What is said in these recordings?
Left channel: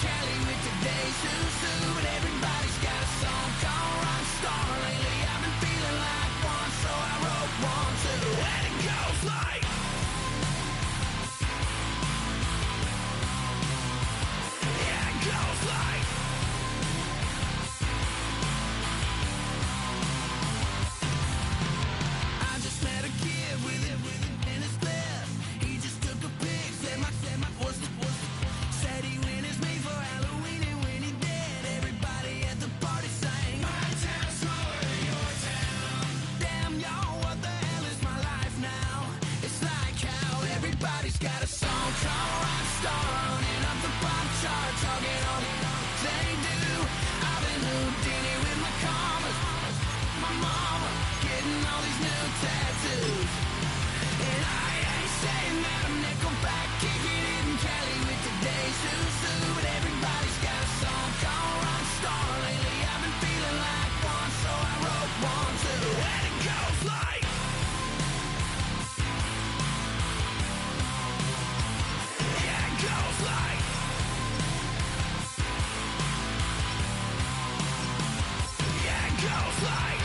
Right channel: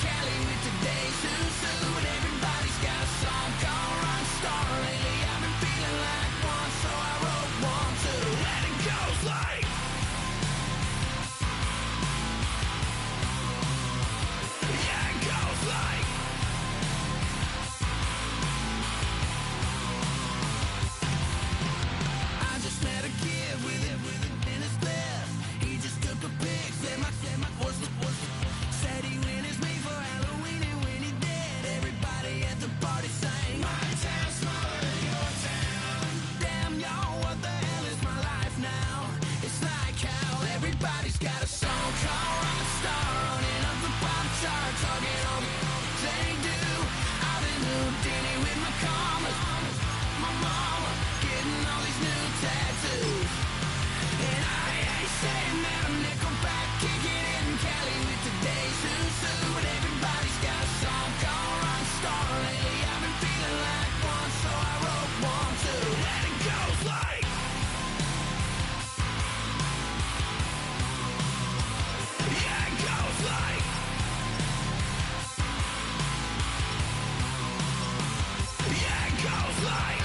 Cali with today's who's who, and everybody's got a song called Rockstar. Lately I've been feeling like one, so I wrote one too, and it goes like. Yeah, it goes like. I just met a kid with it in his left. He just took a pic, said my said he witnessed me for Halloween, and when he did, everybody at the party sang. My town smaller than your town. Damn, y'all, what the hell is my life now? It's like how everybody's got a song called Rockstar, running up the pop chart, talking all they do. I've been Houdini with my commas, my mama getting all these new tattoos, and I ain't saying that I'm Nickelback, kicking it in Cali with today's who's who, but everybody's got a song called Rockstar. Lately I've been feeling like one, so I wrote one too, and it goes like. Yeah, it goes like. Yeah, it goes like.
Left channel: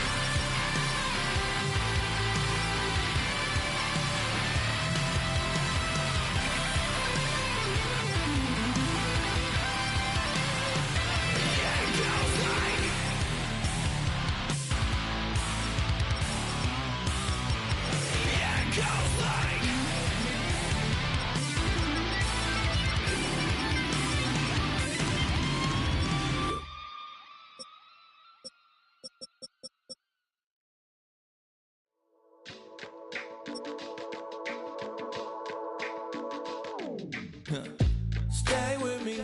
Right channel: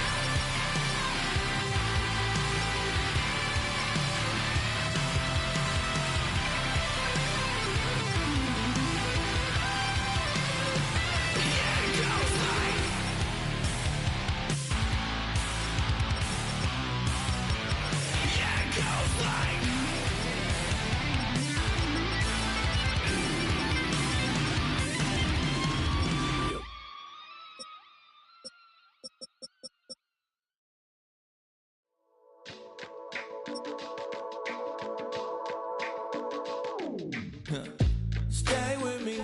Stay with me,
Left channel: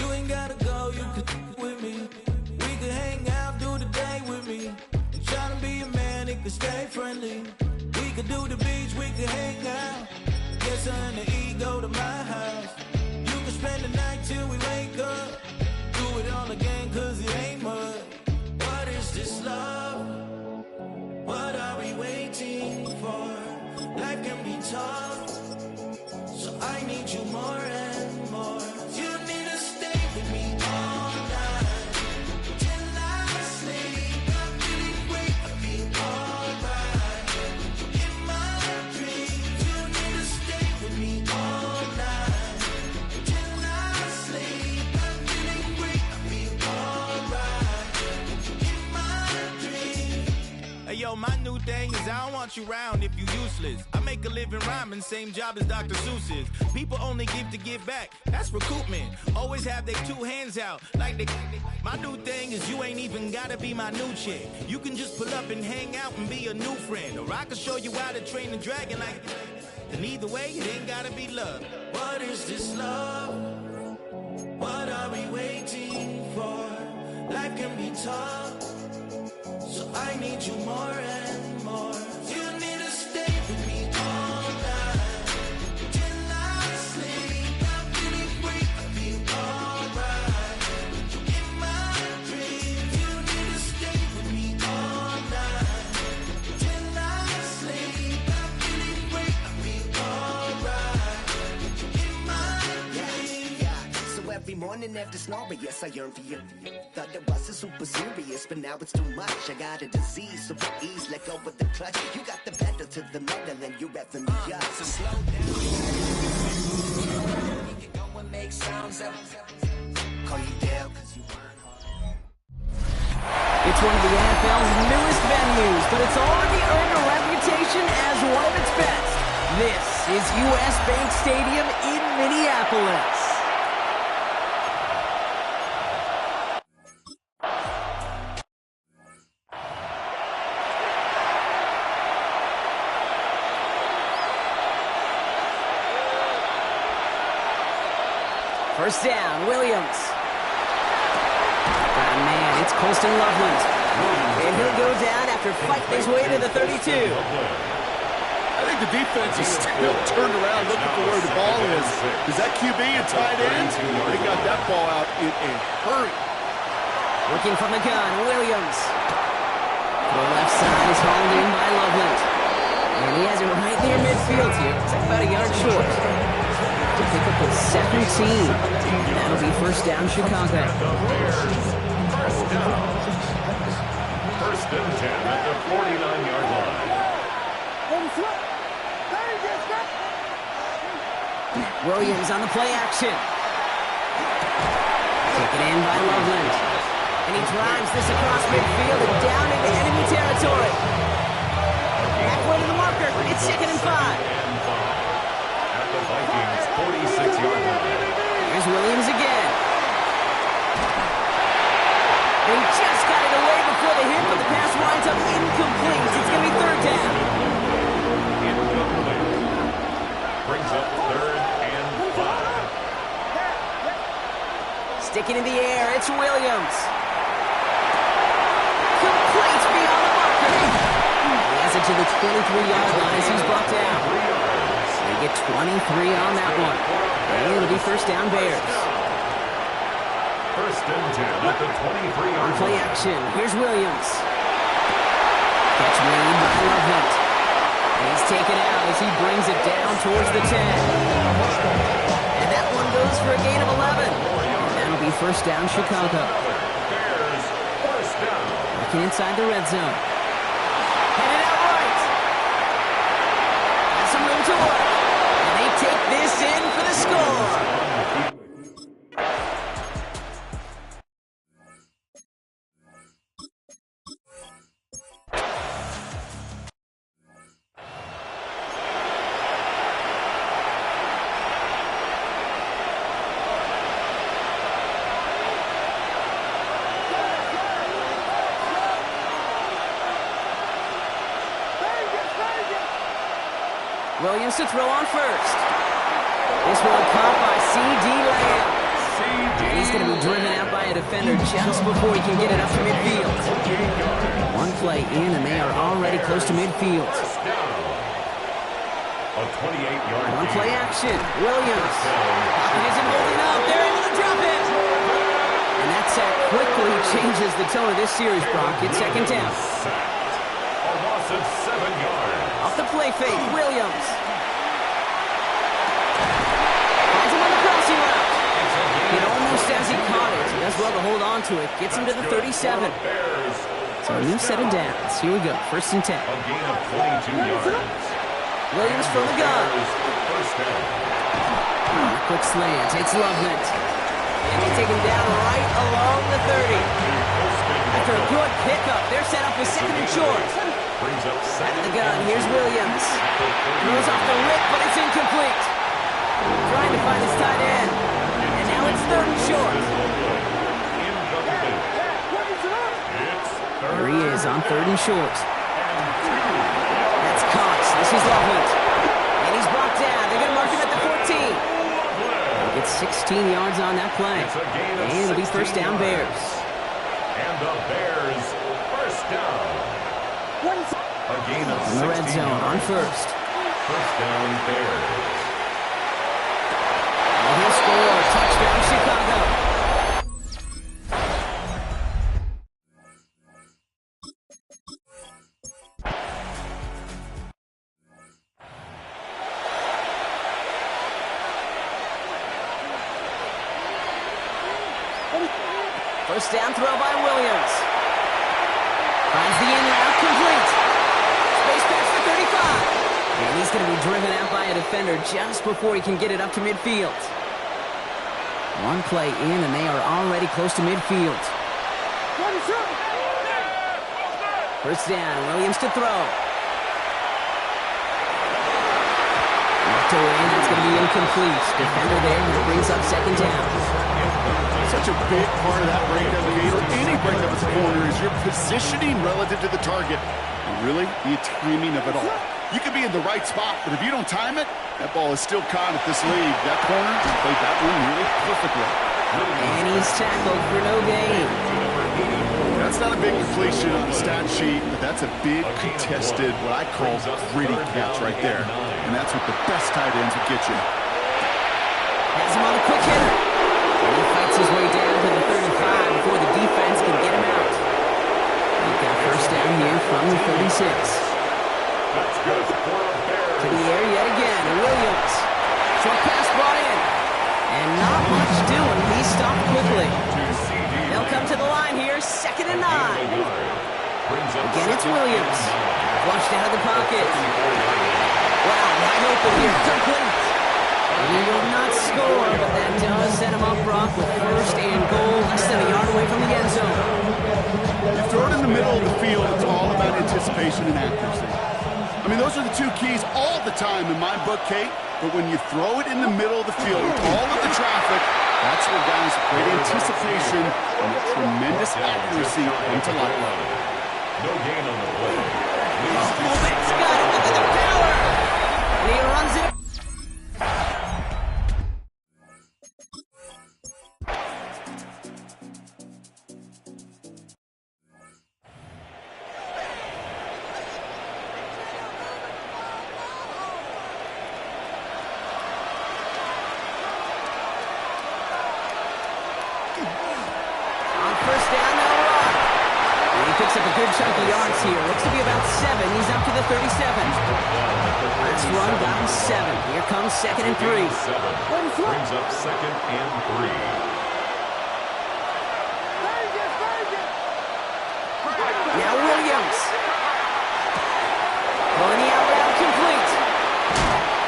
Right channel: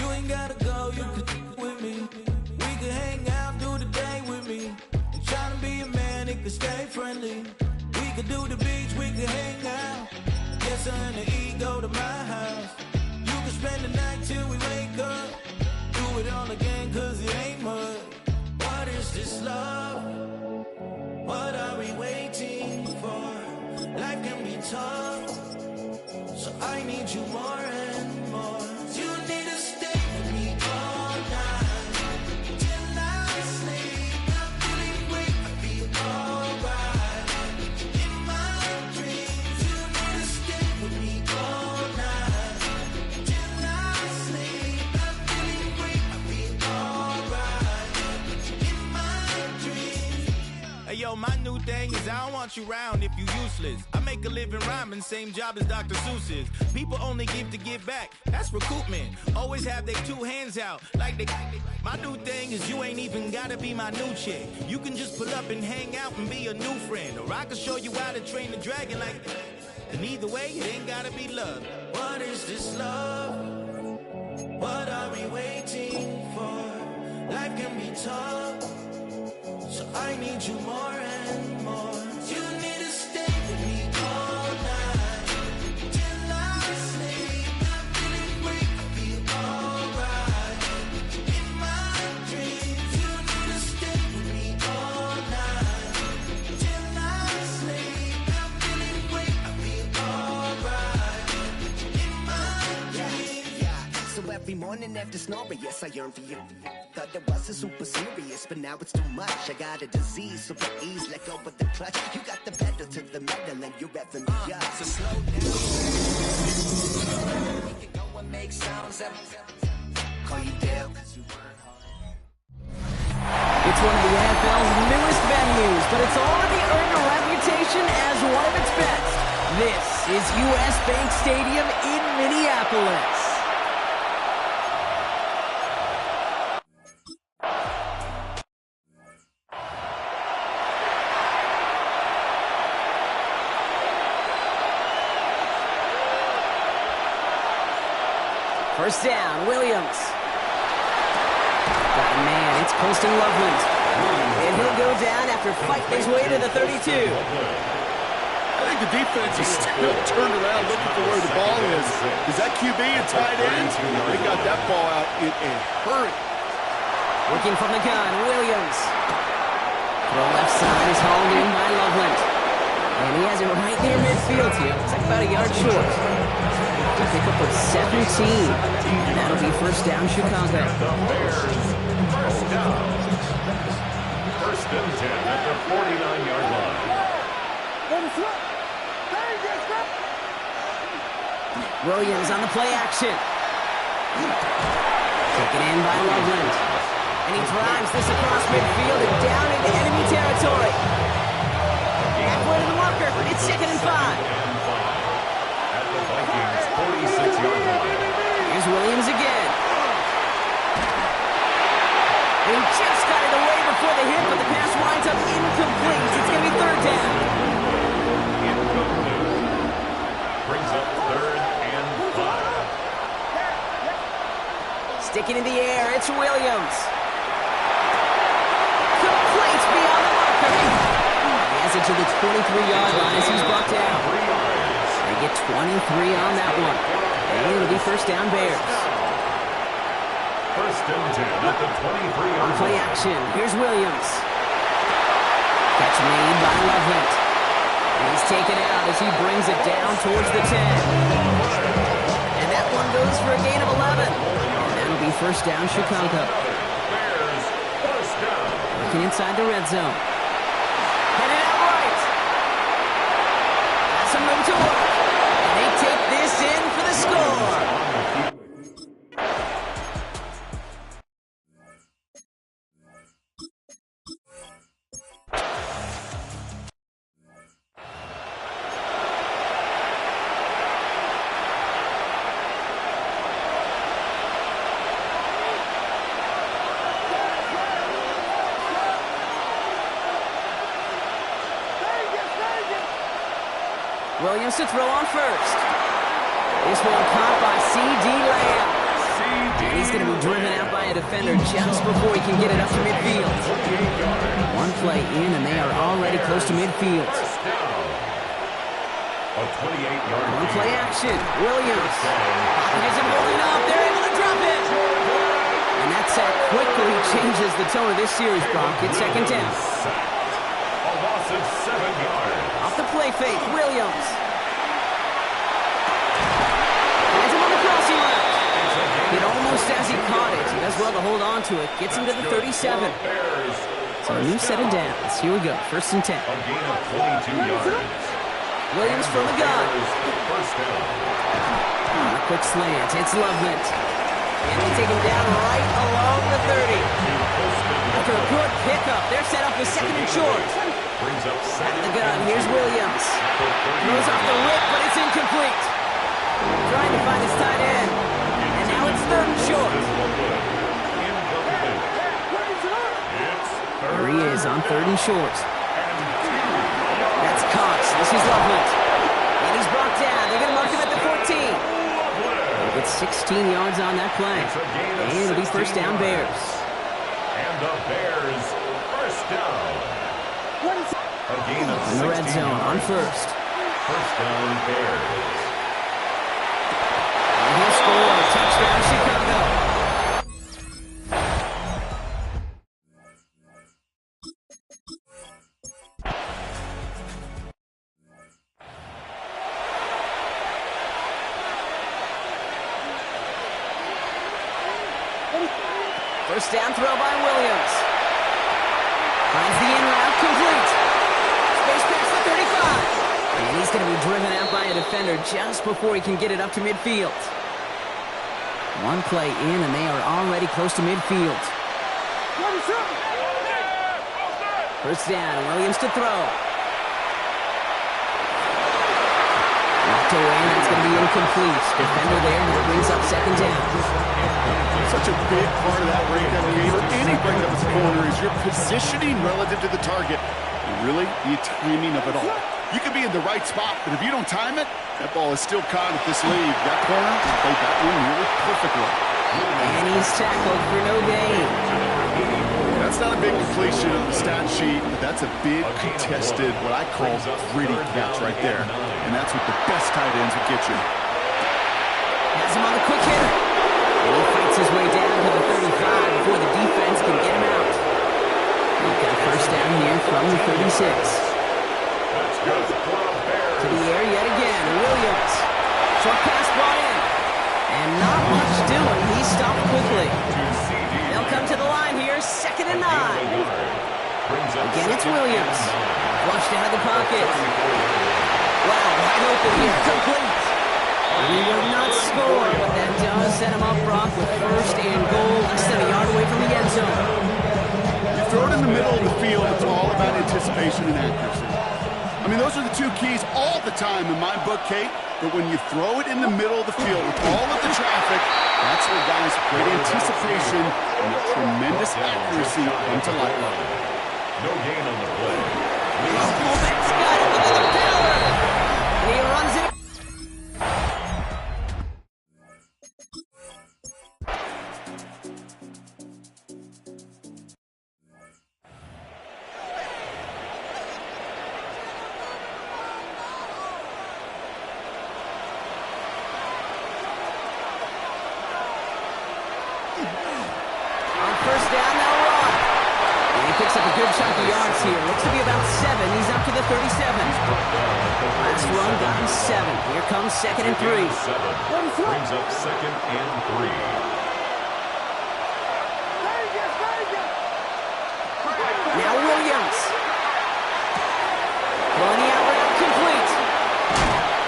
you ain't gotta go, you could with me. We could hang out, do the day with me. I'm trying to be a man, it could stay friendly. We could do the beach, we could hang out. Get her and the ego to my house. You could spend the night till we wake up. Do it all again, cause it ain't mud. What is this love? What are we waiting for? Life can be tough, so I need you more and more. You need to stay with me all night till I sleep. I'm feeling great, I'll be alright. In my dreams, you need to stay with me all night till I sleep. I'm feeling great, I'll be alright. In my dreams. Hey yo, my new thing is I don't want you round if you useless. I make a living rhyming, same job as Dr. Seuss's. People only give to give back, that's recoupment. Always have their two hands out, like they. My new thing is you ain't even gotta be my new chick. You can just pull up and hang out and be a new friend. Or I can show you how to train the dragon like. And either way, it ain't gotta be love. What is this love? What are we waiting for? Life can be tough, so I need you more and more. You need to stay with me all night till I sleep. I'm feeling great, I'll be alright. In my dreams, you need to stay with me all night till I sleep. I'm feeling great, I'll be alright. In my dreams. Yeah, so every morning after snoring, yes, I yearn for you. Thought it wasn't super serious, but now it's too much. I got a disease, so for ease, let go of the clutch. You got the pedal to the metal, and you're revving me up. So slow down. You can go and make sounds up. Call you Dale, cause you work hard. It's one of the NFL's newest venues, but it's already earned a reputation as one of its best. This is US Bank Stadium in Minneapolis. First down, Williams. Got a man, it's Colston Loveland. And he'll go down after fighting his way to the 32. I think the defense is still turned around looking for where the ball is. Is that QB and tight end? They got that ball out in a hurry. Working from the gun, Williams. Throw left side is hauled in by Loveland. And he has it right near midfield here. It's like about a yard short. A pickup of 17. And that'll be first down, Chicago. The Bears, first down. First and 10 at the 49-yard line. Williams on the play action. Taken in by Loveland. And he drives this across midfield and down into enemy territory. Halfway to the marker. It's 2nd and 5. At the Vikings 46-yard line. Here's Williams again. And he just got it away before the hit, but the pass winds up incomplete. It's going to be 3rd down. Incomplete. Brings up 3rd and 5. Sticking in the air, it's Williams. Complete beyond the marker. He has it to the 23-yard line as he's brought down. They get 23 on that one. And it'll be first down, Bears. First and 10 at the 23-yard On play action, here's Williams. Catch made by Loveland. And he's taken out as he brings it down towards the 10. And that one goes for a gain of 11. And that'll be first down, Chicago. Bears, first down. Working inside the red zone. Headed out right. Has some room to work. And they take this in for the score. Williams to throw on first. This one caught by C.D. Lamb. And he's going to be driven out by a defender just before he can get it up to midfield. One play in, and they are already close to midfield. A 28-yard One play action. Williams. Pocket isn't holding up. They're able to drop it. And that sack quickly changes the tone of this series, Brock. It's 2nd down. A loss of 7 yards. Off the play fake, Williams. Finds him on the crossing route. Hit almost as he caught it. He does well to hold on to it. Gets him to the 37. So a new set of downs. Here we go, first and 10. A gain of 22 yards. Williams from the gun. First down. On a quick slant, it's Loveland. And they take him down right along the 30. After a good pickup, they're set up with 2nd and short. Brings up Out of the gun, here's Williams. Throws off the rip, but it's incomplete. Trying to find his tight end. And now it's 3rd and short. There he is on 3rd and short. That's Cox. This is Loveland. And he's brought down. They're going to mark him at the 14. He'll get 16 yards on that play. And it'll be first down, Bears. And the Bears, first down. A gain of 16 In the red zone yards. on first. First down, Bears. And he'll score. Touchdown, Chicago. First down throw by Williams. Finds the in route complete. Space pass for 35. And he's going to be driven out by a defender just before he can get it up to midfield. One play in, and they are already close to midfield. First down, Williams to throw. Knocked away, and that's going to be incomplete. Defender there, and that brings up 2nd down. Such a big part of that breakup game, or any breakup as a corner, is your positioning relative to the target, and really the timing of it all. You could be in the right spot, but if you don't time it, that ball is still caught at this lead. That corner played that one nearly perfectly. And he's tackled for no gain. That's not a big completion on the stat sheet, but that's a big contested, what I call gritty catch right there. And that's what the best tight ends would get you. Has him on the quick hitter. And he fights his way down to the 35 before the defense can get him out. They've got first down here from the 36. That's good for a Bears. To the air yet again, Williams. Short pass brought in. And not much doing. He stopped quickly. They'll come to the line here. 2nd and 9. Again, it's Williams. Flushed out of the pocket. Wow, wide open here. Complete. He will not score, but that does set him up, Brock, with 1st and goal, less than a yard away from the end zone. You throw it in the middle of the field, it's all about anticipation and accuracy. I mean, those are the 2 keys all the time in my book, Kate. But when you throw it in the middle of the field with all of the traffic, that's where guys with great anticipation and tremendous accuracy come to life. No gain on the play. Fullback's got it. Look at the power. And he runs it. On 1st down, they'll run. And he picks up a good chunk of yards here. Looks to be about 7. He's up to the 37. Last run got him 7. Here comes 2nd and 3. Brings up 2nd and 3. Now Williams. Throwing the out route complete.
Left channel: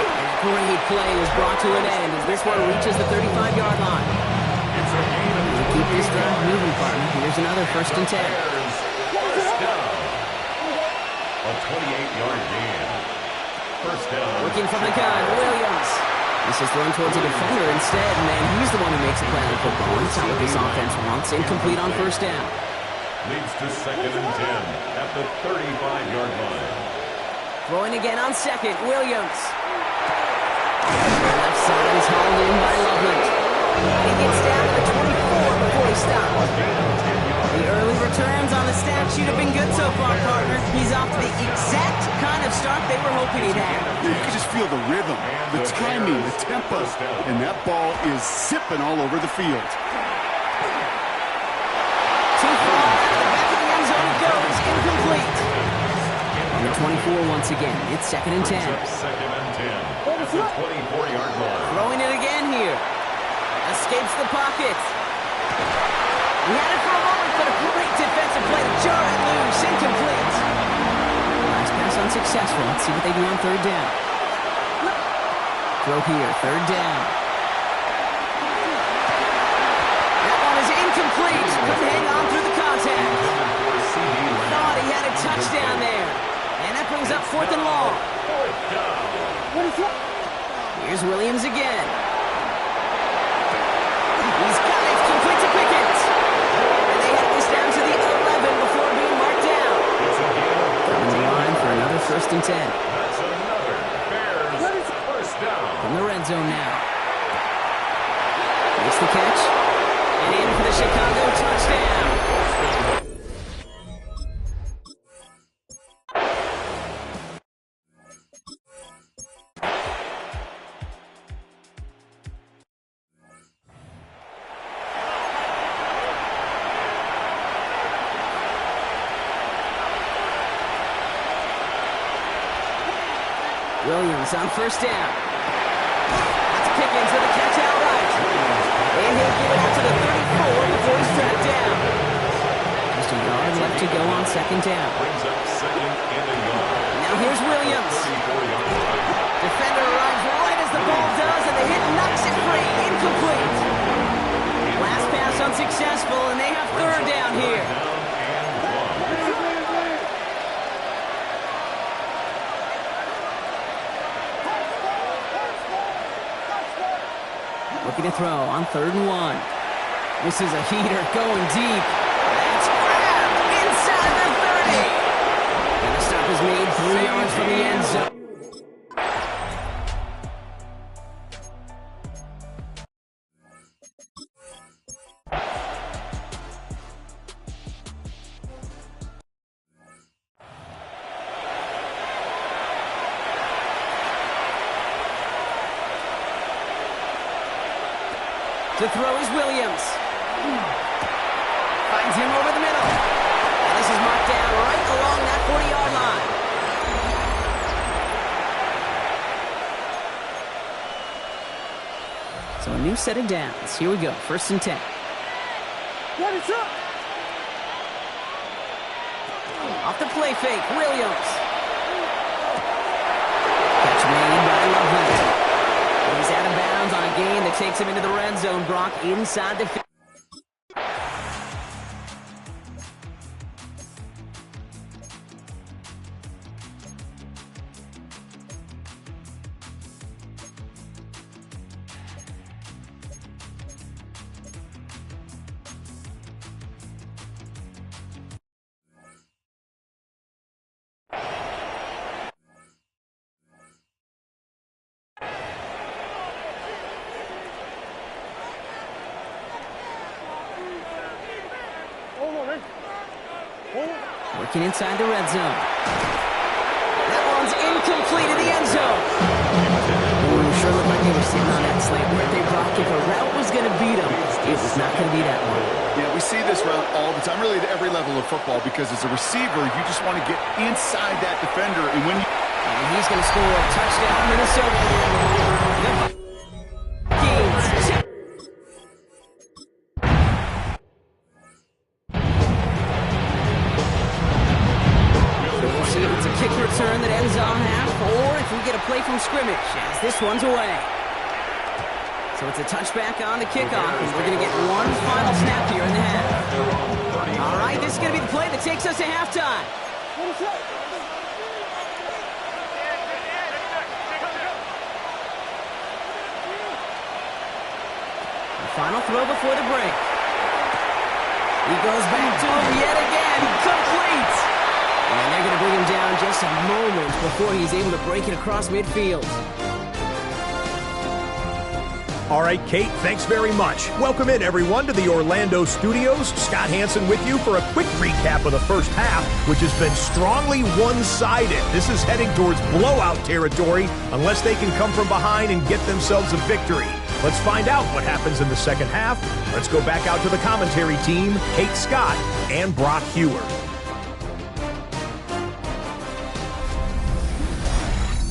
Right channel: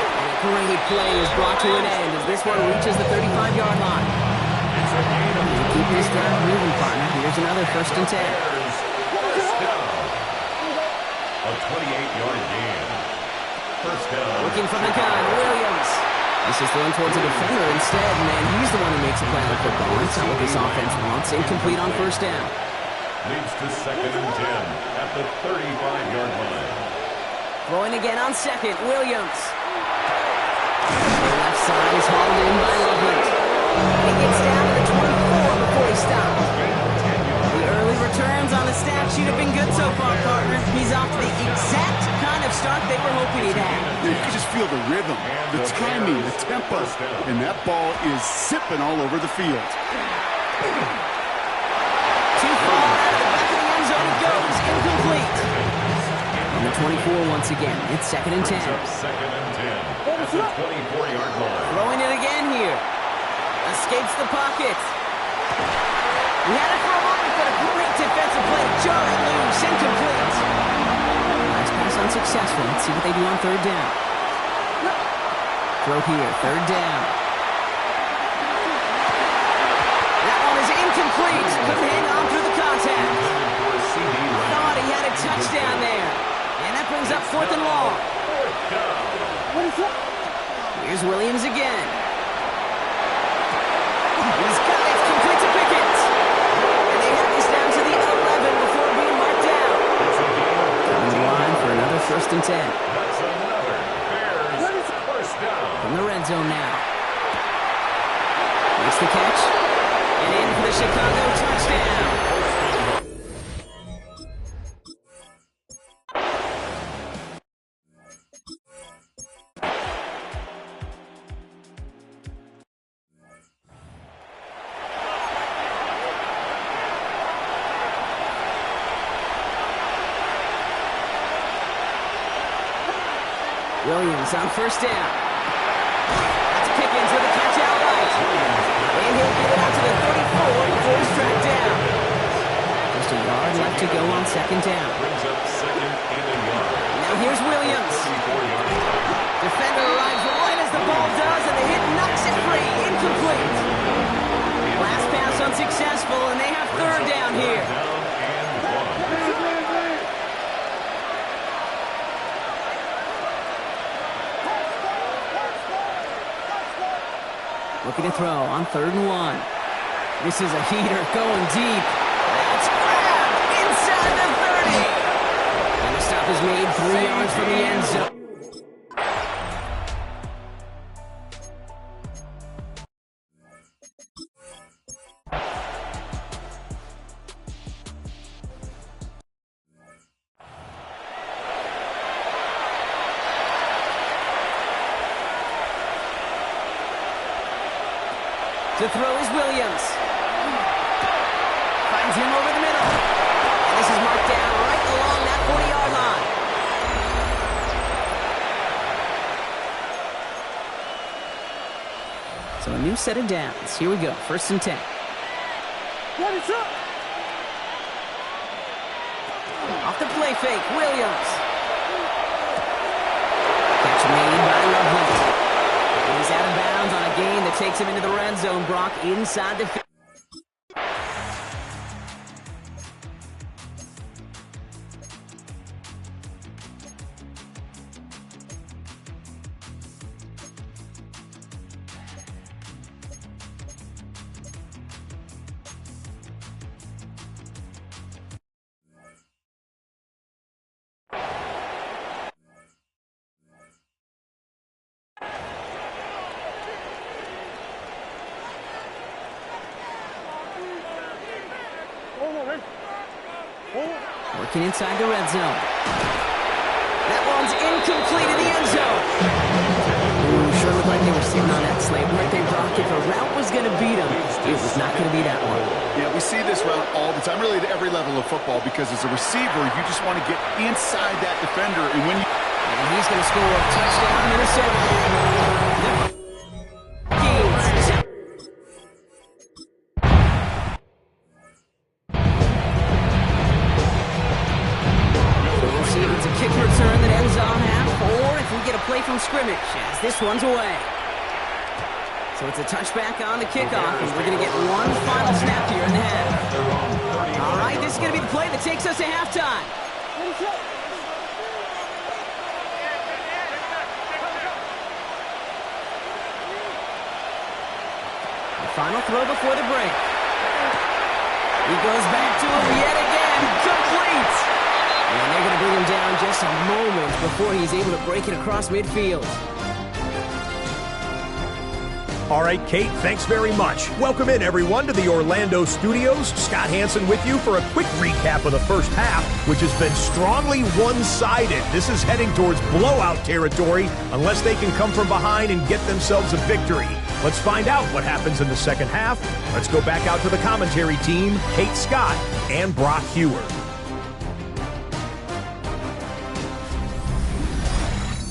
And a great play is brought to an end as this one reaches the 35-yard line. It's a gain of 3. Keep this drive moving, partner. Here's another 1st and 10. First down. A 28-yard gain. First down. Looking from the gun, Williams. This is thrown towards a defender instead, and he's the one who makes a play on the football. That's not what this offense wants. Incomplete on 1st down. Leads to 2nd and 10 at the 35-yard line. Throwing again on 2nd, Williams. The left side is hauled in by Loveland. He gets down to the 24 before he stops. The early returns on the stat sheet have been good so far, partner. He's off to the exact kind of start they were hoping he'd have. Yeah, you can just feel the rhythm, the timing, the tempo, and that ball is zipping all over the field. Too far out of the back of the end zone it goes. Incomplete. On the 24 once again. It's 2nd and 10. 2nd and 10 at the 24-yard line. Throwing it again here. Escapes the pocket. He had it for a moment, but a great defensive play to jar it loose. Incomplete. Last pass unsuccessful. Let's see what they do on 3rd down. Throw here. 3rd down. That one is incomplete. Couldn't hang on through the contact. Thought he had a touchdown there. And that brings up 4th and long. Here's Williams again. He's got it. Complete to Pickett. And they have this down to the 11 before being marked down. Coming to line for another 1st and 10. That's another Bears first down. From the red zone now. Makes the catch. And in for the Chicago touchdown. Williams on 1st down. That's Pickens with a catch outright. And he'll give it out to the 34 before he's tracked down. Just a yard left to go on 2nd down. Brings up 2nd and a yard. Now here's Williams. 34-yard line. Defender arrives right as the ball does, and the hit knocks it free. Incomplete. Last pass unsuccessful, and they have 3rd down here. Down and 1. Looking to throw on 3rd and 1. This is a heater going deep. That's grabbed inside the 30. And the stop is made 3 yards from the end zone. To throw is Williams. Finds him over the middle. And this is marked down right along that 40-yard line. So a new set of downs. Here we go, 1st and 10. Off the play fake, Williams. Catch made by Loveland. He's out of bounds on a gain that takes him into the red zone. Brock inside the field. Working inside the red zone. That one's incomplete in the end zone. Ooh, sure looked like they were sitting on that slate, weren't they, Brock? If a route was going to beat them, it was not going to be that one. Yeah, we see this route all the time, really at every level of football, because as a receiver, you just want to get inside that defender, and when you... And he's going to score a touchdown, Minnesota. The Vikings. See if it's a kick return that ends on half, or if we get a play from scrimmage as this one's away. So it's a touchback on the kickoff, and we're going to get one final snap here in the half. All right, this is going to be the play that takes us to halftime. The final throw before the break. He goes back to him yet again, complete. And they're going to bring him down just a moment before he's able to break it across midfield. All right, Kate, thanks very much. Welcome in, everyone, to the Orlando studios. Scott Hansen with you for a quick recap of the first half, which has been strongly one-sided. This is heading towards blowout territory unless they can come from behind and get themselves a victory. Let's find out what happens in the second half. Let's go back out to the commentary team, Kate Scott and Brock Huard.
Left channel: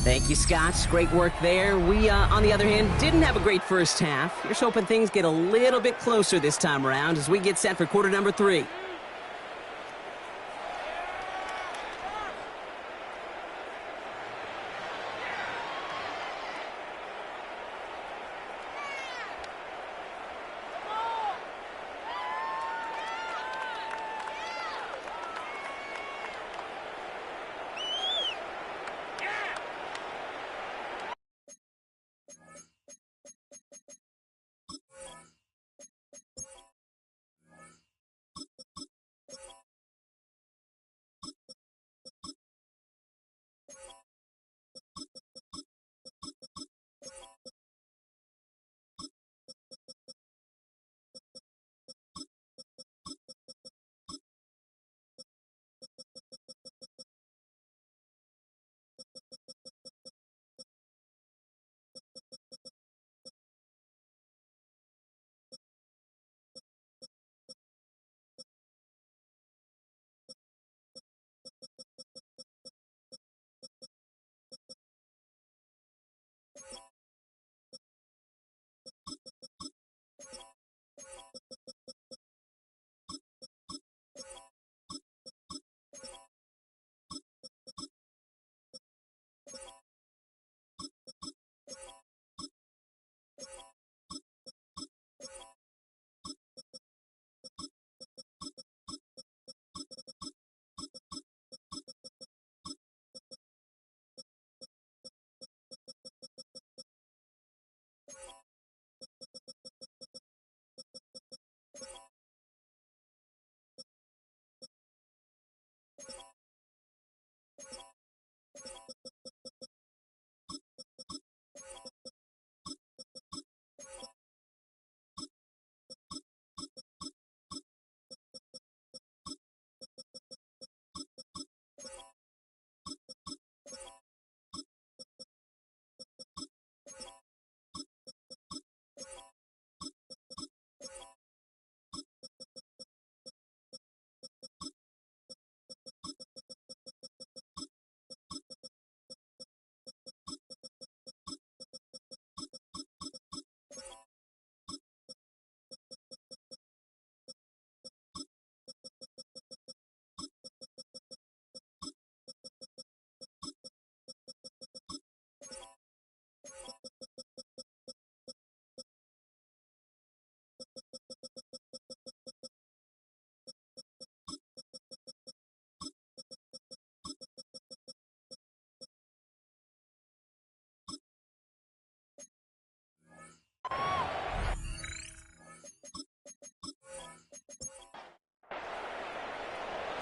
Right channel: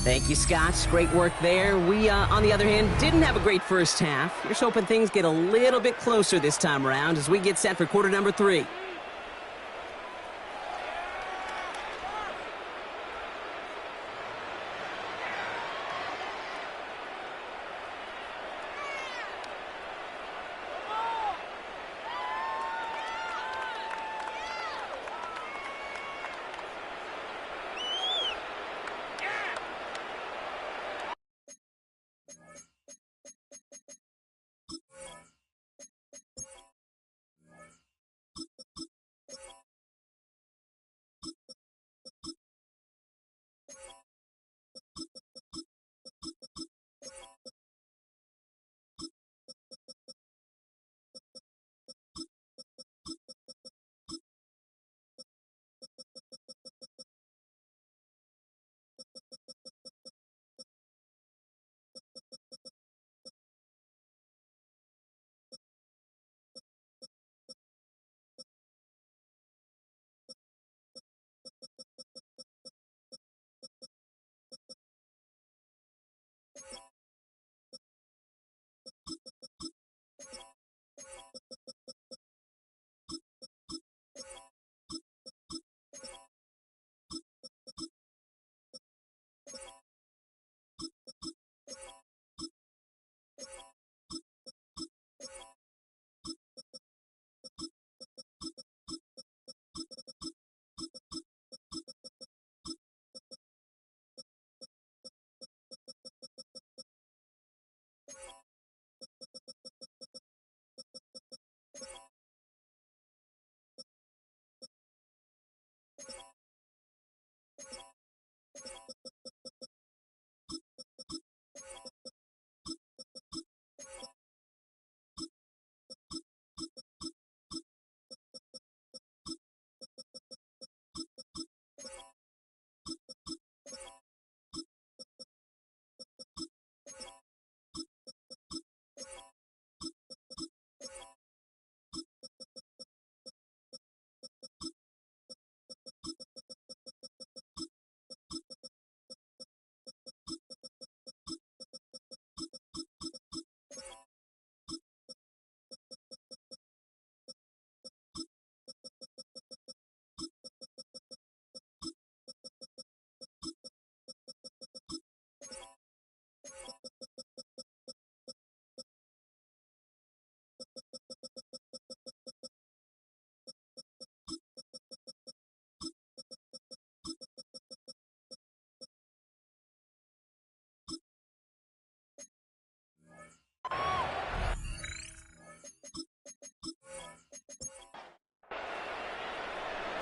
Thank you, Scott. Great work there. We, on the other hand, didn't have a great first half. Here's hoping things get a little bit closer this time around as we get set for quarter number 3.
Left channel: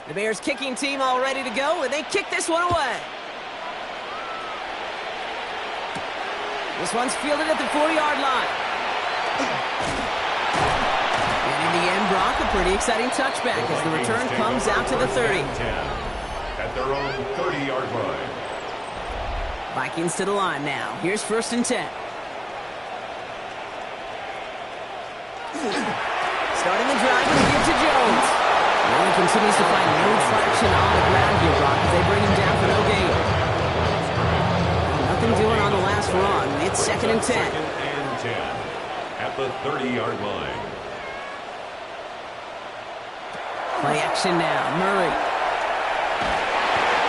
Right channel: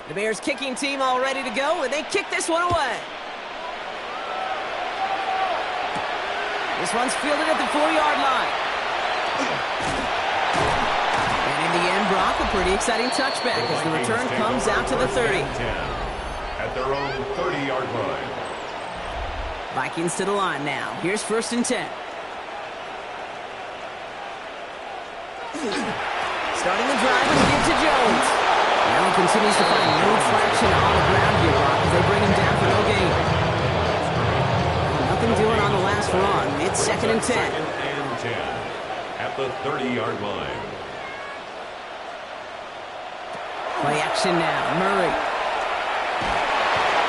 The Bears kicking team all ready to go, and they kick this one away. This one's fielded at the 4-yard line. And in the end, Brock, a pretty exciting touchback as the return comes out to the 30. At their own 30-yard line. Vikings to the line now. Here's 1st and 10. Starting the drive with a give to Jones. Allen continues to find no traction on the ground here, Brock, as they bring him down for no gain. Nothing doing on the last run. It's 2nd and 10. 2nd and 10 at the 30-yard line. Play action now. Murray.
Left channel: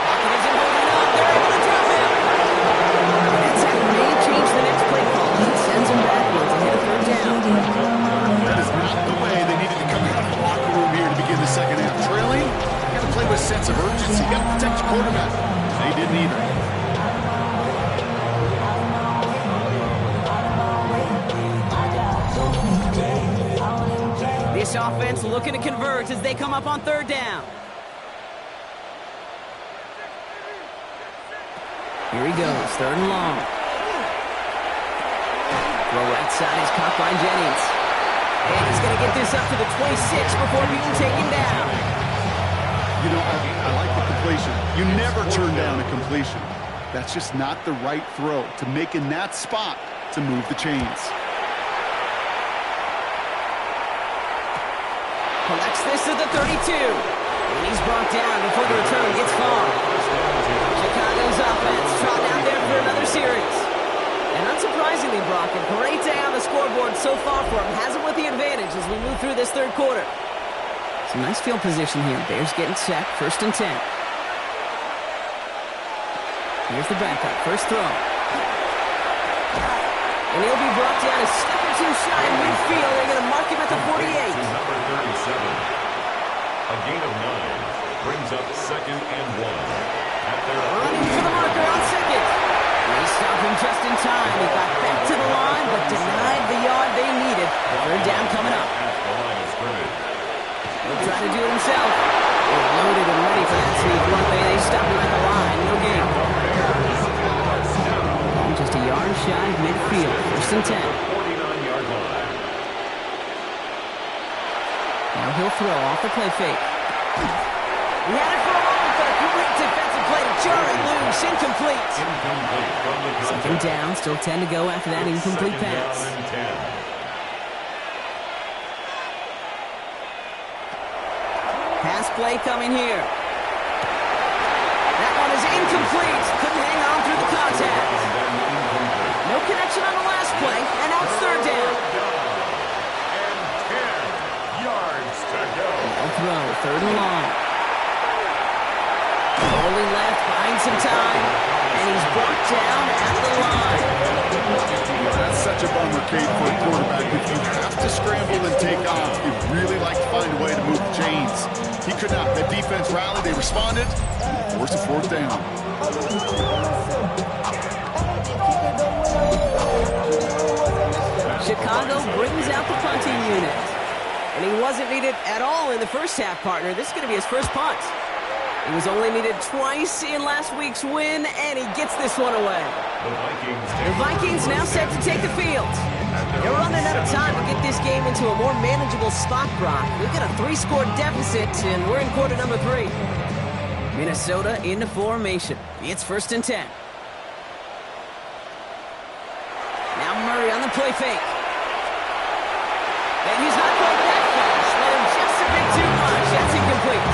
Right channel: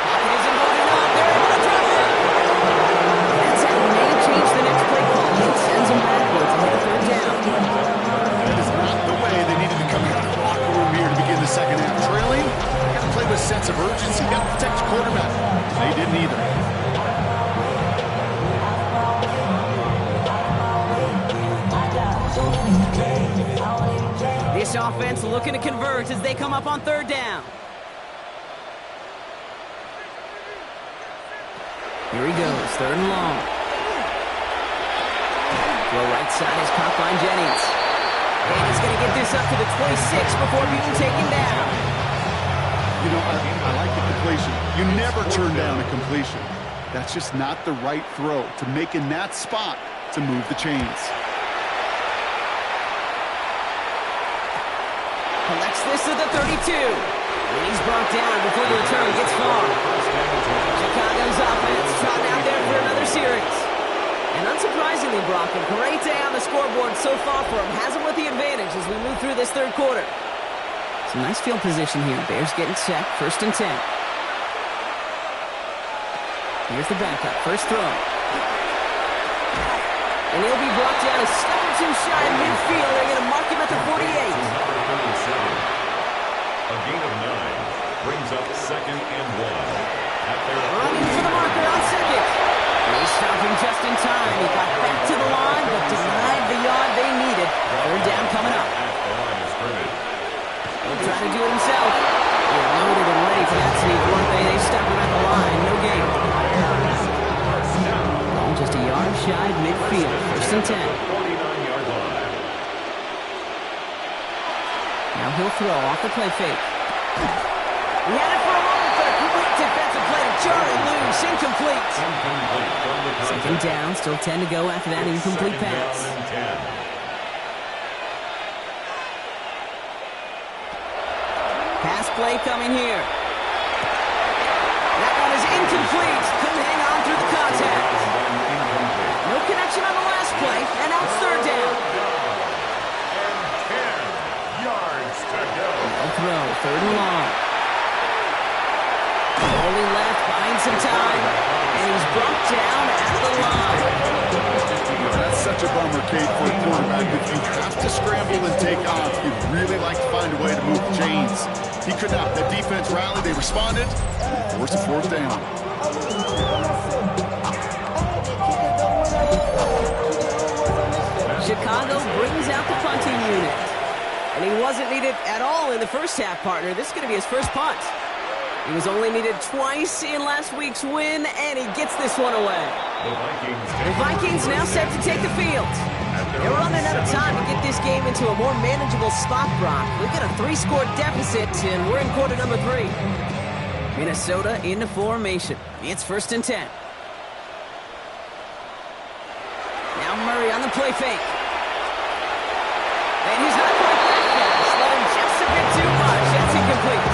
Pocket isn't holding up. They're able to drop it. And that's how may change the next play call. It sends them backwards ahead of 3rd down. That is not the way they needed to come out of the locker room here to begin the second half. Trailing, you got to play with a sense of urgency. You got to protect your quarterback. They didn't either. This offense looking to convert as they come up on 3rd down. Here he goes, 3rd and long. Throw right side is caught by Jennings. And he's going to get this up to the 26 before being taken down. You know, I like the completion. You never turn down a completion. That's just not the right throw to make in that spot to move the chains. Collects this to the 32. And he's brought down before the return gets far. Chicago's offense trotting out there for another series. And unsurprisingly, Brock, a great day on the scoreboard so far for him. Has him with the advantage as we move through this 3rd quarter. Some nice field position here. Bears getting set. 1st and 10. Here's the backup. First throw. And he'll be brought down a step or two shy in midfield. They're going to mark him at the 48. Number 37. A gain of 9 brings up 2nd and 1. At their running for the marker on 2nd. They stop him just in time. He got back to the line, but denied the yard they needed. 3rd down coming up. At the line of scrimmage. He'll try to do it himself. They're loaded and ready for that sneak. One way they stop him at the line. No gain. Ball just a yard shy of midfield. 1st and 10. 49-yard line. Now he'll throw off the play fake. He had it for a moment, but a great defensive play to jar it loose. Incomplete. Incomplete from the contact. 2nd down, still 10 to go after that incomplete pass. 2nd down and 10. Pass play coming here. That one is incomplete. Couldn't hang on through the contact. No connection on the last play, and now it's 3rd down. And 10 yards to go. I'll throw, 3rd and long. Rolling left, buying some time, and he's brought down at the line. That's such a bummer, Kate, for a quarterback. If you have to scramble and take off, you'd really like to find a way to move the chains. He could not. That defense rallied, they responded, and forced a 4th down. Chicago brings out the punting unit. And he wasn't needed at all in the first half, partner. This is going to be his first punt. He was only needed twice in last week's win, and he gets this one away. The Vikings now set to take the field. They're running out of time to get this game into a more manageable spot, Brock. We've got a 3-score deficit, and we're in quarter number 3. Minnesota into formation. It's 1st and 10. Now Murray on the play fake. And he's not quite that fast. Let him just a bit too much. That's incomplete.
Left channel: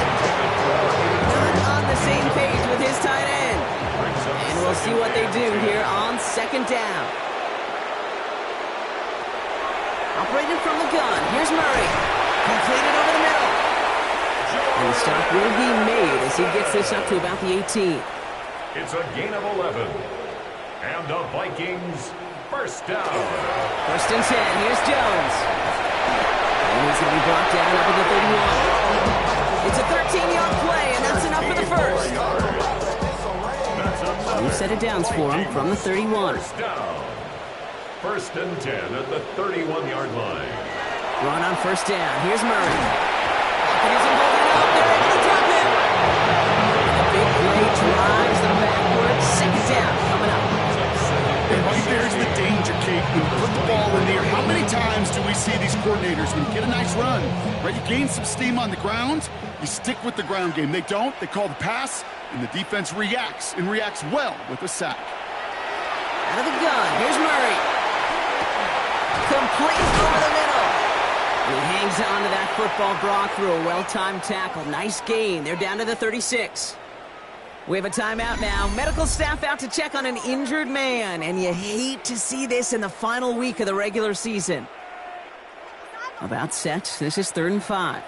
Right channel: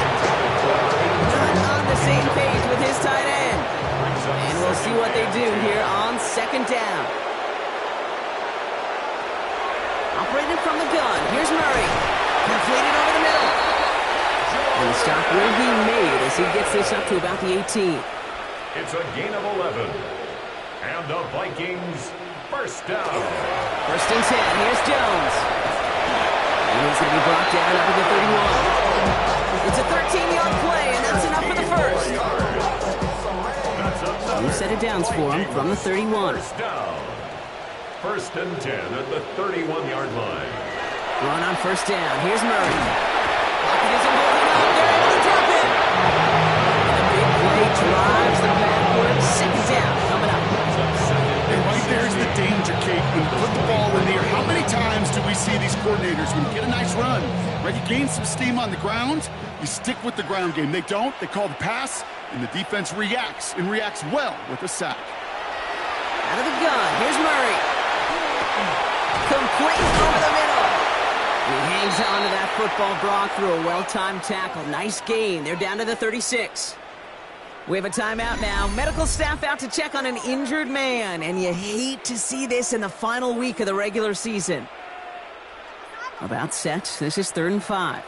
Not on the same page with his tight end. And we'll see what they do here on 2nd down. Operating from the gun. Here's Murray. Completed over the middle. And the stop will be made as he gets this up to about the 18. It's a gain of 11. And the Vikings first down. 1st and 10. Here's Jones. And he's going to be brought down up at the 31. It's a 13-yard play, and that's enough for the first. New set of downs for him from the 31. First down. 1st and 10 at the 31-yard line. Run on 1st down. Here's Murray. Pocket isn't holding up. They're able to drop him. And the big play drives them backwards. Second down coming up. And right there's the danger, Kate. When you put the ball in the air, how many times do we see these coordinators, when you get a nice run, right, you gain some steam on the ground, you stick with the ground game. They don't. They call the pass, and the defense reacts, and reacts well with a sack. Out of the gun. Here's Murray. Complete over the middle. He hangs on to that football, Brock, through a well-timed tackle. Nice gain. They're down to the 36. We have a timeout now. Medical staff out to check on an injured man, and you hate to see this in the final week of the regular season. About set. This is 3rd and 5.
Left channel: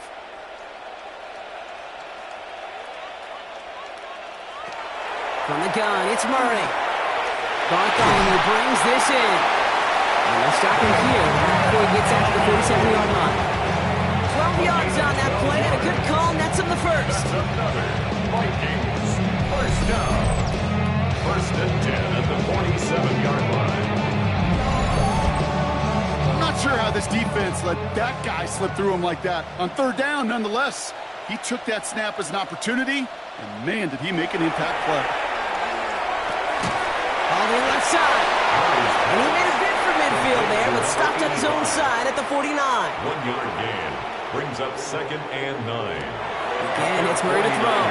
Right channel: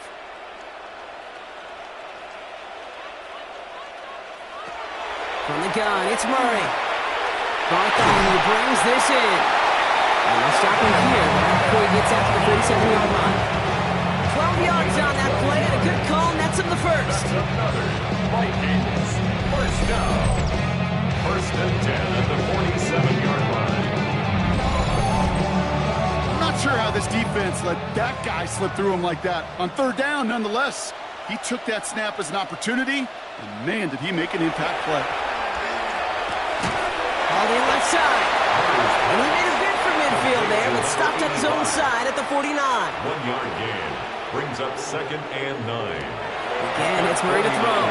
From the gun, it's Murray. Bartholomew brings this in. And they'll stop him here before he gets out to the 47-yard line. 12 yards on that play, and a good call nets him the first. That's another Vikings first down. 1st and 10 at the 47-yard line. I'm not sure how this defense let that guy slip through him like that. On 3rd down, nonetheless, he took that snap as an opportunity, and man, did he make an impact play. All in left side. And he made a bid for midfield there, but stopped on his own side at the 49. 1-yard gain brings up 2nd and 9. Again, it's Murray to throw.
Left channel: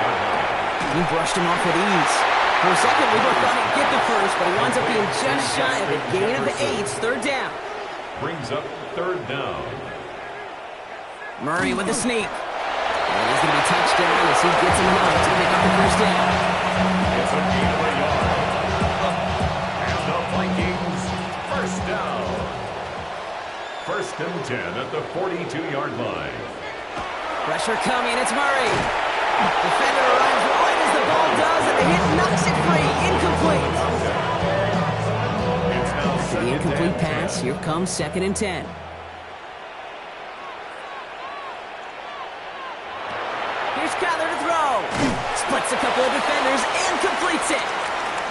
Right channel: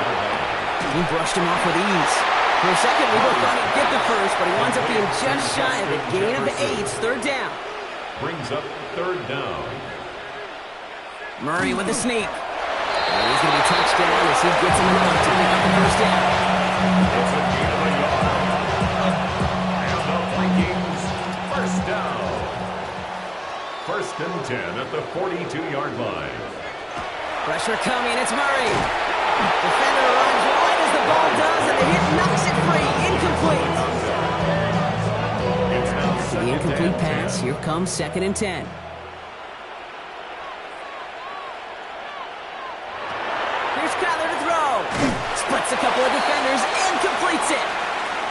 He brushed him off with ease. For a second, we both thought he'd get the first, but he winds up being just shy of it. Gain of 8, 3rd down. Brings up 3rd down. Murray with the sneak. And he's going to be touched down as he gets him enough to pick up the first down. It's a gain of 1 yard. And the Vikings first down. 1st and 10 at the 42-yard line. Pressure coming, it's Murray. Defender arrives right as the ball does, and the hit knocks it free. Incomplete. After the incomplete pass, here comes 2nd and 10. Here's Kyler to throw. Splits a couple of defenders and completes it.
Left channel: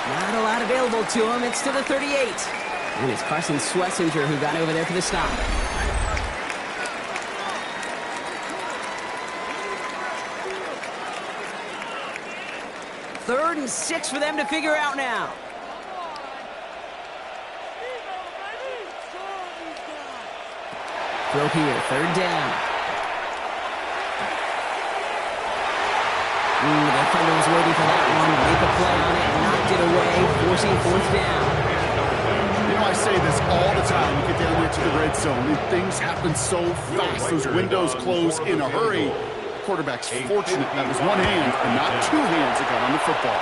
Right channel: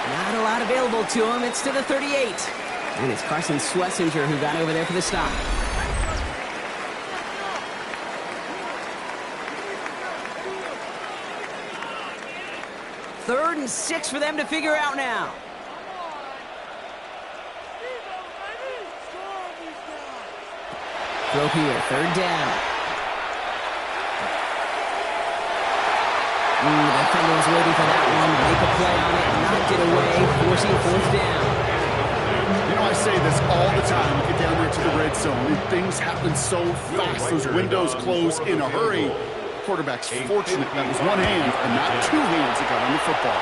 Not a lot available to him. It's to the 38. And it's Carson Schlesinger who got over there for the stop. Third and 6 for them to figure out now. Throw here, 3rd down. The defender was waiting for that one. Make a play on it, knocked it away, forcing 4th down. You know, I say this all the time. You get down there to the red zone, and things happen so fast. Those windows close in a hurry. The quarterback's fortunate that was one hand and not 2 hands that got on the football.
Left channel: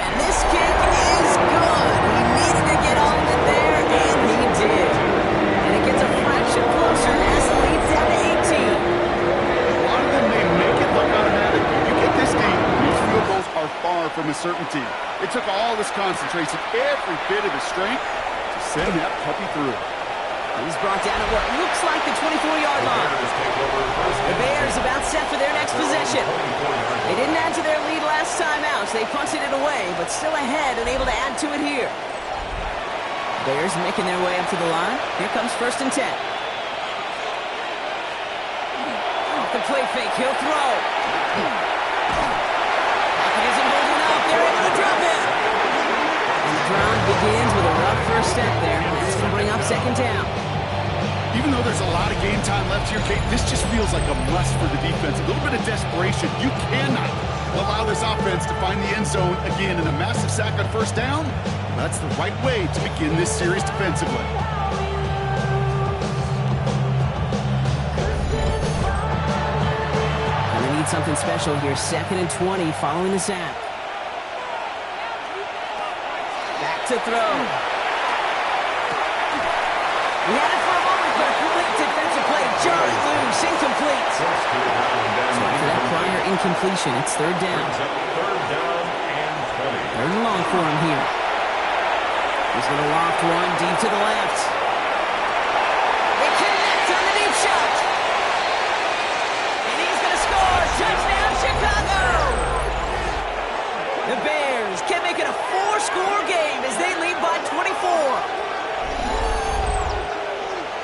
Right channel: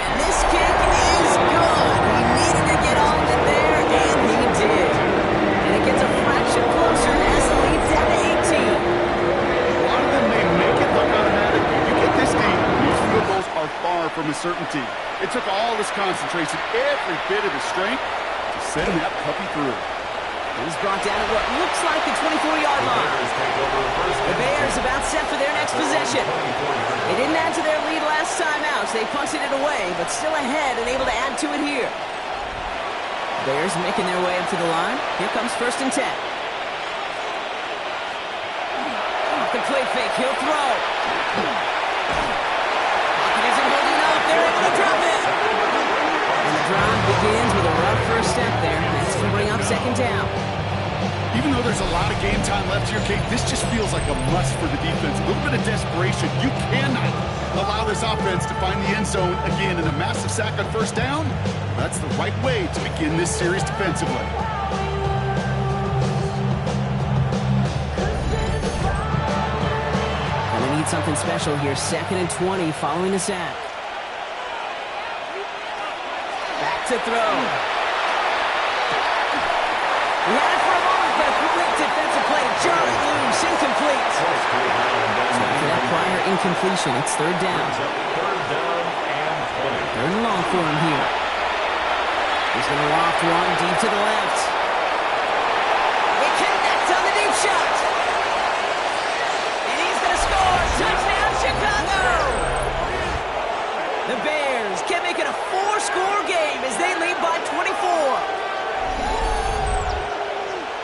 And this kick is good. He needed to get on it there, and he did. And it gets a fraction closer as the lead's down to 18. A lot of them may make it look automatic. You get this game, these field goals are far from a certainty. It took all this concentration, every bit of his strength, to send that puppy through. He's brought down at what looks like the 24-yard line. The Bears about set for their next possession. They didn't add to their lead last time out, so they punted it away, but still ahead and able to add to it here. Bears making their way up to the line. Here comes 1st and 10. Off the play fake, he'll throw. Pocket isn't holding up. They're able to drop it. And the drive begins with a rough first step there. And that's going to bring up 2nd down. Even though there's a lot of game time left here, Kate, this just feels like a must for the defense. A little bit of desperation. You cannot allow this offense to find the end zone again in a massive sack on 1st down. That's the right way to begin this series defensively. And they need something special here. 2nd and 20 following the sack. Back to throw. He had it for a moment, but a complete defensive play. Charlie loose, incomplete. So after that prior incompletion, it's 3rd down. 3rd down and 20. 3rd and long for him here. He's going to loft one deep to the left. They connect on the deep shot. And he's going to score. Touchdown, Chicago. The Bears can make it a 4-score game as they lead by 24.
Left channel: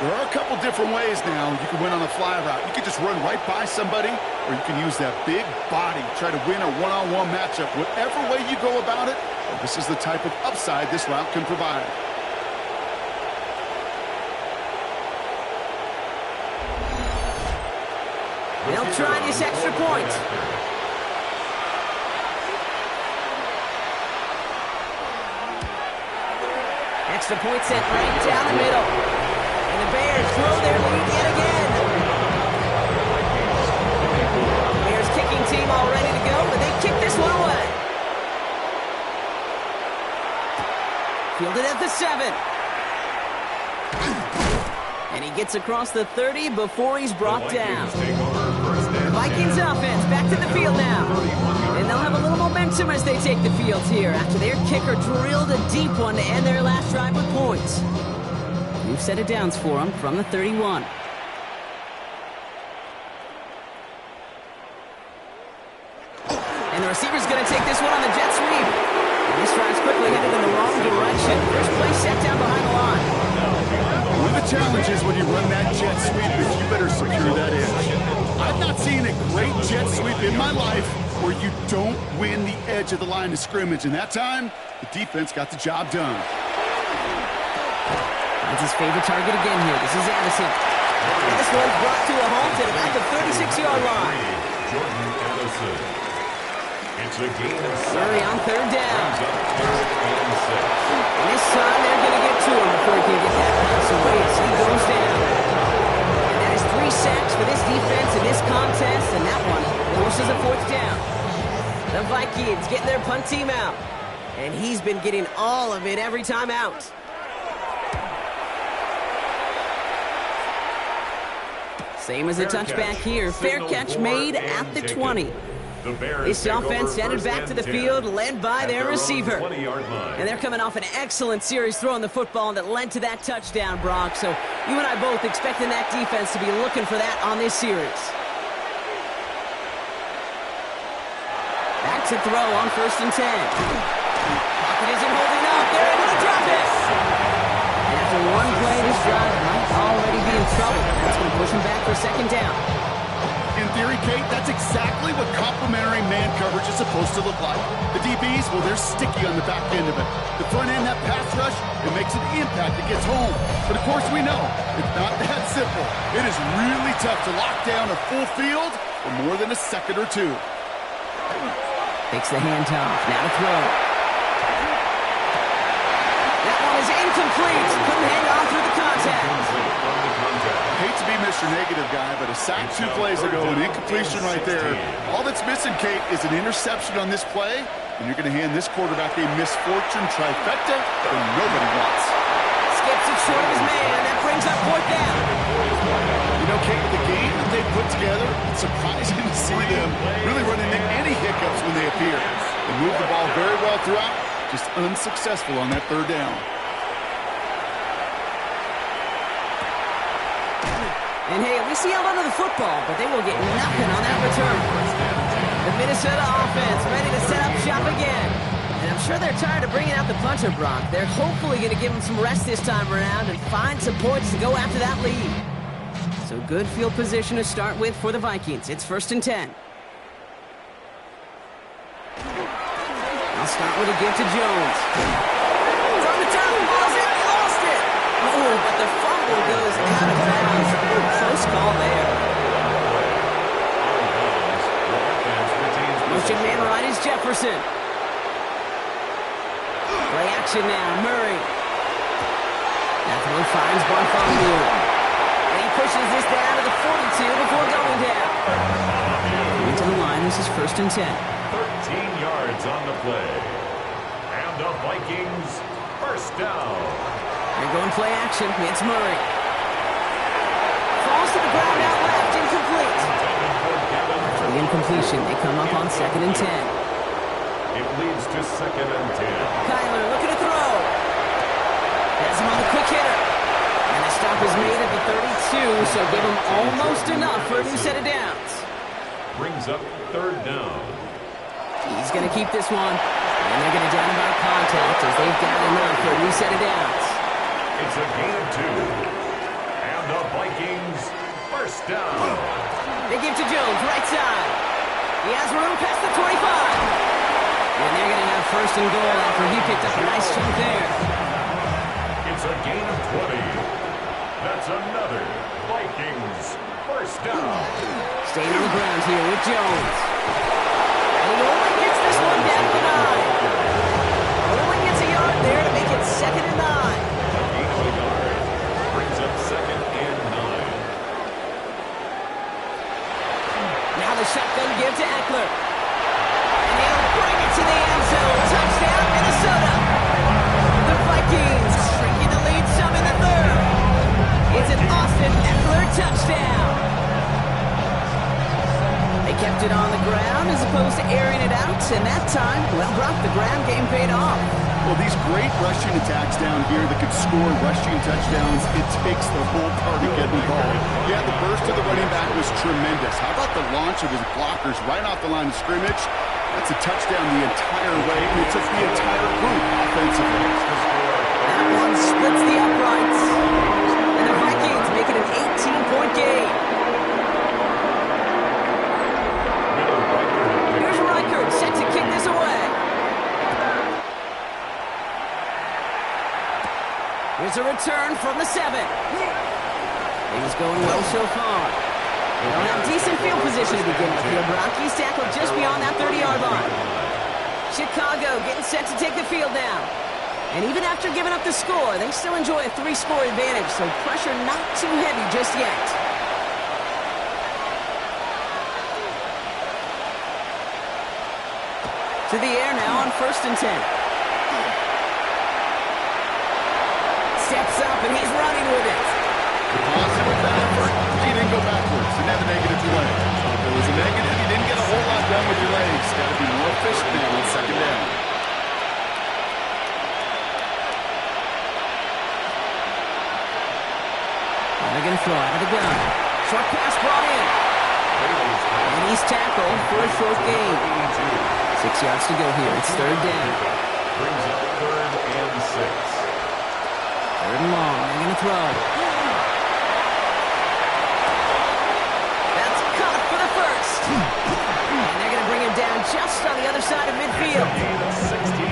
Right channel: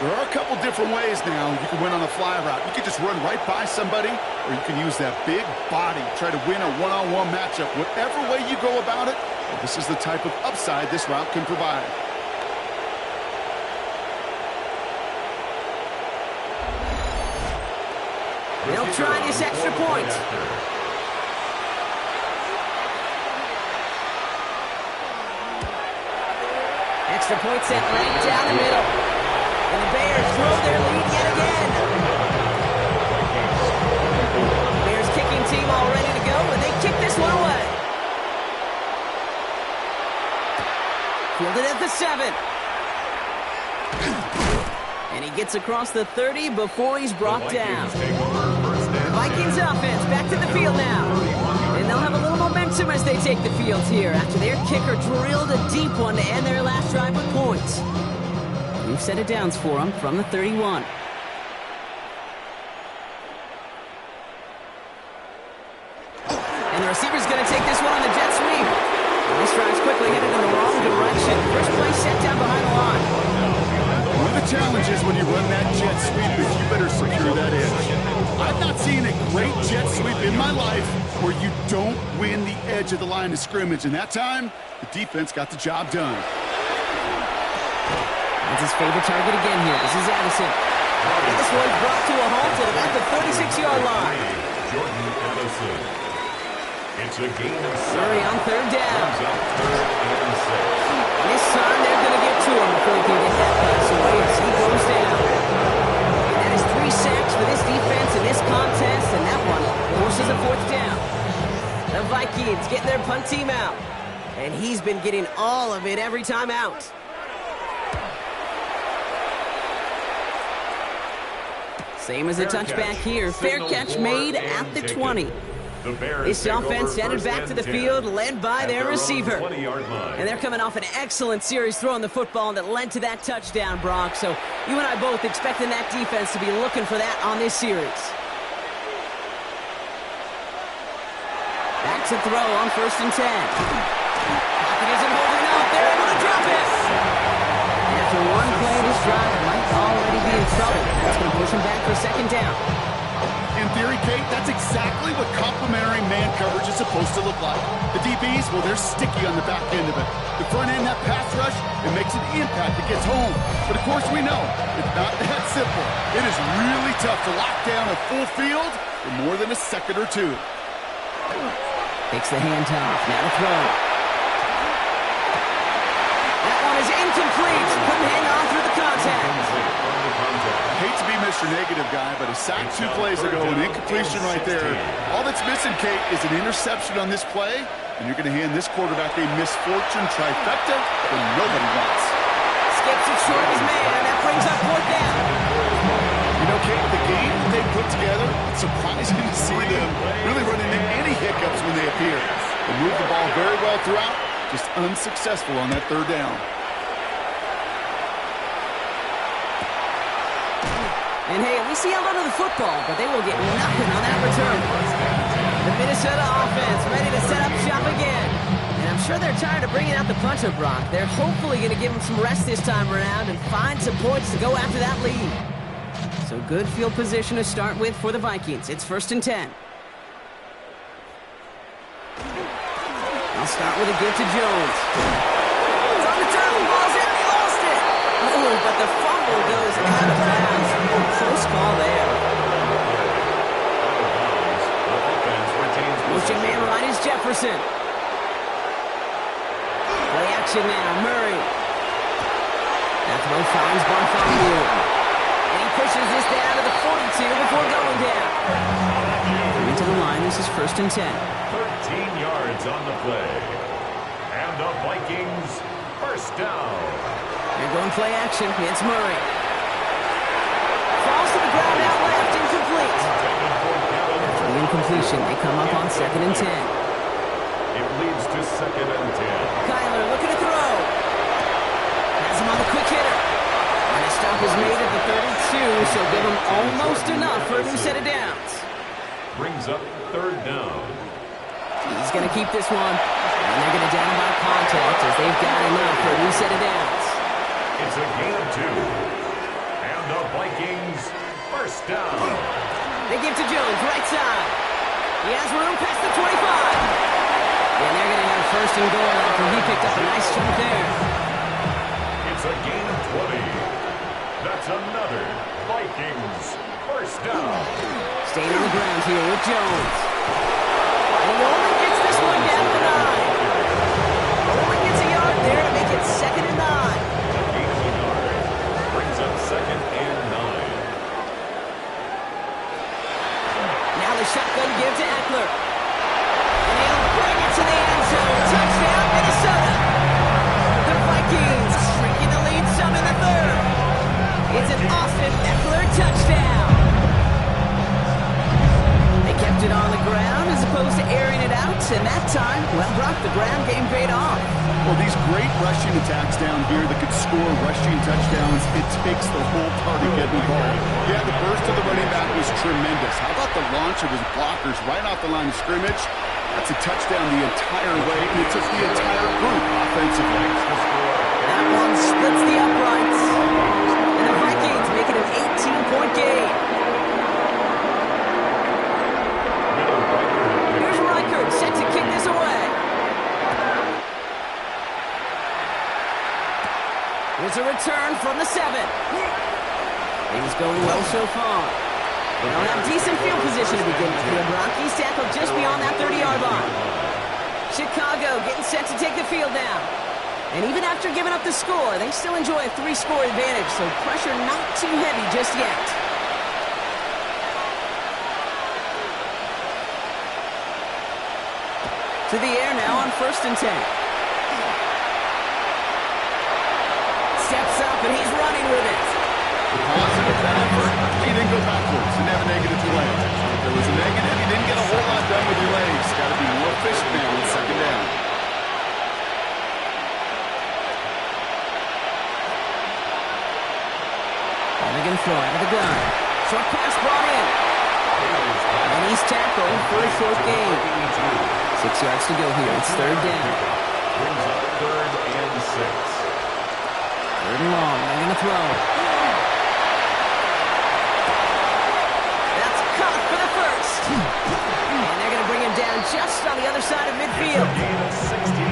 There are a couple different ways now you can win on a fly route. You can just run right by somebody, or you can use that big body, try to win a one-on-one matchup. Whatever way you go about it, well, this is the type of upside this route can provide. They'll try this extra point. Extra point sent right down the middle. And the Bears grow their lead yet again. Bears kicking team all ready to go, but they kick this one away. Fielded at the 7. And he gets across the 30 before he's brought down. The Vikings offense back to the field now. And they'll have a little momentum as they take the field here after their kicker drilled a deep one to end their last drive with points. We've set it downs for them from the 31. And the receiver's going to take this one on the jet sweep. And this drive's quickly headed in the wrong direction. First play set down behind the line. One of the challenges when you run that jet sweep is you better secure that edge. I've not seen a great jet sweep in my life where you don't win the edge of the line of scrimmage. And that time, the defense got the job done. That's his favorite target again here. This is Addison. And this one's brought to a halt at about the 36-yard line. Jordan Addison. It's a gain of 7. Murray on third down. Brings up 3rd and 6. And this time they're going to get to him before he can get that pass away as he goes down. And that is 3 sacks for this defense in this contest, and that one forces a 4th down. The Vikings getting their punt team out. And he's been getting all of it every time out. Same as a touchback here. Fair catch made at the 20. This offense headed back to the field, led by their receiver. And they're coming off an excellent series throwing the football that led to that touchdown, Brock. So you and I both expecting that defense to be looking for that on this series. Back to throw on 1st and 10. Pocket isn't holding up. They're able to drop it. And after one play, this drive might already be in trouble. That's going to push him back for 2nd down. In theory, Kate, that's exactly what complementary man coverage is supposed to look like. The DBs, well, they're sticky on the back end of it. The front end, that pass rush, it makes an impact. It gets home. But, of course, we know it's not that simple. It is really tough to lock down a full field for more than a second or two. Takes the handoff. Now to throw. That one is incomplete. Couldn't hang on through the contact. I hate to be Mr. Negative guy, but a sack 2 plays ago, an incompletion right there. All that's missing, Kate, is an interception on this play, and you're going to hand this quarterback a misfortune trifecta that nobody wants. Skips it short of his man. That brings up 4th down. You know, Kate, the game that they put together, it's surprising to see them really run into any hiccups when they appear. They move the ball very well throughout, just unsuccessful on that 3rd down. And hey, at least he held onto the football, but they will get nothing on that return. The Minnesota offense ready to set up shop again. And I'm sure they're tired of bringing out the punter, Brock. They're hopefully going to give him some rest this time around and find some points to go after that lead. So good field position to start with for the Vikings. It's 1st and 10. I'll start with a give to Jones. It's on the turn, ball's in, he lost it. Oh, but the fumble goes out of bounds. Close call there. Motion man right is Jefferson. Play action now, Murray. That throw finds Bartholomew. And he pushes this down to the 42 before going down. Coming to the line, this is 1st and 10. 13 yards on the play. And the Vikings, 1st down. They're going play action. It's Murray. Falls to the ground out left, incomplete. The incompletion, they come up on 2nd and 10. It leads to 2nd and 10. Kyler looking to throw. Has him on the quick hitter. And the stop is made at the 32, so give him almost enough for a new set of downs. Brings up 3rd down. He's going to keep this one. And they're going to down him by contact as they've got enough for a new set of downs. It's a gain of 2. And And the Vikings, first down. They give to Jones, right side. He has room past the 25. And they're going to have first and goal after he picked up a nice chunk there. It's a gain of 20. That's another Vikings first down. Staying on the ground here with Jones. And he only gets this one down to 9. Only gets a yard there to make it 2nd and 9. A gain of a yard brings up 2nd and 9. Now the shotgun give to Eckler. And he'll bring it to the end zone. Touchdown, Minnesota. The Vikings shrinking the lead some in the 3rd. It's an Austin Eckler touchdown. They kept it on the ground as opposed to airing it out. And that time, well, Brock, the ground game paid off. Well, these great rushing attacks down here that could score rushing touchdowns, it takes the whole party getting involved. Yeah, the burst of the running back was tremendous. How about the launch of his blockers right off the line of scrimmage? That's a touchdown the entire way, and it took the entire group offensively. That one splits the uprights. And the Vikings make it an 18-point game. Here's Reichert set to kick this away. Here's a return from the 7. Things going well so far. They don't have decent field position to begin with here. Broncos tackled just beyond that 30-yard line. Chicago getting set to take the field down. And even after giving up the score, they still enjoy a 3-score advantage, so pressure not too heavy just yet. To the air now on 1st and 10. Steps up, and he's running with it. Positive that effort. He didn't go backwards. Didn't have a negative play. So if there was a negative, you didn't get a whole lot done with your legs. Got to be more efficient now on 2nd down. They're going to throw out of the gun. Short pass brought in. And he's tackled for a short gain. 6 yards to go here. It's 3rd down. Brings up 3rd and 6. 3rd and long. They're going to throw. That's caught for the 1st. And they're going to bring him down just on the other side of midfield.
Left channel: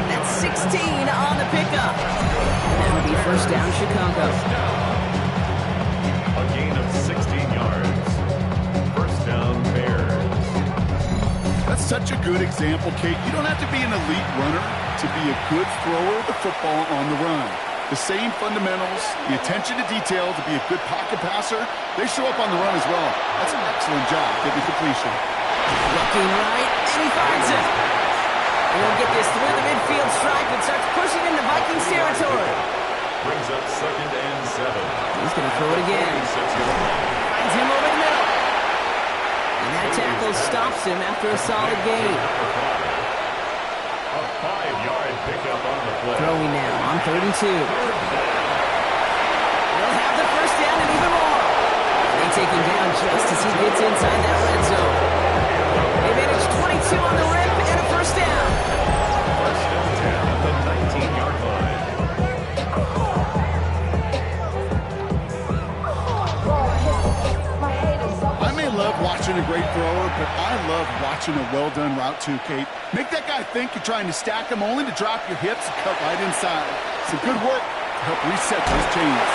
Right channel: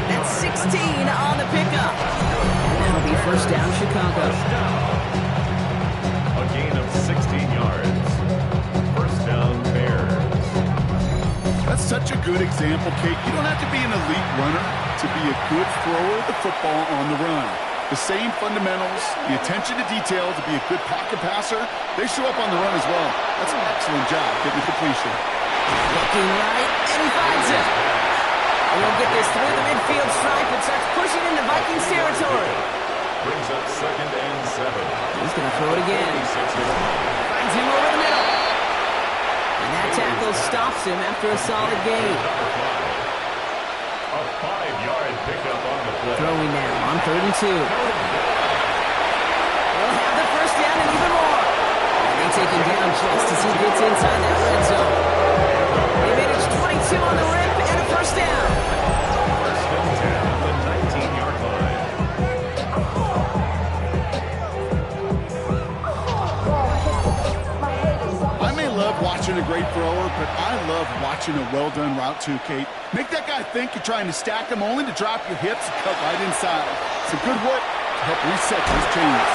That's 16 on the pickup. And that'll be 1st down, Chicago. A gain of 16 yards. 1st down, Bears. That's such a good example, Kate. You don't have to be an elite runner to be a good thrower of the football on the run. The same fundamentals, the attention to detail to be a good pocket passer, they show up on the run as well. That's an excellent job getting the completion. Looking right, and he finds it. And he'll get this through the midfield stripe and starts pushing into Vikings territory. Brings up 2nd and 7. He's going to throw it again. Finds him over the middle. And that tackle stops him after a solid gain. Number 5. A 5-yard pickup on the play. Throwing now on 3rd and 2. He'll have the 1st down and even more. And they take him down just as he gets inside that red zone. They managed 22 on the rip and a 1st down. 1st and 10 at the 19-yard line. I may love watching a great thrower, but I love watching a well-done route too, Kate. Make that guy think you're trying to stack him only to drop your hips and cut right inside. Some good work to help reset those chains.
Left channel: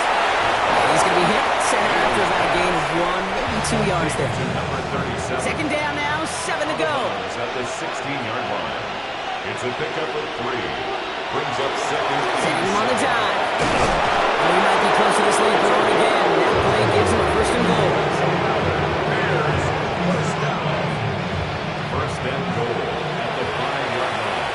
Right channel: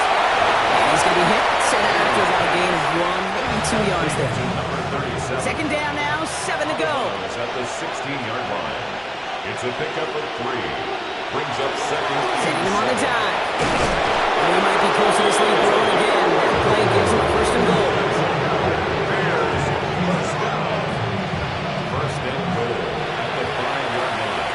And he's going to be hit, sent out after about a gain of 1, maybe 2 yards there. Number 37. 2nd down now, 7 to go. Is at the 16-yard line. It's a pickup of 3. Brings up 2nd. Sending him on the dive. And he might be close to this lead blown again. That play gives him a 1st and goal. Bears, 1st down. 1st and goal at the 5-yard line.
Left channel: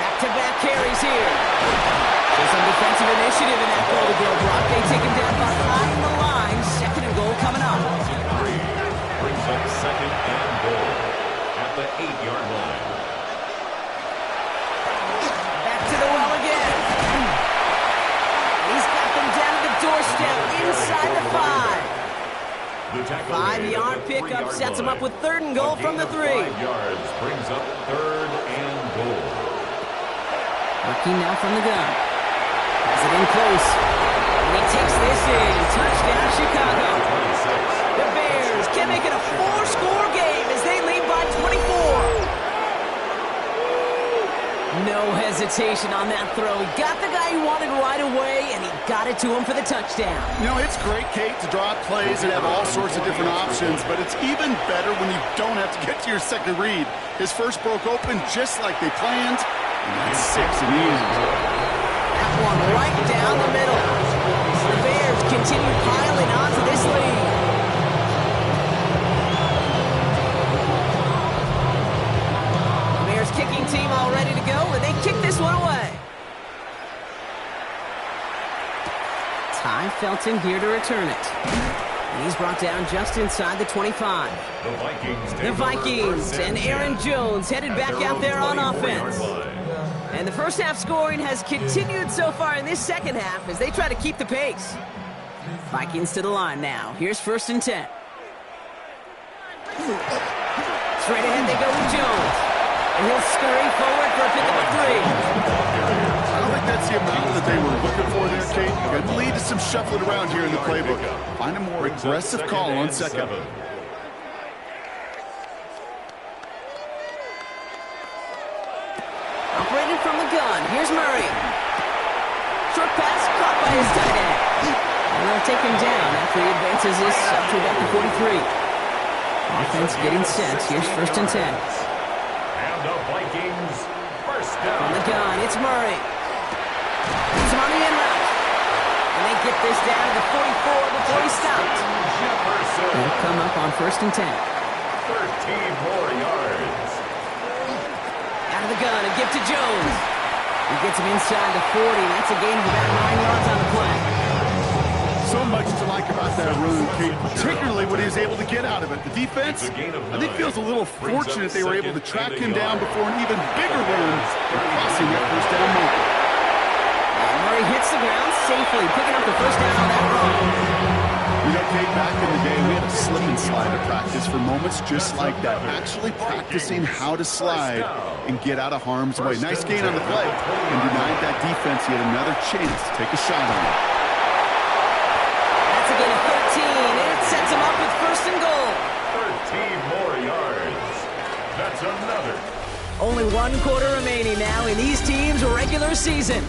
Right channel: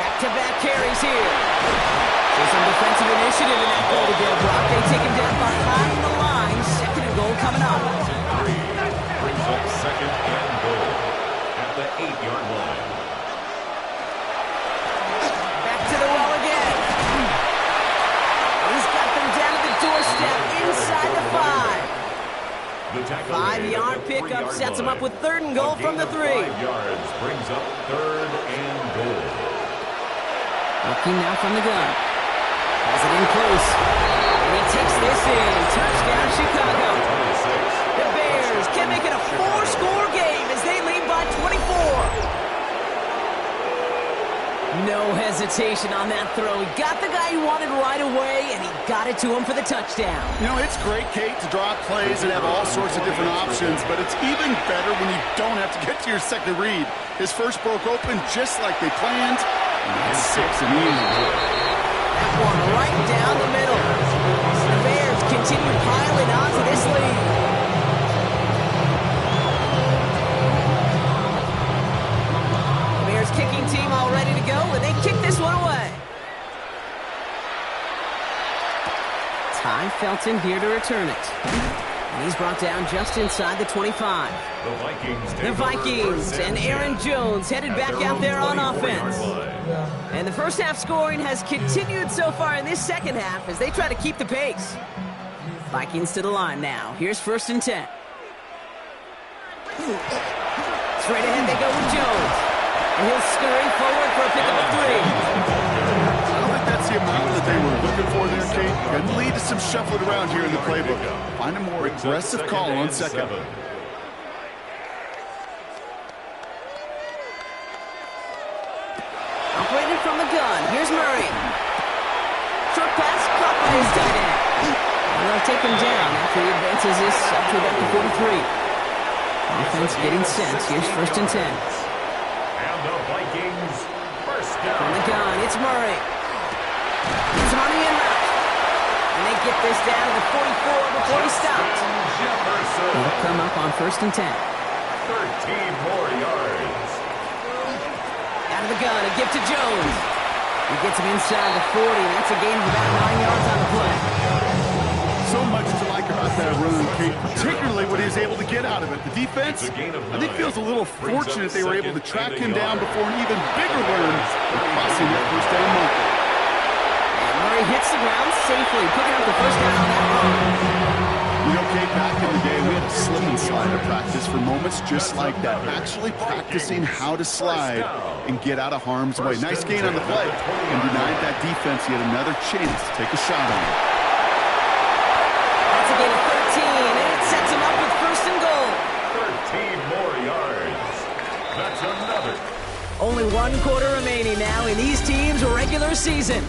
Back-to-back carries here. So some defensive initiative in that goal to go. Brock, they take him down behind the line. 2nd and goal coming up. 3. Brings up 2nd and goal at the 8-yard line. Back to the well again. He's got them down at the doorstep inside the 5. The tackle 5-yard pickup sets him up with 3rd and goal from the 3. 5 yards brings up 3rd and goal. Working now from the gun. Has it in close. And he takes this in. Touchdown, Chicago. 26. The Bears can make it a 4-score game as they lead by 24. No hesitation on that throw. He got the guy he wanted right away, and he got it to him for the touchdown. You know, it's great, Kate, to draw up plays and have all sorts of different options, but it's even better when you don't have to get to your second read. His first broke open just like they planned, and that's 6 and easy. That one right down the middle. The Bears continue piling on to this lead. Bears kicking team all ready to go, and they kick this one away. Ty Felton here to return it. And he's brought down just inside the 25. The Vikings and Aaron Jones headed back out there on offense. And the first half scoring has continued so far in this second half as they try to keep the pace. Vikings to the line now. Here's 1st and 10. Straight ahead they go with Jones. And he'll scurry forward for a pickup of 3. I don't think that's the amount that they were looking for there, Kate. Could lead to some shuffling around here in the playbook. Find a more aggressive call on 2nd. Operating from the gun. Here's Murray. Short pass caught by his tight end. And they'll take him down after he advances this up to about the 43. Offense getting set. Here's 1st and 10. And the Vikings first down. From the gun, it's Murray. He's on the in route. And they get this down to the 44 before he stopped. Jefferson. He'll come up on 1st and 10. 13 more yards. Out of the gun, a gift to Jones. He gets him inside the 40. That's a gain of about 9 yards on the play. So much to like about that run, Kate, particularly what he was able to get out of it. The defense, I think, feels a little fortunate they were able to track him down before an even bigger run and crossing that 1st down marker. And Murray hits the ground safely, picking up the 1st down on that run. You know, Kate, back in the day, we had a slip and slide to practice for moments just like that. Actually practicing how to slide and get out of harm's way. Nice gain on the play, and denied that defense yet another chance to take a shot on it. That's a gain of 13, and it sets him up with 1st and goal. 13 more yards. That's another. Only 1 quarter remaining now in these teams' regular season.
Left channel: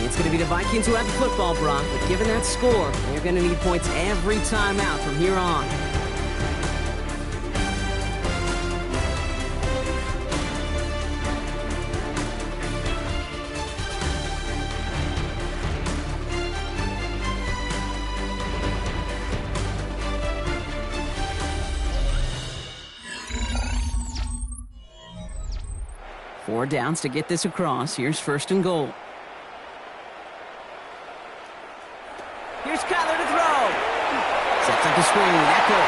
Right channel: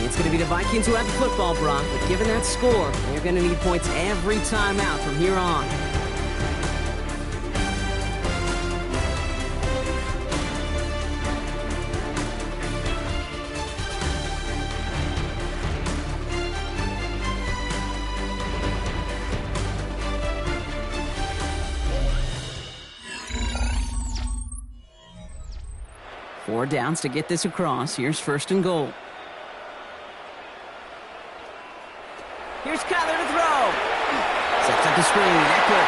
It's going to be the Vikings who have the football, Brock, but given that score, they're going to need points every time out from here on. Four downs to get this across. Here's 1st and goal. Here's Kyler to throw. Sets up the screen. Eckler.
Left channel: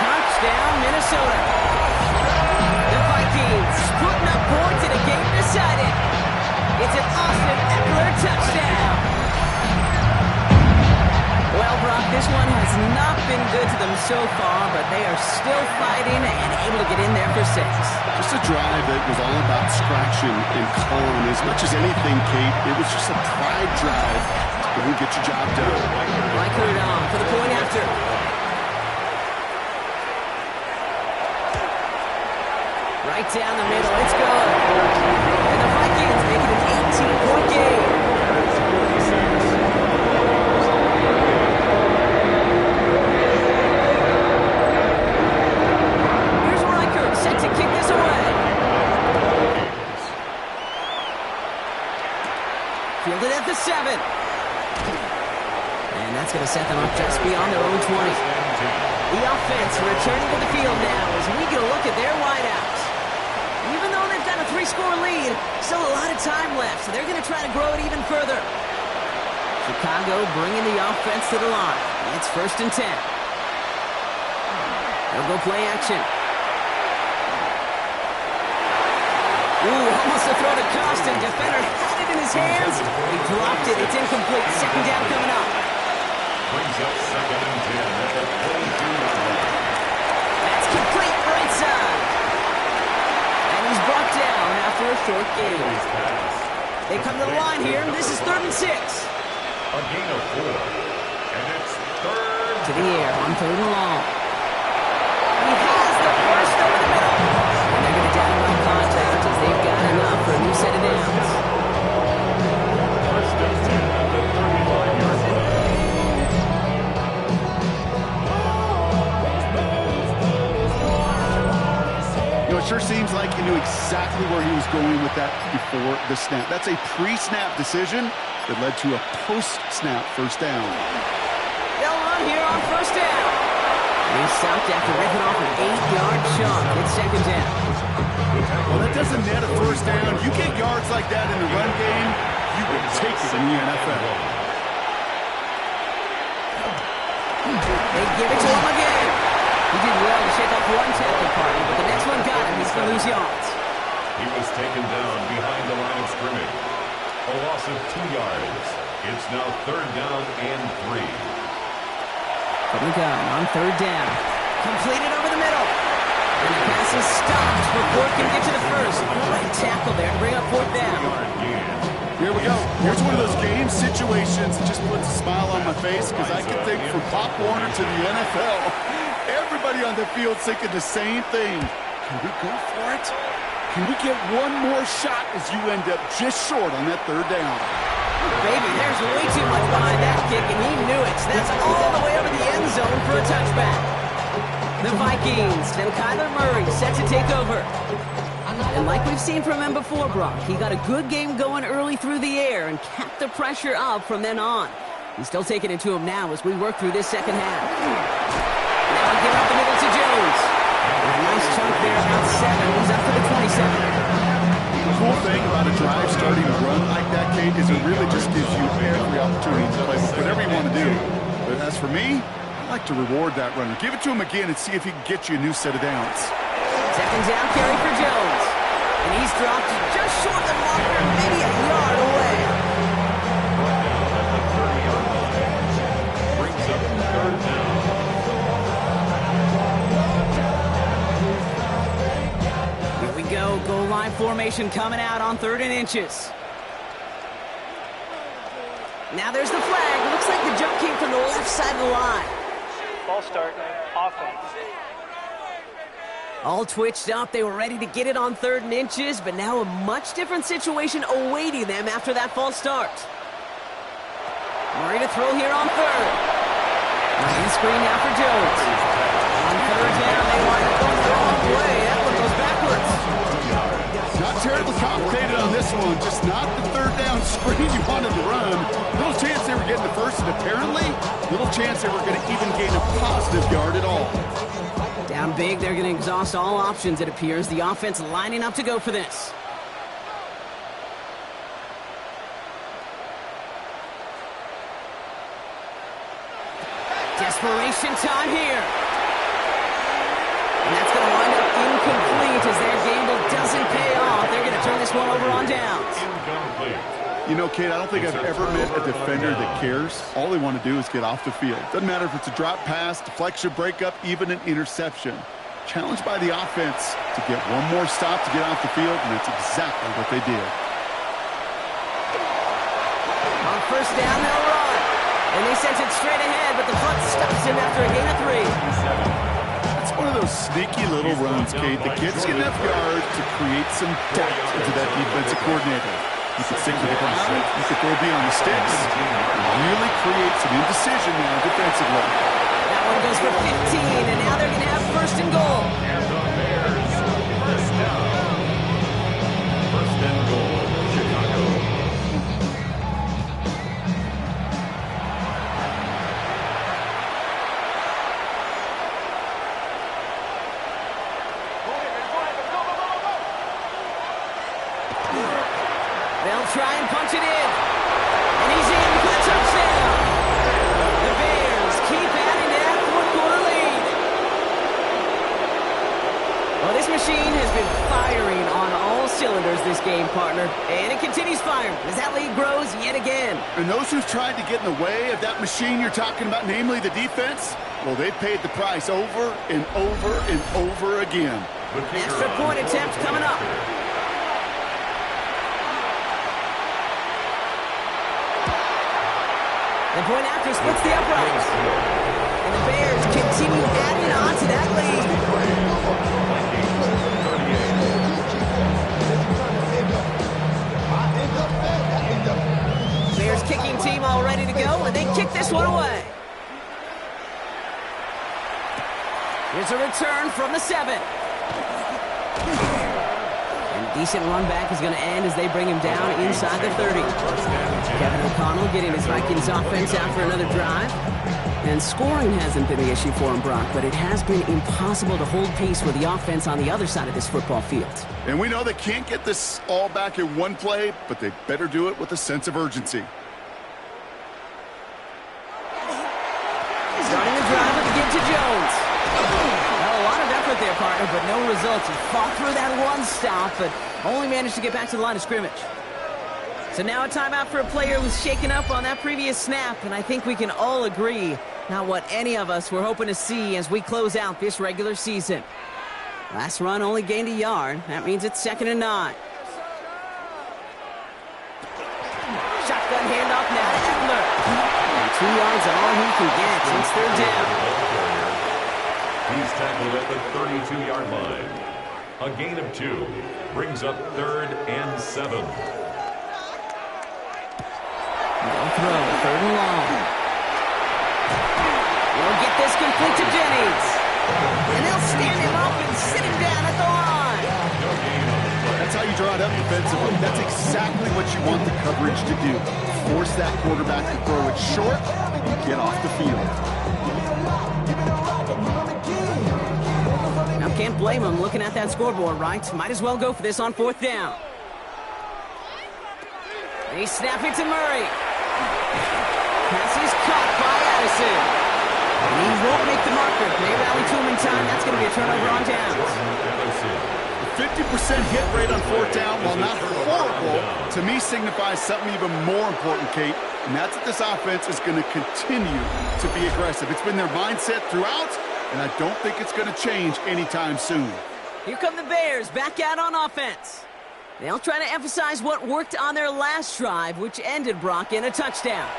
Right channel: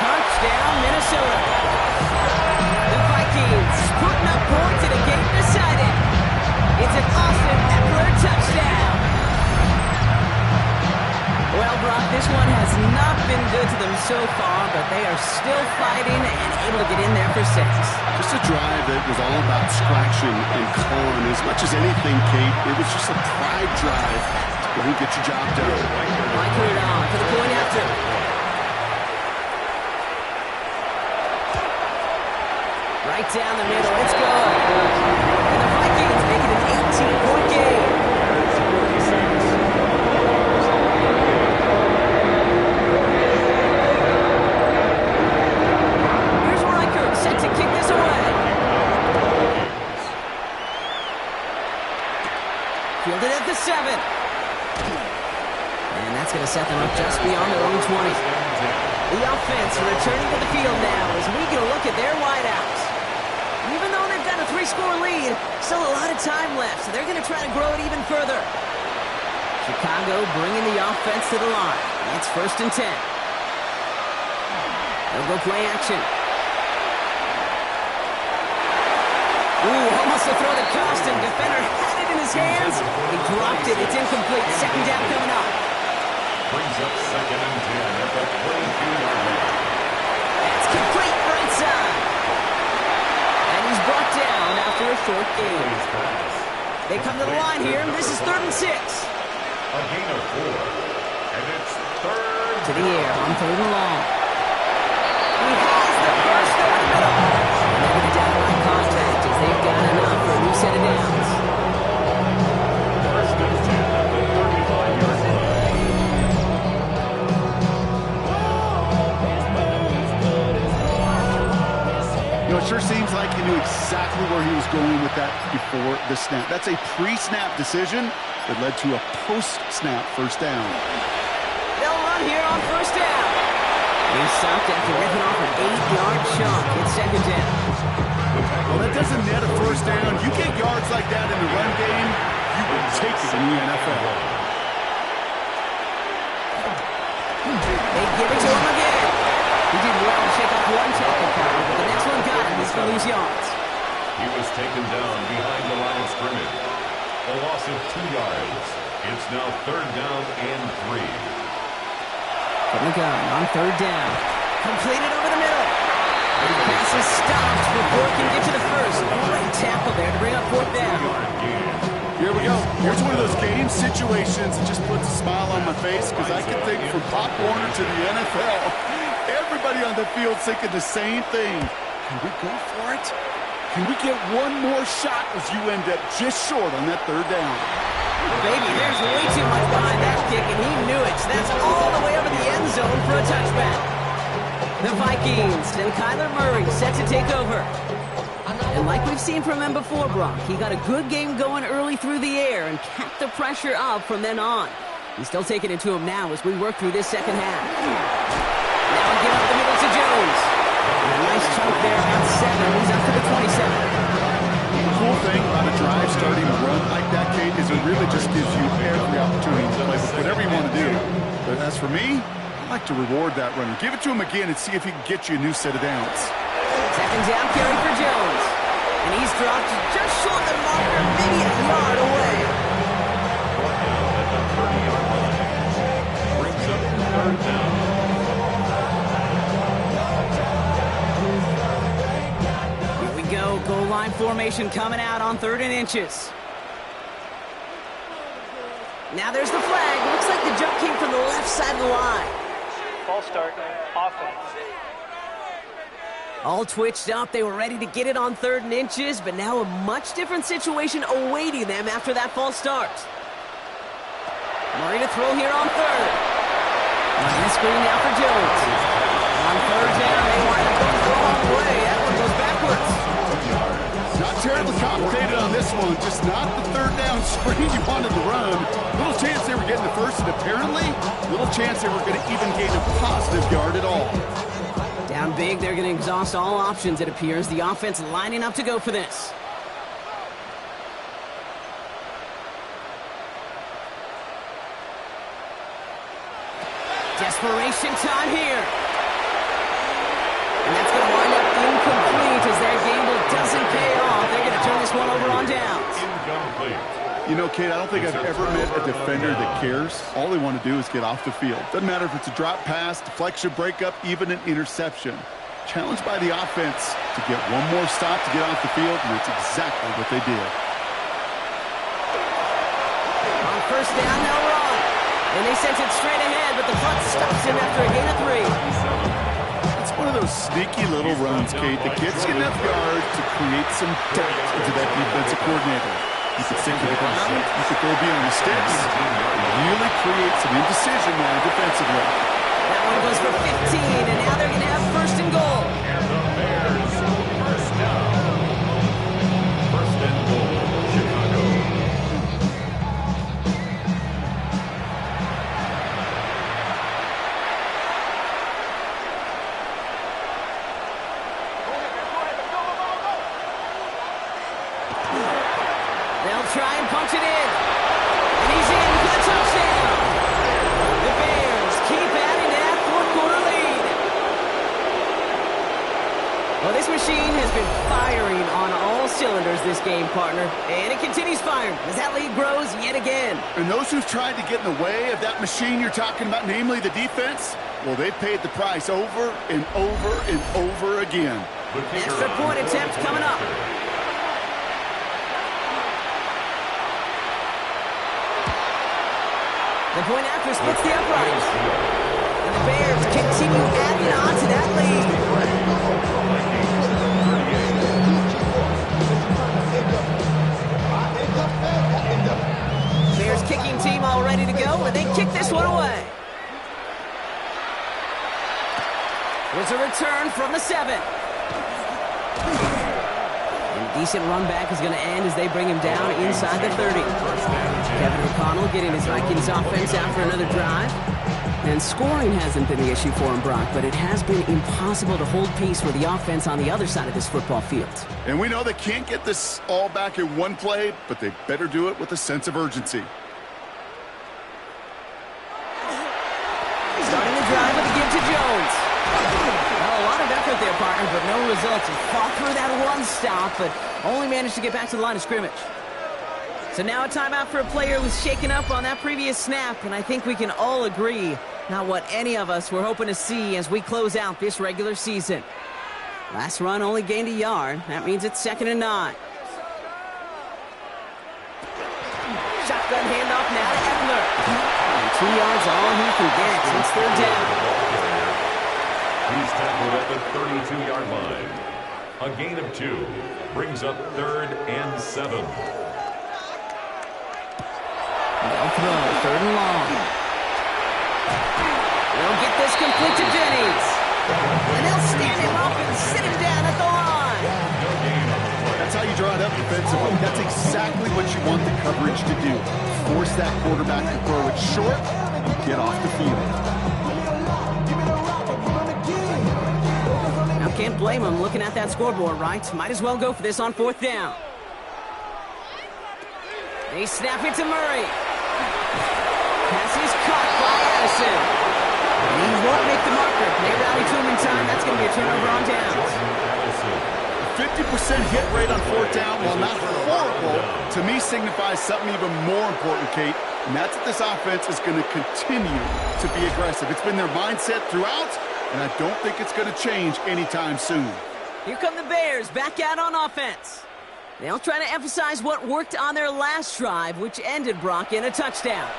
Touchdown, Minnesota. The Vikings putting up points in a game decided. It's an Austin Eckler touchdown. Well, Brock, this one has not been good to them so far, but they are still fighting and able to get in there for 6. Just a drive that was all about scratching and clawing. As much as anything, Kate, it was just a pride drive. Go and get your job done. Reichert on for the point after. Right down the middle. It's good. And the Vikings make it an 18-point game. Here's Reichert set to kick this away. Fielded at the 7. And that's going to set them up just beyond their own 20. The offense returning to the field now as we get a look at their wideouts. Even though they've got a 3-score lead, still a lot of time left, so they're going to try to grow it even further. Chicago bringing the offense to the line. It's 1st and 10. They'll go play action. Ooh, almost a throw to Costin. Defender had it in his hands. He dropped it. It's incomplete. 2nd down coming up. Brings up 2nd and 10 at the 22-yard line. That's complete right side. And he's brought down after a short gain. His pass. They come to the line here. This is 3rd and 6. A gain of 4. And it's 3rd. To the air on 3rd and long. He has the first over the middle. And they're going to down the line contact as they've got enough for a new set of downs. 1st and 10 at the 35-yard line. You know, it sure seems like he knew exactly where he was going with that before the snap. That's a pre-snap decision that led to a post-snap first down. They'll run here on 1st down. And he's stopped after ripping off an 8-yard chunk. It's 2nd down. Well, that doesn't net a first down. You get yards like that in the run game, you would take it in the NFL. They give it to him again. He did well to shake off one tackle partner, but the next one got him. He's going to lose yards. He was taken down behind the line of scrimmage. A loss of 2 yards. It's now 3rd down and 3. From the gun on 3rd down. Completed over the middle. And the pass is stopped before it can get to the first. Great tackle there to bring up 4th down. Here we go. Here's one of those game situations that just puts a smile on my face because I can think from Pop Warner to the NFL. Everybody on the field thinking the same thing. Can we go for it? Can we get one more shot as you end up just short on that 3rd down? Baby, there's way too much behind that kick, and he knew it. So that's all the way over the end zone for a touchback. The Vikings and Kyler Murray set to take over. And like we've seen from him before, Brock, he got a good game going early through the air and kept the pressure up from then on. He's still taking it to him now as we work through this second half. Now we give up the middle to Jones. And a nice chunk there, about 7. He's up to the 27. The cool thing about a drive starting a run like that, Kate, is it really just gives you every opportunity to play with whatever you want to do. But as for me, I like to reward that runner. Give it to him again and see if he can get you a new set of downs. 2nd down carry for Jones. And he's dropped just short of the marker, maybe a yard away. Brought down at the 30-yard line. Brings up 3rd down. Here we go. Goal line formation coming out on 3rd and inches. Now there's the flag. Looks like the jump came from the left side of the line. Ball start, offense. All twitched up. They were ready to get it on 3rd and inches, but now a much different situation awaiting them after that false start. Murray to throw here on 3rd. Running the screen now for Jones. On 3rd down, they wind up going the wrong way. That one goes backwards. Not terribly complicated on this one. Just not the 3rd down screen you wanted to run. Little chance they were getting the first, and apparently, little chance they were going to even gain a positive yard at all. Down big, they're going to exhaust all options, it appears. The offense lining up to go for this. Desperation time here. And that's going to wind up incomplete as their gamble doesn't pay off. They're going to turn this one over on downs. Incomplete. You know, Kate, I don't think I've ever met a defender that cares. All they want to do is get off the field. Doesn't matter if it's a drop pass, deflection, breakup, even an interception. Challenged by the offense to get one more stop to get off the field, and that's exactly what they did. On 1st down, they'll run. And they sent it straight ahead, but the front stops him after a gain of 3. That's one of those sneaky little runs, Kate, that gets you enough yards to create some doubt into that defensive coordinator. You can stick to the ground, you can throw beyond the sticks, and really create some indecision now defensively. That one goes for 15, and now they're going to have 1st and goal. And the Bears, 1st down. 1st and goal, Chicago. They'll try and punch it in. And he's in for the touchdown. The Bears keep adding to that 4th quarter lead. Well, This machine has been firing on all cylinders this game, partner. And it continues firing as that lead grows yet again. And those who've tried to get in the way of that machine you're talking about, namely the defense, well, they've paid the price over and over and over again. Extra point attempt coming up. The point after splits the uprights. And the Bears continue adding on to that lead. Bears kicking team all ready to go, and they kick this one away. Here's a return from the 7. And a decent run back is going to end as they bring him down inside the 30. Kevin O'Connell getting his Vikings offense out for another drive. And scoring hasn't been the issue for him, Brock, but it has been impossible to hold pace with the offense on the other side of this football field. And we know they can't get this all back in one play, but they better do it with a sense of urgency. Starting the drive with a give to Jones. Well, a lot of effort there, partner, but no results. He fought through that one stop, but only managed to get back to the line of scrimmage. So now a timeout for a player who was shaken up on that previous snap, and I think we can all agree not what any of us were hoping to see as we close out this regular season. Last run only gained a yard. That means it's 2nd and 9. Shotgun handoff now to Eckler. And 2 yards all he can get. It's 3rd down. He's tackled at the 32-yard line. A gain of 2 brings up 3rd and 7. They'll throw, 3rd and long. They'll get this complete to Jennings. And they'll stand him up and sit him down at the line. That's how you draw it up defensively. That's exactly what you want the coverage to do. Force that quarterback to throw it short and get off the field. Now, can't blame him looking at that scoreboard, right? Might as well go for this on 4th down. And he's snapping to Murray. Pass is caught by Addison. And he won't make the marker. They rally to him in time. That's going to be a turnover on downs. 50% hit rate on 4th down, while not horrible, to me signifies something even more important, Kate. And that's that this offense is going to continue to be aggressive. It's been their mindset throughout, and I don't think it's going to change anytime soon. Here come the Bears back out on offense. They'll try to emphasize what worked on their last drive, which ended, Brock, in a touchdown.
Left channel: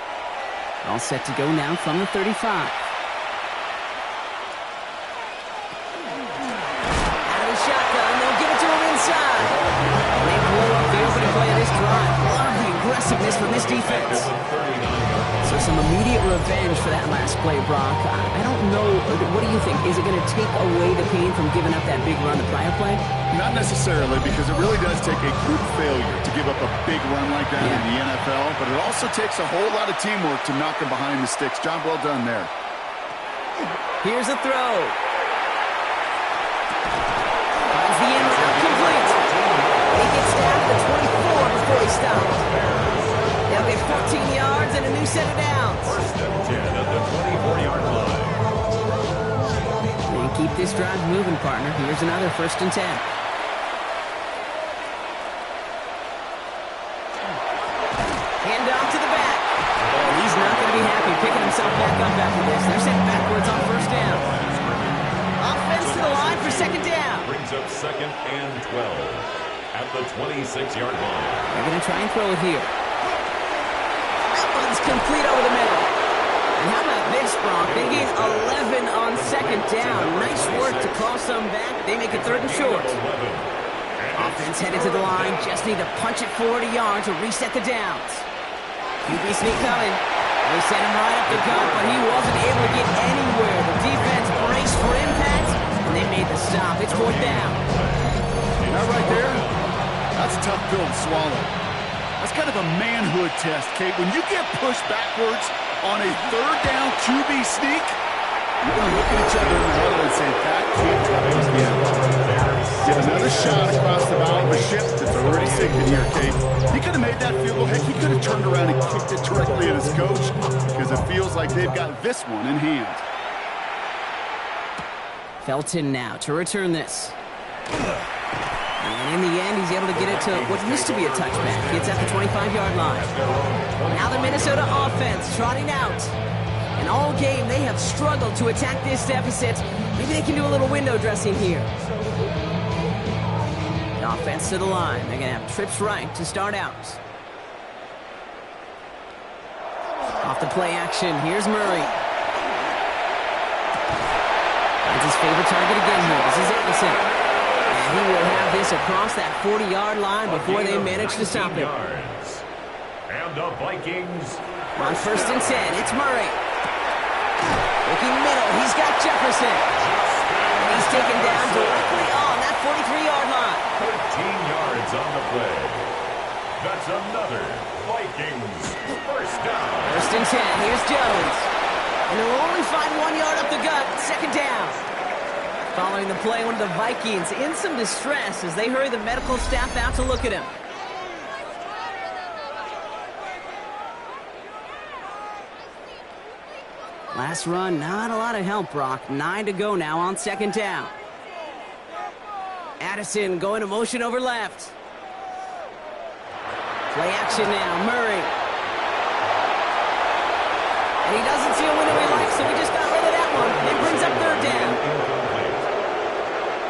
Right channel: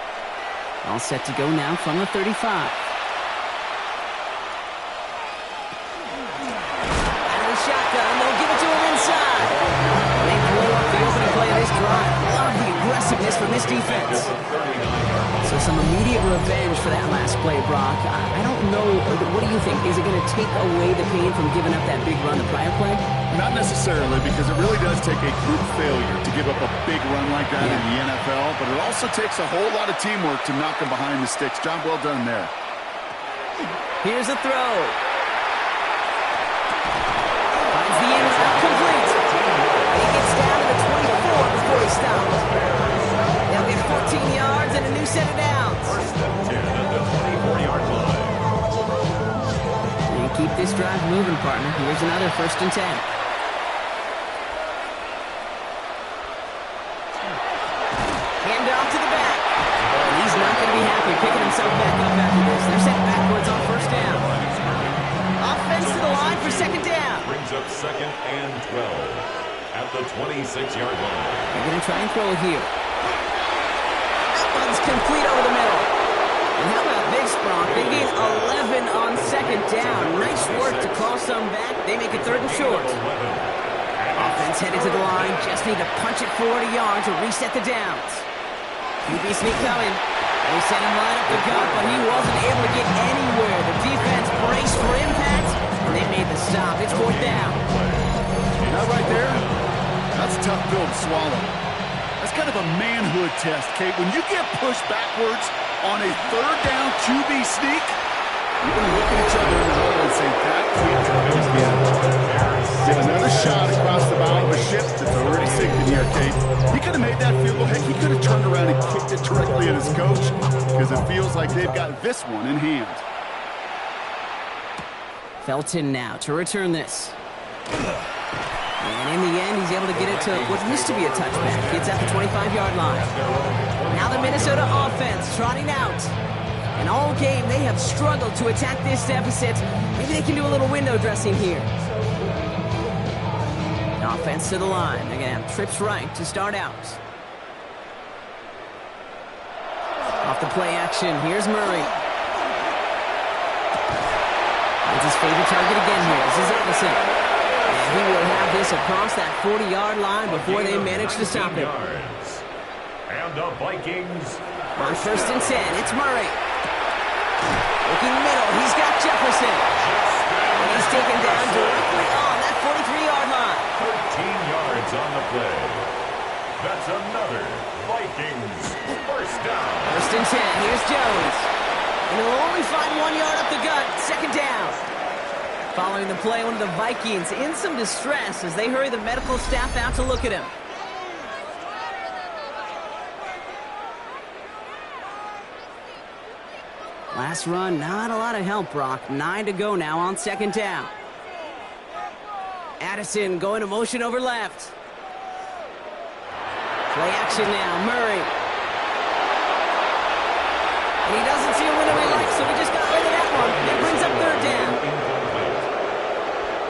All set to go now from the 35. Out of the shotgun, they'll give it to him inside. They blow up the opening play of this drive. Love the aggressiveness from this defense. So some immediate revenge for that last play, Brock. I don't know. What do you think? Is it going to take away the pain from giving up that big run the prior play? Not necessarily, because it really does take a group failure to give up a big run like that in the NFL, but it also takes a whole lot of teamwork to knock them behind the sticks. Job well done there. Here's a throw. Finds the end route complete. He gets down to the 24 before he stops. They'll get 14 yards and a new set of downs. 1st and 10 at the 24-yard line. And keep this drive moving, partner. Here's another 1st and 10. Hand off to the back. And he's not going to be happy picking himself back up after this. They're sent backwards on 1st down. Offense to the line for 2nd down. Brings up 2nd and 12 at the 26-yard line. They're going to try and throw it here. That one's complete over the middle. And how about this, Brock? They gain 11 on 2nd down. Nice work to call some back. They make it 3rd and short. Offense headed to the line. Just need to punch it 40 yards to reset the downs. QB sneak coming. They sent him right up the gut, but he wasn't able to get anywhere. The defense braced for impact, and they made the stop. It's 4th down. That right there, that's a tough pill to swallow. That's kind of a manhood test, Kate. When you get pushed backwards on a 3rd down QB sneak, you're going to look at each other in the huddle and say, that can't happen again. Get another shot across the bow of a ship that's already sinking here, Kate. He could have made that field goal. Heck, he could have turned around and kicked it directly at his coach, because it feels like they've got this one in hand. Felton now to return this. And in the end, he's able to get it to what used to be a touchback. It's at the 25-yard line. Now the Minnesota offense trotting out. And all game, they have struggled to attack this deficit. Maybe they can do a little window dressing here. The offense to the line. They're going to have trips right to start out. Off the play action, here's Murray. Finds his favorite target again here. This is Anderson. And he will have this across that 40-yard line before they manage to stop him. And the Vikings. On 1st and 10, it's Murray. Looking middle, he's got Jefferson. And he's taken down directly on that 43-yard line. 13 yards on the play. That's another Vikings first down. 1st and 10, here's Jones. And he'll only find 1 yard up the gut, 2nd down. Following the play, one of the Vikings in some distress as they hurry the medical staff out to look at him. Last run, not a lot of help, Brock. 9 to go now on 2nd down. Addison going to motion over left. Play action now, Murray. And he doesn't see a window he likes, so he just got rid of that one. It brings up 3rd down. Incomplete.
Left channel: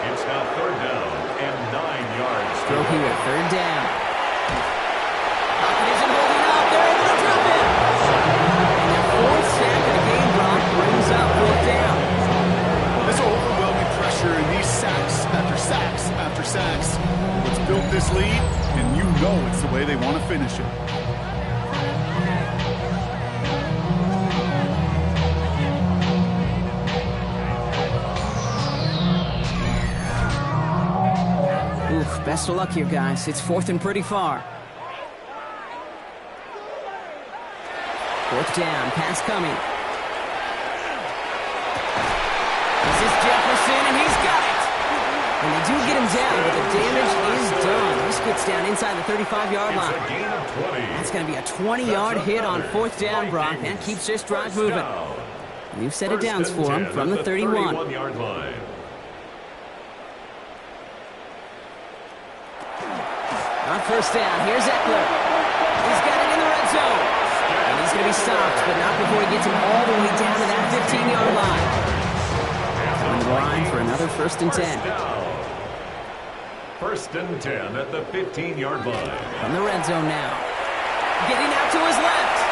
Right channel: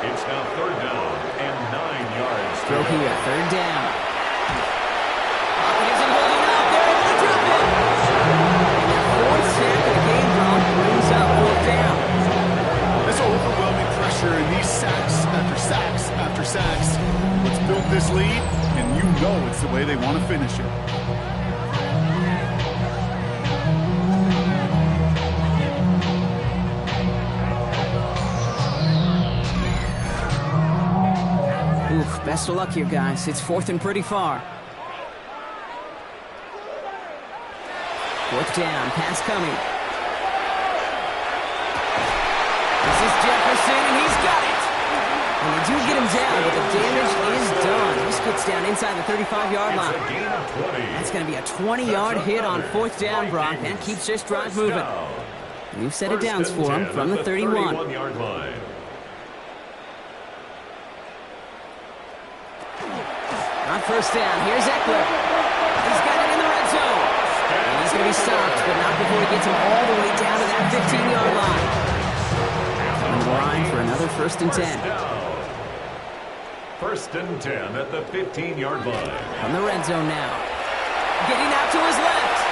It's now 3rd down and 9 yards. Throw here, 3rd down. Pocket isn't holding up. They're able to drop him. And their 4th sack of the game, Brock, brings up 4th down. This overwhelming pressure and these sacks after sacks after sacks. What's built this lead, and you know it's the way they want to finish it. Oof, best of luck here, guys. It's 4th and pretty far. 4th down, pass coming. This is Jefferson, and he's got it. And they do get him down, but the damage is done. This gets down inside the 35-yard line. That's going to be a 20-yard hit on 4th down, Brock. That keeps this drive moving. New set of downs for him from the 31. 31-yard line. On 1st down, here's Eckler. He's got it in the red zone. And he's going to be stopped, but not before he gets him all the way down to that 15-yard line. Coming to the line for another 1st and 10. 1st and 10 at the 15-yard line. From the red zone now. Getting out to his left.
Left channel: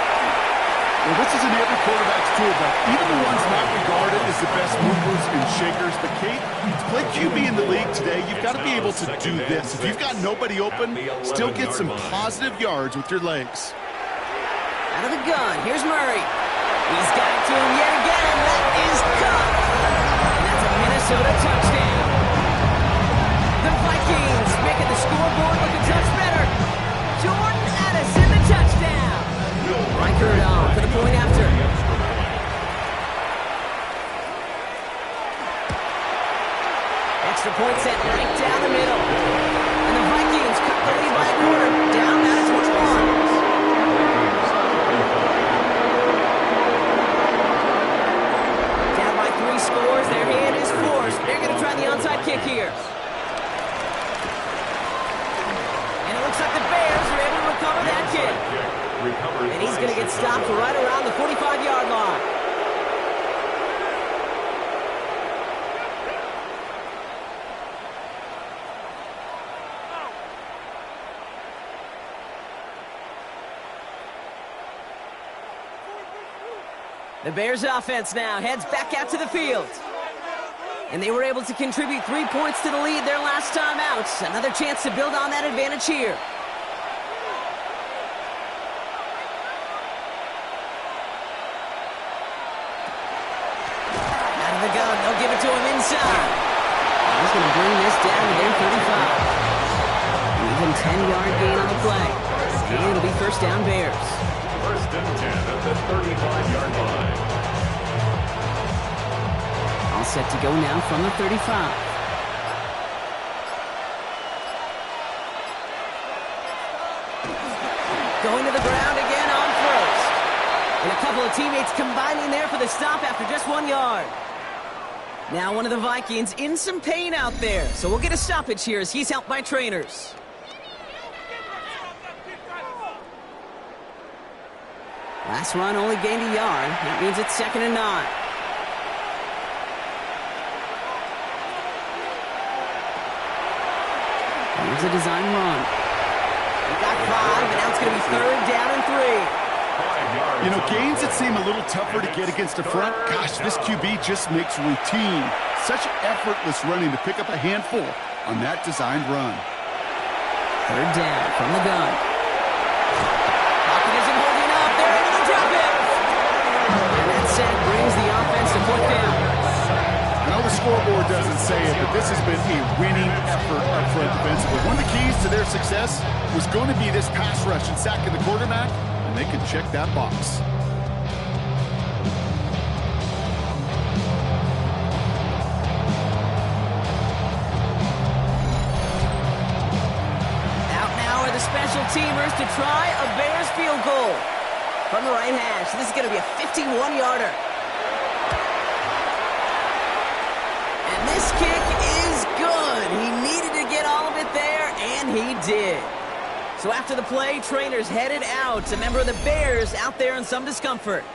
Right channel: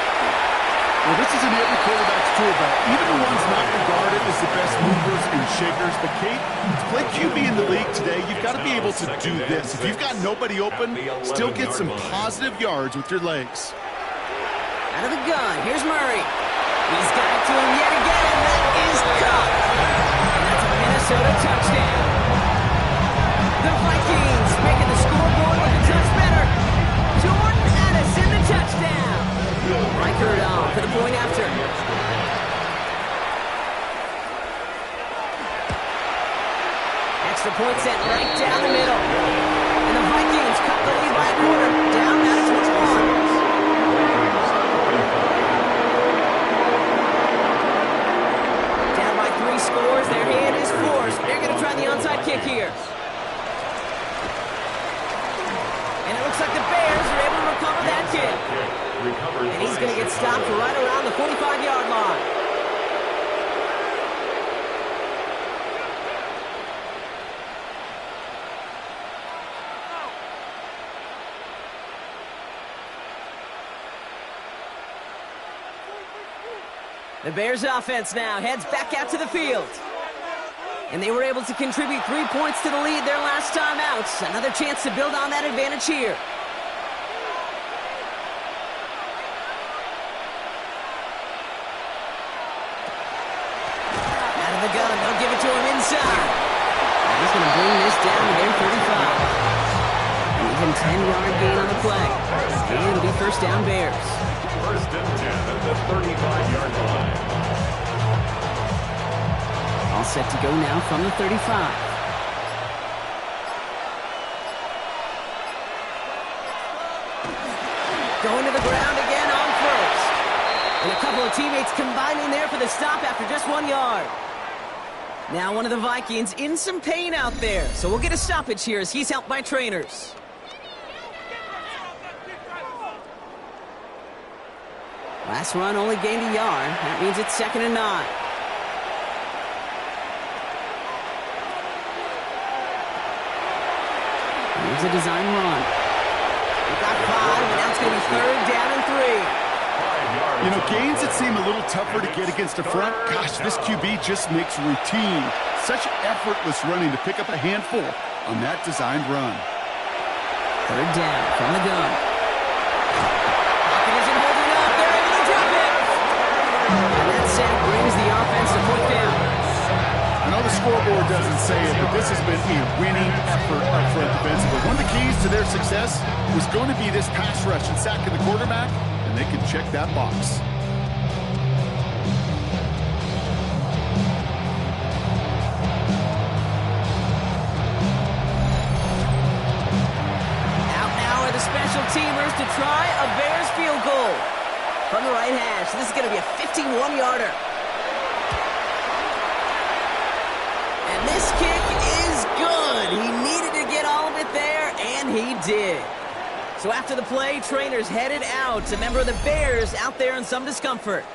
Well, this is in every quarterback's tool belt, even the ones not regarded as the best movers and shakers. But, Kate, to play QB in the league today, you've got to be able to do this. If you've got nobody open, still get some positive yards with your legs. Out of the gun, here's Murray. He's got it to him yet again, and that is caught. And that's a Minnesota touchdown. The Vikings making the scoreboard look a touch better. Jordan Addison, the touchdown. Reichert on for the point after. Extra point sent right down the middle. And the Vikings cut the lead by a quarter. Down now to 21. Down by 3 scores. Their hand is forced. They're going to try the onside kick here. And it looks like the Bears are able to recover that kick. And he's going to get stopped right around the 45-yard line. The Bears offense now heads back out to the field. And they were able to contribute 3 points to the lead their last time out. Another chance to build on that advantage here. Out of the gun, they'll give it to him inside. He's going to bring this down to their 35. An even 10-yard gain on the play. And it'll be 1st down Bears. 1st and 10 at the 35-yard line. All set to go now from the 35. Going to the ground again on 1st. And a couple of teammates combining there for the stop after just 1 yard. Now one of the Vikings in some pain out there, so we'll get a stoppage here as he's helped by trainers. Last run only gained a yard. That means it's 2nd and 9. Here's a design run. We got 5, and now it's going to be 3rd down and 3. You know, gains that seem a little tougher to get against a front, gosh, this QB just makes routine. Such effortless running to pick up a handful on that designed run. 3rd down from the gun. Pocket isn't holding up. They're able to drop it. And that sack brings the offense to 4th down. I know the scoreboard doesn't say it, but this has been a winning effort up front defensively. One of the keys to their success was going to be this pass rush and sacking the quarterback, and they can check that box. Out now are the special teamers to try a Bears field goal from the right hash. This is going to be a 51-yarder. And this kick is good. He needed to get all of it there, and he did. So after the play, trainers headed out. A member of the Bears out there in some discomfort.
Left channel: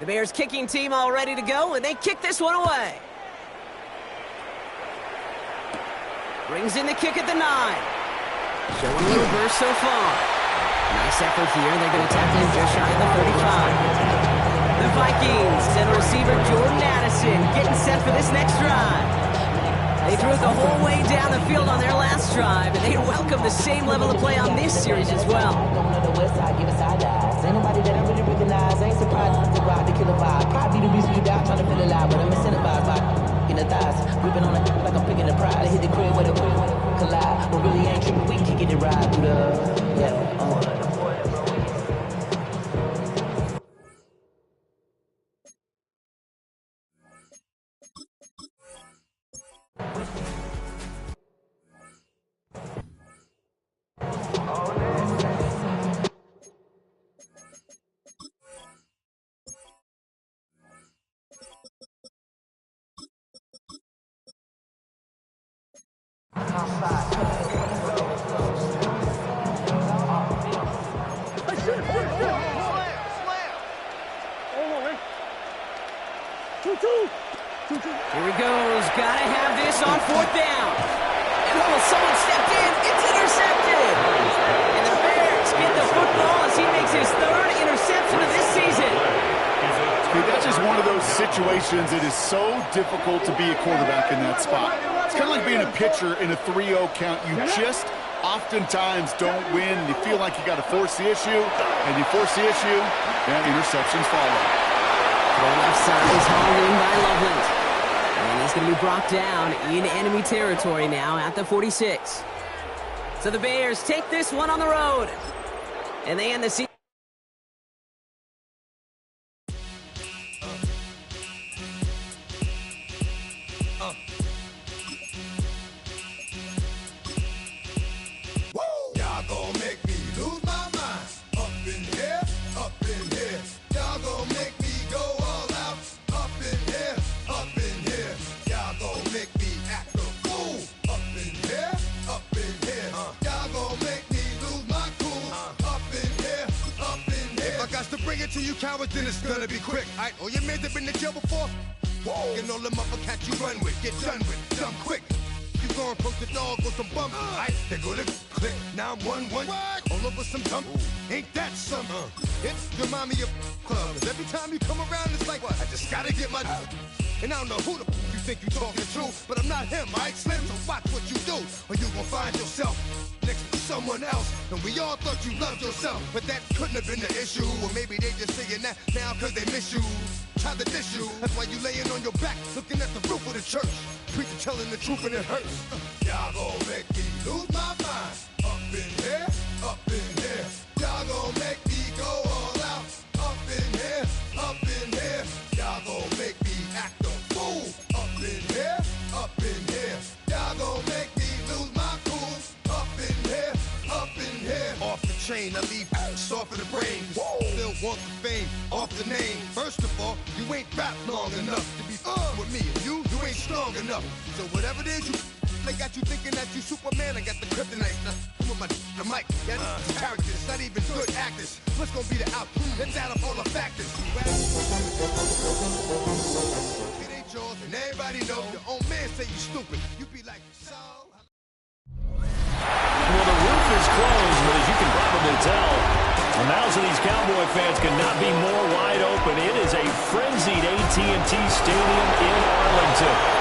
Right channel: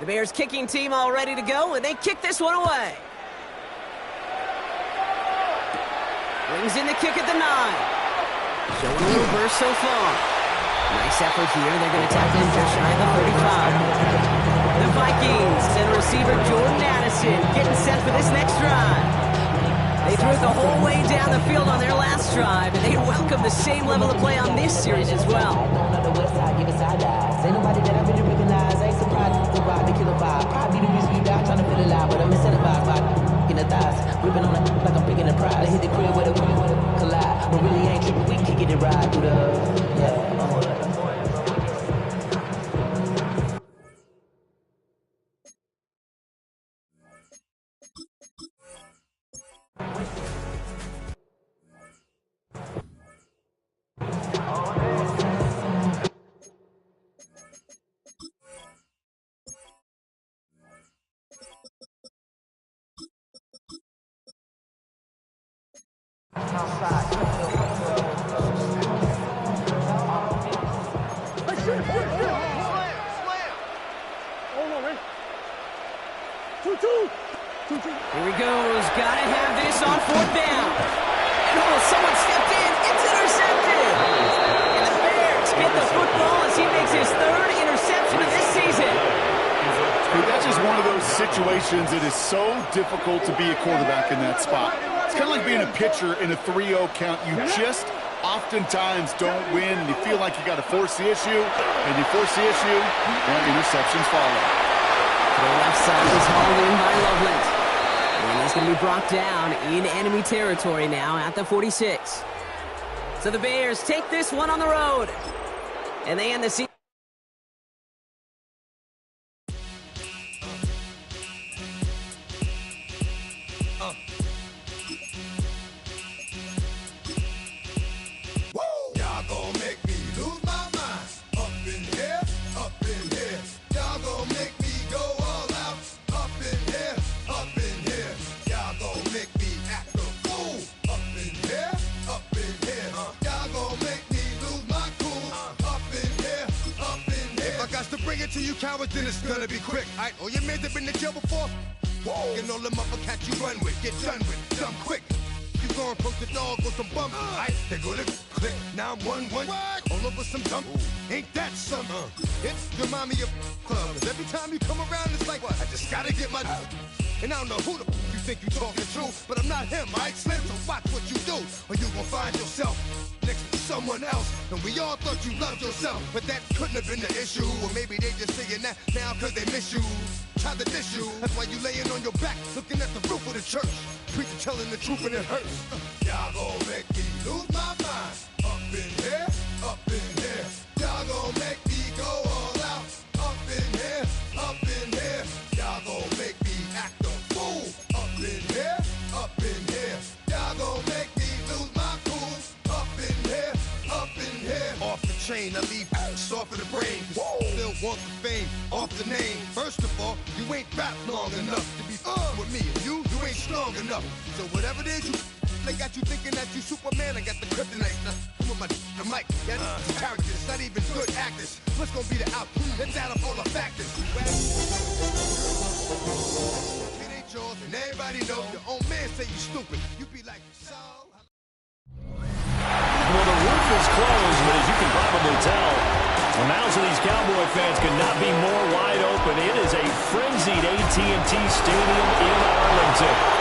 The Bears kicking team all ready to go, and they kick this one away. Brings in the kick at the 9. Showing a little burst so far. Nice effort here. They're going to tackle him just shy of the 35. The Vikings and receiver Jordan Addison getting set for this next drive. They threw it the whole way down the field on their last drive, and they welcome the same level of play on this series as well. Going on the west side, giving side eyes. Ain't nobody that I really recognize. Ain't surprised to ride the killer vibe. Probably the reason you die trying to feel alive, but I'm incentivized by in the thighs, gripping on it like I'm picking the pride. I hit the crib with a collide, but really ain't tripping. We can kick it and ride through the Here he goes. Gotta have this on 4th down. And someone stepped in. It's intercepted. And the Bears get the football as he makes his 3rd interception of this season. Hey, that's just one of those situations that is so difficult to be a quarterback in that spot. It's kind of like being a pitcher in a 3-0 count. You just oftentimes don't win. You feel like you got to force the issue, and you force the issue, and interceptions follow. The left side is hauled in by Loveland. And he's going to be brought down in enemy territory now at the 46. So the Bears take this one on the road. And they end the season. To you cowards, then it's gonna be quick. Alright, all your men have been to jail before. Whoa, and all the motherfuckers you run with, get done with, dumb quick. You gon' approach the dog with some bump. Alright, they go to click. Now I'm 1-1. All over some dump. Ain't that something? It's the mommy of club. Every time you come around, it's like, what? I just gotta get my. And I don't know who the you think you talking to, but I'm not him, alright, Slim? So watch what you do, or you gon' find yourself next to someone else. And we all thought you loved yourself, but that couldn't have been the issue. Or maybe they just saying that now cause they miss you. Try to diss you, that's why you laying on your back, looking at the roof of the church. Preacher telling the truth and it hurts. Y'all gon' make me lose my mind. Up in here, up in here. Y'all gon' make me go all out. Up in here, up in here. Y'all gon' make me act a fool. Up in here, up in here. Y'all gon' make me lose my cool. Up in here, up in here. Off the chain. I leave soft in the brain. Still want the fame off the name. First of all, you ain't rap long enough to be with me. And you ain't strong enough. So whatever it is you they got you thinking that you Superman. I got the kryptonite with the mic. That's characters. It's not even good actors. What's gonna be the outcome? Let's add up all the factors. It ain't yours, and everybody knows your own man say you stupid. You be like, so. Well, the roof is closed, but as you can probably tell, the mouths of these Cowboy fans could not be more wide open. It is a frenzied AT&T Stadium in Arlington.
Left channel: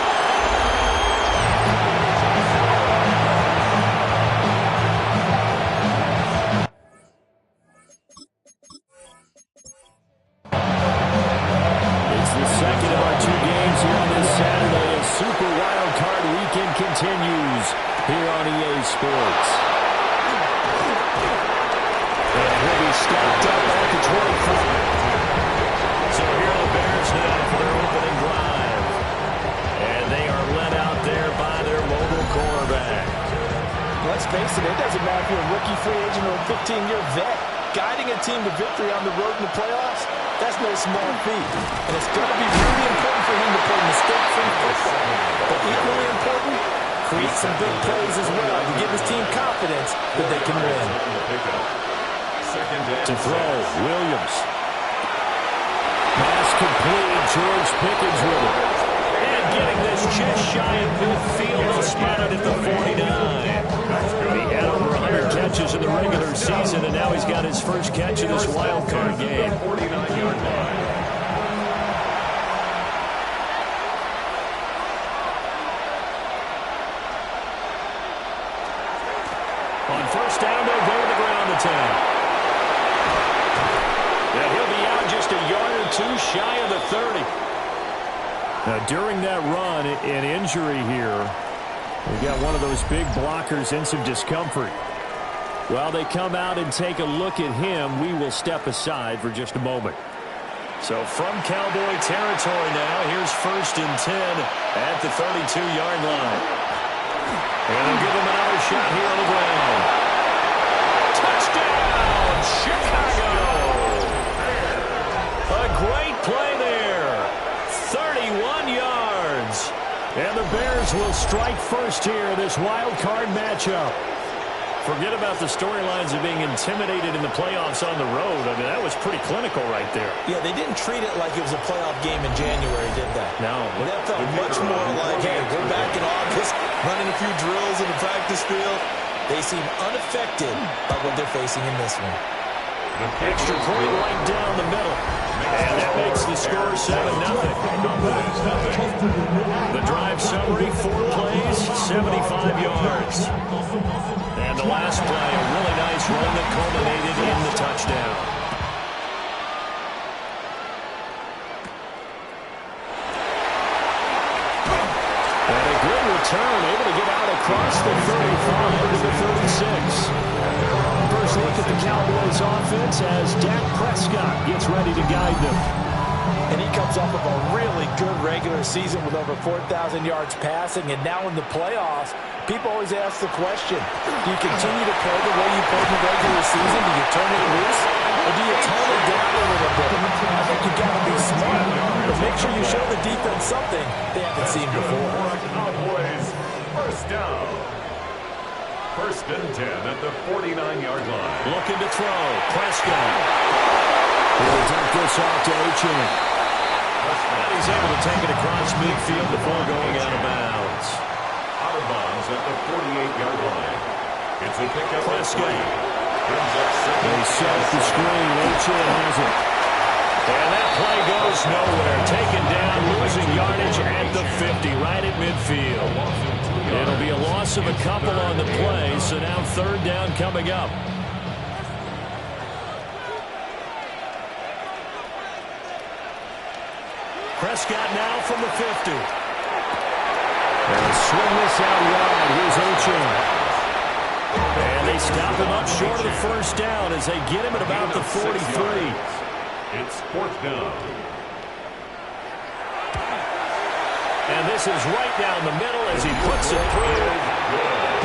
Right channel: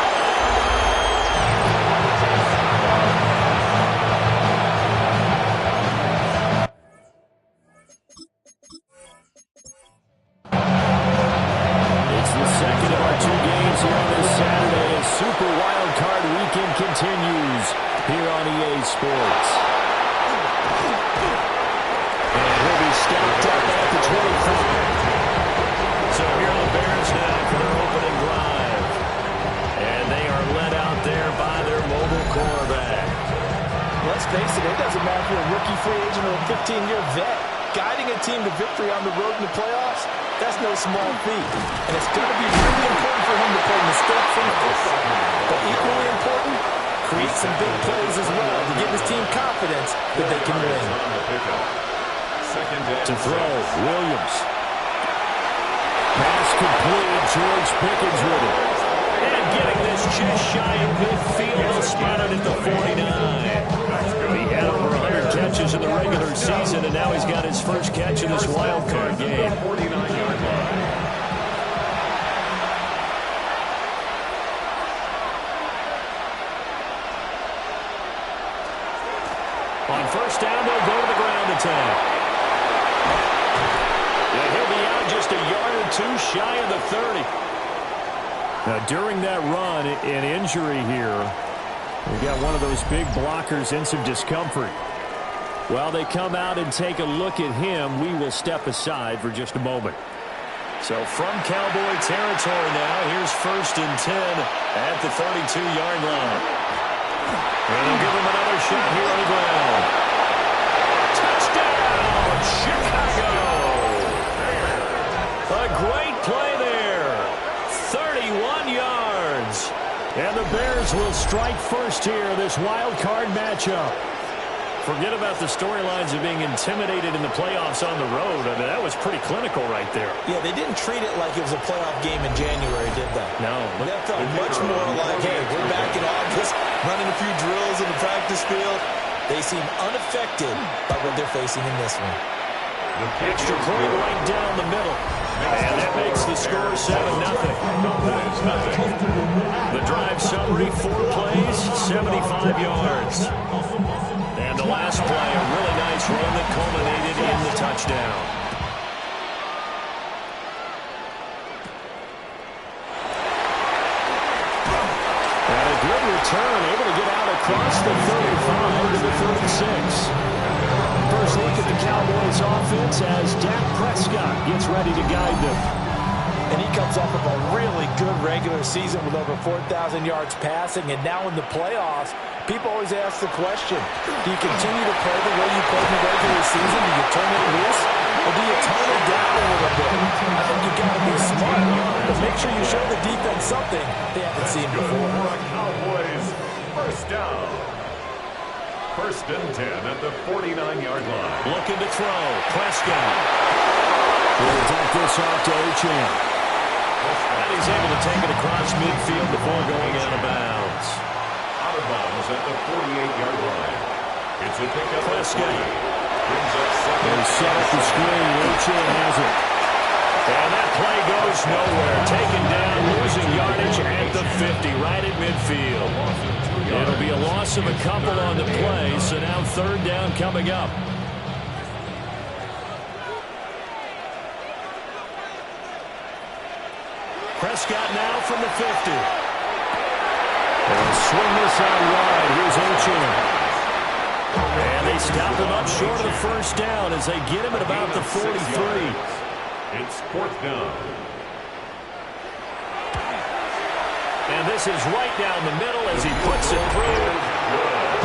Second of our 2 games here on this Saturday as Super Wild Card Weekend continues here on EA Sports. And he'll be stopped up at the 25. So here are the Bears now for their opening drive. And they are led out there by their mobile quarterback. Let's face it, it doesn't matter if you're a rookie free agent or a 15-year vet. Guiding a team to victory on the road in the playoffs, that's no small feat. And it's going to be really important for him to play mistake-free football. But equally important, create some big plays as well to give his team confidence that they can win. To throw, Williams. Pass complete, George Pickens with it. And getting this just shy of midfield, he'll spot it at the 49. He had over 100 catches in the regular season, and now he's got his first catch in this wild card game. 49-yard line. On first down, they'll go to the ground attack. And he'll be out just a yard or 2 shy of the 30. Now, during that run, an injury here. We got one of those big blockers in some discomfort. While they come out and take a look at him, we will step aside for just a moment. So from Cowboy territory now, here's first and 10 at the 32-yard line. And they'll give him another shot here on the ground. Touchdown, Chicago! A great play there. 31 yards. And the Bears will strike first here, this wild card matchup. Forget about the storylines of being intimidated in the playoffs on the road. I mean, that was pretty clinical right there. Yeah, they didn't treat it like it was a playoff game in January, did they? No. That felt much more like, hey, we're back in August, running a few drills in the practice field. They seem unaffected by what they're facing in this one. Extra point right down the middle. And that makes the score 7-0. The drive summary, 4 plays, 75 yards. And the last play, a really nice run that culminated in the touchdown. And a good return, able to get out across the 35 to the 36. First look at the Cowboys offense as Dak Prescott gets ready to guide them. And he comes off of a really good regular season with over 4,000 yards passing. And now in the playoffs, people always ask the question, do you continue to play the way you played in the regular season? Do you turn it loose? Or do you tone it down a little bit? I think you've got to be smart. But make sure you show the defense something they haven't seen before. Cowboys, first down. First and 10 at the 49-yard line. Looking to throw. Prescott. He'll dump this off to Achane. And he's able to take it across midfield before going out of bounds. Out of bounds at the 48-yard line. It's a pickup. Prescott. Brings up second. They set up the screen. Achane has it. And that play goes nowhere. Taken down, losing yardage at the 50, right at midfield. It'll be a loss of a couple on the play, so now third down coming up. Prescott now from the 50. They'll swing this out wide. Here's Achane. And they stop him up short of the first down as they get him at about the 43. It's fourth down. And this is right down the middle as he puts it through.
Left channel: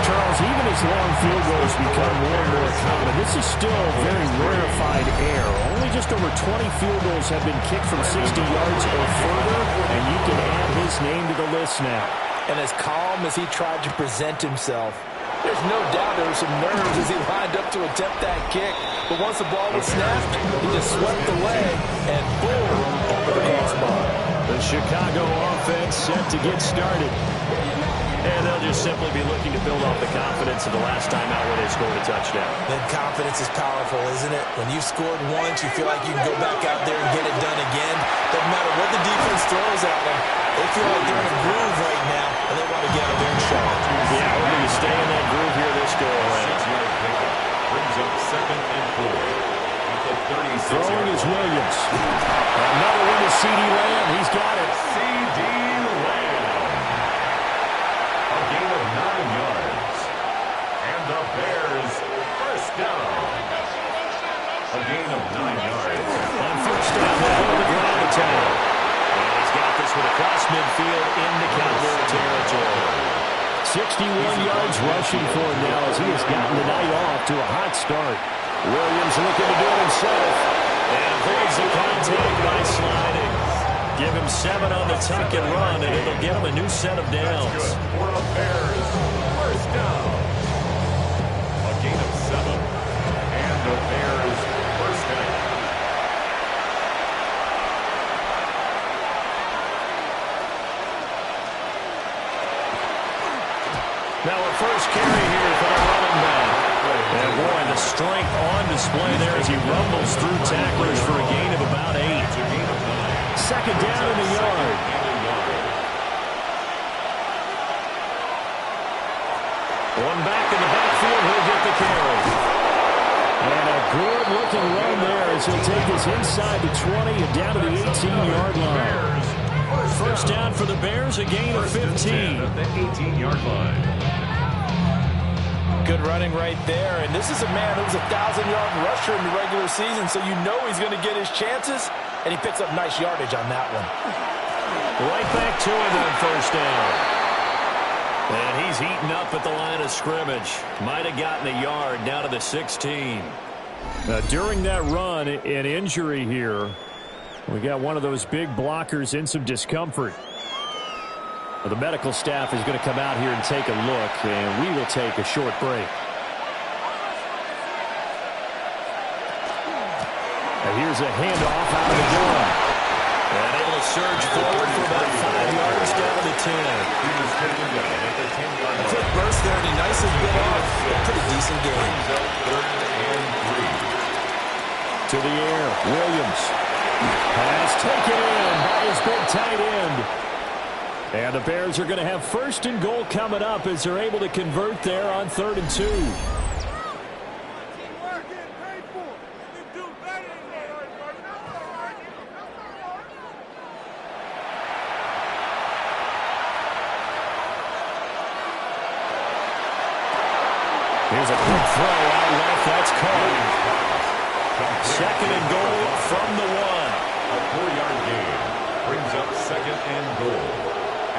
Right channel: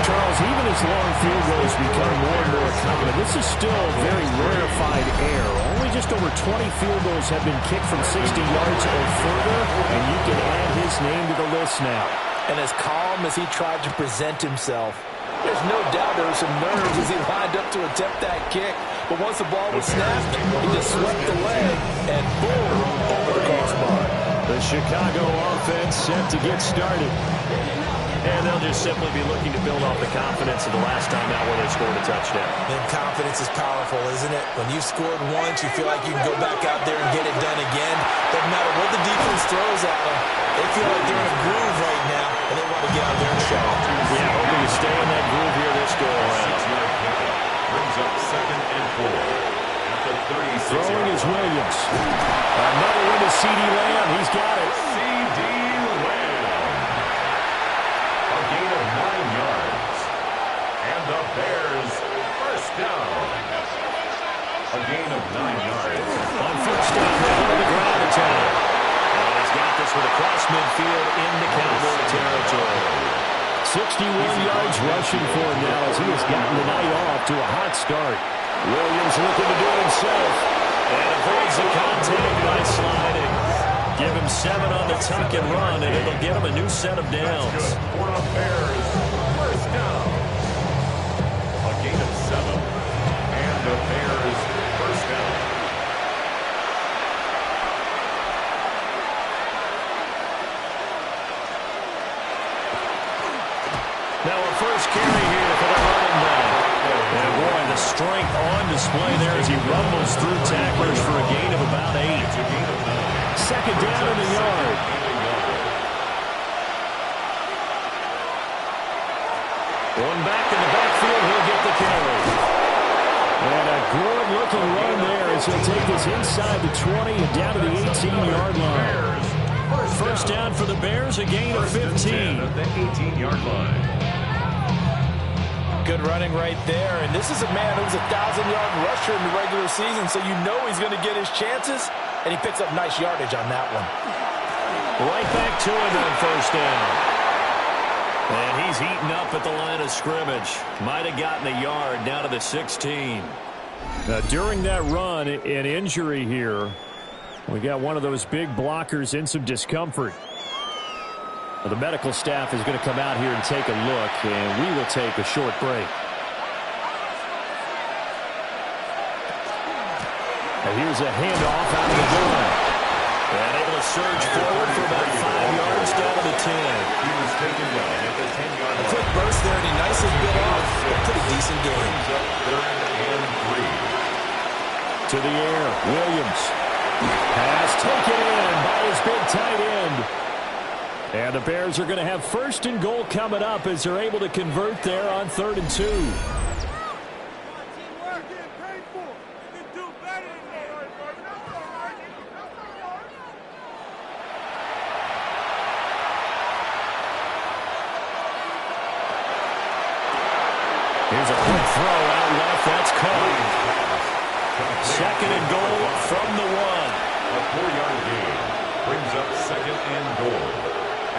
Charles, even as long field goals become more and more common, this is still very rarefied air. Only just over 20 field goals have been kicked from 60 yards or further, and you can add his name to the list now. And as calm as he tried to present himself, there's no doubt there were some nerves as he lined up to attempt that kick. But once the ball was snapped, he just swept the leg and boom, over the crossbar. The Chicago offense set to get started. And they'll just simply be looking to build off the confidence of the last time out where they scored a touchdown. Then confidence is powerful, isn't it? When you've scored once, you feel like you can go back out there and get it done again. Doesn't matter what the defense throws at them. They feel like they're in a groove right now, and they want to get out there and show it. Yeah, hoping to stay in that groove here this go-around. 6-yard pickup brings up 2nd and 4 at the 36. Throwing is Williams. Another one to C.D. Lamb. He's got it. C.D. Lamb. A gain of 9 yards. And the Bears first down. A gain of 9 yards. On first down, they go to the ground attack. And he's got this with across midfield into Cowboy territory. 61 yards rushing for him now as he has gotten the night off to a hot start. Williams looking to do it himself. And avoids the contact by sliding. Give him 7 on the tuck and run, and it'll get him a new set of downs. That's good for the Bears. First down. A gain of 7. And the Bears first down. Now a first carry here for the running back. And boy, the strength on display there as he rumbles through tacklers for a gain of about 8. Second down in the yard. One back in the backfield, he'll get the carry. And a good-looking run there as he'll take this inside the 20 and down to the 18-yard line. First down for the Bears, a gain of 15. At the 18-yard line. Good running right there, and this is a man who was a 1,000-yard rusher in the regular season, so you know he's going to get his chances, and he picks up nice yardage on that one. Right back to him on first down. And he's heating up at the line of scrimmage. Might have gotten a yard down to the 16. During that run, an injury here. We got one of those big blockers in some discomfort. The medical staff is going to come out here and take a look, and we will take a short break. And here's a handoff out of the gun. And able to surge forward for about 5 yards down to the 10. He was taken down at the 10-yard line. A quick burst there, and he nicely bit off a pretty decent game. Third and 3. To the air, Williams. Pass taken in by his big tight end. And the Bears are going to have first and goal coming up as they're able to convert there on 3rd and 2. Here's a quick throw out left. That's caught. Second and goal from the 1. A 4-yard gain brings up 2nd and goal.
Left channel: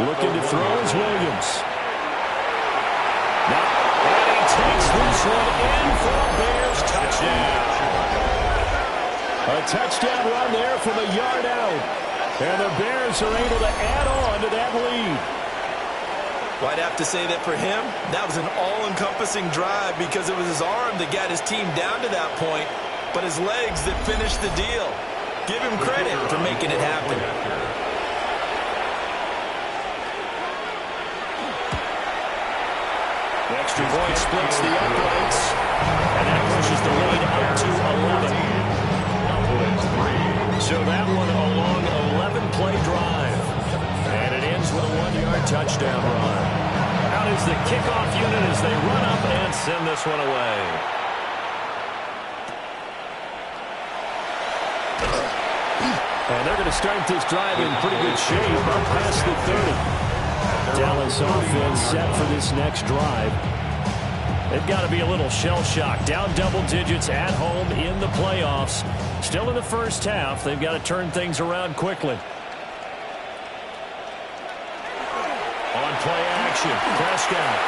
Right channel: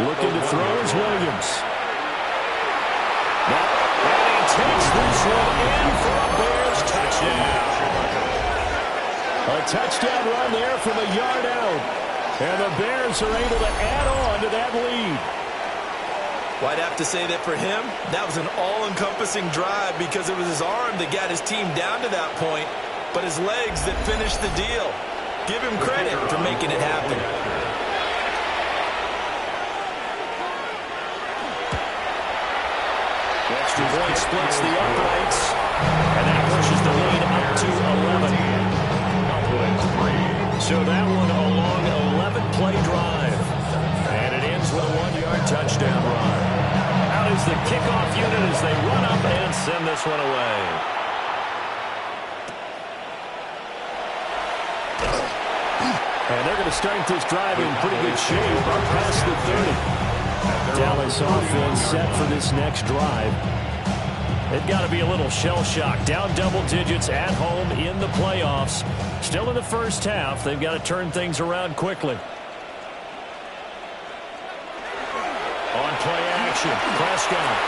Looking to throw is Williams. Now, and he takes this one in for a Bears touchdown. A touchdown run there from a yard out. And the Bears are able to add on to that lead. Well, I'd have to say that for him, that was an all-encompassing drive because it was his arm that got his team down to that point, but his legs that finished the deal. Give him credit for making it happen. The extra point splits the uprights, and that pushes the lead up to 11. So that one a long 11-play drive, and it ends with a 1-yard touchdown run. Out is the kickoff unit as they run up and send this one away. And they're going to start this drive in pretty good shape up past the 30. Dallas offense set for this next drive. They've got to be a little shell-shocked. Down double digits at home in the playoffs. Still in the first half. They've got to turn things around quickly. On play action, Prescott.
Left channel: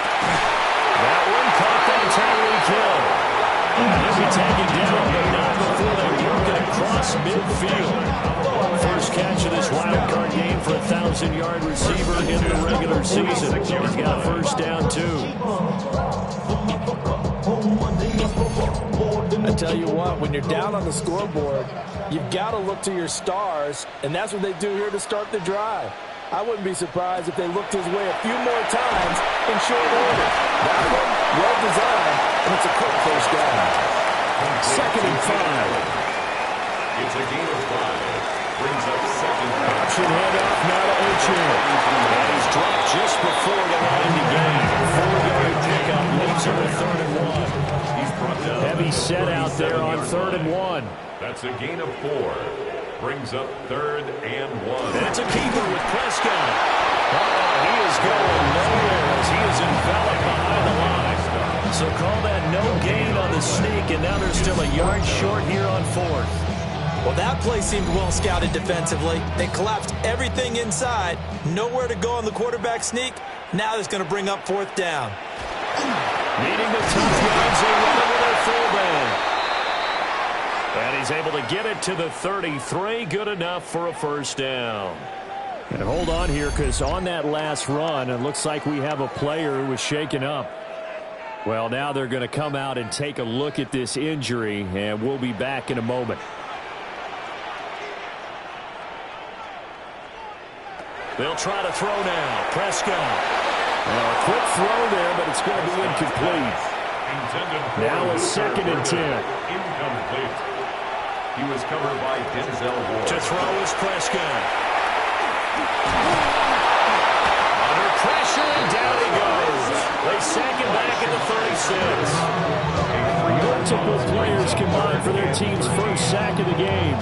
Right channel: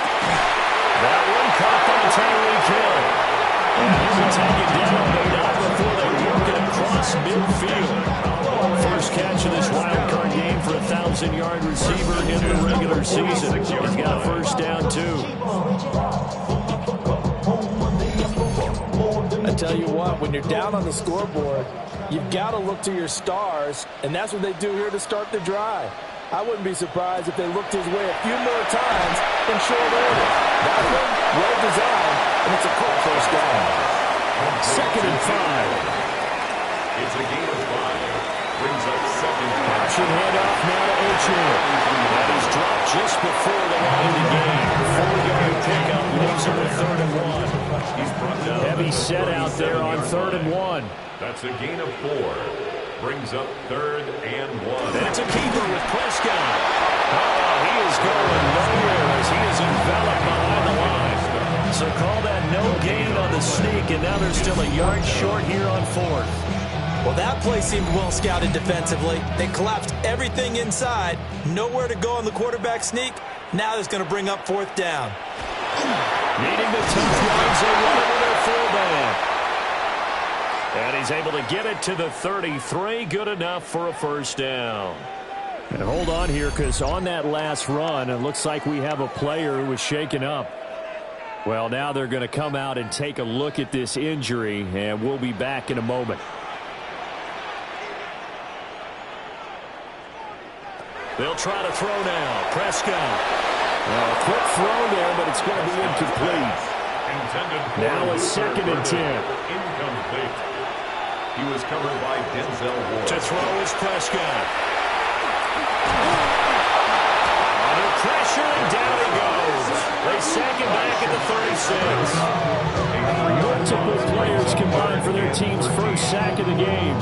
That one caught by Tyreek Hill. And he'll be taken down, but not before they work it across midfield. First catch of this wild card game for a 1,000-yard receiver in the regular season. He's got a first down, too. I tell you what, when you're down on the scoreboard, you've got to look to your stars, and that's what they do here to start the drive. I wouldn't be surprised if they looked his way a few more times in short order. That one, well designed, and it's a quick first down. 2nd and 5. It's a gain of 5. Brings up 2nd. Option handoff now to Achane. And he's dropped just before the line to gain. 4-yard pickup leaves him with 3rd and 1. He's brought down. Heavy set out there on 3rd and 1. That's a gain of 4. Brings up 3rd and 1. That's a keeper with Prescott. He is going nowhere as he is enveloped behind the line. So call that no gain on the sneak, and now they're still a yard short here on 4th. Well, that play seemed well scouted defensively. They collapsed everything inside. Nowhere to go on the quarterback sneak. Now that's going to bring up 4th down. Needing the tough yards, they run it with their fullback. And he's able to get it to the 33. Good enough for a first down. And hold on here, because on that last run, it looks like we have a player who was shaken up. Well, now they're going to come out and take a look at this injury, and we'll be back in a moment. They'll try to throw now. Prescott. Now a quick throw there, but it's going to be incomplete. Now a 2nd and 10. Incomplete. He was covered by Denzel Ward. To throw is Prescott. Under pressure, and down he goes. They sack him back at the 36. Multiple players combined for their team's first sack of the game.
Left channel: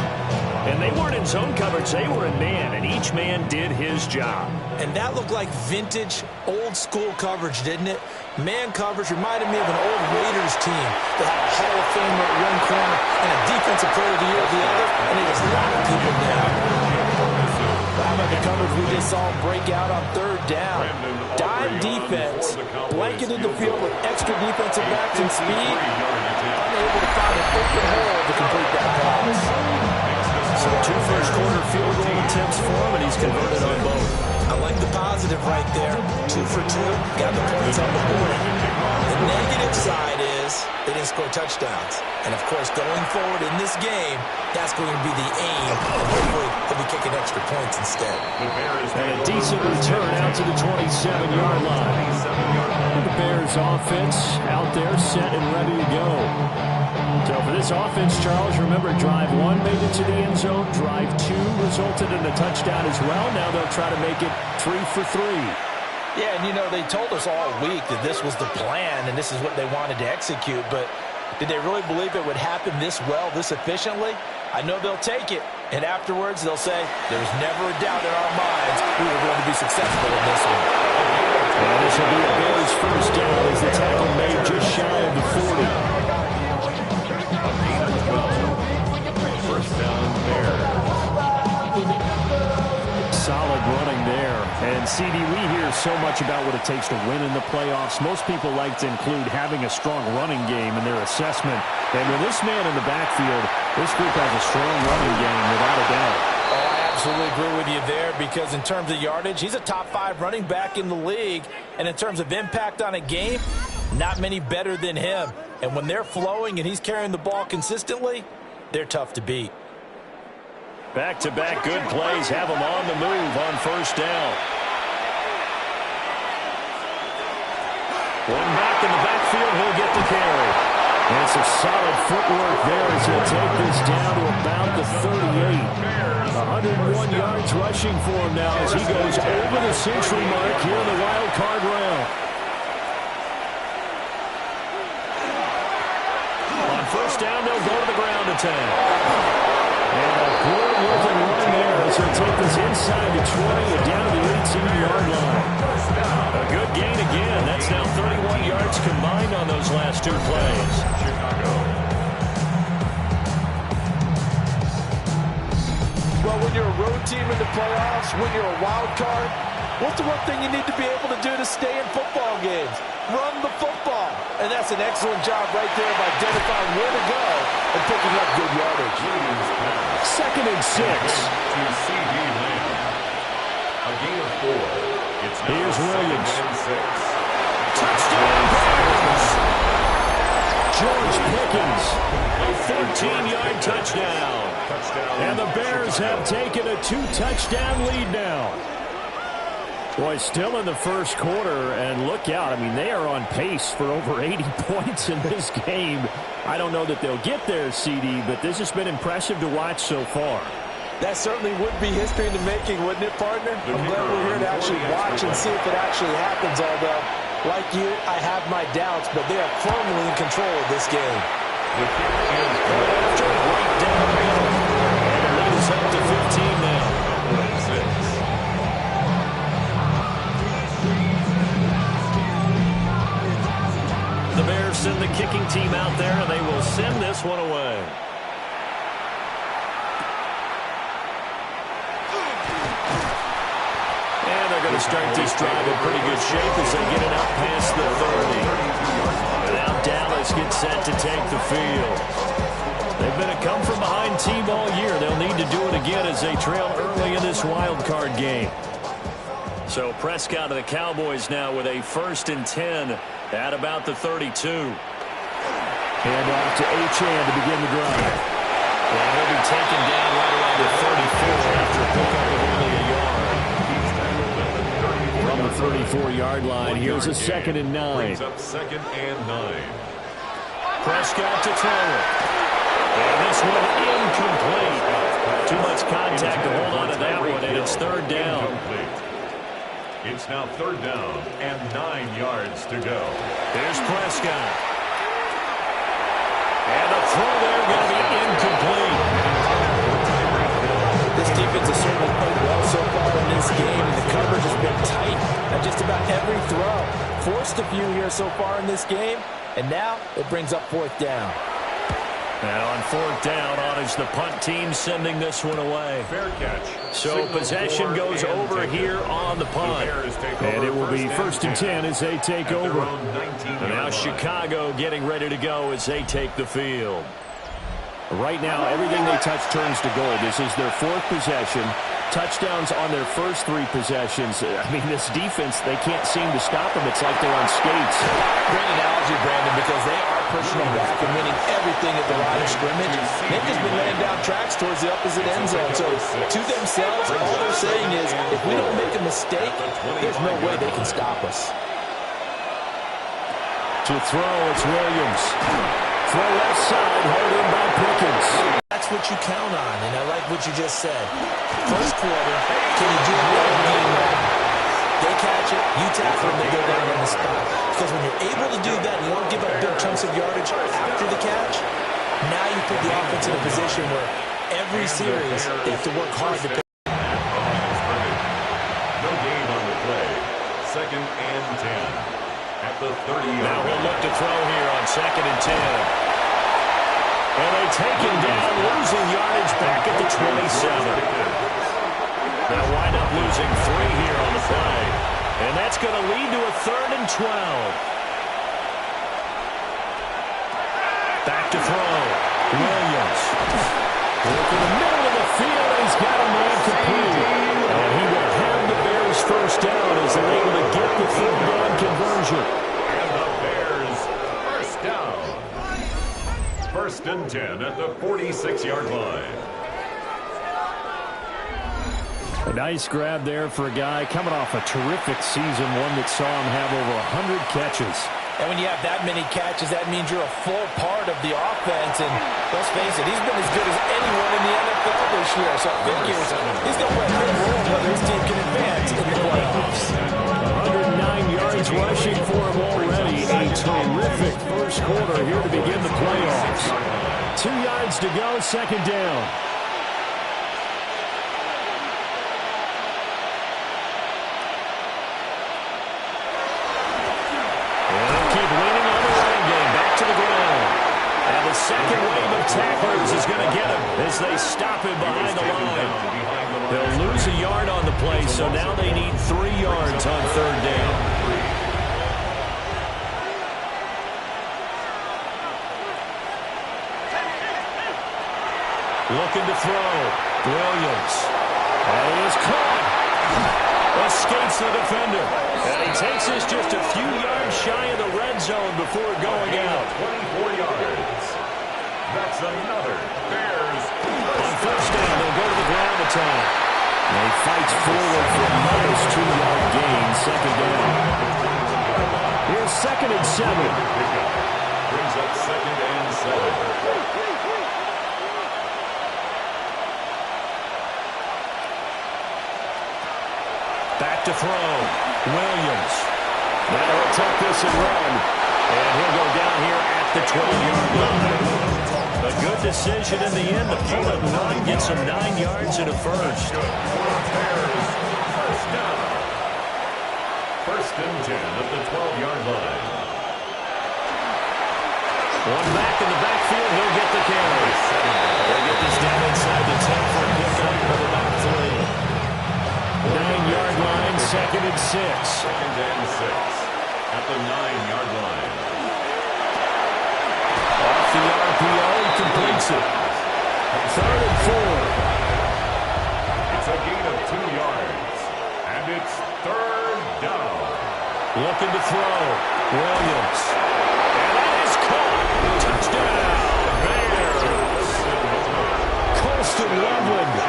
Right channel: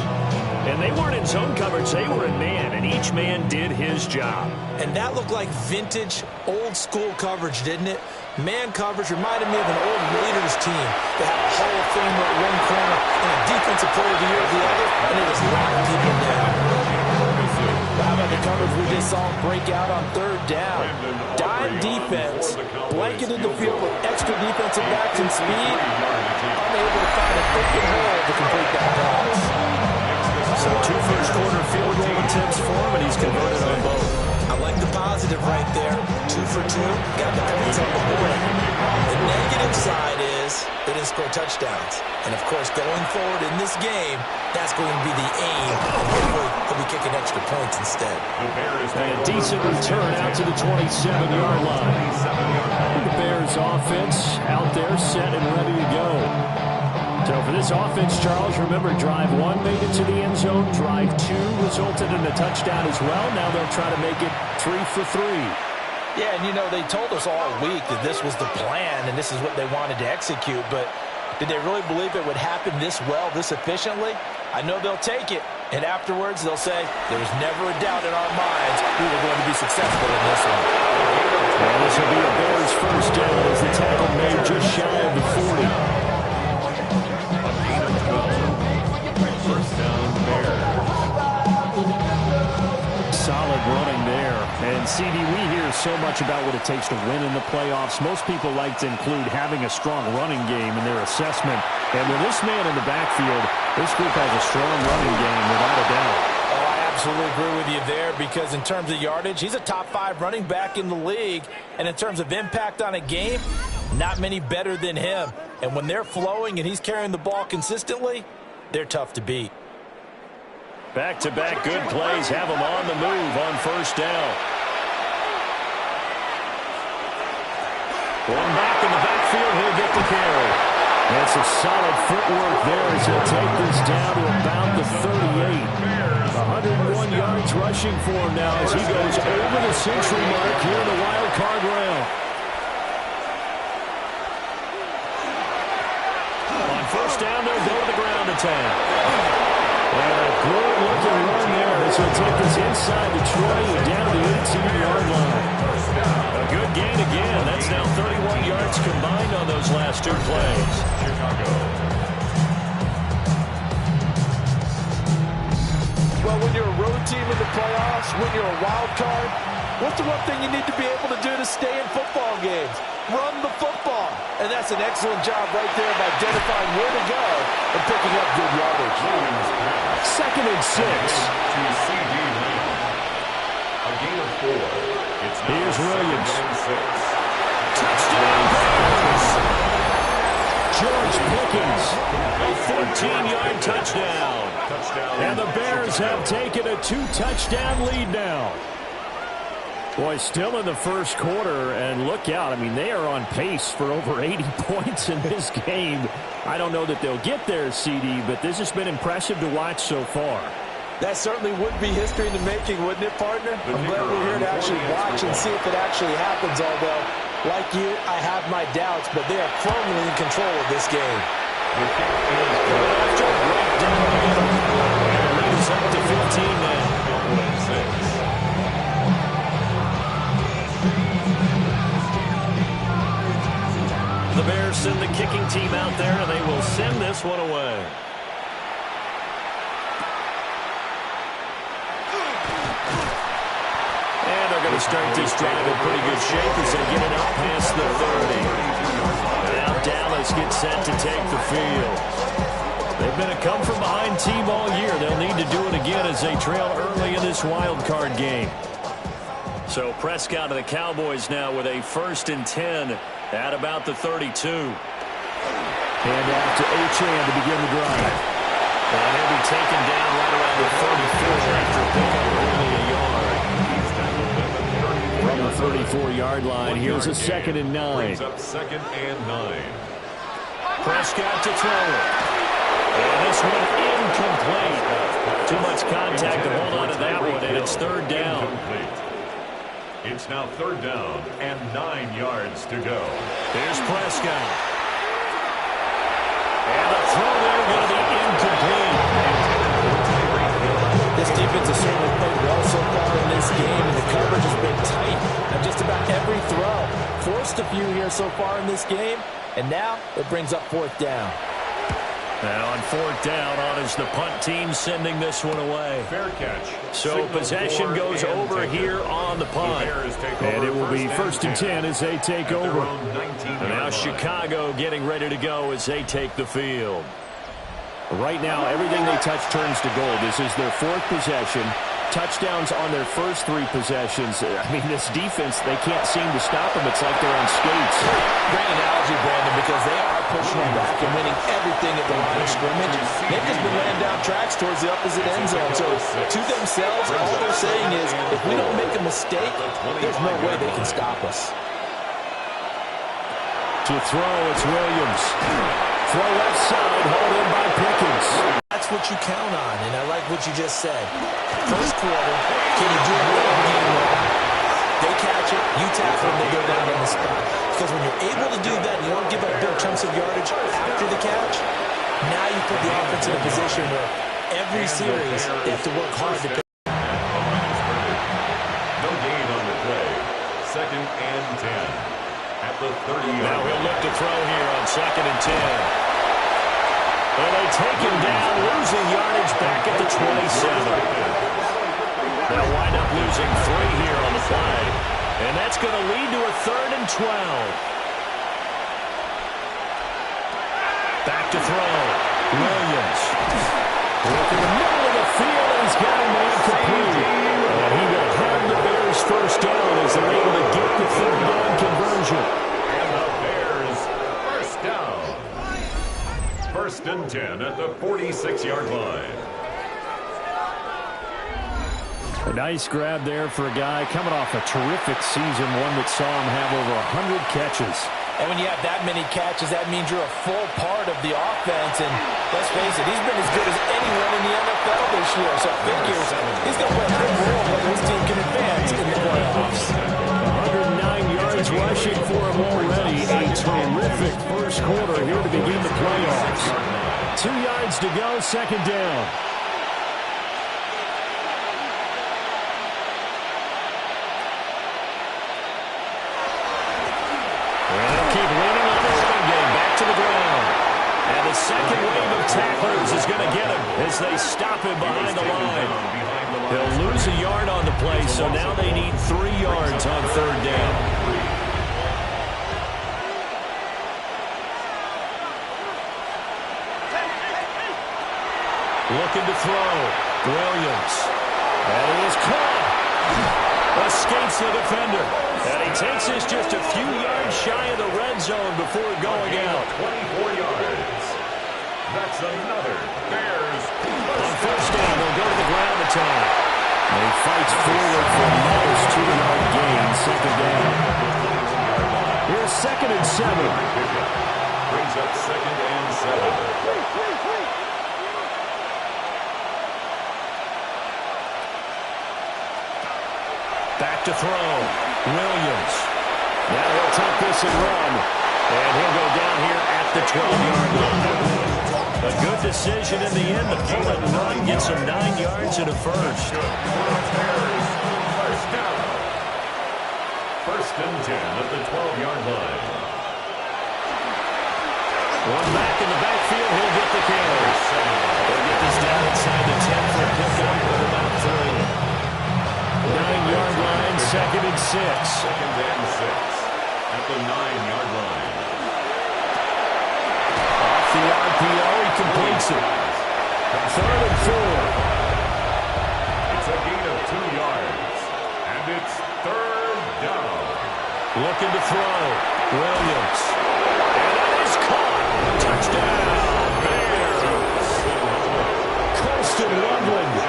And they weren't in zone coverage, they were in man, and each man did his job. And that looked like vintage, old-school coverage, didn't it? Man coverage reminded me of an old Raiders team. They had a Hall of Famer at one corner and a Defensive Player of the Year at the other, and they just locked people down. Well, how about the coverage we just saw him break out on 3rd down? Dime defense, blanketed the field with extra defensive backs and speed, unable to find an open hole to complete that pass. So 2 first-quarter field goal attempts for him, and he's converted on both. I like the positive right there. 2 for 2, got the points on the board. The negative side is they didn't score touchdowns. And, of course, going forward in this game, that's going to be the aim. And hopefully he'll be kicking extra points instead. And a decent return out to the 27-yard line. The Bears offense out there set and ready to go. So for this offense, Charles, remember, drive 1 made it to the end zone. Drive 2 resulted in a touchdown as well. Now they'll try to make it 3 for 3. Yeah, and, you know, they told us all week that this was the plan and this is what they wanted to execute. But did they really believe it would happen this well, this efficiently? I know they'll take it. And afterwards, they'll say, there was never a doubt in our minds we were going to be successful in this one. And this will be a Bears first down as the tackle made just shy of the 40. First down, Bears. Solid running there. And, CD, we hear so much about what it takes to win in the playoffs. Most people like to include having a strong running game in their assessment. And with this man in the backfield, this group has a strong running game, without a doubt. Oh, I absolutely agree with you there, because in terms of yardage, he's a top 5 running back in the league. And in terms of impact on a game, not many better than him. And when they're flowing and he's carrying the ball consistently, they're tough to beat. Back-to-back good plays have him on the move on first down. One back in the backfield, he'll get the carry. And some solid footwork there as he'll take this down to about the 38. 101 yards rushing for him now as he goes over the century mark here in the wild card round. On first down, they'll go to the ground attack. And a good-looking run there as he'll take this inside the 20 and down to the 18-yard line. A good gain again. That's now 31 yards combined on those last 2 plays. Chicago. Well, when you're a road team in the playoffs, when you're a wild card, What's the one thing you need to be able to do to stay in football games? Run the football. And that's an excellent job right there of identifying where to go and picking up good yardage. 2nd and 6. To C.D. Lamb. A gain of 4. It's now Here's Williams. 2nd and 6. Touchdown Bears! George Pickens, a 14-yard touchdown. And the Bears have taken a 2-touchdown lead now. Boy, still in the first quarter, and look out. I mean, they are on pace for over 80 points in this game. I don't know that they'll get there, CD, but this has been impressive to watch so far. That certainly would be history in the making, wouldn't it, partner? I'm glad we're here to actually watch and see if it actually happens, although, like you, I have my doubts, but they are firmly in control of this game. The kick is good after, right down the middle. And it leads up to 15 now. 6. The Bears send the kicking team out there, and they will send this one away. And they're going to start this drive in pretty good shape as they get it out past the 30. And now Dallas gets set to take the field. They've been a come-from-behind team all year. They'll need to do it again as they trail early in this wild card game. So Prescott of the Cowboys now with a 1st and 10 at about the 32. And off to Achane to begin the drive. And he'll be taken down right around the 34 after a pickup of only a yard. From the 34-yard line, here's a 2nd and 9. Brings up 2nd and 9. Prescott to throw it. And this one incomplete. Too much contact to hold on to that one, and it's 3rd down. Incomplete. It's now 3rd down and 9 yards to go. Here's Prescott. And the throw there going to be incomplete. This defense has certainly played well so far in this game, and the coverage has been tight on just about every throw. Forced a few here so far in this game, and now it brings up 4th down. Now on 4th down, on is the punt team sending this one away. Fair catch. So possession goes over here on the punt. And it will be 1st and 10 as they take over. And now Chicago getting ready to go as they take the field. Right now, everything they touch turns to gold. This is their 4th possession. Touchdowns on their first 3 possessions. I mean, this defense, they can't seem to stop them. It's like they're on skates. Great analogy, Brandon, because they are pushing them back and winning everything at the line of scrimmage. They've just been laying down tracks towards the opposite end zone. So to themselves, all they're saying is, if we don't make a mistake, there's no way they can stop us. To throw, it's Williams. Throw left side, hauled in by Pickens. That's what you count on, and I like what you just said. First quarter, can you do it all game long? They catch it, you tackle them, they go down on the spot. Because when you're able to do that, you don't give up big chunks of yardage after the catch, now you put the offense in a position where every series they have to work hard to pick. No gain on the play. 2nd and 10. At the 30. Now he'll look to throw here on 2nd and 10. And they take him down, losing yardage back at the 27. Now wind up losing 3 here on the play. And that's going to lead to a 3rd and 12. Back to throw. Williams. Work in the middle of the field, and he's got a man complete. And he will have the Bears 1st down as they're able to get the 3rd down conversion. And the Bears 1st down. 1st and 10 at the 46-yard line. A nice grab there for a guy coming off a terrific season, one that saw him have over 100 catches. And when you have that many catches, that means you're a full part of the offense. And let's face it, he's been as good as anyone in the NFL this year. So figures he's going to play a big role whether his team can advance in the playoffs. 109 yards rushing for him already. A terrific first quarter here to begin the playoffs. 2 yards to go, 2nd down. And they'll keep leaning on the running game. Back to the ground. And the the second wave of tacklers is going to get him as they stop him behind the line. He'll lose a yard on the play, so now they need 3 yards on third down. Looking to throw. Williams. And he is caught. Escapes the defender. And he takes this just a few yards shy of the red zone before going out. 24 yards. That's another Bears. On first down, they'll go to the ground attack. And he fights forward for a modest 2-yard gain, second down. Here's 2nd and 7. Brings up 2nd and 7. Back to throw. Williams. Now he'll tuck this and run. And he'll go down here at the 12-yard line. A good decision in the end to pull it and run. Gets him 9 yards and a first. First down. 1st and 10 at the 12-yard line. One back in the backfield. He'll get the carry. They'll get this down inside the 10 for a pickup of about 3. 9-yard line, 2nd and 6. 2nd and 6 at the 9-yard line. Off the RPO, he completes it. 3rd and 4. It's a gain of 2 yards, and it's 3rd down. Looking to throw. Williams. And that is caught. Touchdown, Bears. Colston Loveland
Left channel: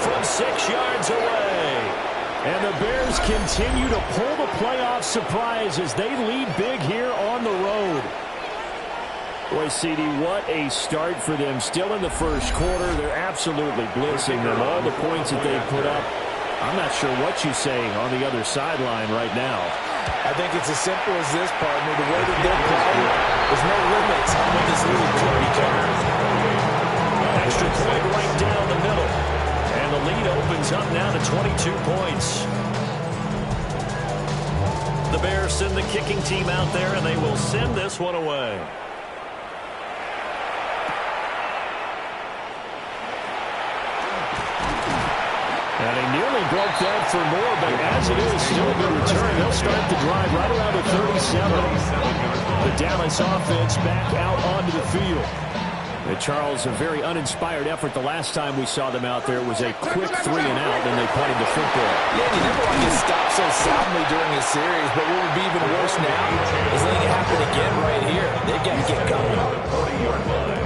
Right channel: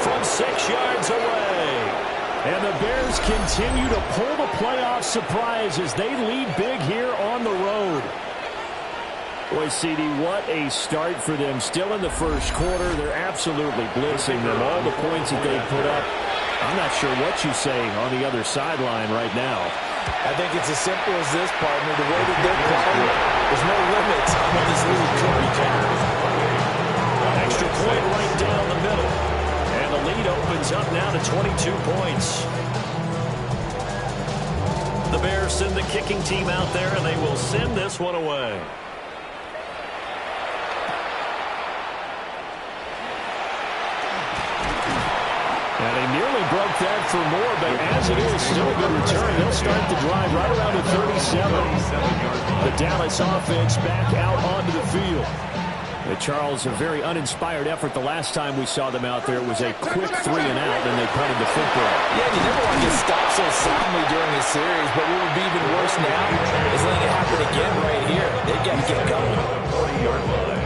from 6 yards away. And the Bears continue to pull the playoff surprise as they lead big here on the road. Boy, CD, what a start for them. Still in the first quarter. They're absolutely blitzing them. All the points that they put up. I'm not sure what you say on the other sideline right now. I think it's as simple as this, partner. The way that they're playing, there's no limits on what this league could become. Extra point right down the middle. And the lead opens up now to 22 points. The Bears send the kicking team out there, and they will send this one away. And they nearly broke that for more, but as it is, still a good return. They'll start the drive right around the 37. The Dallas offense back out onto the field. Charles, a very uninspired effort the last time we saw them out there. It was a quick 3 and out, then they punted the football. Yeah, you never want to get stopped so soundly during a series, but what would be even worse now is letting it happen again right here. They've got to get going.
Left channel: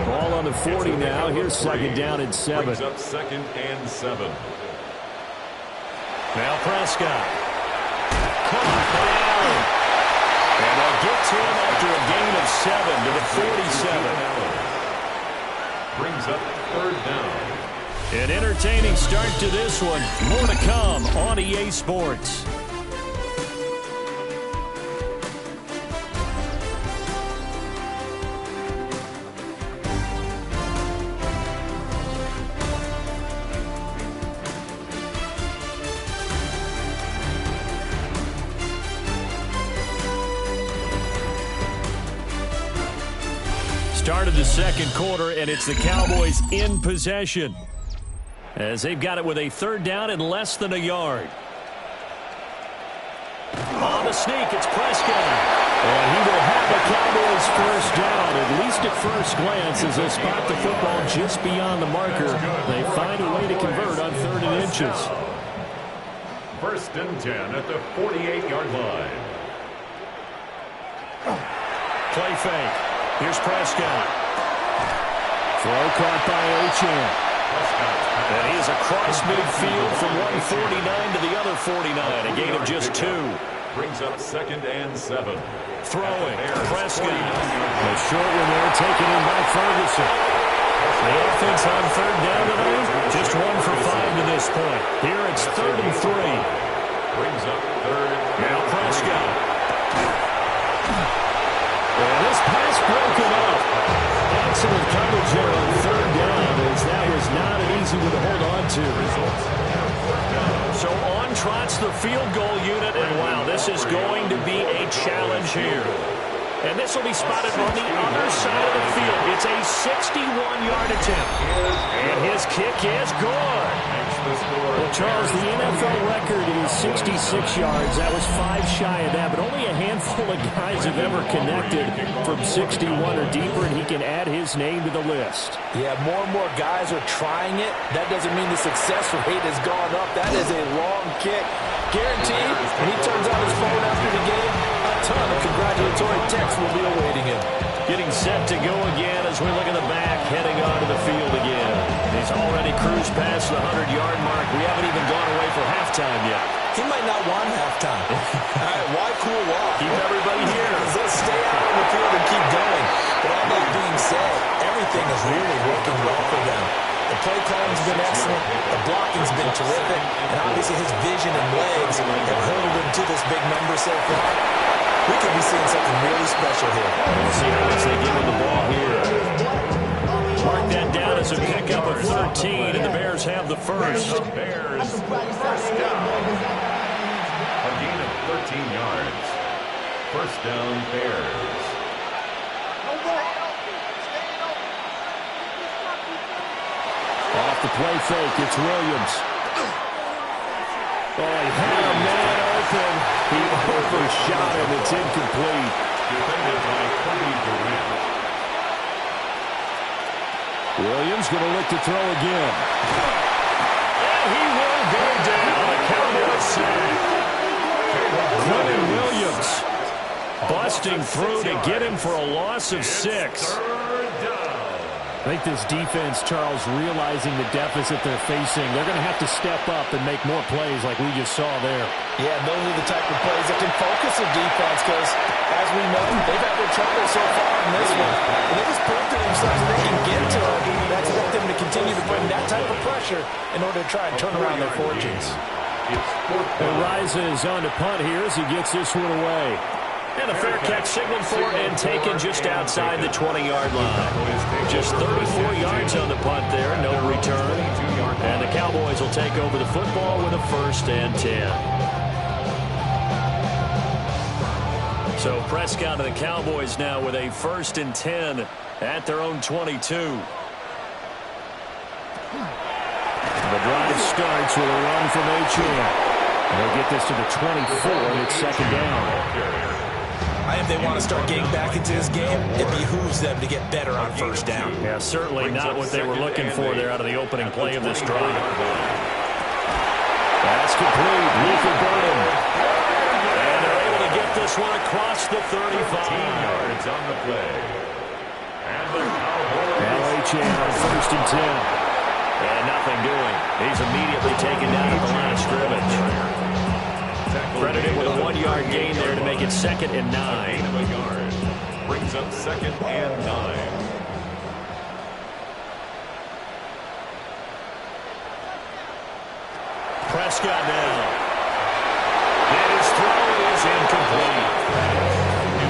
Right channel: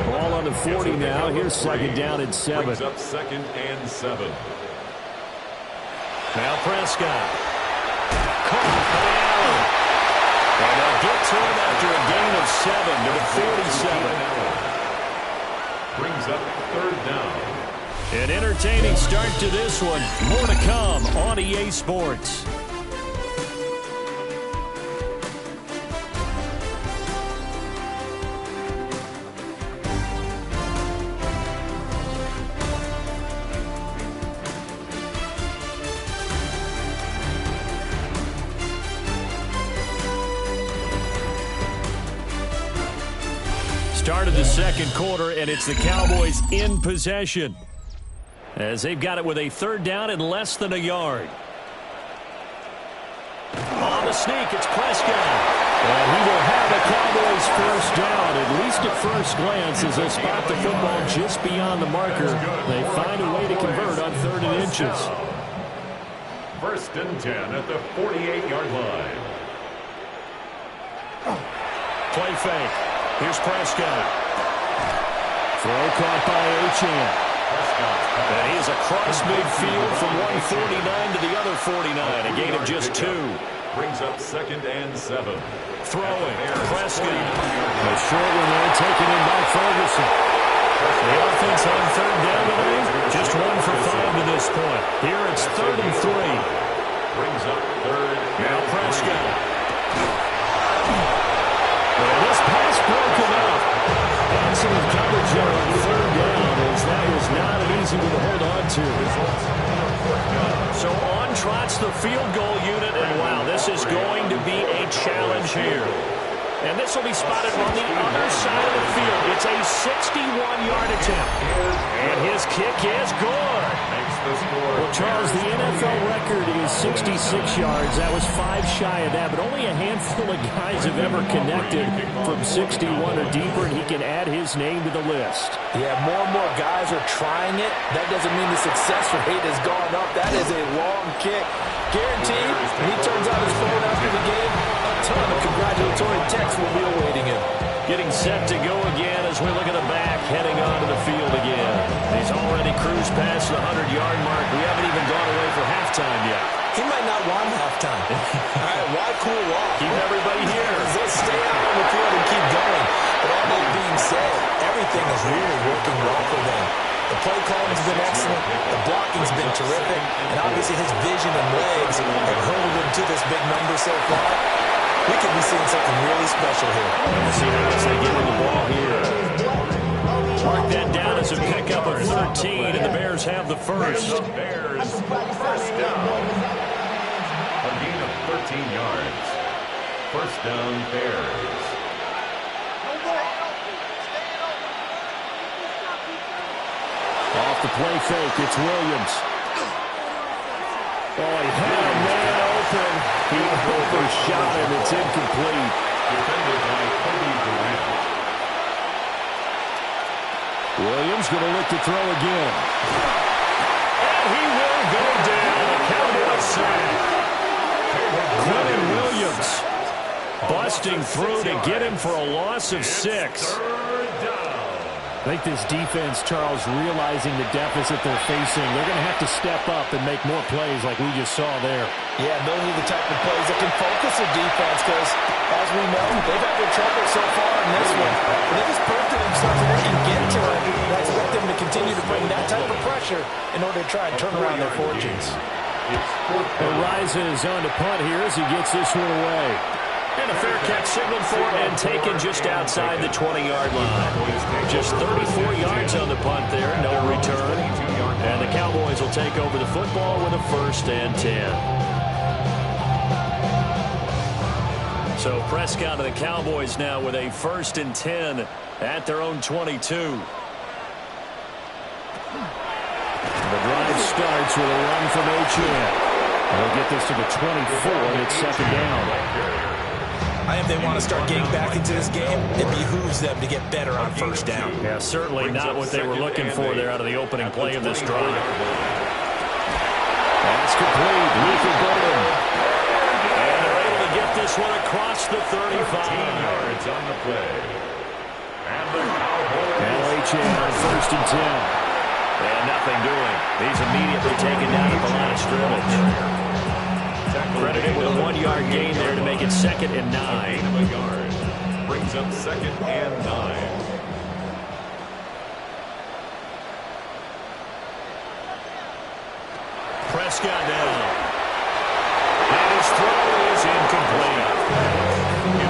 Ball on the 40 now. Here's 2nd down and 7. Brings up 2nd and 7. Now Prescott. Caught by Allen. And they'll get to him after a gain of 7 to the 47. Brings up 3rd down. An entertaining start to this one. More to come on EA Sports. Started the second quarter, and it's the Cowboys in possession as they've got it with a 3rd down and less than a yard. On the sneak, it's Prescott. And he will have a Cowboys first down, at least at first glance, as they spot the football just beyond the marker. They find a way to convert on 3rd and inches. 1st and 10 at the 48-yard line. Play fake. Here's Prescott. Throw caught by Achane. And he is across midfield from 149 to the other 49. A gain of just 2. Brings up 2nd and 7. Throwing. Prescott. A short one there taken in by Ferguson. The offense on 3rd down tonight, just 1 for 5 to this point. Here it's 3rd and 3. Brings up 3rd. Now Prescott. And this pass broken up. Excellent coverage there on 3rd down, as that was not an easy one to hold on to. So on trots the field goal unit, and wow, this is going to be a challenge here. And this will be spotted on the other side of the field. It's a 61-yard attempt. And his kick is good. Well, Charles, the NFL record is 66 yards. That was 5 shy of that, but only a handful of guys have ever connected from 61 or deeper, and he can add his name to the list. Yeah, more and more guys are trying it. That doesn't mean the success rate has gone up. That is a long kick. Guaranteed, when he turns on his phone after the game, a ton of congratulatory texts will be awaiting him. Getting set to go again as we look at the back, heading onto the field again. He's already cruised past the 100-yard mark. We haven't even gone away for halftime yet. He might not want halftime. All right, why cool off? Keep everybody here. Let's stay out on the field and keep going. But all that being said, everything is really working well for them. The play calling's been excellent. The blocking's been terrific. And obviously his vision and legs have hurtled him to this big number so far. We could be seeing something really special here. We'll see how much they give him the ball here. Mark that down as a pickup of 13, and the Bears have the first. The Bears, first down. A gain of 13 yards. First down, Bears. Off the play fake, it's Williams. Oh, he had a man open. He overshot him. It's incomplete. Defended by Cody Durant. Williams going to look to throw again. And he will go down. A Cowboys sack. Clinton Williams busting through to get him for a loss of 6. I think this defense, Charles, realizing the deficit they're facing, they're going to have to step up and make more plays like we just saw there. Yeah, those are the type of plays that can focus a defense because, as we know, they've had their trouble so far in this one. But they just proved to themselves that they can get to it. And I expect them to continue to bring that type of pressure in order to try and turn around their fortunes. And rises on to punt here as he gets this one away. And a fair catch signaled for and taken just outside the 20-yard line. Just 34 yards on the punt there, no return. And the Cowboys will take over the football with a 1st and 10. So Prescott and the Cowboys now with a 1st and 10 at their own 22. The drive starts with a run from Achane. They'll get this to the 24, and it's 2nd down. If they want to start getting back into this game, it behooves them to get better on 1st down. Yeah, certainly not what they were looking for there out of the opening play of this drive. That's complete. Luther Burden. And they're able to get this one across the 35. 13 yards on the play. And the Cowboys. Achane on 1st and 10. And nothing doing. He's immediately taken down at the line of scrimmage. Credited with a 1-yard gain there to make it 2nd and 9. Gain of a yard. Brings up 2nd and 9. Prescott now. And his throw is incomplete.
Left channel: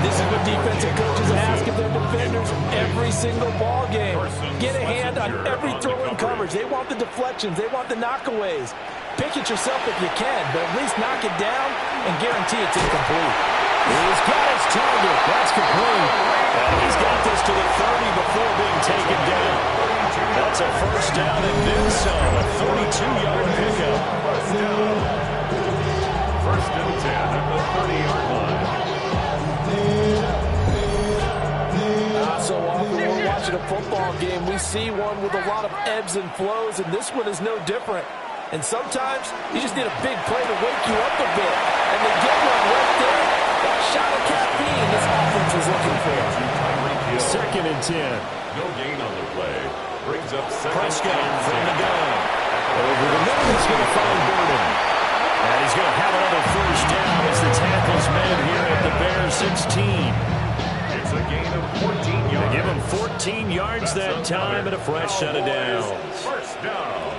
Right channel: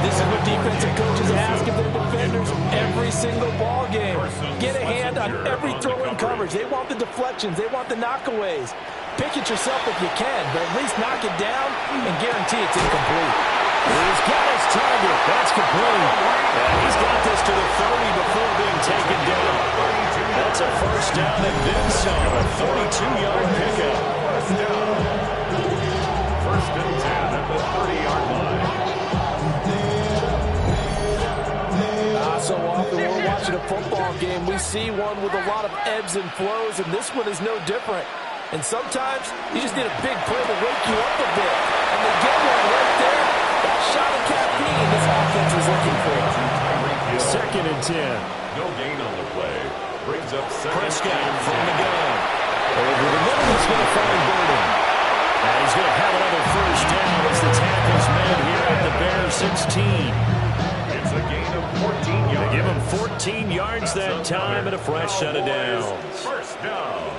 This is what defensive coaches ask of their defenders every single ball game. Get a hand on every throw in coverage. They want the deflections. They want the knockaways. Pick it yourself if you can, but at least knock it down and guarantee it's incomplete. He's got his target. That's complete. And he's got this to the 30 before being taken down. That's a 1st down and then some. A 32-yard pickup. 1st and 10 at the 30-yard line. So often when we're watching a football game, we see one with a lot of ebbs and flows, and this one is no different. And sometimes you just need a big play to wake you up a bit. And they get one right there. That shot of caffeine this offense was looking for. 2nd and 10. No gain on the play. Brings up 2nd. Prescott from the gun. Over the middle, he's going to find Burden. And he's going to have another 1st down as the tackle's made here at the Bears 16. It's a gain of 14 yards. They give him 14 yards that time and a fresh set of downs. 1st down.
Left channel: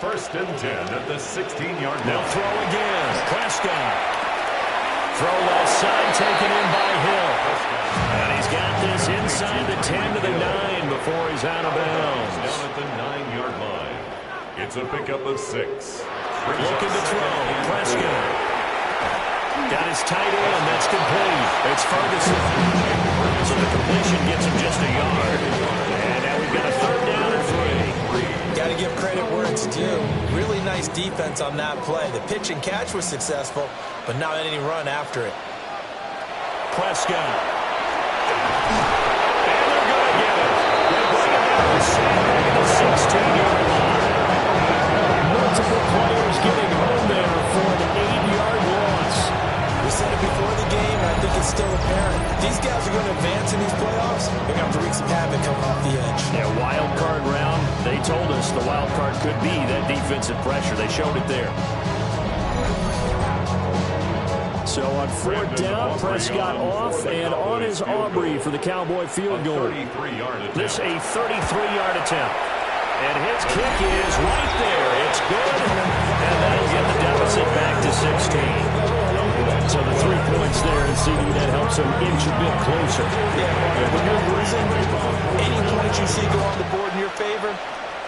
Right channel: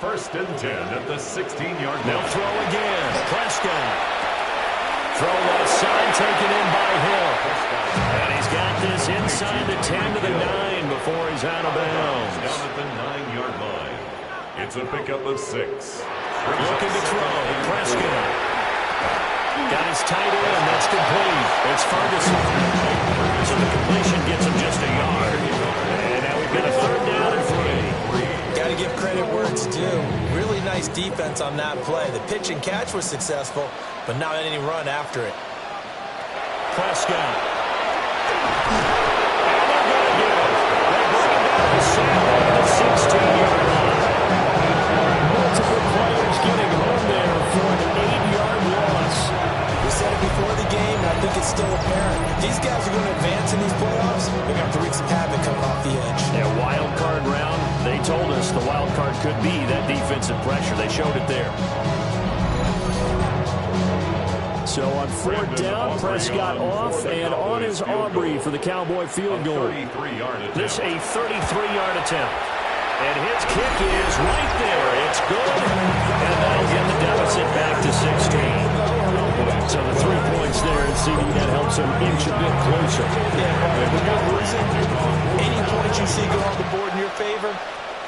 1st and 10 at the 16-yard line. They'll throw again. Prescott. Throw left side taken in by Hill. And he's got this inside the 10 to the 9 before he's out of bounds. Down at the 9-yard line. It's a pickup of 6. Looking to throw. Prescott. Got his tight end. That's complete. It's Ferguson. So the completion gets him just a yard. credit where it's due. Really nice defense on that play. The pitch and catch was successful, but not any run after it. Prescott. And they're going to get it. They bring it down to Sandberg at the 16-yard line. Multiple players getting home there for an 8-yard loss. We said it before the game, and I think it's still apparent. If these guys are going to advance in these playoffs, they're going to have to wreak some havoc coming off the edge. Yeah, wild card round. They told us the wild card could be that defensive pressure. They showed it there. So on fourth down, Prescott off, and on is Aubrey for the Cowboy field goal. This a 33-yard attempt. And his kick is right there. It's good, and that'll get the deficit back to 16. So the 3 points there, and CD, that helps him inch a bit closer. Yeah, when you're losing, any points you see go on the board in your favor,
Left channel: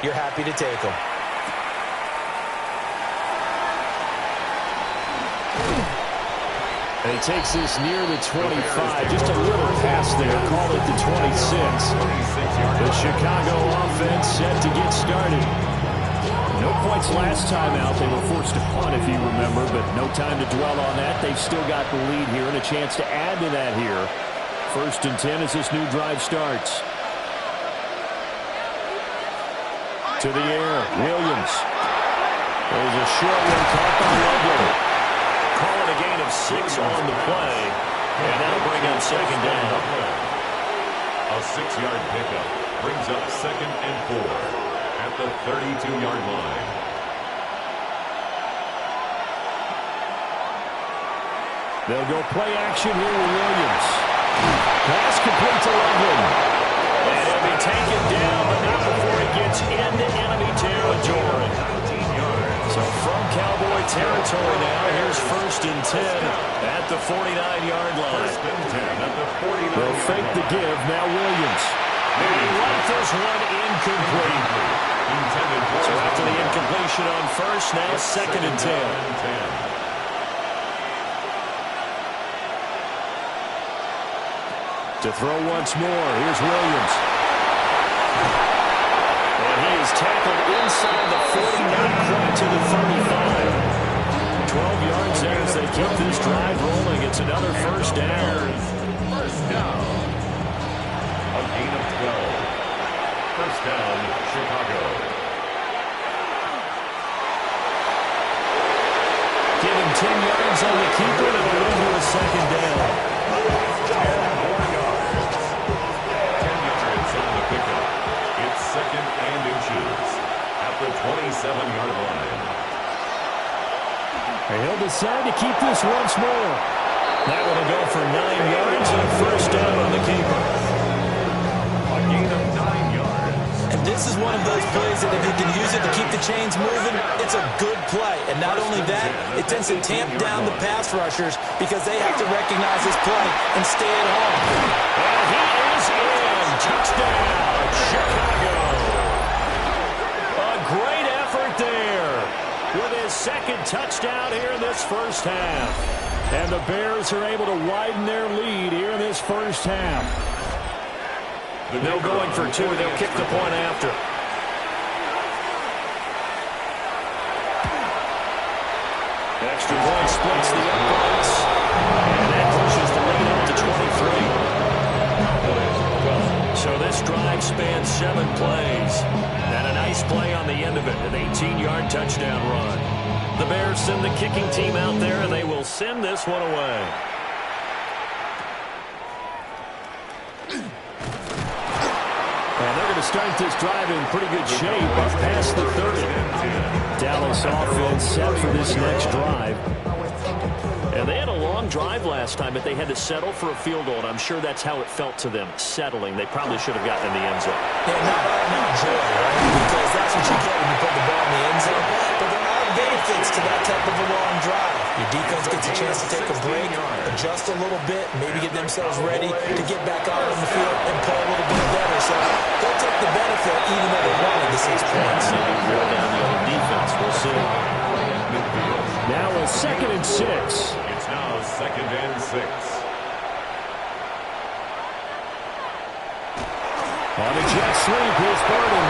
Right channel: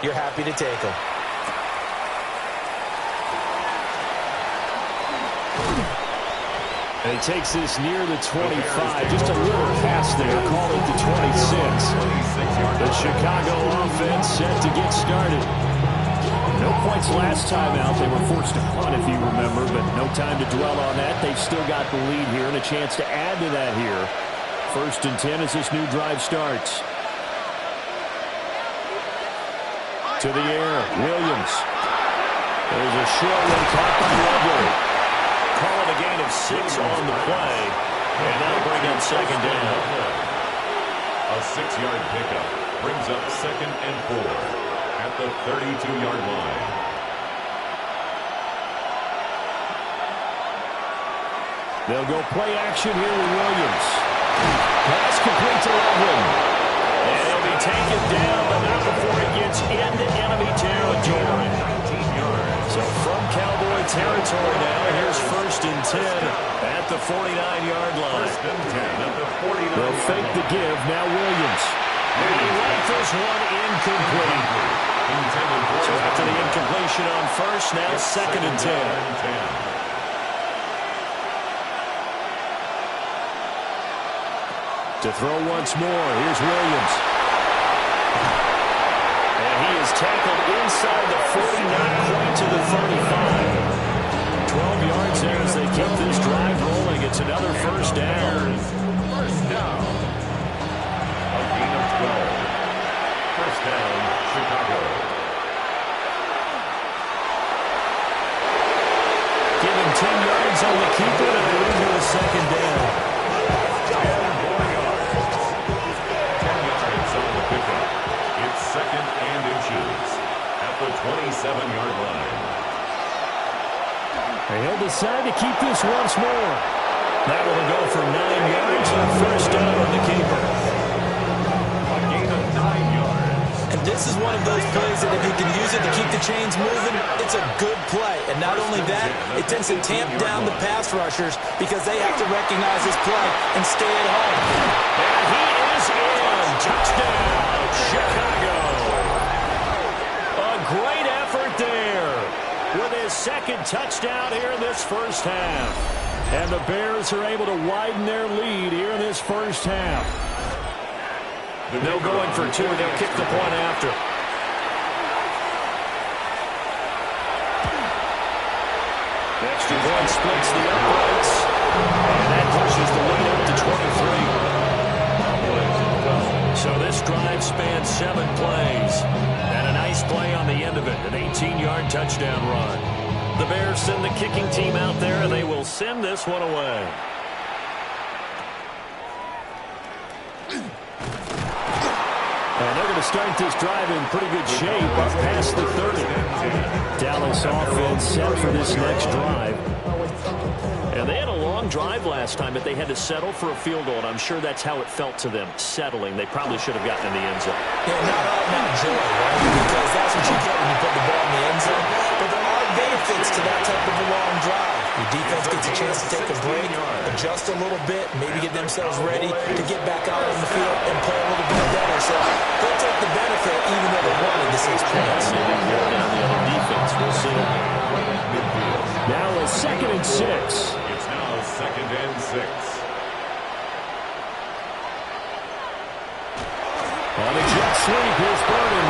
you're happy to take them. And he takes this near the 25. Just a little pass there. Call it the 26. The Chicago offense set to get started. No points last time out. They were forced to punt, if you remember, but no time to dwell on that. They've still got the lead here and a chance to add to that here. 1st and 10 as this new drive starts. To the air. Williams. There's a short one caught by Lovely. Call it a gain of 6 on the play, and that'll bring up 2nd down. A 6-yard pickup brings up 2nd and 4 at the 32-yard line. They'll go play action here with Williams. Pass complete to Loveland. And he'll be taken down, but not before he gets into enemy territory. 19 yards. So from Cowboy territory now, here's 1st and 10 at the 49-yard line. 1st and 10 at the 49-yard line. They'll fake the give, now Williams. And he rifles one incomplete. So after the incompletion on first, now 2nd and 10. To throw once more, here's Williams. And he is tackled inside the 40, not quite to the 35. 12 yards there as they keep this drive rolling. It's another 1st down. 1st down. A gain of 12. 1st down, Chicago. Give him 10 yards on the keeper, and it'll lead to a 2nd down. 10 more yards. 10 yards on the pickup. It's 2nd and inches at the 27-yard line. He'll decide to keep this once more. That will go for 9 yards and a 1st down on the keeper. A gain of 9 yards. And this is one of those plays that if you can use it to keep the chains moving, it's a good play. And not only that, it tends to tamp down the pass rushers because they have to recognize this play and stay at home. And he is in. Touchdown, Chicago. A great effort there with his 2nd touchdown here in this 1st half. And the Bears are able to widen their lead here in this 1st half. They're going for 2. They'll kick the point after. Extra point splits the uprights. And that pushes the lead up to 23. So this drive spans 7 plays. And a nice play on the end of it. An 18-yard touchdown run. The Bears send the kicking team out there, and they will send this one away. And they're going to start this drive in pretty good shape up past the 30. Dallas offense set for this next drive. And they had a long drive last time, but they had to settle for a field goal, and I'm sure that's how it felt to them, settling. They probably should have gotten in the end zone. Yeah, not all now joy, right? Because that's what you get when you put the ball in the end zone. But there are benefits to that type of a long drive. Your defense gets a chance to take a break, adjust a little bit, maybe get themselves ready to get back out on the field and play a little bit better. So they'll take the benefit even though they wanted the 6 points. Maybe wear down the other defense. We'll see. Now a 2nd and 6. It's now 2nd and 6. On a jet sweep, here's Burden.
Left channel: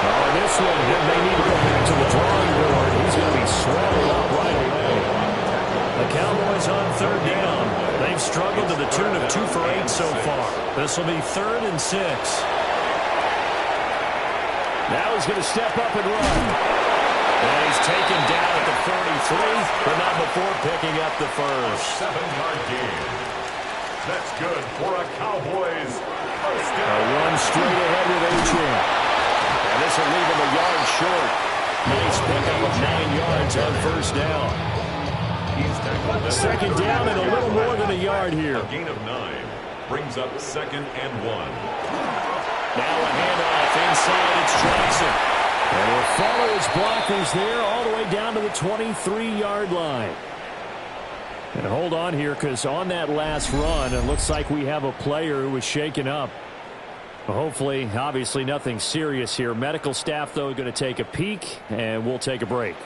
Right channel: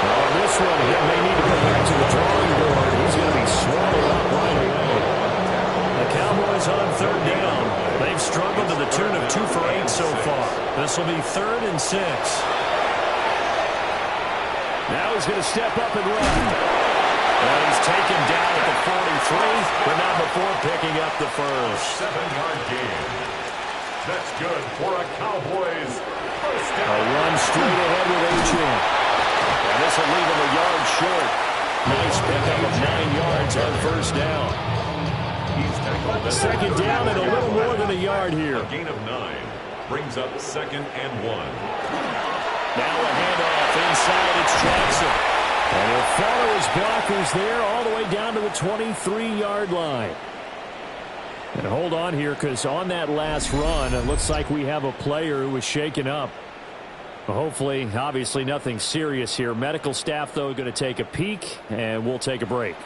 Oh, and this one, he may need to go back to the drawing board. He's going to be swallowed up right away. The Cowboys on third down. They've struggled to the tune of 2 for 8 so far. This will be 3rd and 6. Now he's going to step up and run. And he's taken down at the 43, but not before picking up the first. 7-yard gain. That's good for a Cowboys first down. A run straight ahead with Achane. And this will leave him a yard short. Nice pickup of 9 yards on first down. He's tackled at 2nd down and a little more than a yard here. A gain of 9 brings up 2nd and 1. Now a handoff inside. It's Johnson. And he'll follow his blockers there all the way down to the 23-yard line. And hold on here, because on that last run, it looks like we have a player who was shaken up. Hopefully, obviously nothing serious here. Medical staff, though, going to take a peek, and we'll take a break.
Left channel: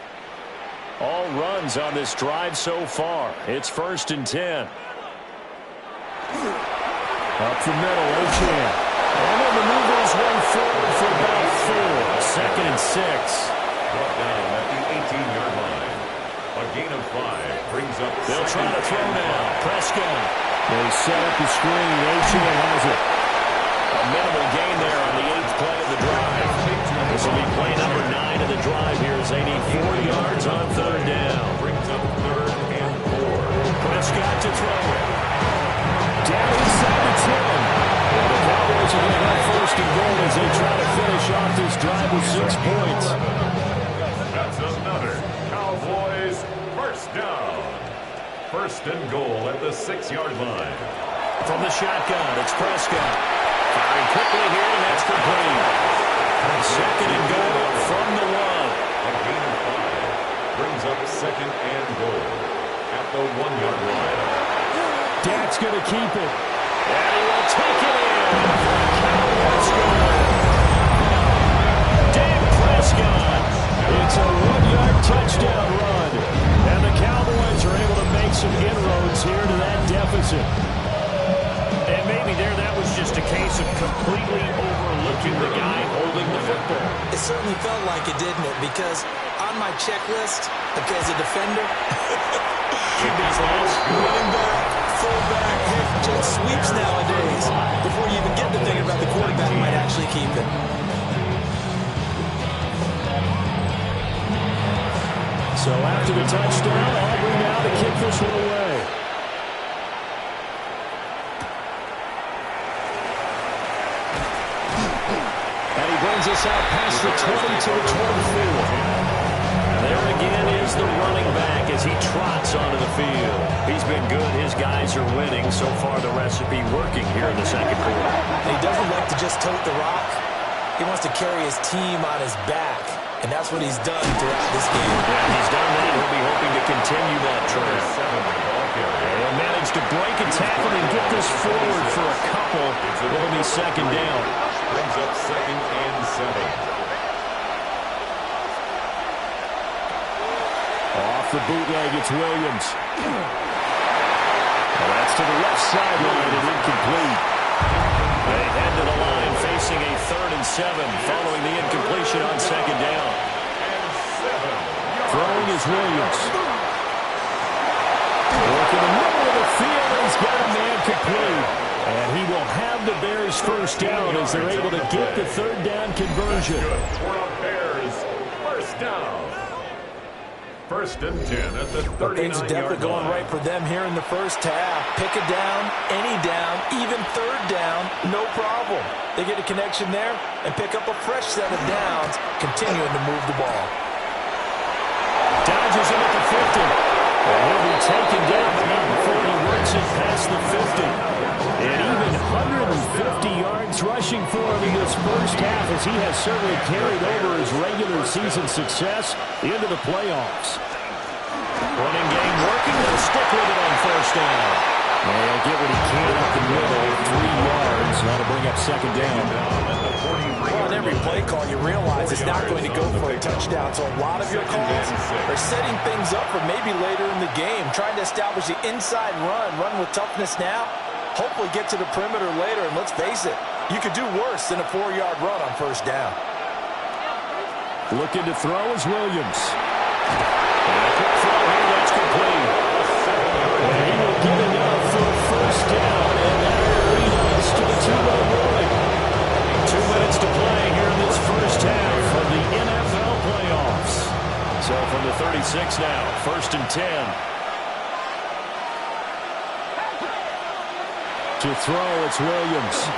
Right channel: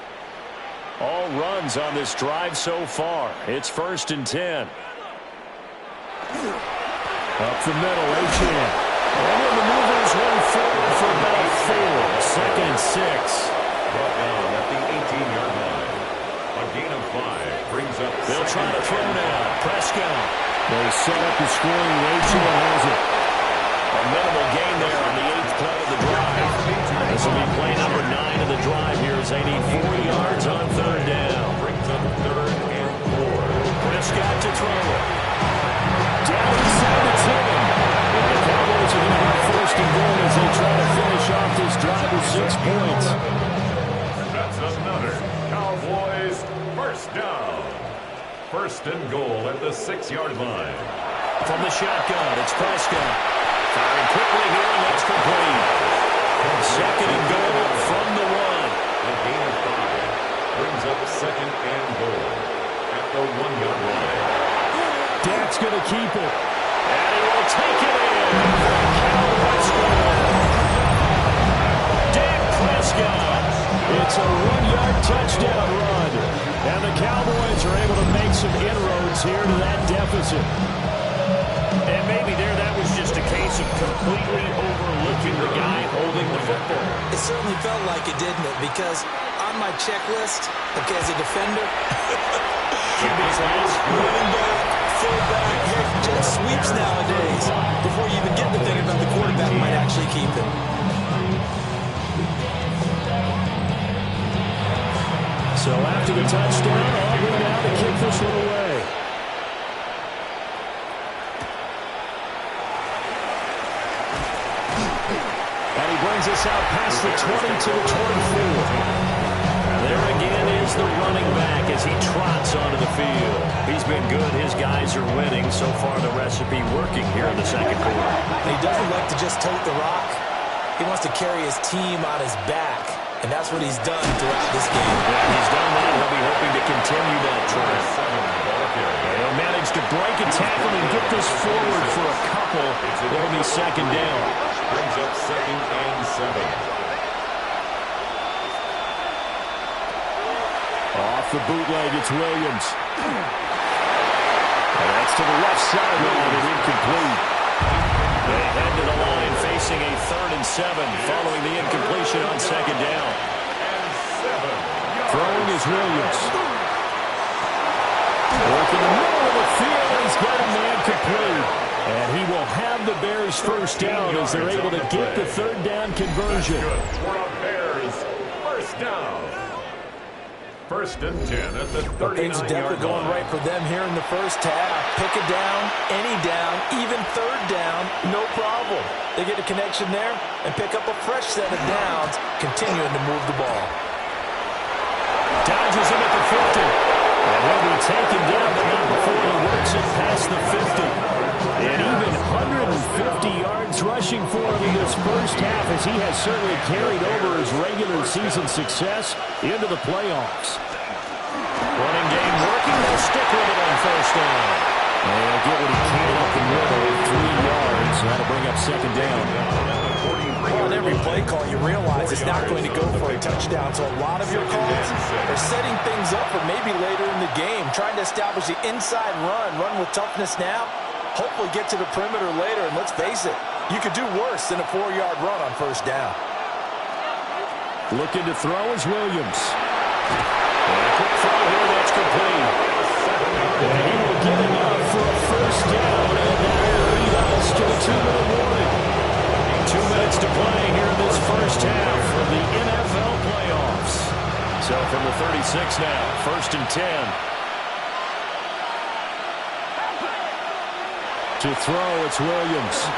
All runs on this drive so far. It's 1st and 10. Up the middle, Achane. And he'll maneuver his way forward for about 4. 2nd and 6. Brought down at the 18-yard line. A gain of 5 brings up. They'll try to throw now. Prescott. They set up the screen. Achane has it. A minimal gain there on the 8th play of the drive. This will be play number 9 of the drive here as they need 4 yards on 3rd down. Brings up 3rd and 4. Prescott to throw it. Down inside the 10. Well, the Cowboys are going to have 1st and goal as they try to finish off this drive with 6 points. That's another Cowboys first down. 1st and goal at the 6-yard line. From the shotgun, it's Prescott. Firing quickly here, and that's complete. 2nd and goal from the 1. A gain of 5 brings up 2nd and goal at the 1-yard line. Dak's going to keep it. And he will take it in. Cowboys goal. Dak Prescott. It's a 1-yard touchdown run. And the Cowboys are able to make some inroads here to that deficit. And maybe there that was just a case of completely overlooking the guy holding the football. It certainly felt like it, didn't it? Because on my checklist, okay, as a defender, QB's last. running back, fullback, heck, jet sweeps nowadays. Before you even get to thinking about the quarterback might actually keep it. So after the touchdown, Aubrey now to kick this one away. And he brings us out past the 20 to the 24. There again is the running back as he trots onto the field. He's been good. His guys are winning. So far, the recipe working here in the 2nd quarter. And he doesn't like to just tote the rock. He wants to carry his team on his back. And that's what he's done throughout this game. Yeah, he's done that. He'll be hoping to continue that trend. And he'll manage to break a tackle and get this forward for a couple. It'll be 2nd down. Brings up 2nd and 7. Off the bootleg, it's Williams. And that's to the left sideline and incomplete. They head to the line facing a 3rd and 7 following the incompletion on 2nd down. Throwing is Williams. Work in the middle of the field, and he's got a man complete. And he will have the Bears first down as they're able to get the 3rd down conversion. For a Bears first down. 1st and 10 at the 39-yard line. Things are definitely going right for them here in the first half. Pick a down, any down, even 3rd down, no problem. They get a connection there and pick up a fresh set of downs, continuing to move the ball. Dodges him at the 50. And he'll be taken down, but not before he works it past the 50. And even 150 yards rushing for him in this first half, as he has certainly carried over his regular season success into the playoffs. Running game working. They'll stick with it on first down. And he'll get what he can up the middle, 3 yards. That'll bring up 2nd down. Well, on every play call, you realize it's not going to go for a touchdown. So a lot of your calls are setting things up for maybe later in the game, trying to establish the inside run with toughness now, hopefully get to the perimeter later. And let's face it, you could do worse than a 4-yard run on first down. Looking to throw is Williams. And a quick throw here, that's complete. And he will get enough for a first down, and that will lead us to the 2-minute warning. 2 minutes to play here in this first half of the NFL playoffs. So from the 36 now, 1st and 10. To throw, it's Williams.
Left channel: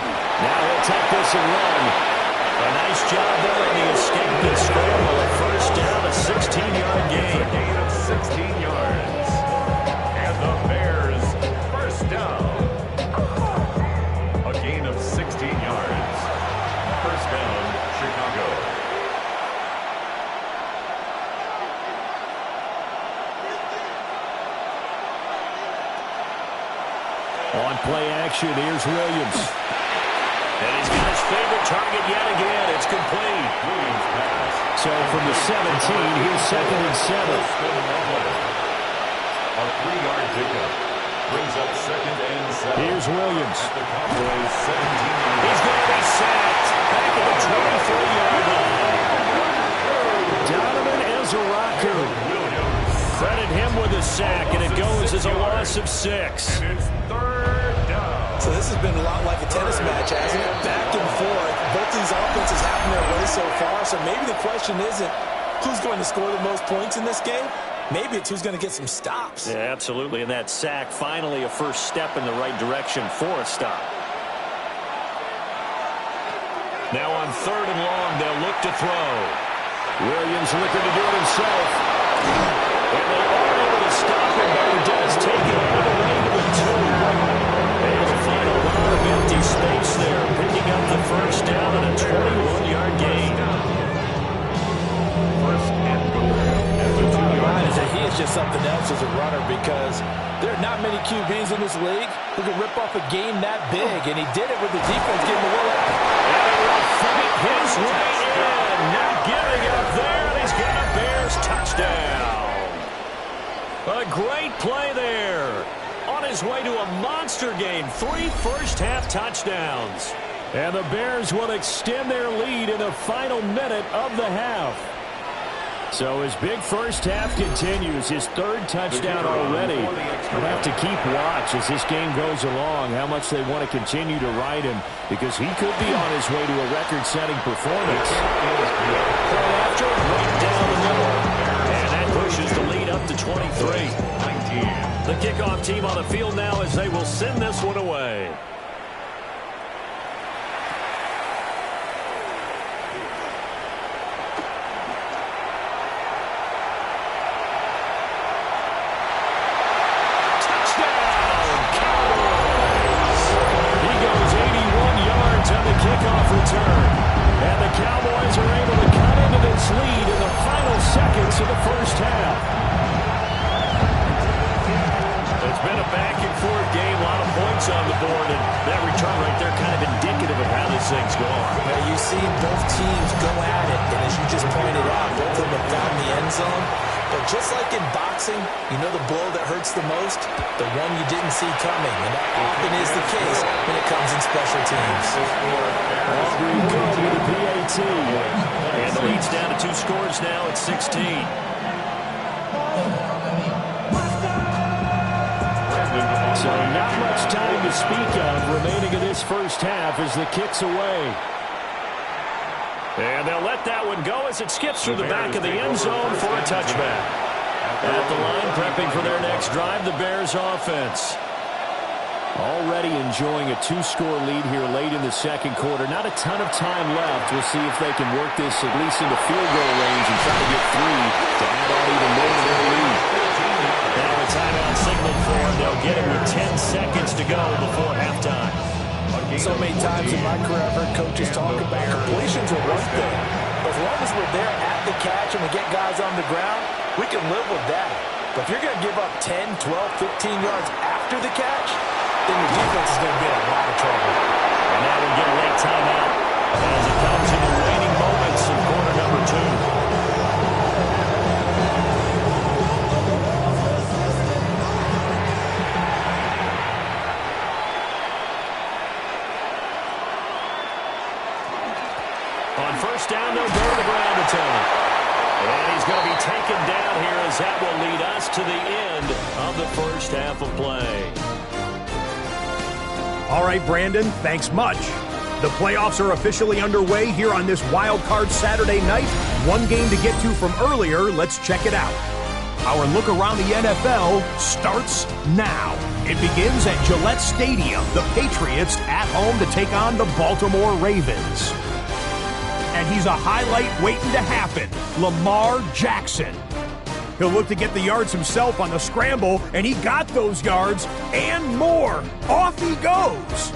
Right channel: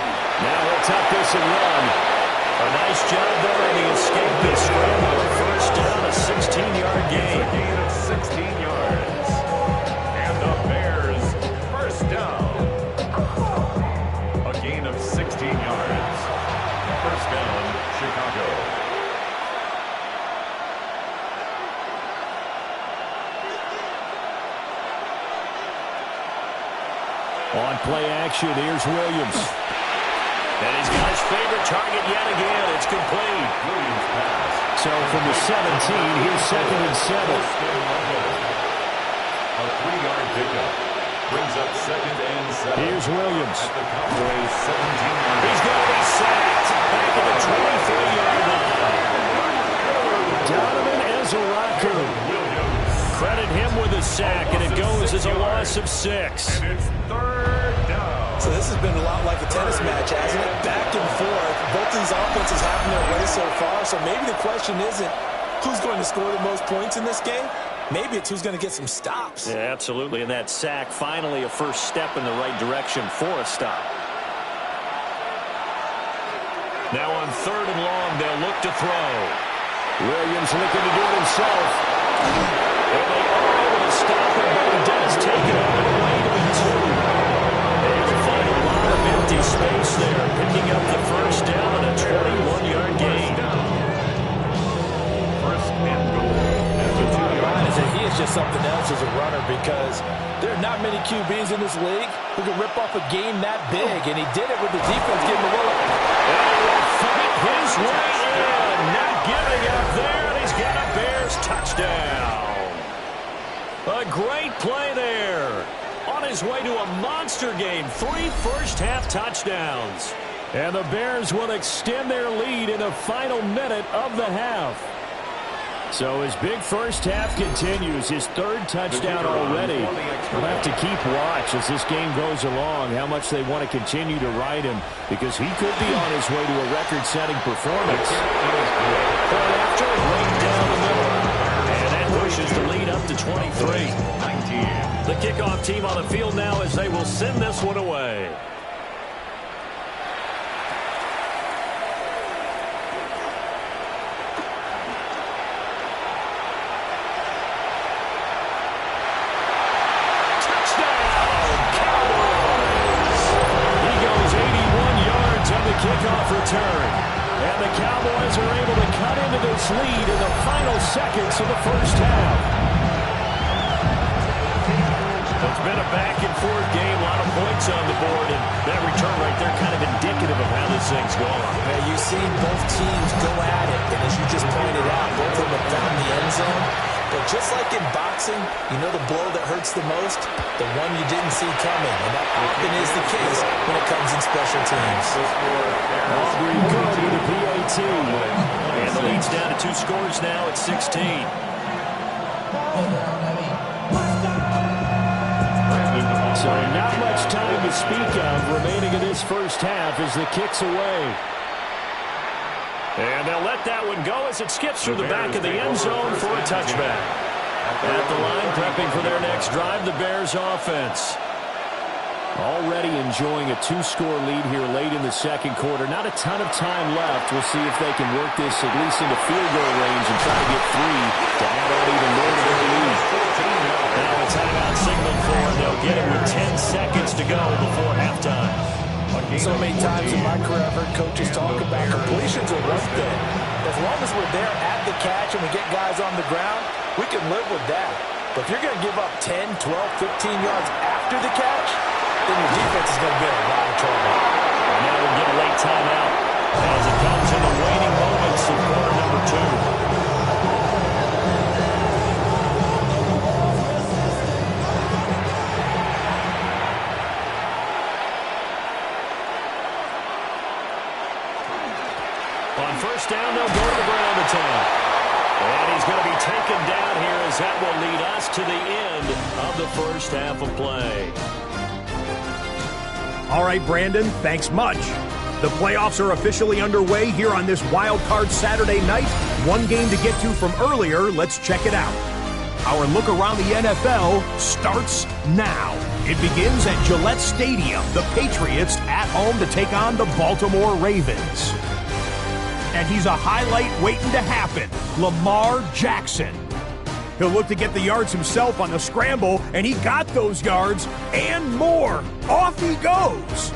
Now he'll tuck this and run. A nice job there on the escape and scramble. A first down, a 16-yard gain. A gain of 16 yards. And the Bears first down. A gain of 16 yards. First down, Chicago. On play action, here's Williams. And he's got his favorite target yet again. It's complete. Williams pass. So from the 17, here's 2nd and 7. A 3-yard pickup. Brings up 2nd and 7. Here's Williams. At the Cowboys' 17-yard line. He's going to be sacked. Back at the 23-yard line. Donovan Ezeraku. Credit him with a sack, and it goes as a loss of 6. And it's 3rd down. So this has been a lot like a tennis match, hasn't it? Back and forth. Both of these offenses having their way so far. So maybe the question isn't who's going to score the most points in this game. Maybe it's who's going to get some stops. Yeah, absolutely. And that sack, finally a first step in the right direction for a stop. Now on 3rd and long, they'll look to throw. Williams looking to do it himself. And they are able to stop him, but he does take it all the way to the 2. Able to find a lot of empty space there, picking up the first down and a 21-yard gain. First and goal. He is just something else as a runner because there are not many QBs in this league who can rip off a game that big, and he did it with the defense getting a little. And he will fight his way in, not giving up there, and he's got a Bears touchdown. A great play there. On his way to a monster game, 3 first-half touchdowns. And the Bears will extend their lead in the final minute of the half. So his big first half continues, his 3rd touchdown already. We'll have to keep watch as this game goes along, how much they want to continue to ride him, because he could be on his way to a record-setting performance. Point after, right down the middle. And that pushes the lead up to 23. 19. The kickoff team on the field now as they will send this one away. Kickoff return. And the Cowboys are able to cut into this lead in the final seconds of the first half. It's been a back-and-forth game, a lot of points on the board, and that return right there kind of indicative of how this thing's going. Yeah, you've seen both teams go at it, and as you just pointed out, both of them have found the end zone. But just like in boxing, you know the blow that hurts the most? The one you didn't see coming, and that often is the case when it comes in special teams. Aubrey good with a PAT. And the lead's down to 2 scores now at 16. So not much time to speak of remaining in this first half as the kick's away. And they'll let that one go as it skips through the back of the end zone for a touchback. At the line, prepping for their next drive, the Bears offense. Already enjoying a 2-score lead here late in the second quarter. Not a ton of time left. We'll see if they can work this at least into field goal range and try to get 3 to add on even more to their lead. Now a timeout signaled for, and they'll get it with 10 seconds to go before halftime. So many times in my career, I've heard coaches talk about completions are one thing. As long as we're there at the catch and we get guys on the ground, we can live with that. But if you're going to give up 10, 12, 15 yards after the catch, then your defense is going to be in a lot of trouble. And now we'll get a late timeout as it comes in the waning moments of quarter number 2. On first down, they'll go to the ground attack. And he's going to be taken down here as that will lead us to the end of the first half of play. All right, Brandon, thanks much. The playoffs are officially underway here on this Wild Card Saturday night. One game to get to from earlier. Let's check it out. Our look around the NFL starts now. It begins at Gillette Stadium. The Patriots at home to take on the Baltimore Ravens. And he's a highlight waiting to happen, Lamar Jackson. He'll look to get the yards himself on the scramble, and he got those yards and more. Off he goes.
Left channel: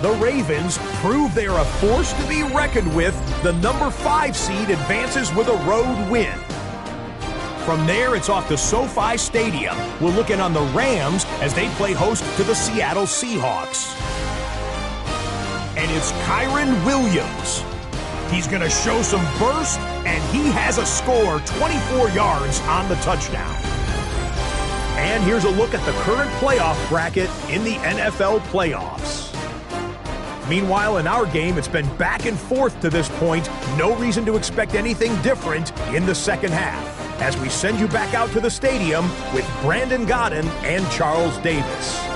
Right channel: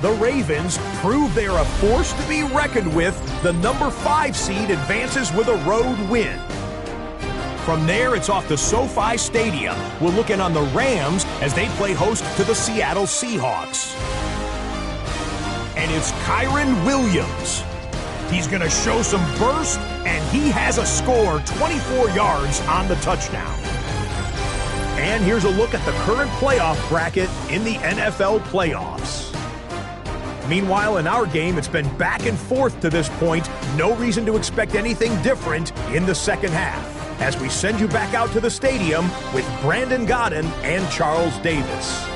The Ravens prove they are a force to be reckoned with. The number 5 seed advances with a road win. From there, it's off to SoFi Stadium. We'll look in on the Rams as they play host to the Seattle Seahawks. And it's Kyren Williams. He's going to show some burst, and he has a score, 24 yards on the touchdown. And here's a look at the current playoff bracket in the NFL playoffs. Meanwhile, in our game, it's been back and forth to this point. No reason to expect anything different in the second half, as we send you back out to the stadium with Brandon Godden and Charles Davis.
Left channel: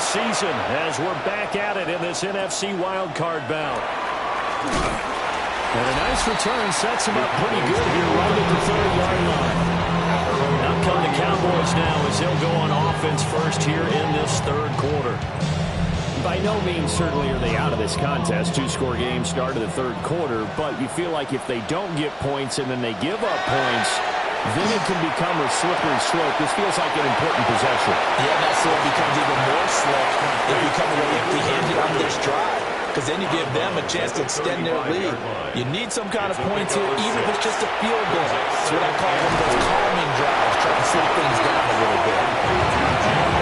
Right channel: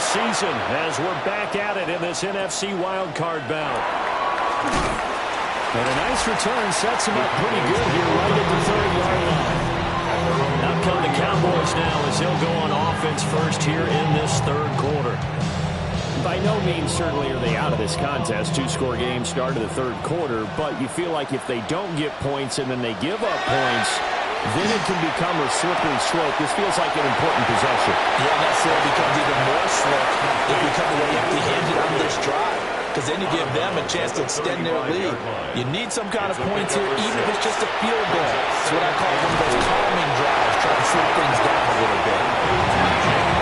Season as we're back at it in this NFC wildcard bout. And a nice return sets him up pretty good here right at the 30-yard line. Out come the Cowboys now as they'll go on offense first here in this third quarter. By no means certainly are they out of this contest. 2-score game start of the third quarter, but you feel like if they don't get points and then they give up points, then it can become a slippery slope. This feels like an important possession. Yeah, and that slope becomes even more slip if you come away empty-handed on this drive, because then you give them a chance to extend their lead. You need some kind of points here, even if it's just a field goal. It's what I call one of those calming drives, trying to slow things down a little bit.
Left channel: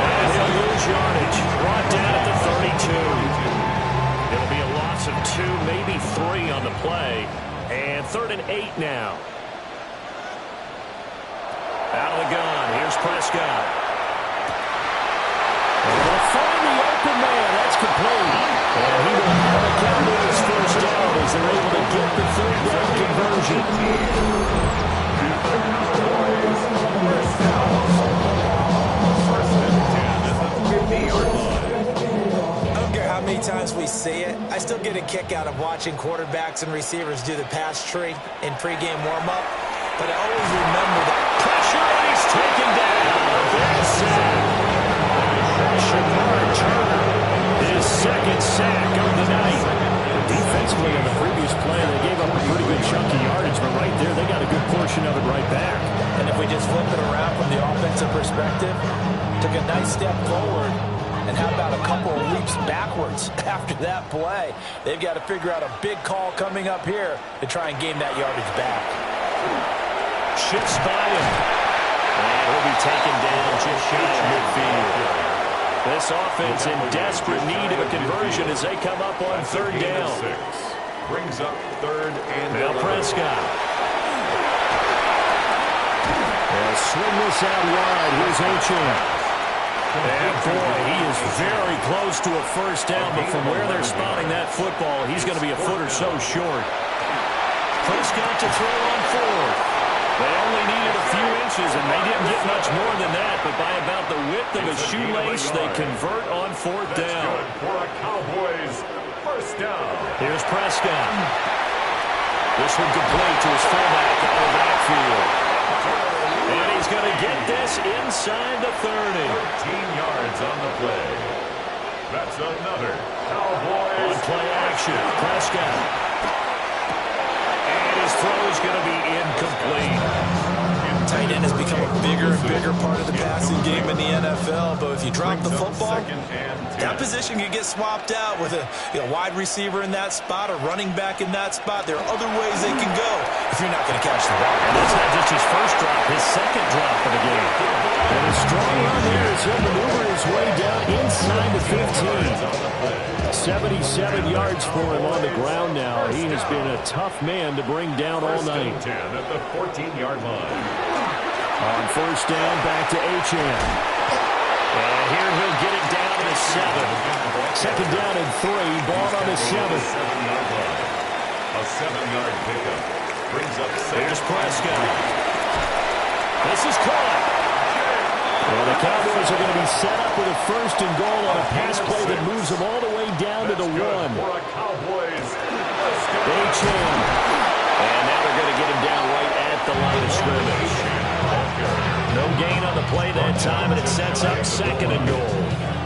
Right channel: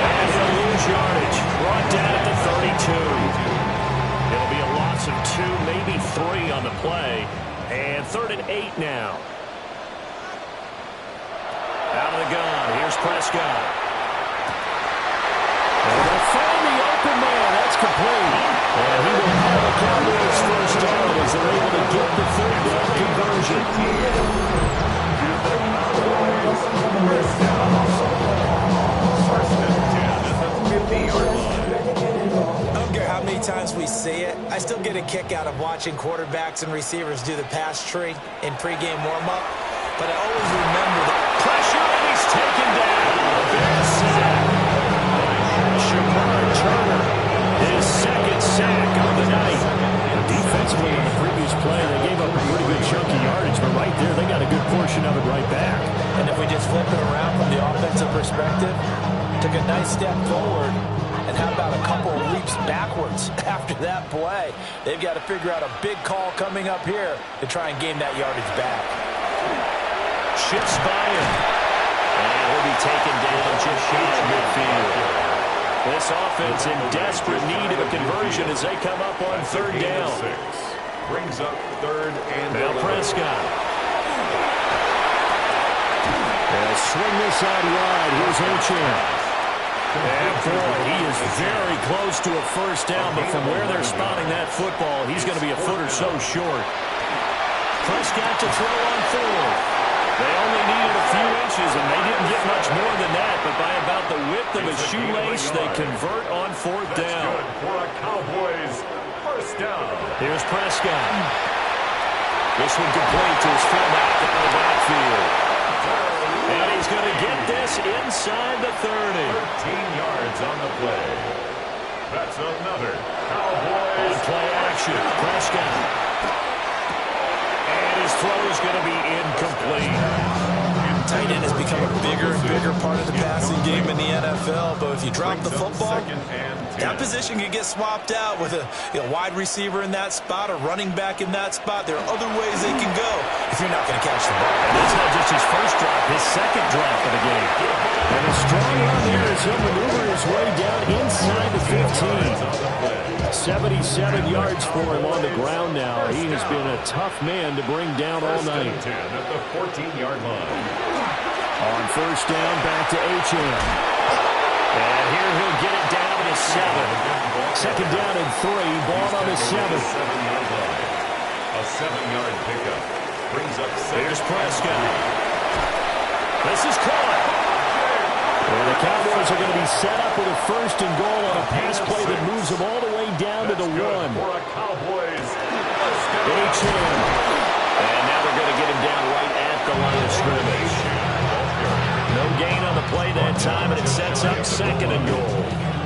And he'll lose yardage. Brought down at the 32. It'll be a loss of 2, maybe 3 on the play. And 3rd and 8 now. Out of the gun, here's Prescott. And they'll find the open man, that's complete. And he will have the Cowboys first down as they're able to get the 3rd down conversion. First down. First and 10 at the 50-yard line. I don't care how many times we see it, I still get a kick out of watching quarterbacks and receivers do the pass tree in pregame warm-up. But I always remember the pressure, and he's taken down. A bad sack. Shamar Turner, his 2nd sack of the night. Defensively on the previous play, they gave up a pretty good chunk of yardage, but right there, they got a good portion of it right back. And if we just flip it around from the offensive perspective, took a nice step forward, and how about a couple of leaps backwards after that play? They've got to figure out a big call coming up here to try and gain that yardage back. Shifts by him. And he'll be taken down just shy of midfield. This offense in desperate need of a conversion as they come up on 3rd down. Brings up 3rd and now Prescott. They'll swing this out wide. Here's Achane. And boy, he is very close to a first down, but from where they're spotting that football, he's going to be a foot or so short. Prescott to throw on 4th. They only needed a few inches, and they didn't get much more than that, but by about the width of a shoelace, they convert on 4th down. Good for a Cowboys first down. Here's Prescott. This one complete to his fullback out of the backfield. And he's going to get this inside the 30. 13 yards on the play. That's another Cowboys. On play action, Prescott. And his throw is going to be incomplete. tight end has become a bigger and bigger part of the passing game in the NFL. But if you drop the football, that position can get swapped out with a wide receiver in that spot, a running back in that spot. There are other ways they can go if you're not going to catch the ball. And that's not just his first drop, his second drop of the game. And a strong run there as he'll maneuver his way down inside the 15. 77 yards for him on the ground now. He has been a tough man to bring down all night. 10 at the 14-yard line. On first down, back to Achane. And here he'll get it down to the 7. Second down and 3. Ball on the 7. A 7-yard pickup brings up second. Here's Prescott. This is caught. And the Cowboys are going to be set up with a first and goal on a pass play that moves them all the way down to the 1. Achane. And now they're going to get him down right at the line of scrimmage. No gain on the play that time, and it sets up second and goal.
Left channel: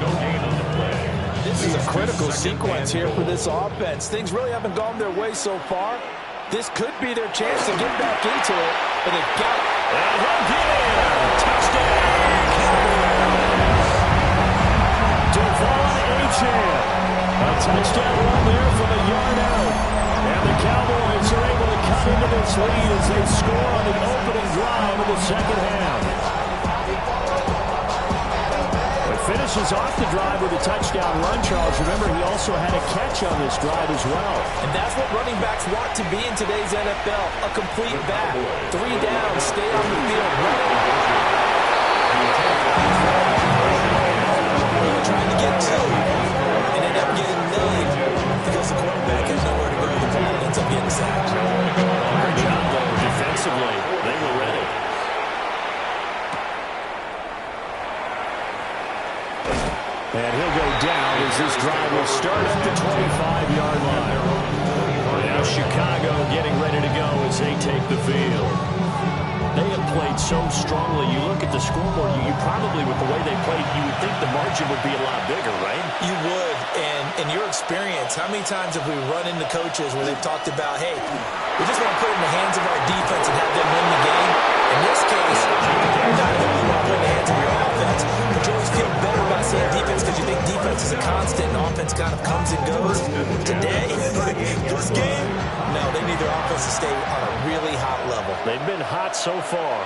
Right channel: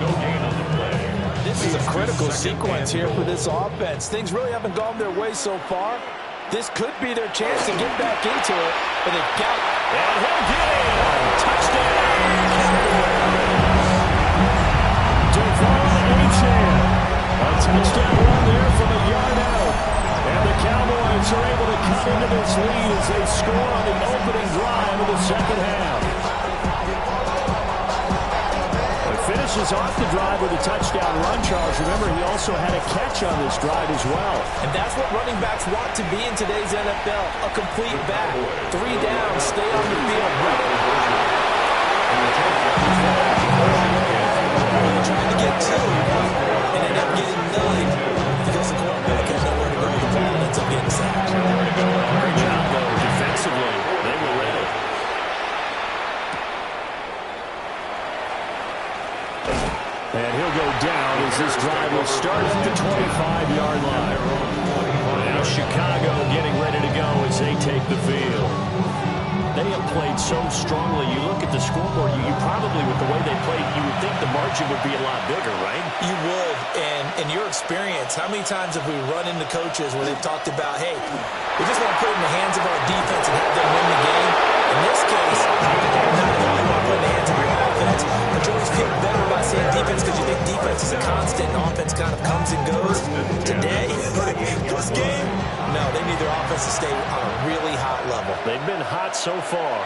No gain on the play. This is a critical sequence here for this offense. Things really haven't gone their way so far. This could be their chance to get back into it, but they've got it. And he'll get in. Touchdown, Cowboys. Devon Achane. A touchdown run there from a yard out. And the Cowboys are able to cut into this lead as they score on the opening drive of the second half. Finishes off the drive with a touchdown run, Charles. Remember, he also had a catch on this drive as well. And that's what running backs want to be in today's NFL, a complete back. 3 downs, stay on the field, run it. He tried to get 2 and ended up getting 9 because the quarterback had nowhere to go with the ball and ends up getting sacked. Great job, though, defensively. They were ready. And he'll go down as this drive will start at the 25-yard line. Now Chicago getting ready to go as they take the field. They have played so strongly. You look at the scoreboard, you probably, with the way they played, you would think the margin would be a lot bigger, right? You would. And in your experience, how many times have we run into coaches where they've talked about, hey, we just want to put it in the hands of our defense and have them win the game? In this case, not only want to put it in the hands of your offense, but you always feel better about saying defense because you think defense is a constant and offense kind of comes and goes. Today, this game, no, they need their offense to stay on a really hot level. They've been hot so far.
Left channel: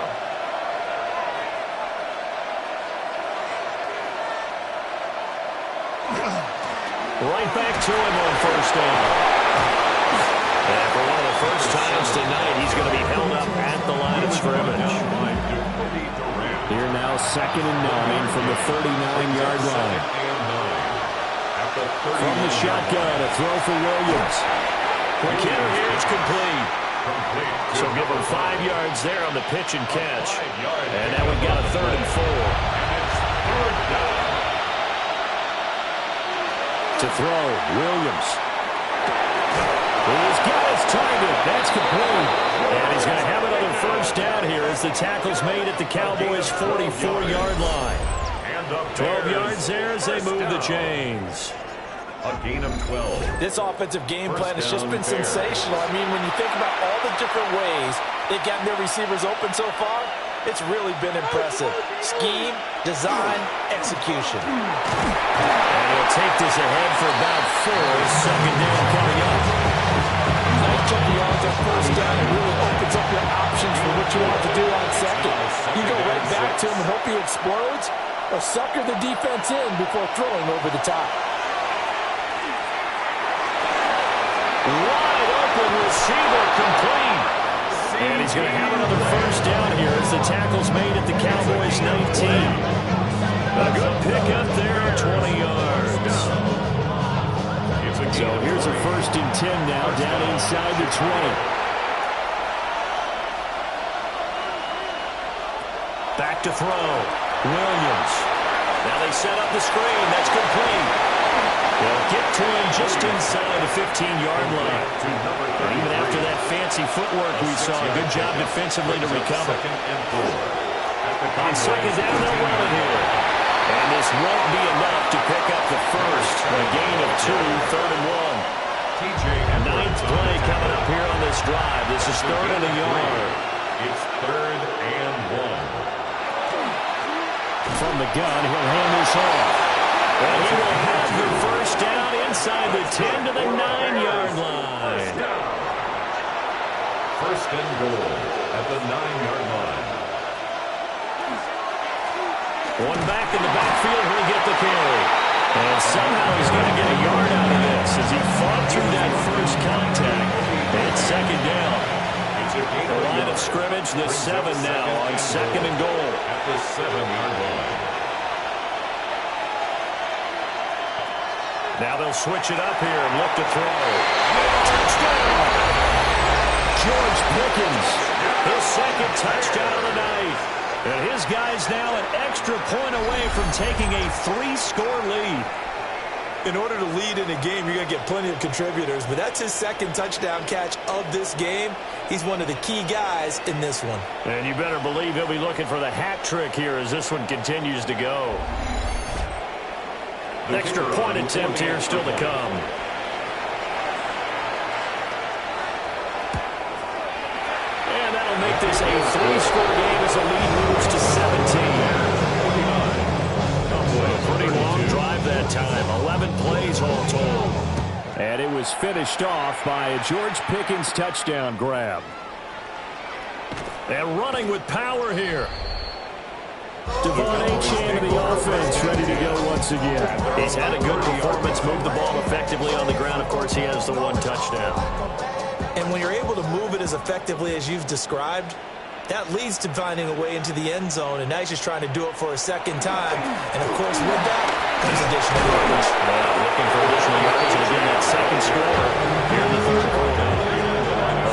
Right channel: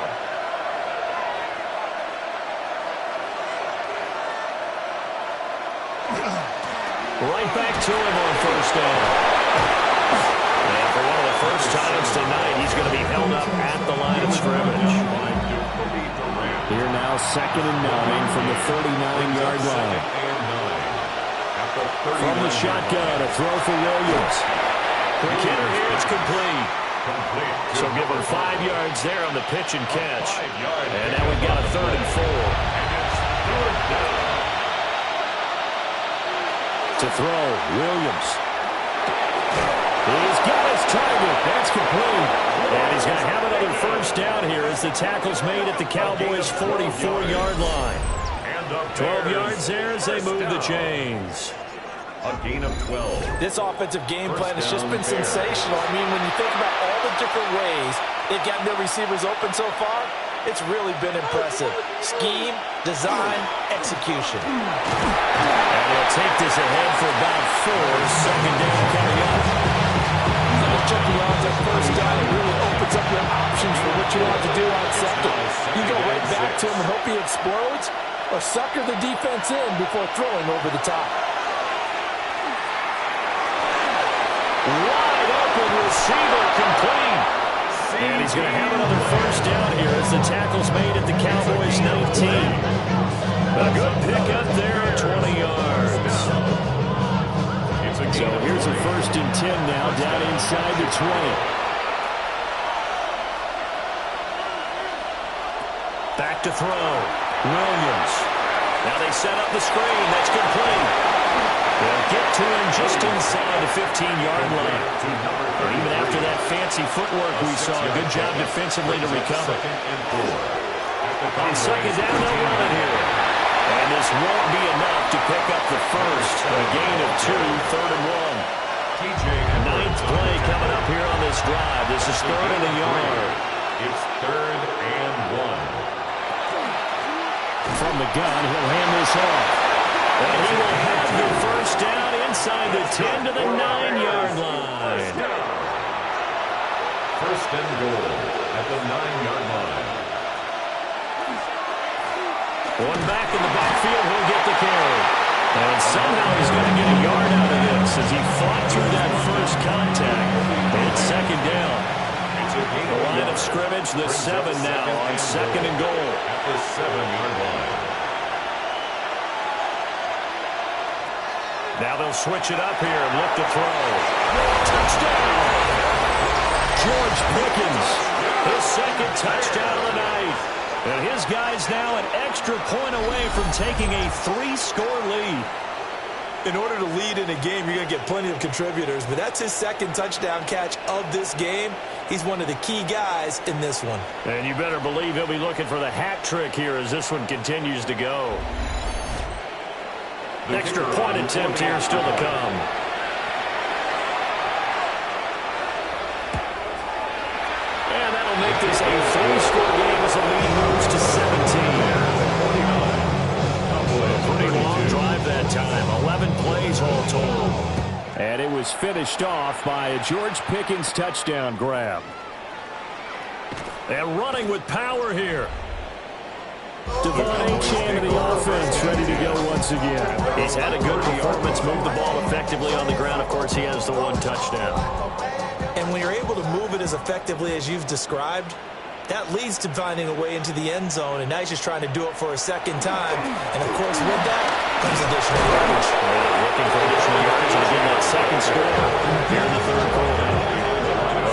Right back to him on first down. And for one of the first times tonight, he's going to be held up at the line of scrimmage. Here now, 2nd and 9 from the 39-yard line. From the shotgun, a throw for Williams. Quick hitter here, it's complete. So give him 5 yards there on the pitch and catch. And now we've got a 3rd and 4. To throw, Williams. He's got his target. That's complete. And he's going to have another first down here as the tackle's made at the Cowboys' 44-yard line. 12 yards there as they move the chains. A gain of 12. This offensive game plan has just been sensational. I mean, when you think about all the different ways they've gotten their receivers open so far, it's really been impressive. Scheme, design, execution. And he'll take this ahead for about 4. Second down coming up. Nice chunky yards on first down. It really opens up your options for what you want to do on second. You go right back to him and hope he explodes, or sucker the defense in before throwing over the top. Wide open receiver, complete. And he's going to have another first down here as the tackle's made at the Cowboys' 19. A good pickup there, 20 yards. So here's a 1st and 10 now, down inside the 20. Back to throw. Williams. Now they set up the screen. That's complete. They'll get to him just inside the 15-yard line. And even after that fancy footwork we saw, a good job defensively to recover. On second down, they'll run it here. And this won't be enough to pick up the first. A gain of 2, 3rd and 1. 9th play coming up here on this drive. This is 3rd and a yard. It's 3rd and 1. From the gun, he'll hand this off. And he will have the first down inside the 10 to the 9-yard line. First and goal at the 9-yard line. One back in the backfield, he'll get the carry. And somehow he's going to get a yard out of this as he fought through that first contact. It's second down. The line of scrimmage, the 7 now on second and goal. At the 7-yard line. Now they'll switch it up here and look to throw. Touchdown! George Pickens, his second touchdown of the night. And his guys now an extra point away from taking a 3-score lead. In order to lead in a game, you're going to get plenty of contributors, but that's his second touchdown catch of this game. He's one of the key guys in this one. And you better believe he'll be looking for the hat trick here as this one continues to go. Extra point attempt here still to come. And that'll make this a 3-score game as the lead moves to 17. A pretty long drive that time. 11 plays all told. And it was finished off by a George Pickens touchdown grab. And running with power here. Devon Achane of the offense ready to go once again. He's had a good performance, moved the ball effectively on the ground. Of course, he has the 1 touchdown. And when you're able to move it as effectively as you've described, that leads to finding a way into the end zone, and now he's just trying to do it for a second time. And, of course, with that comes additional yardage. Yeah, looking for additional yardage, and again, that second score here in the third quarter.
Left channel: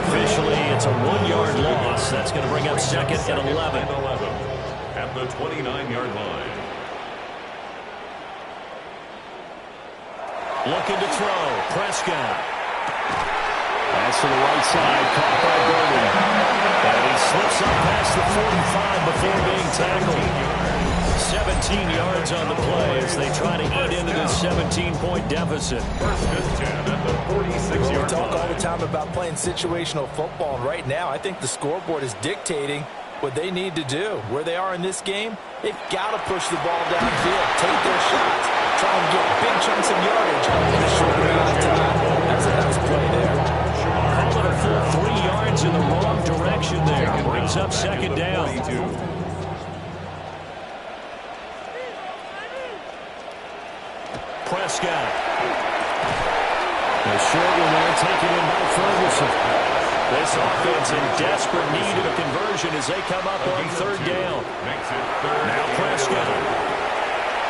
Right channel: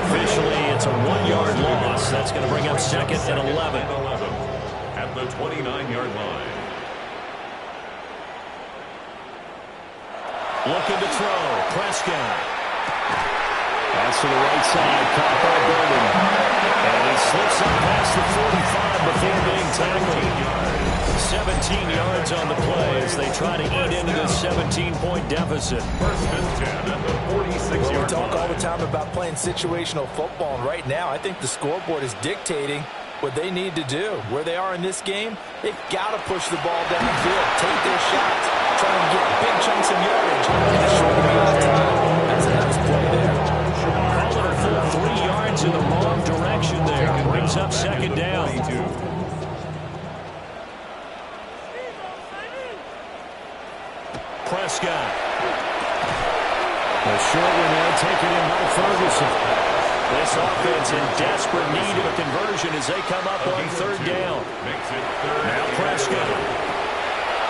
Officially, it's a 1-yard loss. That's going to bring up second and 11. At the 29-yard line. Looking to throw. Prescott. Pass to the right side, caught by Burden. And he slips up past the 45 before being tackled. 17 yards on the play as they try to eat into this 17-point deficit. First and 10 at the 46-yard line. We talk all the time about playing situational football, and right now I think the scoreboard is dictating what they need to do. Where they are in this game, they've got to push the ball downfield, take their shots, try and get big chunks of yardage in a short amount of time. That's a nice play there. Call it a full 3 yards in the wrong direction there. Brings up second down. Prescott. A short one there taken in by Ferguson. This offense in desperate need of a conversion as they come up on third down. Now Prescott.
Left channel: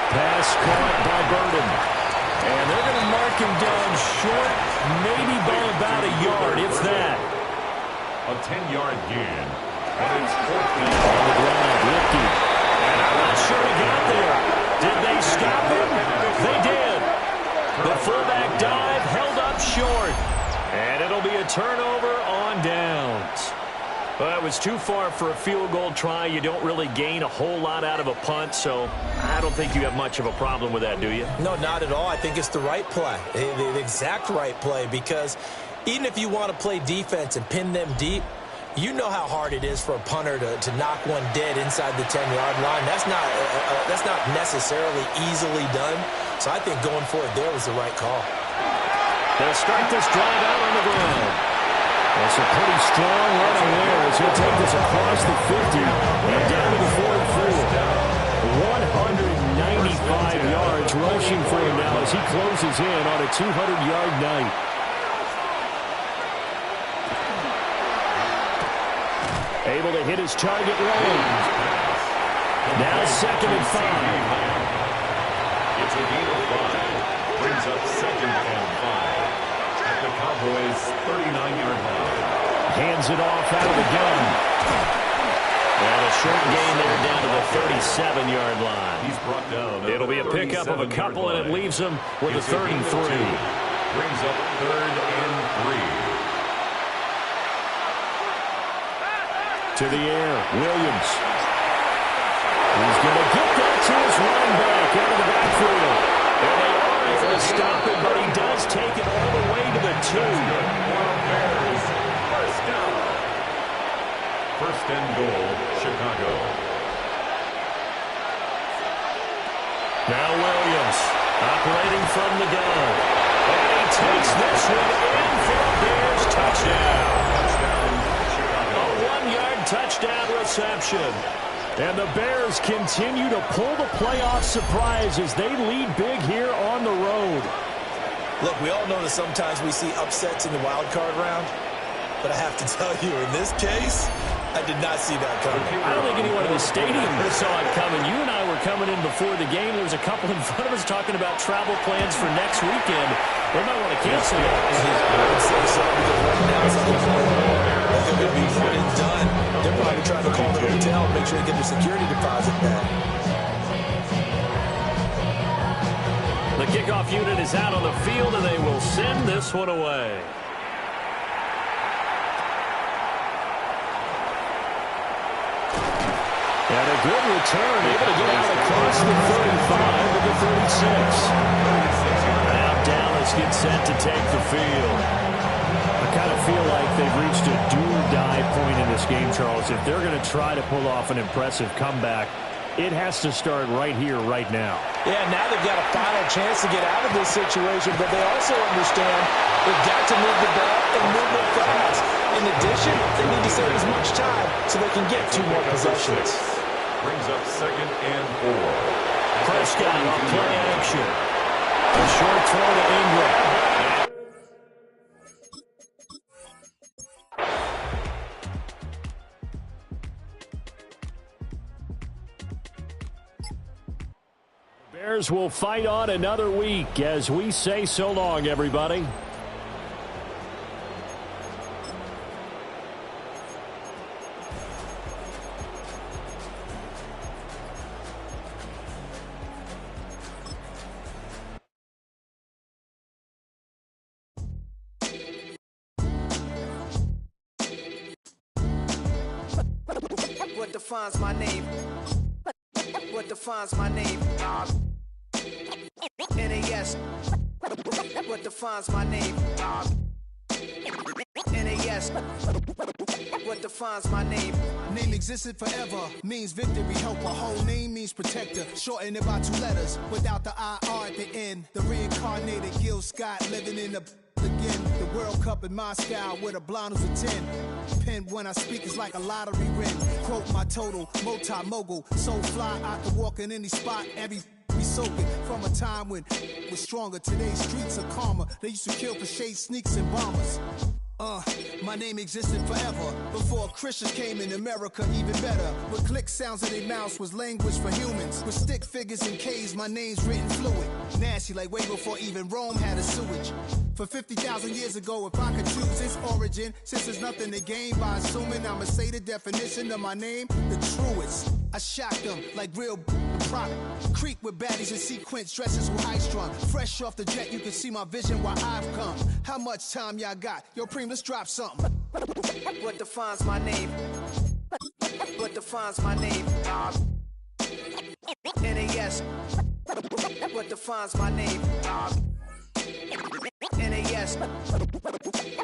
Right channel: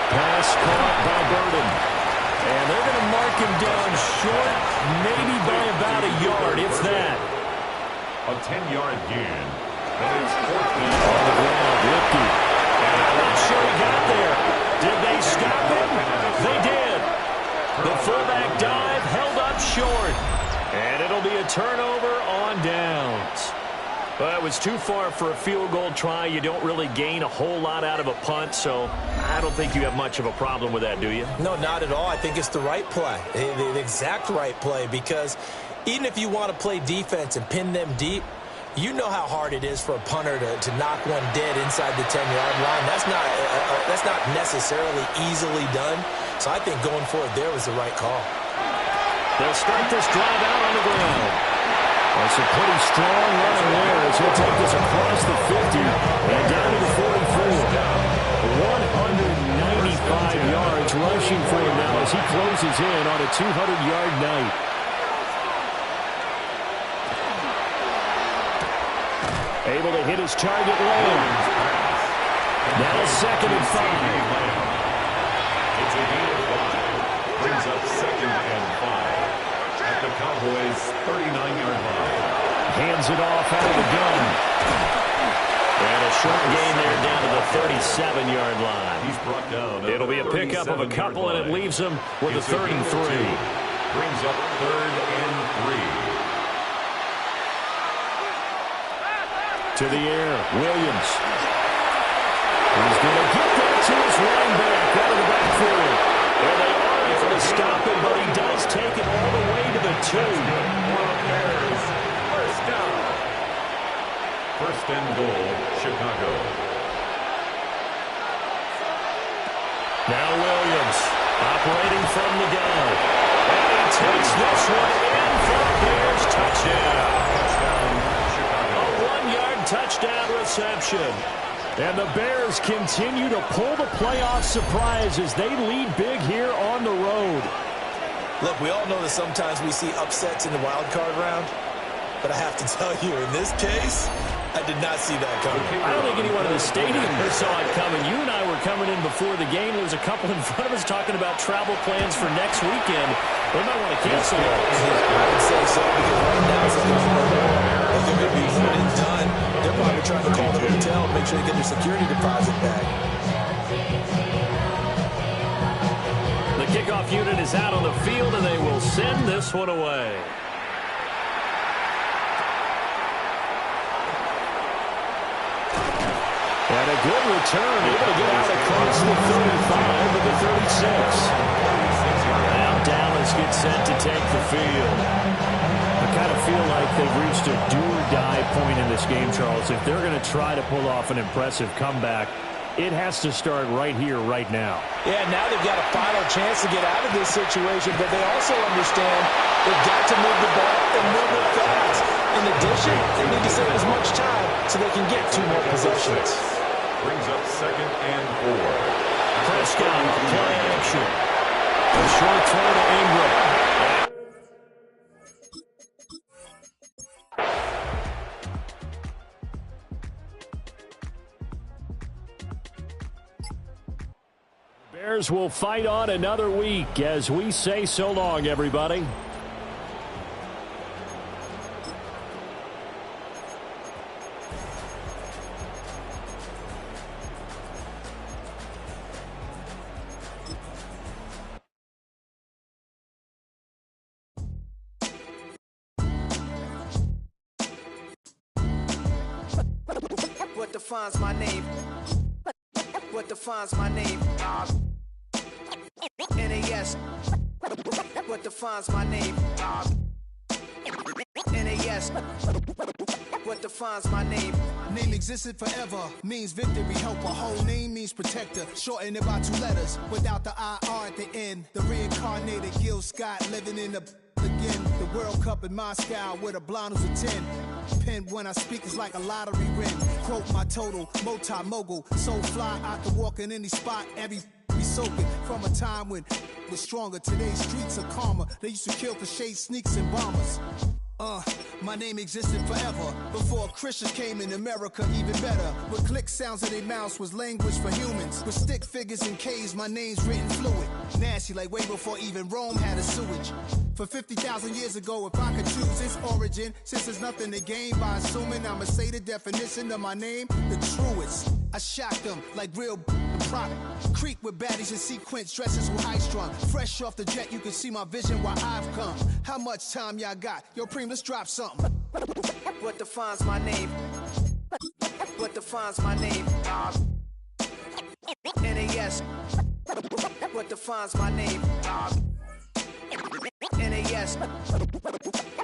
Pass caught by Burden. And they're going to mark him down short, maybe by about a yard, if that. A 10-yard gain. And it's fourth down. On the ground, Lipke. And I'm not sure he got there. Did they stop him? They did. The fullback dive held up short. And it'll be a turnover on downs. Well, it was too far for a field goal try. You don't really gain a whole lot out of a punt, so I don't think you have much of a problem with that, do you? No, not at all. I think it's the right play, the exact right play, because even if you want to play defense and pin them deep, you know how hard it is for a punter to knock one dead inside the 10-yard line. That's not necessarily easily done. So I think going for it there was the right call. They'll start this drive out on the ground. That's a pretty strong running there as he'll take this across the 50 and down to the 44. 195 yards rushing for him now as he closes in on a 200-yard night. Able to hit his target lane. Now second and 5. It's a gain of 5. Brings up second and 5. At the Cowboys' 39-yard line. Hands it off out of the gun. And a short gain there down to the 37-yard line. He's brought down. It'll be a pickup of a couple, and it leaves them with a 3rd and 3. Brings up 3rd and 3. To the air, Williams. He's going to get that to his running back out of the backfield. And they are able to stop it, but he does take it all the way to the 2. Bears, first down. First and goal, Chicago. Now Williams, operating from the gun. And he takes this one in for a Bears touchdown. Touchdown, Chicago. A 1-yard touchdown reception. And the Bears continue to pull the playoff surprise as they lead big here on the road. Look, we all know that sometimes we see upsets in the wild card round. But I have to tell you, in this case, I did not see that coming. I don't think anyone in the stadium saw it coming. You and I were coming in before the game. There was a couple in front of us talking about travel plans for next weekend. They might want to cancel those. I would say so, because right now it's like if they're going to be one and done, they're probably trying to call the hotel and make sure they get their security deposit back. The kickoff unit is out on the field, and they will send this one away. And a good return, able to get out across the 35 to the 36. Now Dallas gets set to take the field. I kind of feel like they've reached a do-or-die point in this game, Charles. If they're going to try to pull off an impressive comeback, it has to start right here, right now. Yeah, now they've got a final chance to get out of this situation, but they also understand they've got to move the ball and move it fast. In addition, they need to save as much time so they can get 2 more possessions. Brings up 2nd and 4. Prescott on play action. A short throw to Ingram. Bears will fight on another week as we say so long, everybody. What defines my name? What defines my name? NAS. What defines my name? NAS. What defines my name? Name existed forever, means victory, helper. Whole name means protector, shortened it by 2 letters, without the IR at the end. The reincarnated Gil Scott, living in the again. The World Cup in Moscow, with a blind who's a 10. Pen when I speak is like a lottery win. Quote my total, multi-mogul, so fly I can walk in any spot, every be soaking from a time when was stronger. Today's streets are calmer. They used to kill for shade sneaks and bombers. My name existed forever before Christians came in America, even better. With click sounds in their mouths was language for humans. With stick figures and K's, my name's written fluid. Nasty like way before even Rome had a sewage. For 50,000 years ago, if I could choose its origin, since there's nothing to gain by assuming I'ma say the definition of my name, the truest. I shocked them like real product. Creek with baddies in sequence, dresses with high strung. Fresh off the jet, you can see my vision where I've come. How much time y'all got? Yo, Preem, let's drop something. What defines my name? What defines my name? NAS. What defines my name? NAS.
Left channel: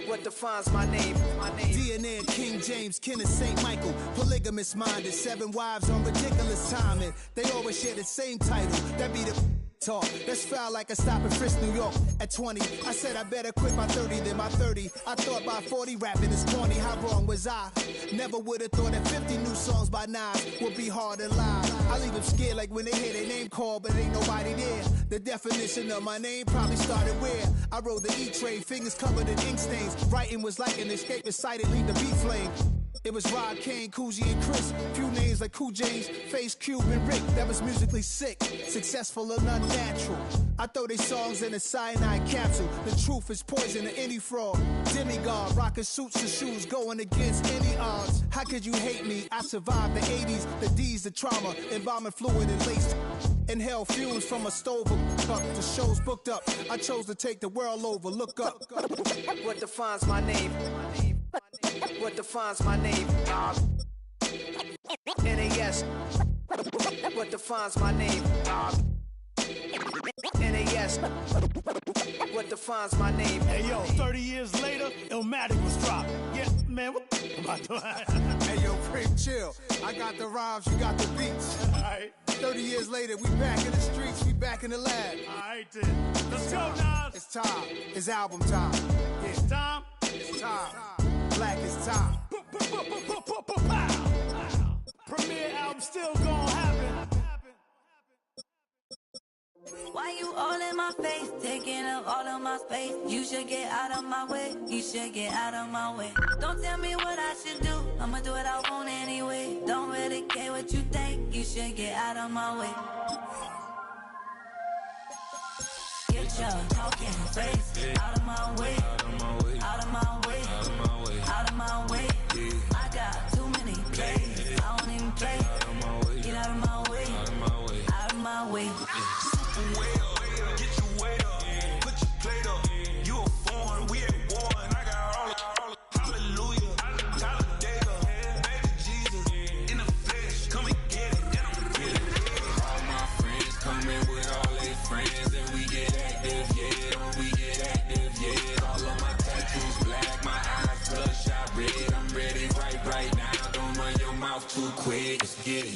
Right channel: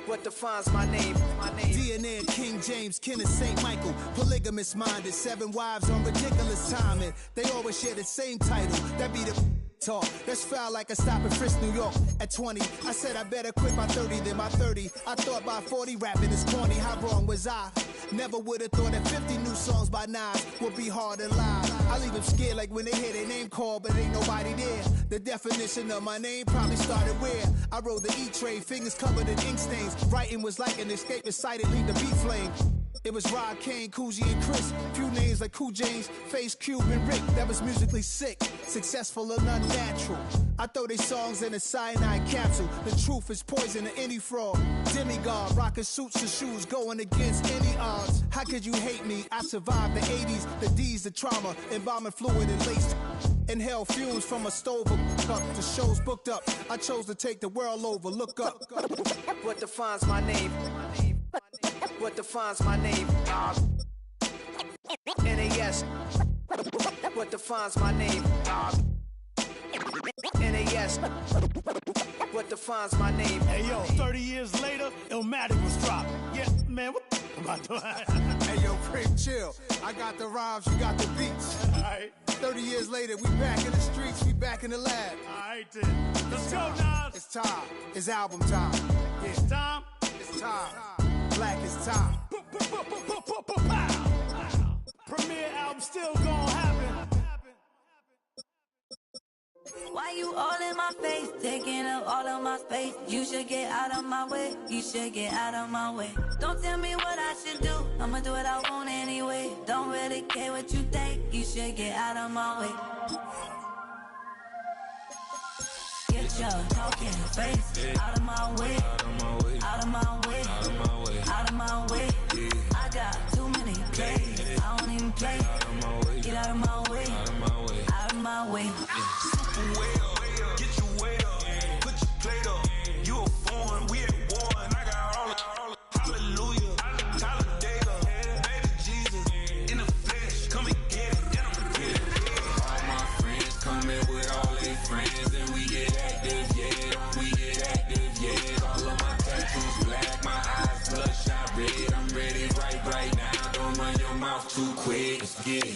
What defines my name? DNA of King James, kin of St. Michael. Polygamous minded, 7 wives on ridiculous timing. They always share the same title. That be the talk. That's foul like a stop in Frisk, New York. At 20, I said I better quit by 30 than by 30. I thought by 40 rapping is corny. How wrong was I? Never would have thought that 50 new songs by Nas would be hard to lie. I leave them scared like when they hear their name called, but ain't nobody there. The definition of my name probably started where I rode the E-Trade, fingers covered in ink stains. Writing was like an escape excited, leave the beat flame. It was Rod, Kane, Coogee, and Chris. Few names like Cool James, Face, Cube, and Rick. That was musically sick, successful and unnatural. I throw they songs in a cyanide capsule. The truth is poison to any fraud. Demigod, rocking suits and shoes, going against any odds. How could you hate me? I survived the 80s, the D's, the trauma, embalming fluid and lace. Inhale fumes from a stove up to shows booked up. I chose to take the world over. Look up. What defines my name? What defines my name? NAS. What defines my name? NAS. yes. What defines my name? Hey yo, 30 years later, Illmatic was dropped. Yeah, man, what the am I doing? Hey yo, Prince, chill. I got the rhymes, you got the beats. Alright. 30 years later, we back in the streets, we back in the lab. Alright then. Let's go, Nas. It's time. It's album time. Yeah. It's time. It's time. Black is time. Premiere album still gonna happen. Why you all in my face, taking up all of my space? You should get out of my way, you should get out of my way. Don't tell me what I should do, I'ma do what I want anyway. Don't really care what you think, you should get out of my way. Get your talking face out of my way, out of my way, out of my way, out of my way, out of my way. I got too many plays, I don't even play. Out of my way, get out of my way, out of my way, out of my way. Way up, get your weight up, put your plate up. You a foreign, we at war, and I got all the hallelujah, Talladega, baby Jesus, in the flesh, come and get it, then I'm get it. All my friends coming with all their friends, and we get active, yeah, we get active, yeah. All of my tattoos black, my eyes bloodshot red. I'm ready right now. Don't run your mouth too quick, let's get it.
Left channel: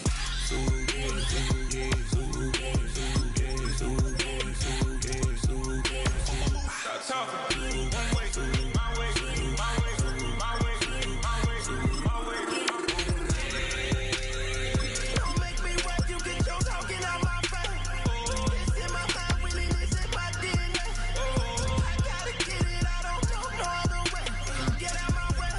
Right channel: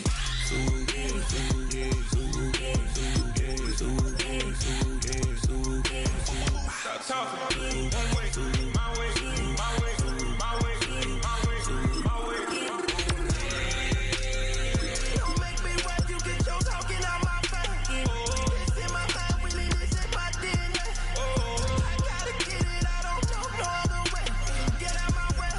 Stop talking. One way, my way, my way, my way, my way, my way. Don't make me rap, you get your talking out my face. It's in my mind, really, this is my DNA. I gotta get it, I don't know no other way. Get out my way.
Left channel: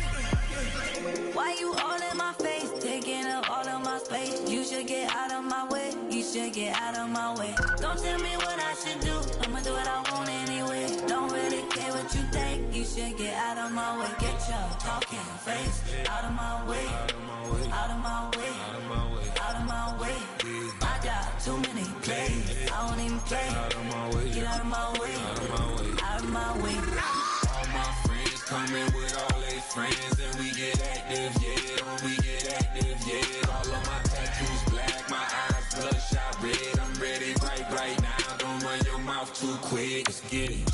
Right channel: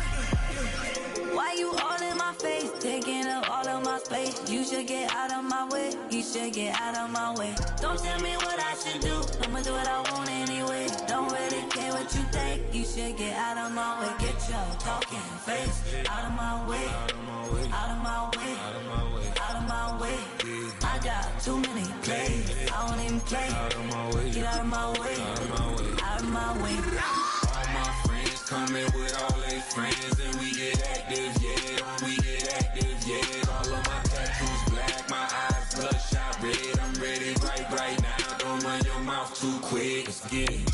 Why you all in my face, taking up all of my space? You should get out of my way, you should get out of my way. Don't tell me what I should do, I'ma do what I want anyway. Don't really care what you think, you should get out of my way. Get your talking face out of my way, out of my way, out of my way, out of my way, out of my way. I got too many plays, I don't even play. Out of my way, get out of my way, out of my way, out of my way. All my friends coming with all their friends, and we get active, yeah, we get active, yeah. All of my tattoos black, my eyes bloodshot red. I'm ready right now. Don't run your mouth too quick, let's get it.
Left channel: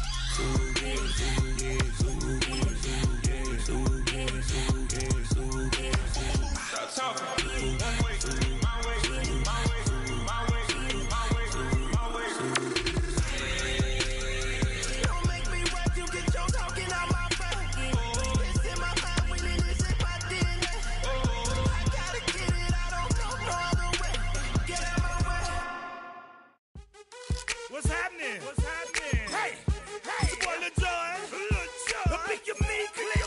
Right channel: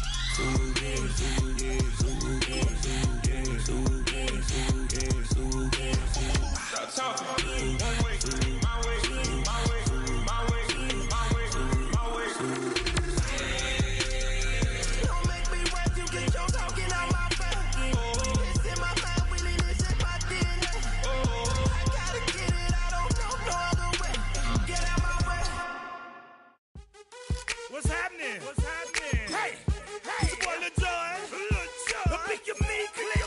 Stop talking. One way, my way, my way, my way, my way, my way. Don't make me rap, you get your talking out my face. It's in my mind, really, this is my DNA. I gotta get it, I don't know no other way. Get out my way. What's happening? What's happening? Hey, it's your boy Lil Jon. The Pick Your Me Click.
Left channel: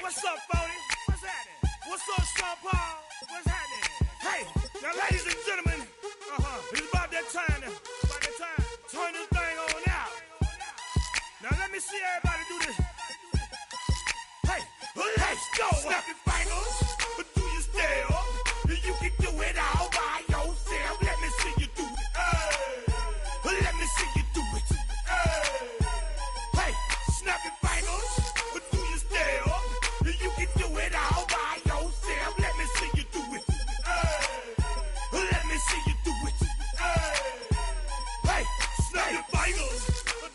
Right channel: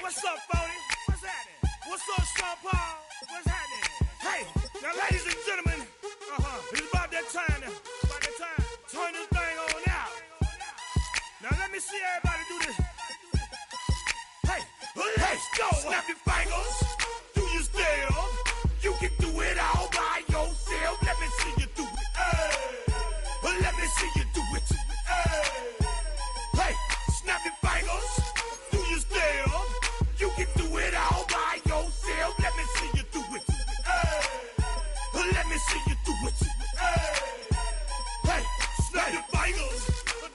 What's up, Phony? What's happening? What's up, Sean Paul? What's happening? Hey, now ladies and gentlemen, it's about that time. Turn this thing on out. Now let me see everybody do this. Hey, let's go. Snap your fingers, do your step. You can do it all by yourself. Let me see you do it. Let me see you do it. Hey, snap your fingers, do your step. You can do it all by yourself. Let me see you do it. Let me see you do it. Hey, snap your fingers,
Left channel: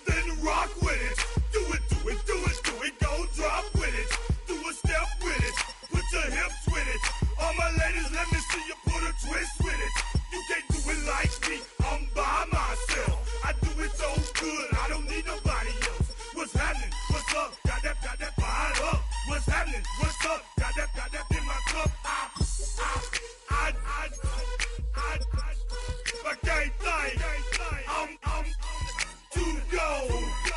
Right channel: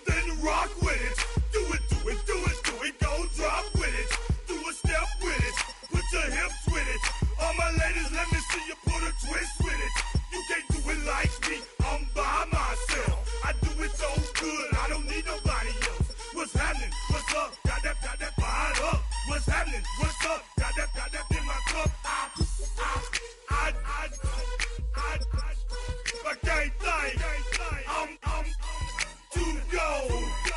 then rock with it. Do it, do it, do it, do it. Go drop with it. Do a step with it. Put your hips with it. All my ladies, let me see you put a twist with it. You can't do it like me. I'm by myself. I do it so good. I don't need nobody else. What's happening? What's up? Got that fired up. What's happening? What's up? Got that in my cup. I can't think. I'm to go.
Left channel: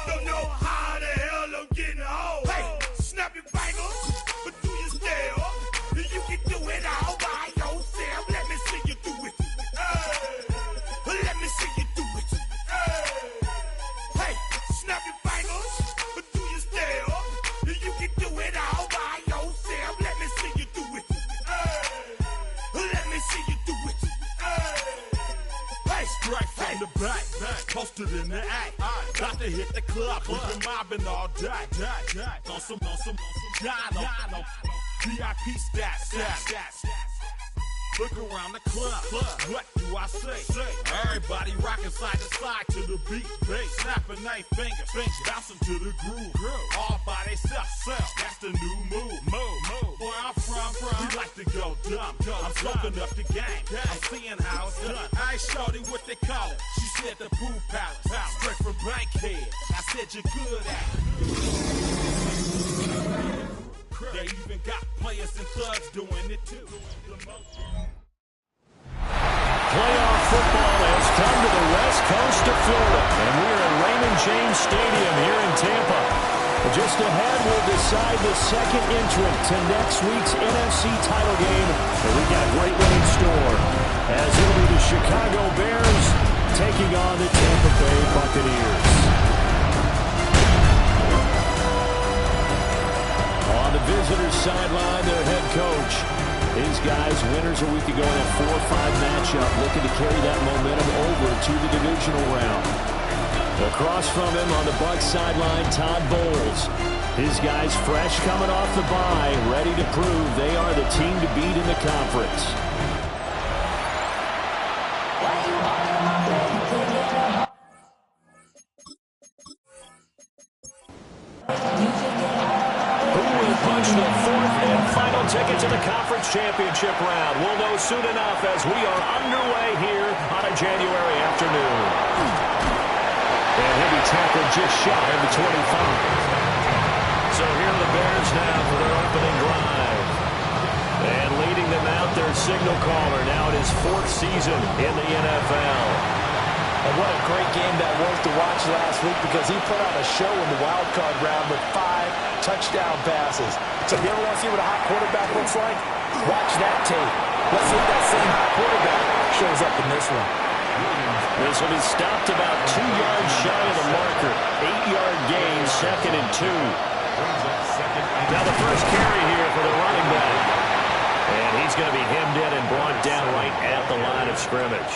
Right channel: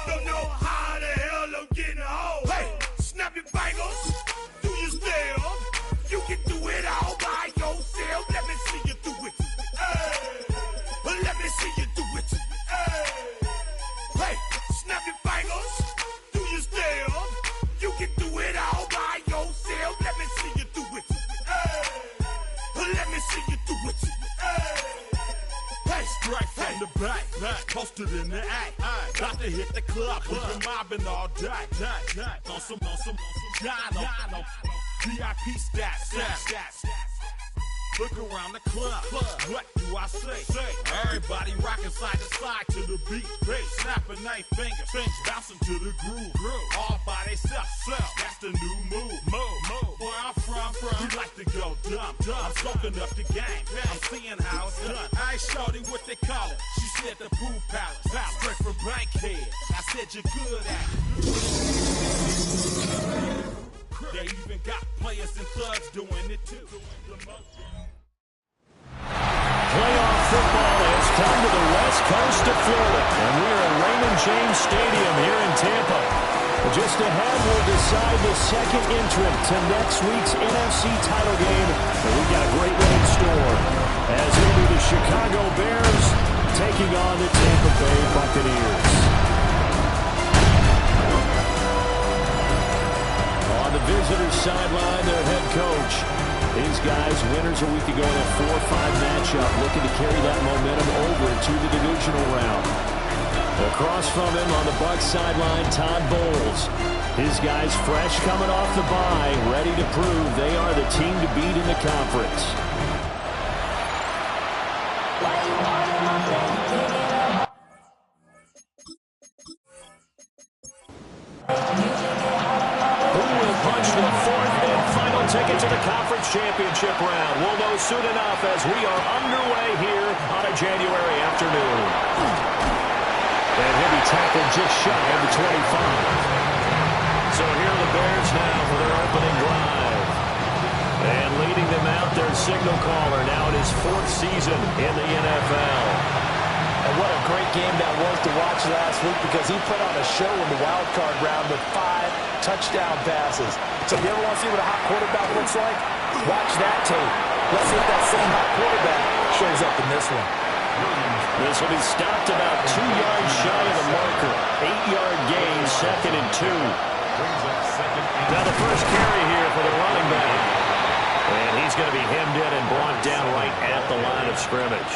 Don't know how the hell I'm getting home. Hey, snap your fingers, but do your step. You can do it all by yourself. Let me see you do it. Let me see you do it. Hey, snap your fingers, but do your step. You can do it all by yourself. Let me see you do it. Let me see you do it. Hey, straight from the back, posted in the act. Got to hit the club, we've been mobbing all day. On some Jono, VIP stats. Look around the club. What do I say? Everybody rocking side to side to the beat. Snapping their fingers, bouncing to the groove. All by themselves. That's the new move. Where I'm from, we like to go dumb. I'm soaking up the game. I'm seeing how it's done. I ain't shorty what they call it. She said the pool palace. Straight from Bankhead. I said you're good at it. They even got players and thugs doing it too. Playoff football has come to the west coast of Florida, and we're at Raymond James Stadium here in Tampa. Just ahead, we'll decide the second entrant to next week's NFC title game, and we've got a great one in store, as it'll be the Chicago Bears taking on the Tampa Bay Buccaneers. On the visitors' sideline, their head coach. These guys, winners a week ago in a 4-5 matchup, looking to carry that momentum over to the divisional round. Across from him on the Bucs sideline, Todd Bowles. His guys fresh coming off the bye, ready to prove they are the team to beat in the conference. Who will punch the fourth and final ticket to the conference championship round? We'll know soon enough as we are underway here on a January afternoon. And he'll be tackled just shy of the 25. So here are the Bears now for their opening drive. And leading them out, their signal caller, now in his fourth season in the NFL. And what a great game that was to watch last week, because he put on a show in the wild card round with 5 touchdown passes. So if you ever want to see what a hot quarterback looks like, watch that tape. Let's see if that same hot quarterback shows up in this one. This will be stopped about 2 yards shy of the marker. 8-yard gain, 2nd and 2. Now the first carry here for the running back. And he's going to be hemmed in and brought down right at the line of scrimmage.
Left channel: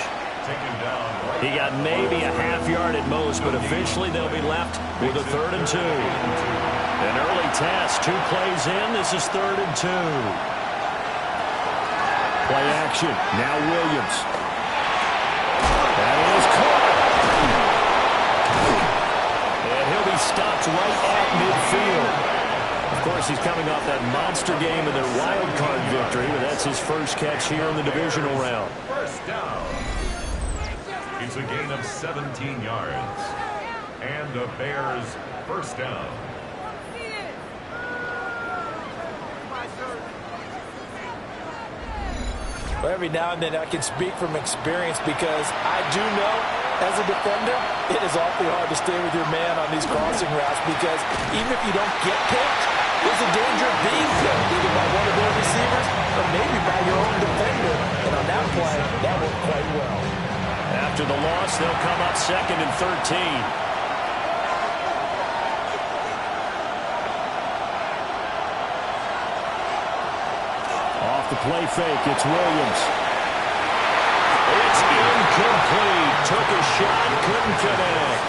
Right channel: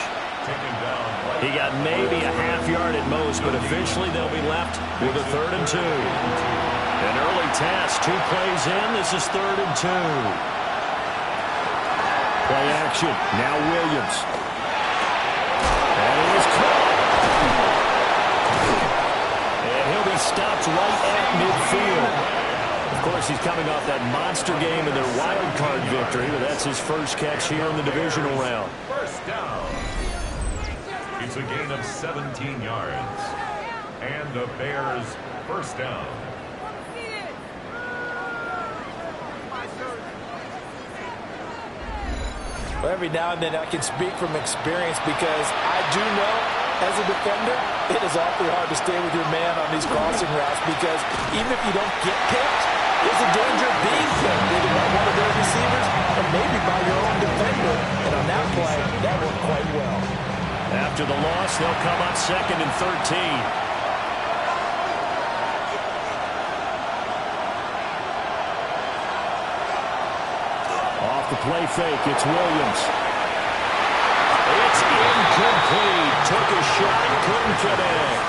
He got maybe a half yard at most, but officially they'll be left with a 3rd and 2. An early test, 2 plays in. This is 3rd and 2. Play action. Now Williams. That is caught. And he'll be stopped right at midfield. Of course, he's coming off that monster game in their wild card victory, but that's his first catch here in the divisional round. First down. It's a gain of 17 yards. And the Bears first down. Well, every now and then I can speak from experience, because I do know as a defender it is awfully hard to stay with your man on these crossing routes, because even if you don't get picked, there's a danger of being picked either by one of their receivers or maybe by your own defender. And on that play, that worked quite well. After the loss, they'll come up 2nd and 13. Off the play fake, it's Williams. It's incomplete. Took a shot, couldn't connect.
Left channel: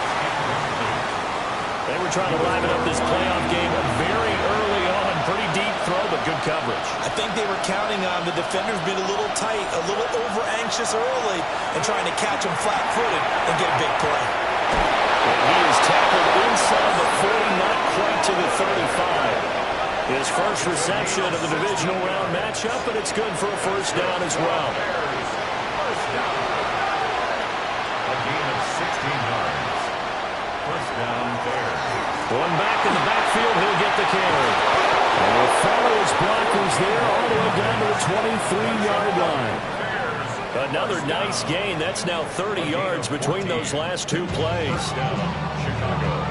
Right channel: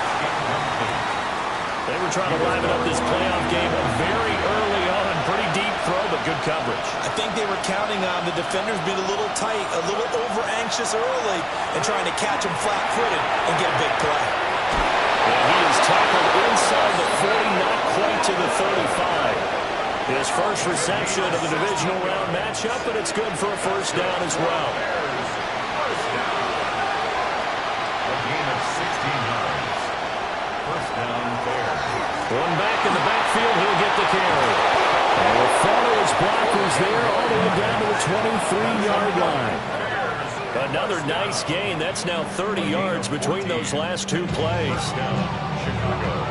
They were trying to liven up this playoff game very early on. Pretty deep throw, but good coverage. I think they were counting on the defenders being a little tight, a little over-anxious early, and trying to catch him flat-footed and get a big play. And he is tackled inside the 40, not quite to the 35. His first reception of the divisional round matchup, but it's good for a first down as well. First down. A gain of 16 yards. First down, Bears. One back in the backfield, he'll get the carry. And will follow his blockers there all the way down to the 23-yard line. Another nice gain. That's now 30 yards between those last 2 plays. Chicago.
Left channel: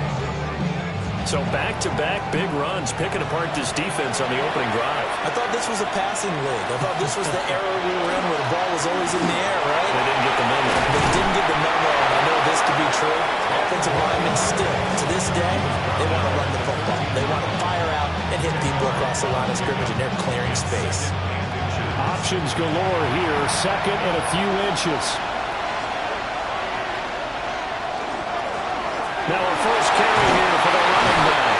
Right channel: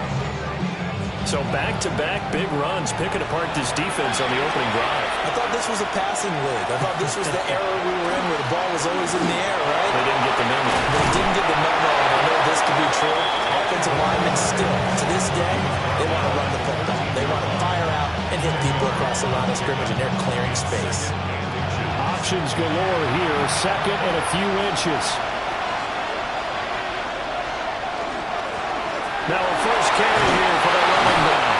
So back-to-back big runs, picking apart this defense on the opening drive. I thought this was a passing league. I thought this was the era we were in where the ball was always in the air, right? They didn't get the memo. They didn't get the memo, and I know this to be true. Offensive linemen still, to this day, they want to run the football. They want to fire out and hit people across the line of scrimmage, and they're clearing space. Options galore here, 2nd and a few inches. Now a first carry here for the running back.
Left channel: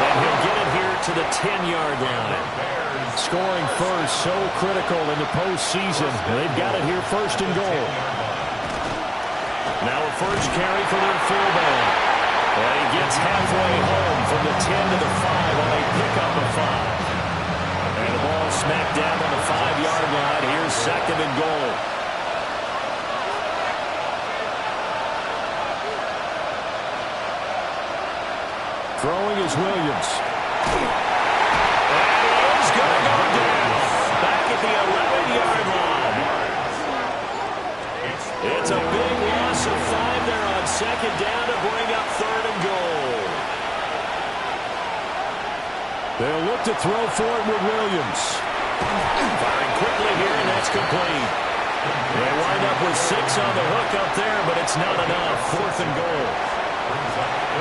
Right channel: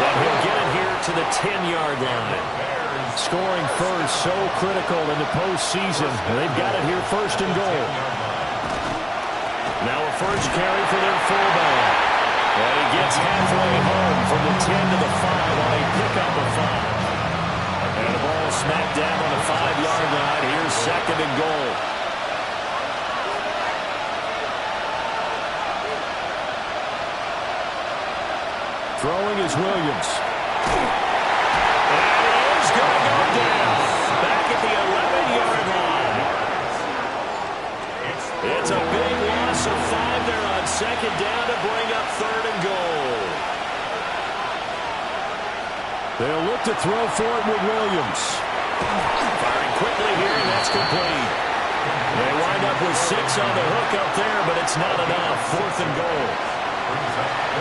And he'll get it here to the 10-yard line. Scoring first, so critical in the postseason. They've got it here first and goal. Now a first carry for their fullback. And he gets halfway home from the 10 to the 5 on a pickup of 5. And the ball smacked down on the 5-yard line. Here's second and goal. Throwing is Williams. And he is going to go down. Back at the 11-yard line. It's a big loss of 5 there on second down to bring up third and goal. They'll look to throw for it with Williams. Firing quickly here, and that's complete. They wind up with 6 on the hook up there, but it's not enough. Fourth and goal.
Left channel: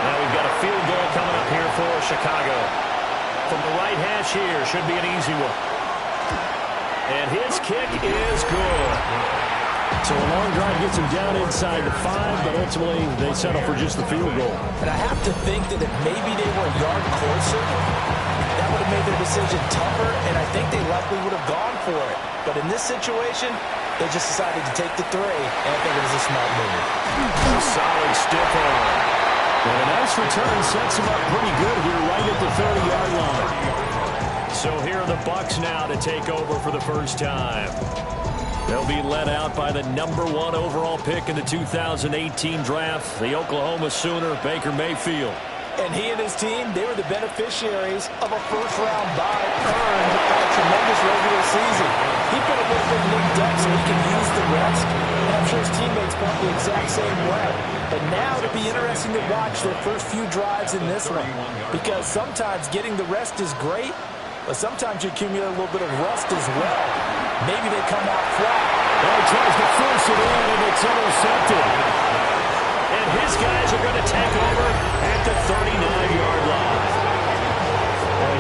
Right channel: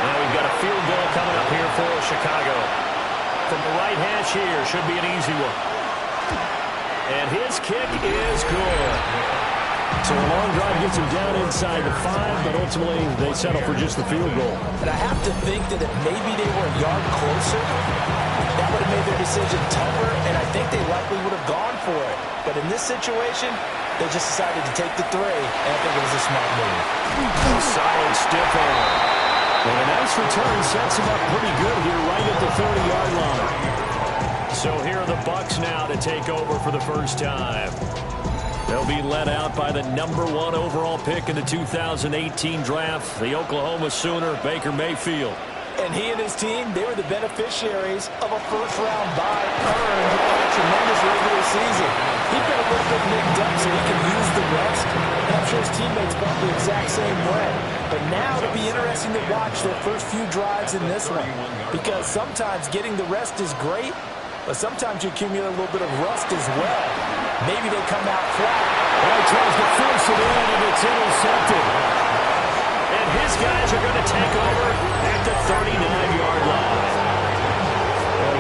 Now we've got a field goal coming up here for Chicago. From the right hash here, should be an easy one. And his kick is good. So a long drive gets him down inside the 5, but ultimately they settle for just the field goal. And I have to think that if maybe they were a yard closer, that would have made their decision tougher, and I think they likely would have gone for it. But in this situation, they just decided to take the 3, and I think it was a smart move. A solid stiff arm. And a nice return sets him up pretty good here right at the 30-yard line. So here are the Bucs now to take over for the first time. They'll be led out by the number 1 overall pick in the 2018 draft, the Oklahoma Sooner, Baker Mayfield. And he and his team, they were the beneficiaries of a first-round bye earned by a tremendous regular season. He's been a little bit nicked up so he can use the rest. And I'm sure his teammates felt the exact same way. But now it'll be interesting to watch their first few drives in this one. Because sometimes getting the rest is great, but sometimes you accumulate a little bit of rust as well. Maybe they come out flat. Well, he tries to force it in, and it's intercepted. And his guys are going to take over at the 39-yard line.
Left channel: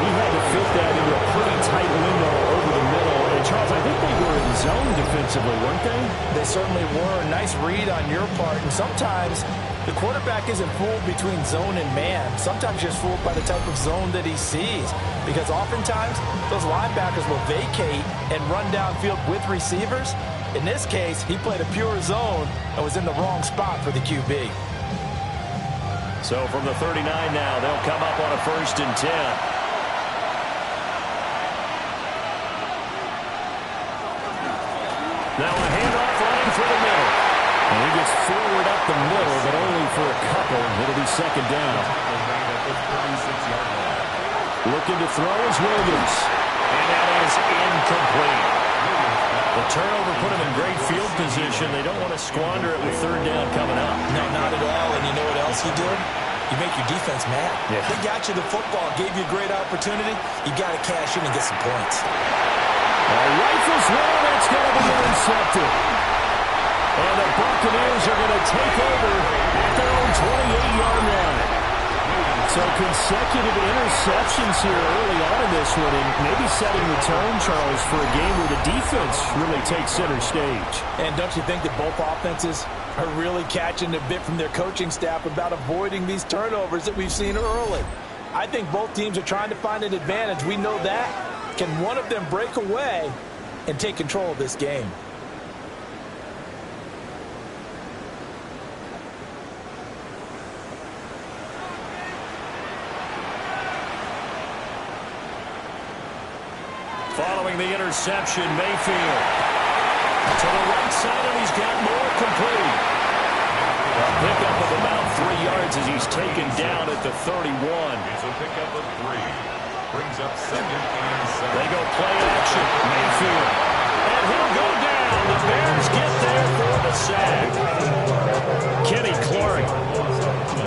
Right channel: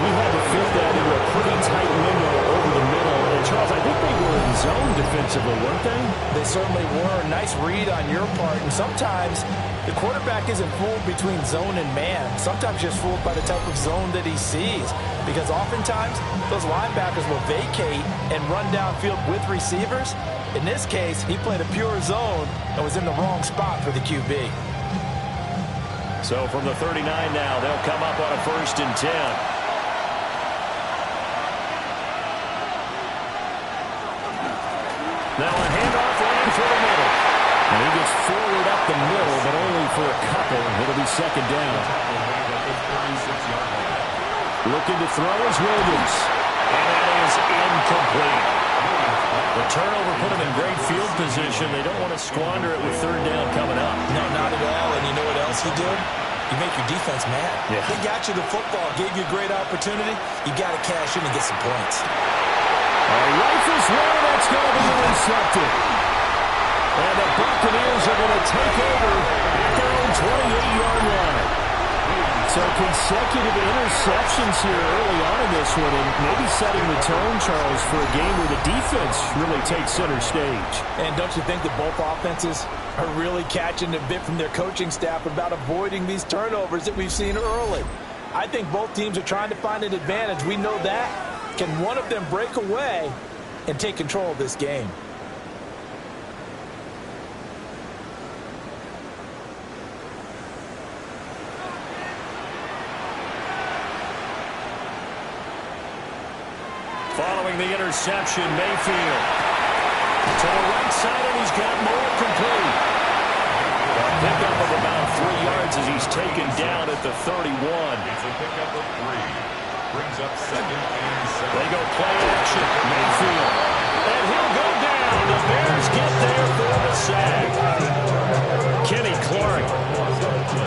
He had to fit that into a pretty tight window over the middle. And, Charles, I think they were in zone defensively, weren't they? They certainly were. Nice read on your part. And sometimes the quarterback isn't fooled between zone and man. Sometimes just fooled by the type of zone that he sees. Because oftentimes those linebackers will vacate and run downfield with receivers. In this case, he played a pure zone and was in the wrong spot for the QB. So from the 39 now, they'll come up on a 1st and 10. Now a handoff running through the middle. And he gets forward up the middle, but only for a couple. It'll be second down. Looking to throw is Williams. And that is incomplete. The turnover put them in great field position. They don't want to squander it with third down coming up. No, not at all. And you know what else you do? You make your defense mad. Yeah. They got you the football, gave you a great opportunity. You got to cash in and get some points. Rifles one, that's going to be intercepted. And the Buccaneers are going to take over at their own 28-yard line. So consecutive interceptions here early on in this one, and maybe setting the tone, Charles, for a game where the defense really takes center stage. And don't you think that both offenses are really catching a bit from their coaching staff about avoiding these turnovers that we've seen early? I think both teams are trying to find an advantage. We know that. Can one of them break away and take control of this game? Following the interception, Mayfield to the right side, and he's got more complete. A pickup of about 3 yards as he's taken down at the 31. It's a pickup of 3. Brings up 2nd and 7. They go play action. Mayfield. And he'll go down. The Bears get there for the sack. Kenny Clark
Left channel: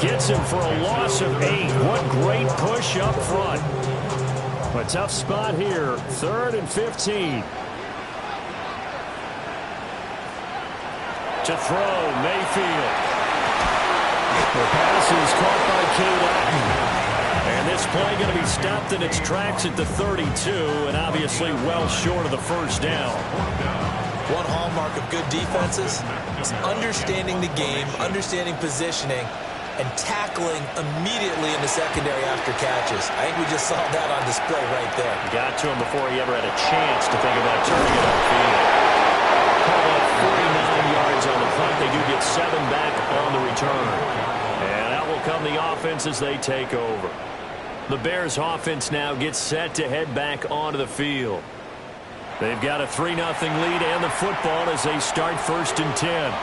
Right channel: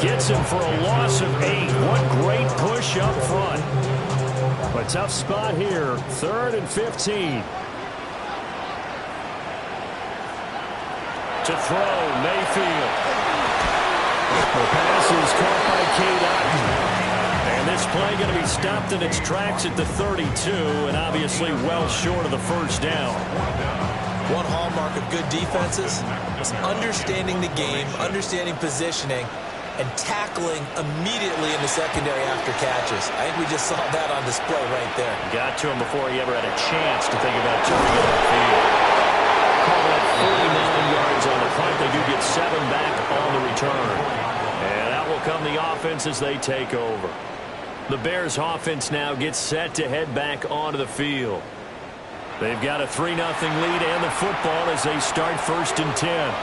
gets him for a loss of 8. What great push up front. A tough spot here. 3rd and 15. To throw, Mayfield. The pass is caught by Cade Otton. And this play going to be stopped in its tracks at the 32, and obviously well short of the first down. One hallmark of good defenses is understanding the game, understanding positioning, and tackling immediately in the secondary after catches. I think we just saw that on display right there. Got to him before he ever had a chance to think about turning it upfield. Call that 49 yards on the punt. They do get 7 back on the return. And out will come the offense as they take over. The Bears offense now gets set to head back onto the field. They've got a 3-0 lead and the football as they start 1st and 10.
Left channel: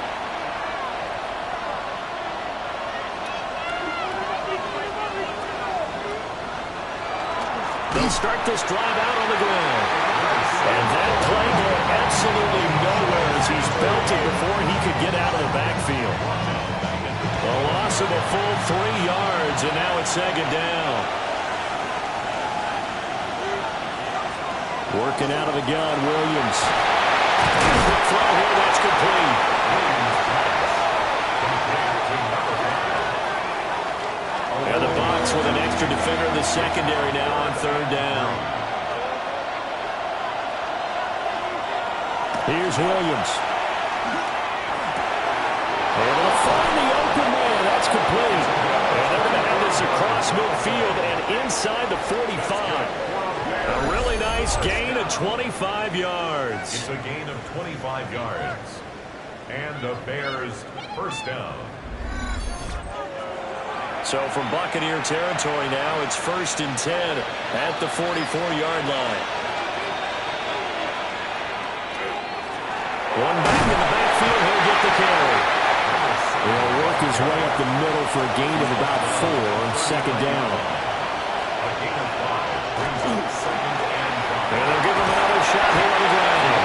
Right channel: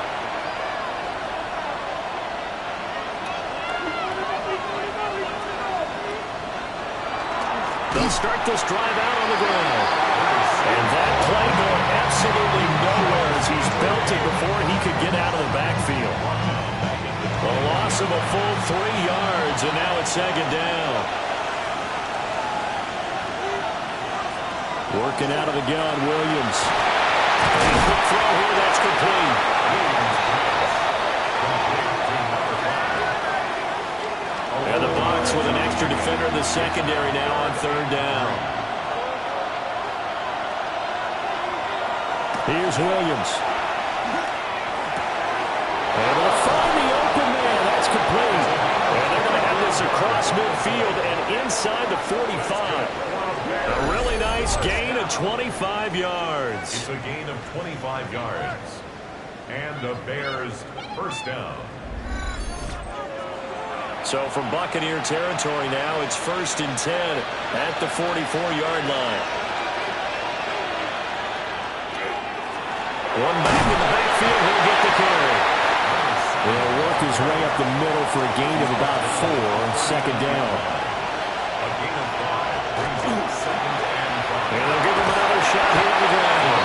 They'll start this drive out on the ground. And that play going absolutely nowhere as he's belted before he could get out of the backfield. A loss of a full 3 yards, and now it's 2nd down. Working out of the gun, Williams. And a quick throw here, that's complete. And the Bucs with an extra defender in the secondary now on 3rd down. Here's Williams. Able to find the open man. That's complete. And they're going to have this across midfield and inside the 45. A really nice gain of 25 yards. It's a gain of 25 yards. And the Bears 1st down. So from Buccaneer territory now, it's 1st and 10 at the 44-yard line. One back in the backfield, he'll get the carry. He'll work his way up the middle for a gain of about 4, 2nd down. A gain of 5 brings up 2nd and 5. And they'll give him another shot here on the ground.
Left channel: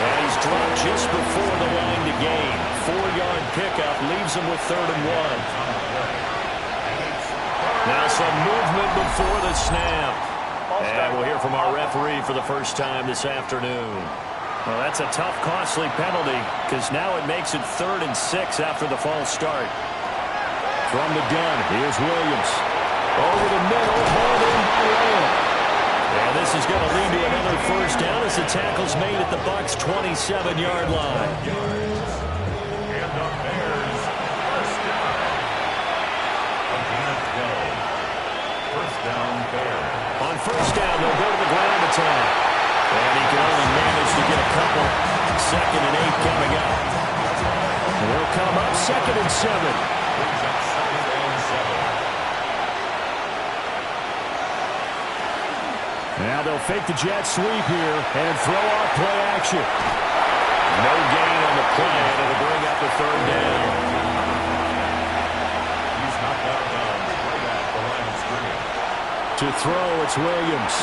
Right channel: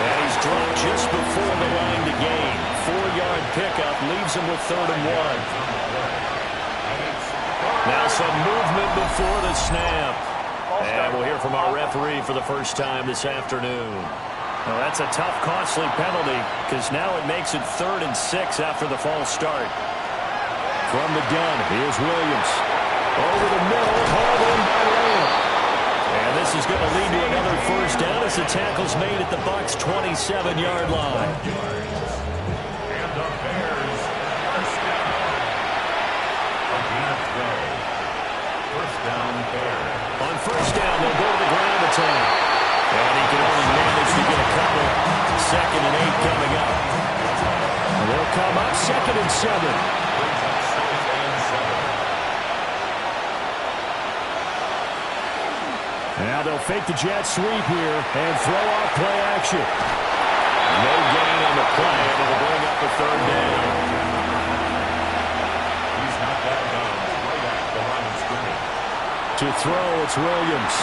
And he's dropped just before the line to gain. 4-yard pickup leaves him with 3rd and 1. Now some movement before the snap. And we'll hear from our referee for the first time this afternoon. Well, that's a tough, costly penalty because now it makes it 3rd and 6 after the false start. From the gun, here's Williams. Over the middle, hauled in by Lamb. And this is going to lead to another 1st down as the tackle's made at the Bucs' 27-yard line. And the Bears 1st down. A gain of 12. 1st down, Bears. On 1st down, they'll go to the ground attack. And he can only manage to get a couple. 2nd and 8 coming up. And they'll come up 2nd and 7. Brings up 2nd and 7. Now they'll fake the jet sweep here and throw off play action. No gain on the play, and it'll bring up a 3rd down. He's knocked out of bounds right at the line of scrimmage. To throw, it's Williams.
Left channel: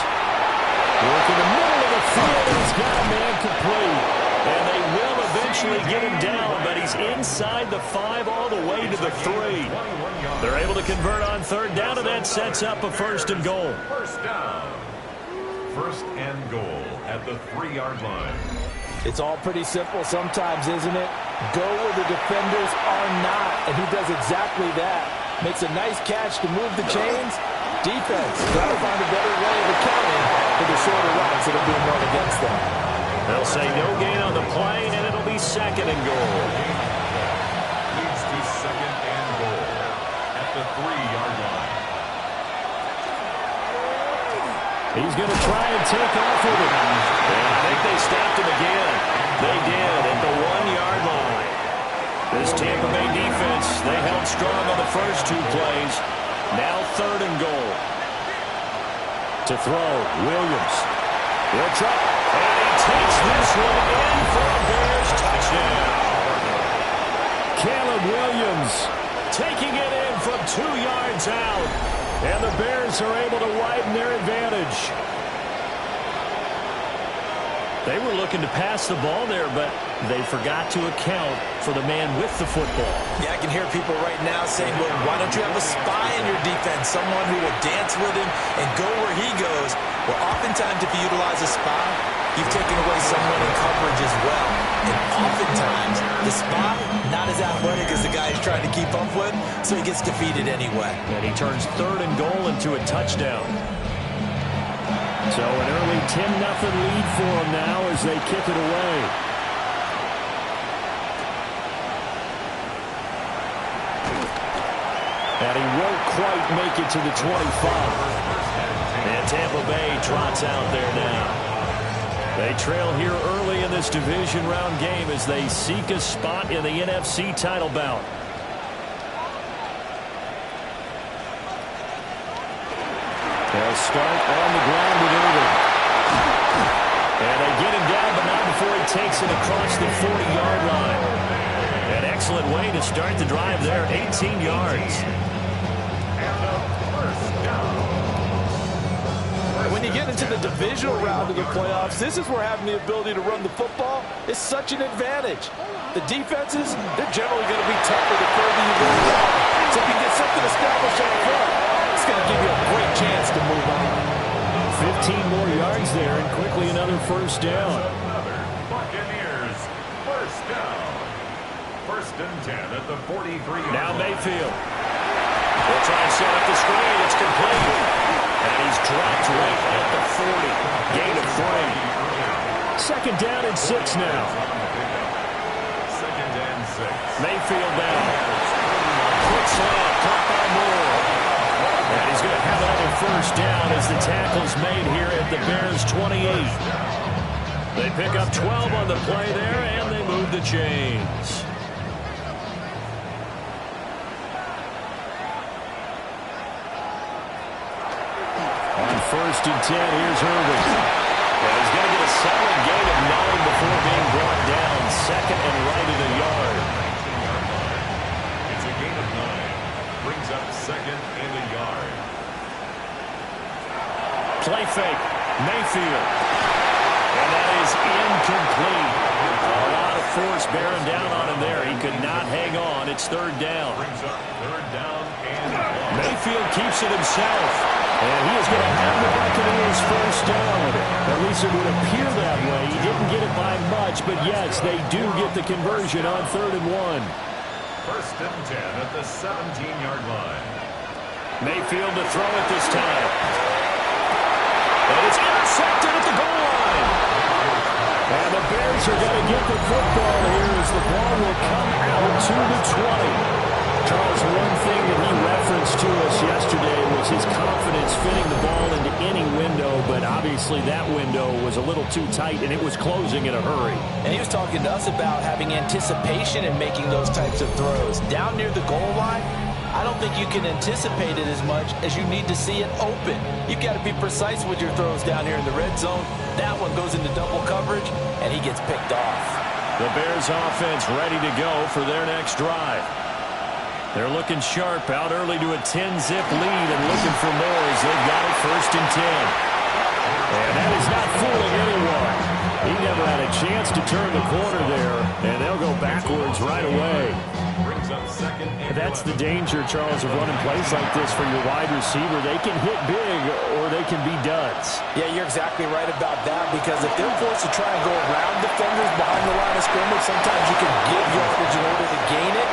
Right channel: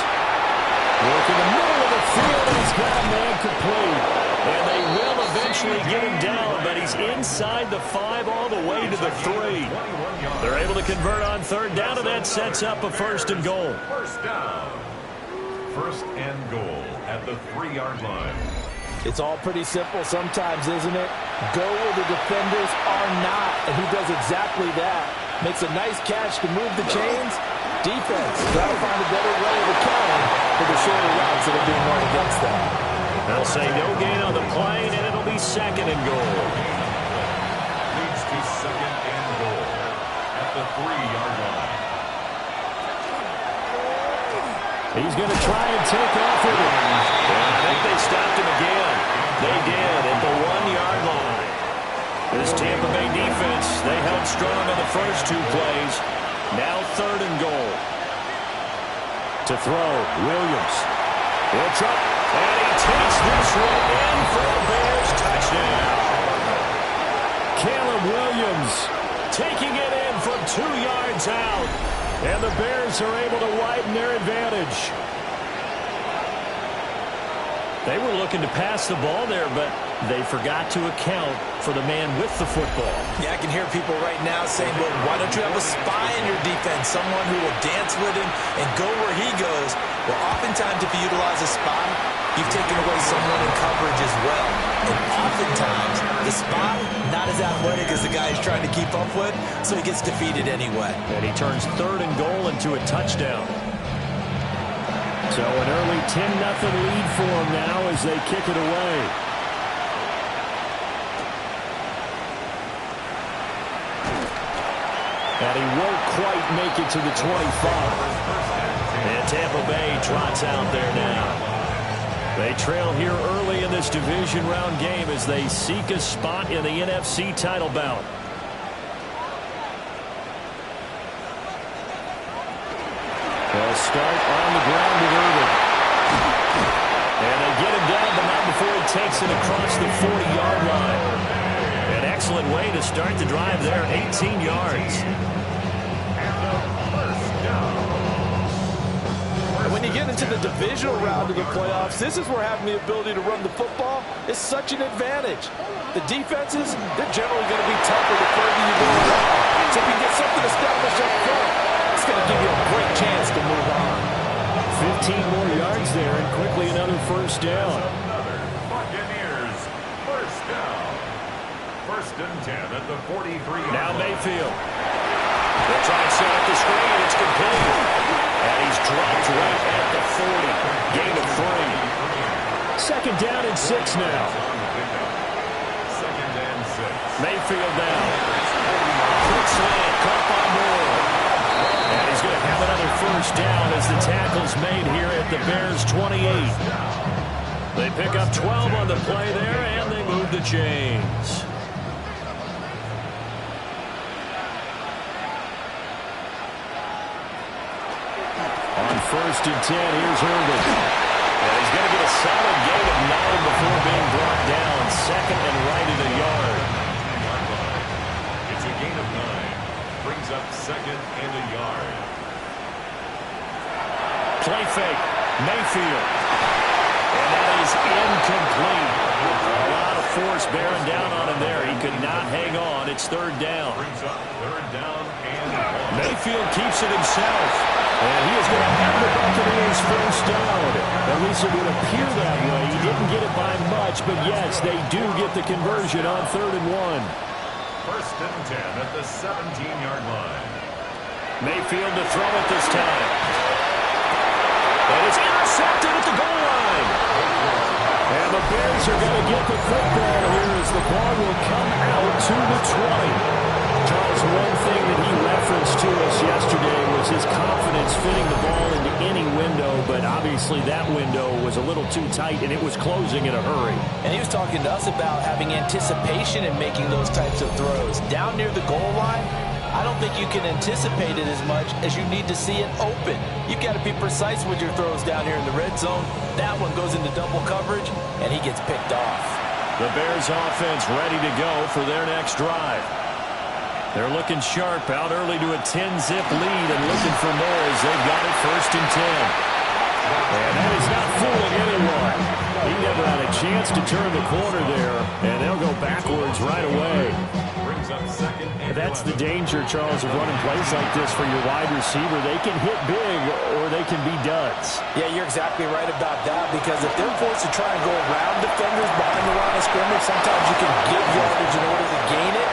Work in the middle of the field, and he's got a man complete. And they will eventually get him down, but he's inside the 5 all the way to the 3. They're able to convert on 3rd down, and that sets up a 1st and goal. 1st down. 1st and goal at the 3-yard line. It's all pretty simple sometimes, isn't it? Go where the defenders are not, and he does exactly that. Makes a nice catch to move the chains. Defense, try to find a better way of accounting for the shorter routes that are being run against them. They'll say no gain on the play, and it'll be 2nd and goal. Leads to 2nd and goal at the 3-yard line. He's going to try and take off with it. And I think they stopped him again. They did at the 1-yard line. This Tampa Bay defense, they held strong on the first 2 plays. Now 3rd and goal. To throw, Williams. He'll try, and he takes this one in for a Bears touchdown. Caleb Williams taking it in from 2 yards out. And the Bears are able to widen their advantage. They were looking to pass the ball there, but they forgot to account for the man with the football. Yeah, I can hear people right now saying, well, why don't you have a spy in your defense, someone who will dance with him and go where he goes? Well, oftentimes if you utilize a spy, you've taken away someone in coverage as well. And oftentimes, the spy, not as athletic as the guy he's trying to keep up with, so he gets defeated anyway. And he turns 3rd and goal into a touchdown. So an early 10-0 lead for them now as they kick it away. And he won't quite make it to the 25. And Tampa Bay trots out there now. They trail here early in this division round game as they seek a spot in the NFC title bout. They'll start on the ground with Irvin. And they get him down, but not before he takes it across the 40-yard line. An excellent way to start the drive there, 18 yards. When you get into the divisional round of the playoffs, this is where having the ability to run the football is such an advantage. The defenses, they're generally going to be tougher the further you go along. So if you get something established up front, it's going to give you a great chance to move on. 15 more yards there, and quickly another first down. Another Buccaneers first down. First and 10 at the 43-yard Now line. Mayfield. They'll try and set up the screen. It's complete. And he's dropped right at the 40. Gain of 3. Second down and 6 now. Second and 6. Mayfield now. Quick slant, caught by Moore. And he's going to have another first down as the tackle's made here at the Bears' 28. They pick up 12 on the play there, and they move the chains. On first and 10, here's Irvin. And he's going to get a solid gain of 9 before being brought down. Second and right at a yard. 19-yard line. It's a gain of 9. Brings up second and a yard. Play fake. Mayfield. And that is incomplete. A lot of force bearing down on him there. He could not hang on. It's third down. Brings up third down and 1. Mayfield keeps it himself. And he is going to have the Buccaneers first down. At least it would appear that way. He didn't get it by much, but yes, they do get the conversion on 3rd and 1. First and 10 at the 17-yard line. Mayfield to throw it this time. And it's intercepted at the goal line. And the Bears are going to get the football here as the ball will come out to the 20. Charles, one thing that he referenced to us yesterday was his confidence fitting the ball into any window, but obviously that window was a little too tight, and it was closing in a hurry. And he was talking to us about having anticipation in making those types of throws. Down near the goal line, I don't think you can anticipate it as much as you need to see it open. You've got to be precise with your throws down here in the red zone. That one goes into double coverage, and he gets picked off. The Bears offense ready to go for their next drive. They're looking sharp, out early to a 10-zip lead and looking for more as they've got it first and 10. And that is not fooling anyone. He never had a chance to turn the corner there, and they'll go backwards right away. Brings up second and That's the danger, Charles, of running plays like this for your wide receiver. They can hit big or they can be duds. Yeah, you're exactly right about that, because if they're forced to try and go around defenders behind the line of scrimmage, sometimes you can give yardage in order to gain it.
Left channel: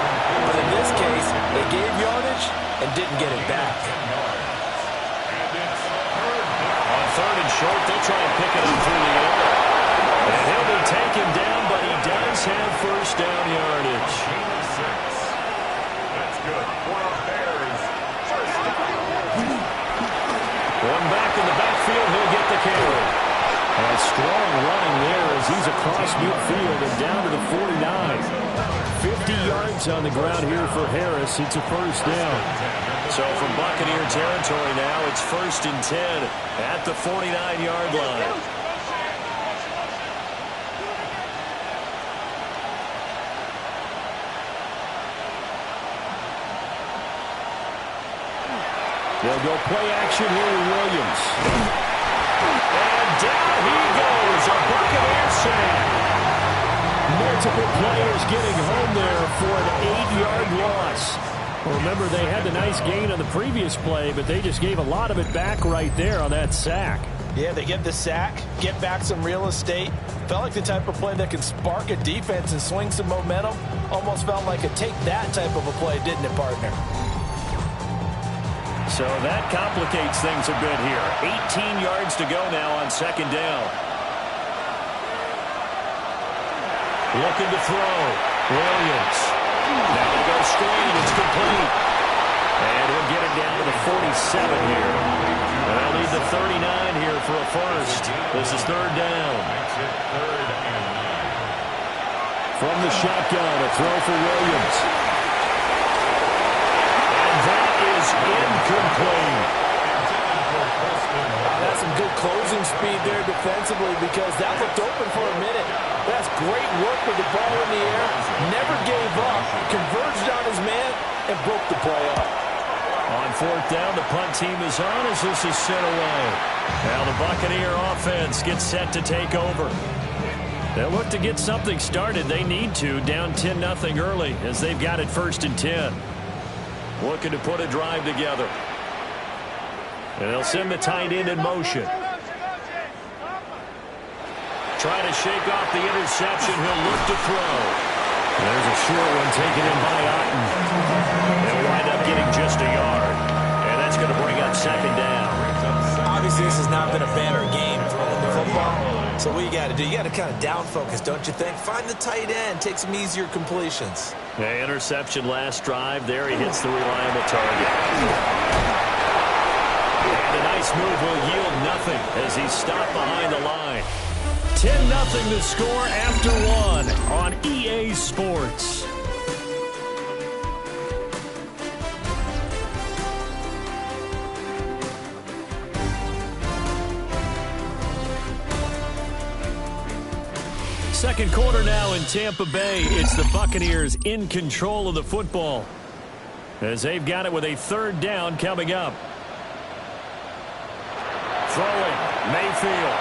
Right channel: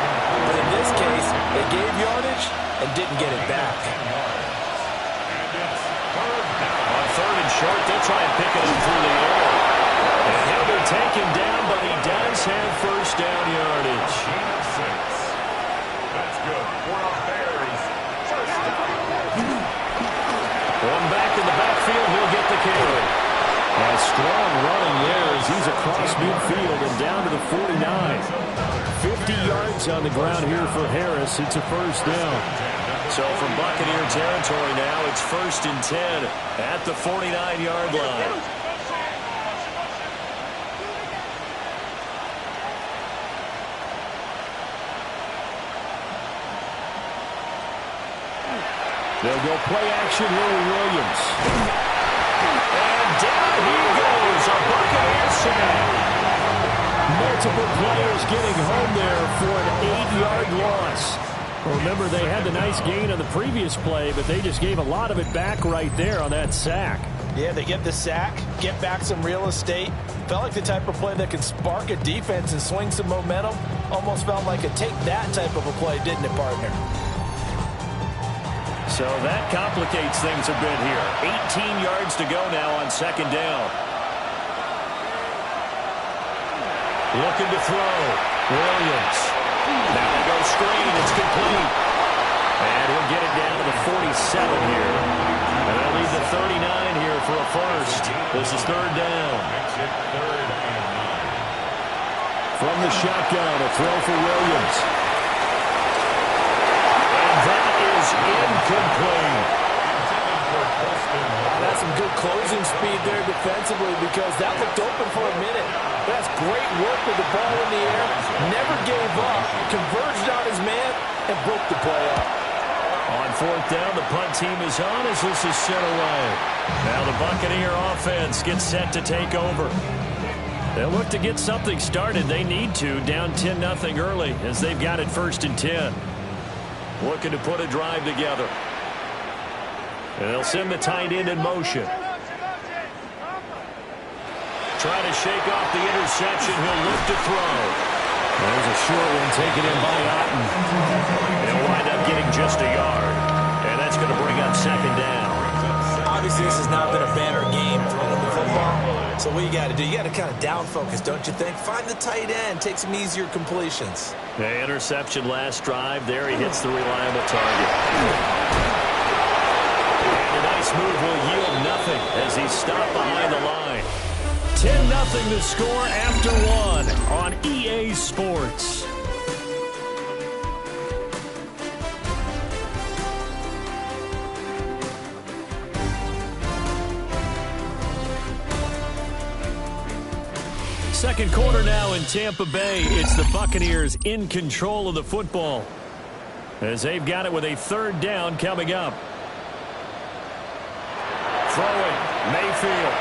But in this case, they gave yardage and didn't get it back. On 3rd and short, they'll try and pick it up through the air. And he'll be taken down, but he does have first down yardage. gain of 6. That's good for the Bears. First down. One back in the backfield, he'll get the carry. And strong running there as he's across midfield and down to the 49. 50 yards on the ground here for Harris. It's a first down. So from Buccaneer territory now, it's first and 10 at the 49-yard line. They'll go play action here with Williams. And down he goes, a Buccaneer sack. Multiple players getting home there for an 8-yard loss. Well, remember, they had the nice gain on the previous play, but they just gave a lot of it back right there on that sack. Yeah, they get the sack, get back some real estate. Felt like the type of play that can spark a defense and swing some momentum. Almost felt like a take that type of a play, didn't it, partner? So that complicates things a bit here. 18 yards to go now on second down. Looking to throw. Williams. Now they go screen. It's complete. And he'll get it down to the 47 here. And they'll need the 39 here for a first. This is third down. Makes it 3rd and 9. From the shotgun, a throw for Williams. And that is incomplete. That's some good closing speed there defensively because that looked open for a minute. That's great work with the ball in the air. Never gave up, converged on his man, and broke the play up. On fourth down, the punt team is on as this is sent away. Now the Buccaneer offense gets set to take over. They'll look to get something started. They need to, down 10-0 early as they've got it 1st and 10. Looking to put a drive together. And they'll send the tight end in motion. Trying to shake off the interception. He'll look to throw. There's a short one taken in by Otten. He'll wind up getting just a yard. And that's going to bring up 2nd down. Obviously, this has not been a banner game throwing the football. So what you got to do, you got to kind of down focus, don't you think? Find the tight end. Take some easier completions. The interception last drive. There he hits the reliable target. And a nice move will yield nothing as he's stopped behind the line. 10-0 to score after 1 on EA Sports. Second quarter now in Tampa Bay. It's the Buccaneers in control of the football as they've got it with a 3rd down coming up. Throwing, Mayfield.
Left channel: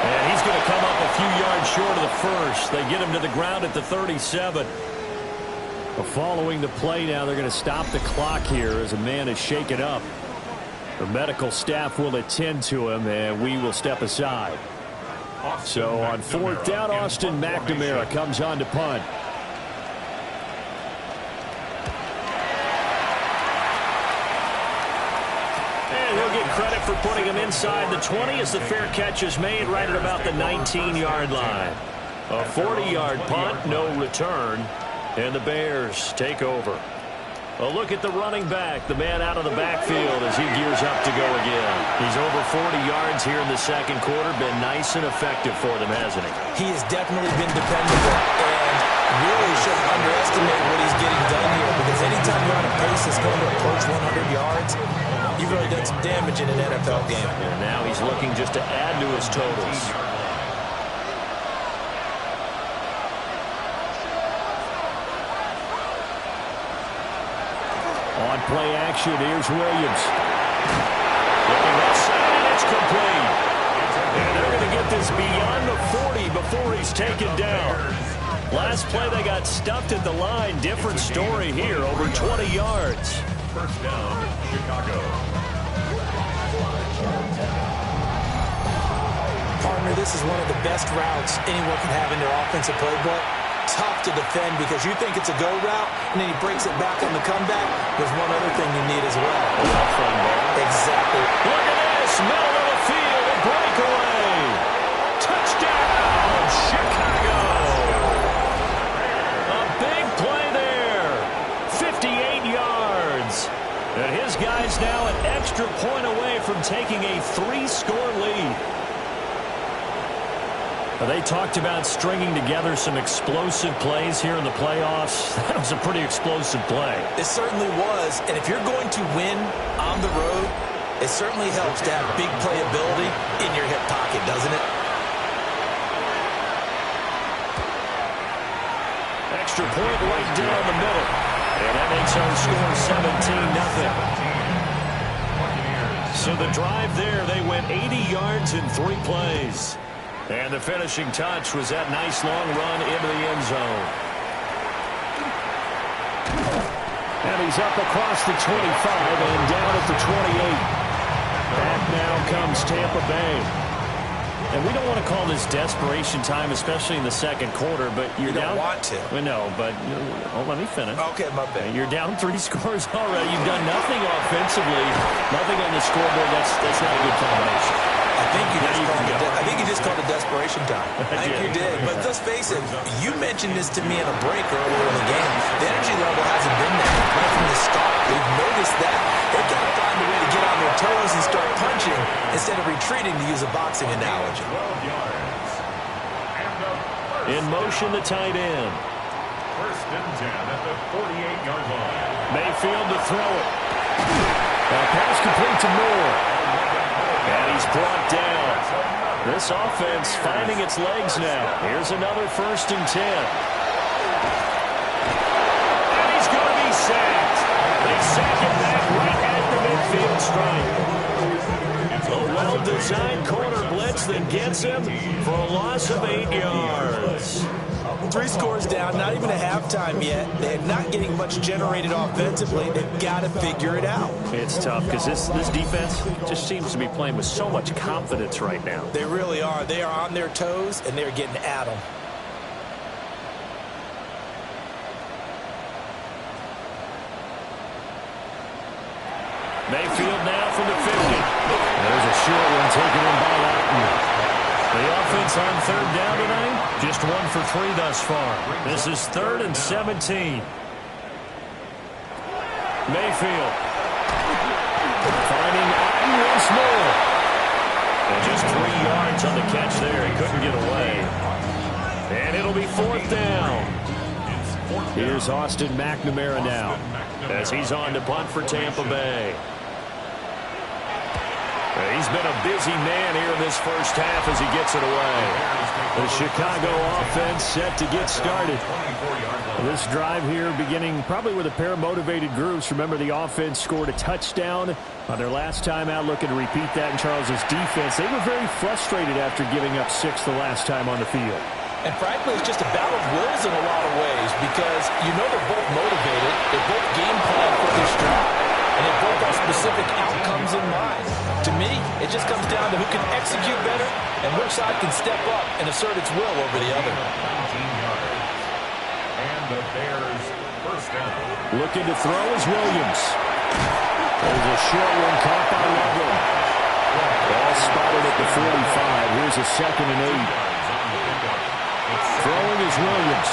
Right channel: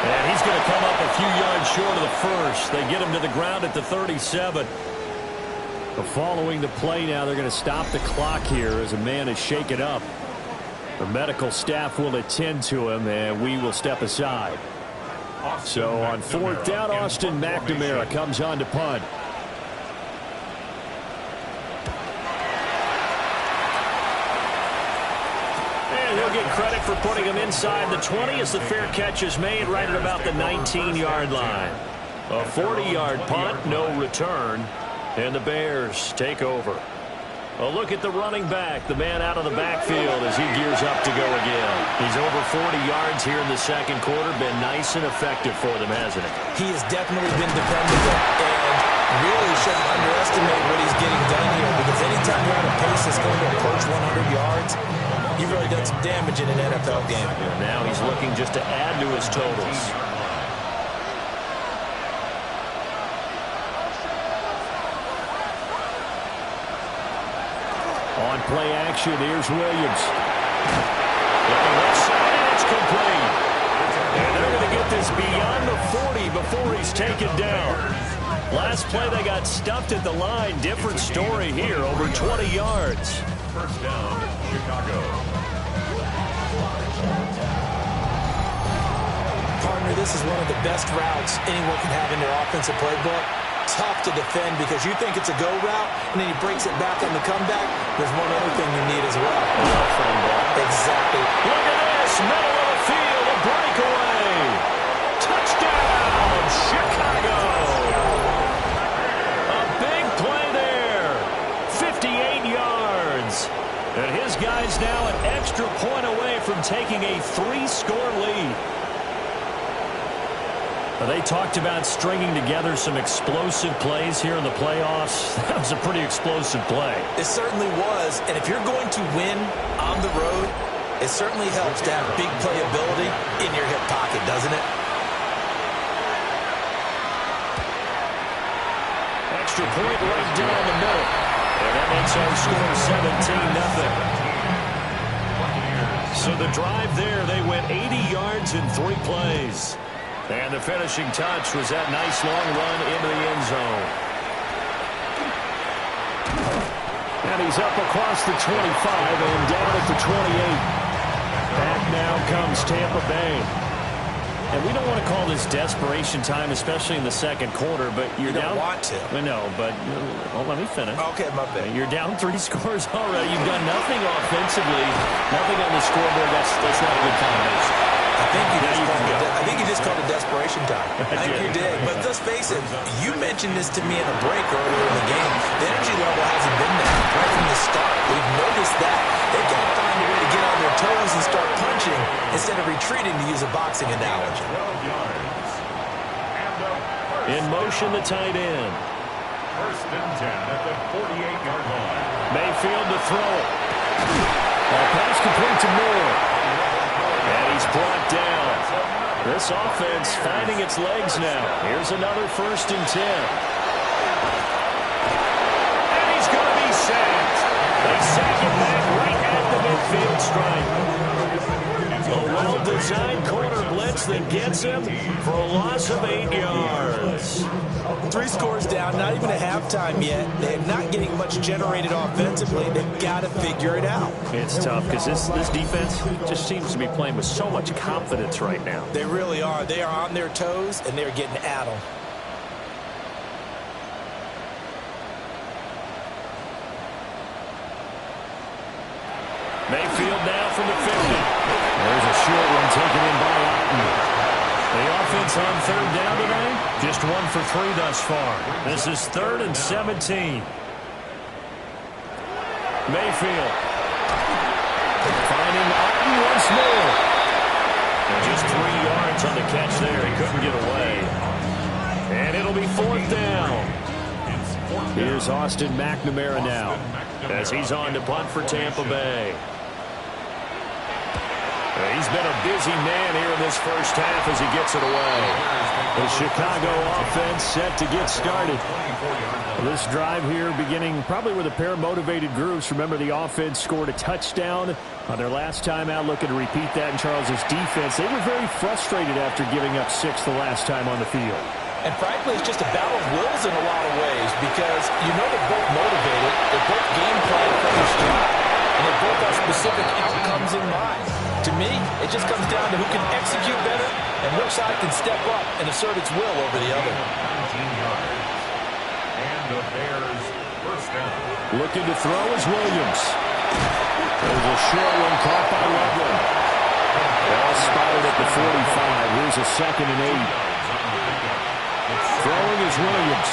And he's going to come up a few yards short of the first. They get him to the ground at the 37. Following the play now, they're going to stop the clock here as a man is shaken up. The medical staff will attend to him, and we will step aside. So on 4th down, Austin McNamara comes on to punt. And he'll get credit for putting him inside the 20 as the fair catch is made right at about the 19-yard line. A 40-yard punt, no return, and the Bears take over. A look at the running back, the man out of the backfield as he gears up to go again. He's over 40 yards here in the second quarter. Been nice and effective for them, hasn't he? He has definitely been dependable and really shouldn't underestimate what he's getting done here because anytime you're on a pace that's going to approach 100 yards, you've really done some damage in an NFL game. And now he's looking just to add to his totals. On play action, here's Williams. Looking left side, and it's complete. And they're going to get this beyond the 40 before he's taken down. Last play, they got stuffed at the line. Different story here, over 20 yards. First down, Chicago. Partner, this is one of the best routes anyone can have in their offensive playbook. Tough to defend because you think it's a go route, and then he breaks it back on the comeback. There's one other thing you need as well. Exactly. Look at this, middle of the field, a breakaway. Touchdown, Chicago. A big play there, 58 yards. And his guy's now an extra point away from taking a 3-score lead. They talked about stringing together some explosive plays here in the playoffs. That was a pretty explosive play. It certainly was. And if you're going to win on the road, it certainly helps to have big playability in your hip pocket, doesn't it? Extra point right down the middle. And that makes our score 17-0. So the drive there, they went 80 yards in 3 plays. And the finishing touch was that nice long run into the end zone. And he's up across the 25 and down at the 28. Back now comes Tampa Bay. And we don't want to call this desperation time, especially in the second quarter, but you're down. You don't want to. No, but let me finish. Okay, my bad. You're down 3 scores already. You've done nothing offensively, nothing on the scoreboard. That's not a good combination. I think you just called it desperation time. I think you did. But let's face it, you mentioned this to me in a break earlier in the game. The energy level hasn't been there right from the start. We've noticed that. They've got to find a way to get on their toes and start punching instead of retreating, to use a boxing analogy. 12 yards. In motion, the tight end. 1st and 10 at the 48-yard line. Mayfield to throw it. Pass complete to Moore. And he's brought down. This offense finding its legs now. Here's another 1st and 10. And he's going to be sacked. They sack him back right at the midfield stripe. A well-designed corner blitz that gets him for a loss of 8 yards. 3 scores down, not even a halftime yet. They're not getting much generated offensively. They've got to figure it out. It's tough because this defense just seems to be playing with so much confidence right now. They really are. They are on their toes, and they're getting at them. Mayfield now from the 50. There's a short one taken in by Otten. The offense on 3rd down tonight, just 1 for 3 thus far. This is 3rd and 17. Mayfield finding Otten once more. And just 3 yards on the catch there. He couldn't get away. And it'll be 4th down. Here's Austin McNamara now as he's on to punt for Tampa Bay. He's been a busy man here in this first half as he gets it away. The Chicago offense set to get started. This drive here beginning probably with a pair of motivated groups. Remember, the offense scored a touchdown on their last time out. Looking to repeat that in Charles's defense. They were very frustrated after giving up 6 the last time on the field. And frankly, it's just a battle of wills in a lot of ways because you know they're both motivated. They're both game planned for this drive. And they both have specific outcomes in mind. To me, it just comes down to who can execute better and which side can step up and assert its will over the other. 19 yards. And the Bears 1st down. Looking to throw is Williams. There's a short one caught by Loveland. Ball spotted at the 45. Here's a 2nd and 8. Throwing is Williams.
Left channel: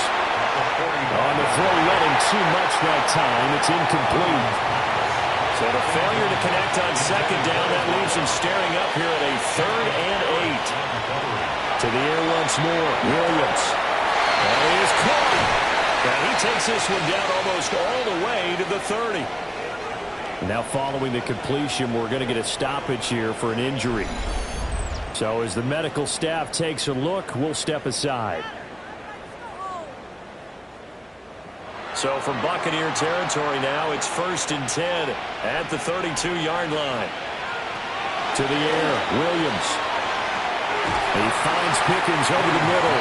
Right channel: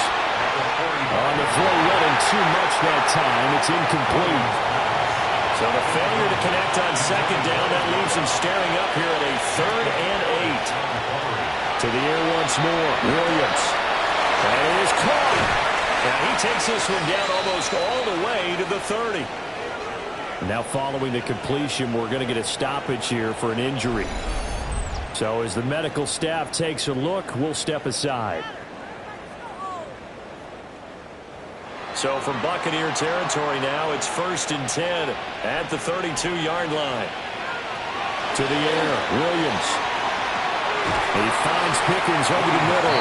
On the throw, let him too much that time. It's incomplete. So the failure to connect on 2nd down, that leaves him staring up here at a 3rd and 8. To the air once more. Williams. That is caught. And he takes this one down almost all the way to the 30. Now following the completion, we're going to get a stoppage here for an injury. So as the medical staff takes a look, we'll step aside. So from Buccaneer territory now, it's 1st and 10 at the 32-yard line. To the air, Williams. He finds Pickens over the middle.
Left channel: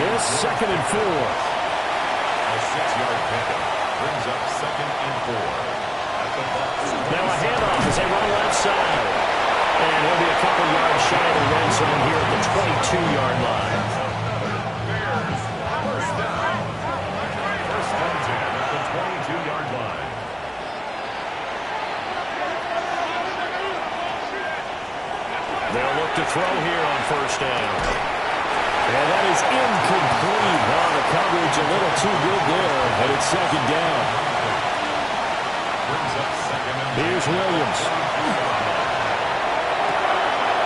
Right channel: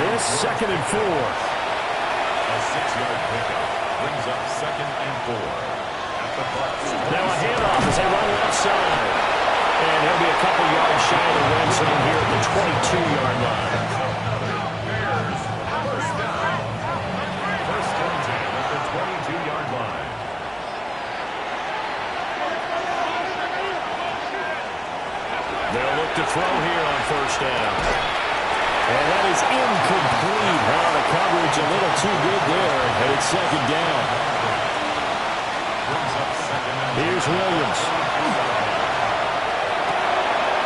This 2nd and 4. A 6-yard pickup brings up 2nd and 4 at the Bucs. Now a handoff as they run left side. And he'll be a couple yards shy of the red zone here at the 22-yard line. Bears 1st down. 1st and 10 at the 22-yard line. They'll look to throw here on 1st down. And that is incomplete. Now the coverage a little too good there. And it's 2nd down. Brings up 2nd and 10. Here's Williams.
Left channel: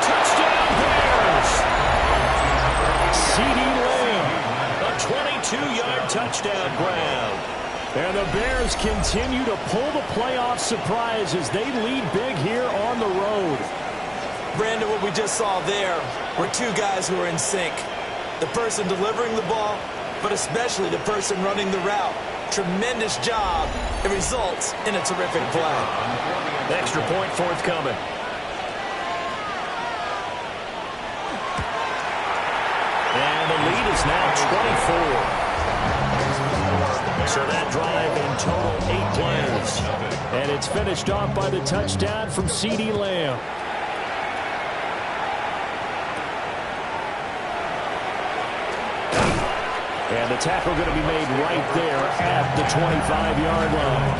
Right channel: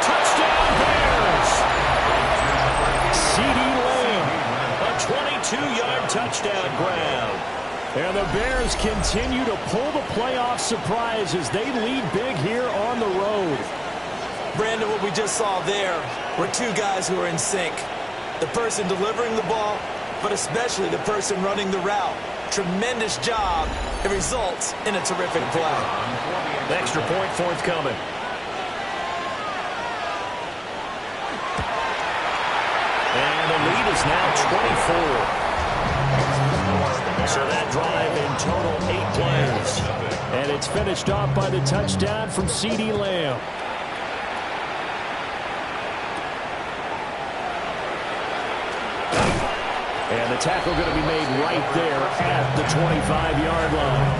Touchdown Bears! CeeDee Lamb. A 22-yard touchdown grab. And the Bears continue to pull the playoff surprise as they lead big here on the road. Brandon, what we just saw there were 2 guys who are in sync. The person delivering the ball, but especially the person running the route. Tremendous job. It results in a terrific play. Extra point forthcoming. And the lead is now 24. So that drive in total 8 plays. And it's finished off by the touchdown from CeeDee Lamb. And the tackle going to be made right there at the 25-yard line.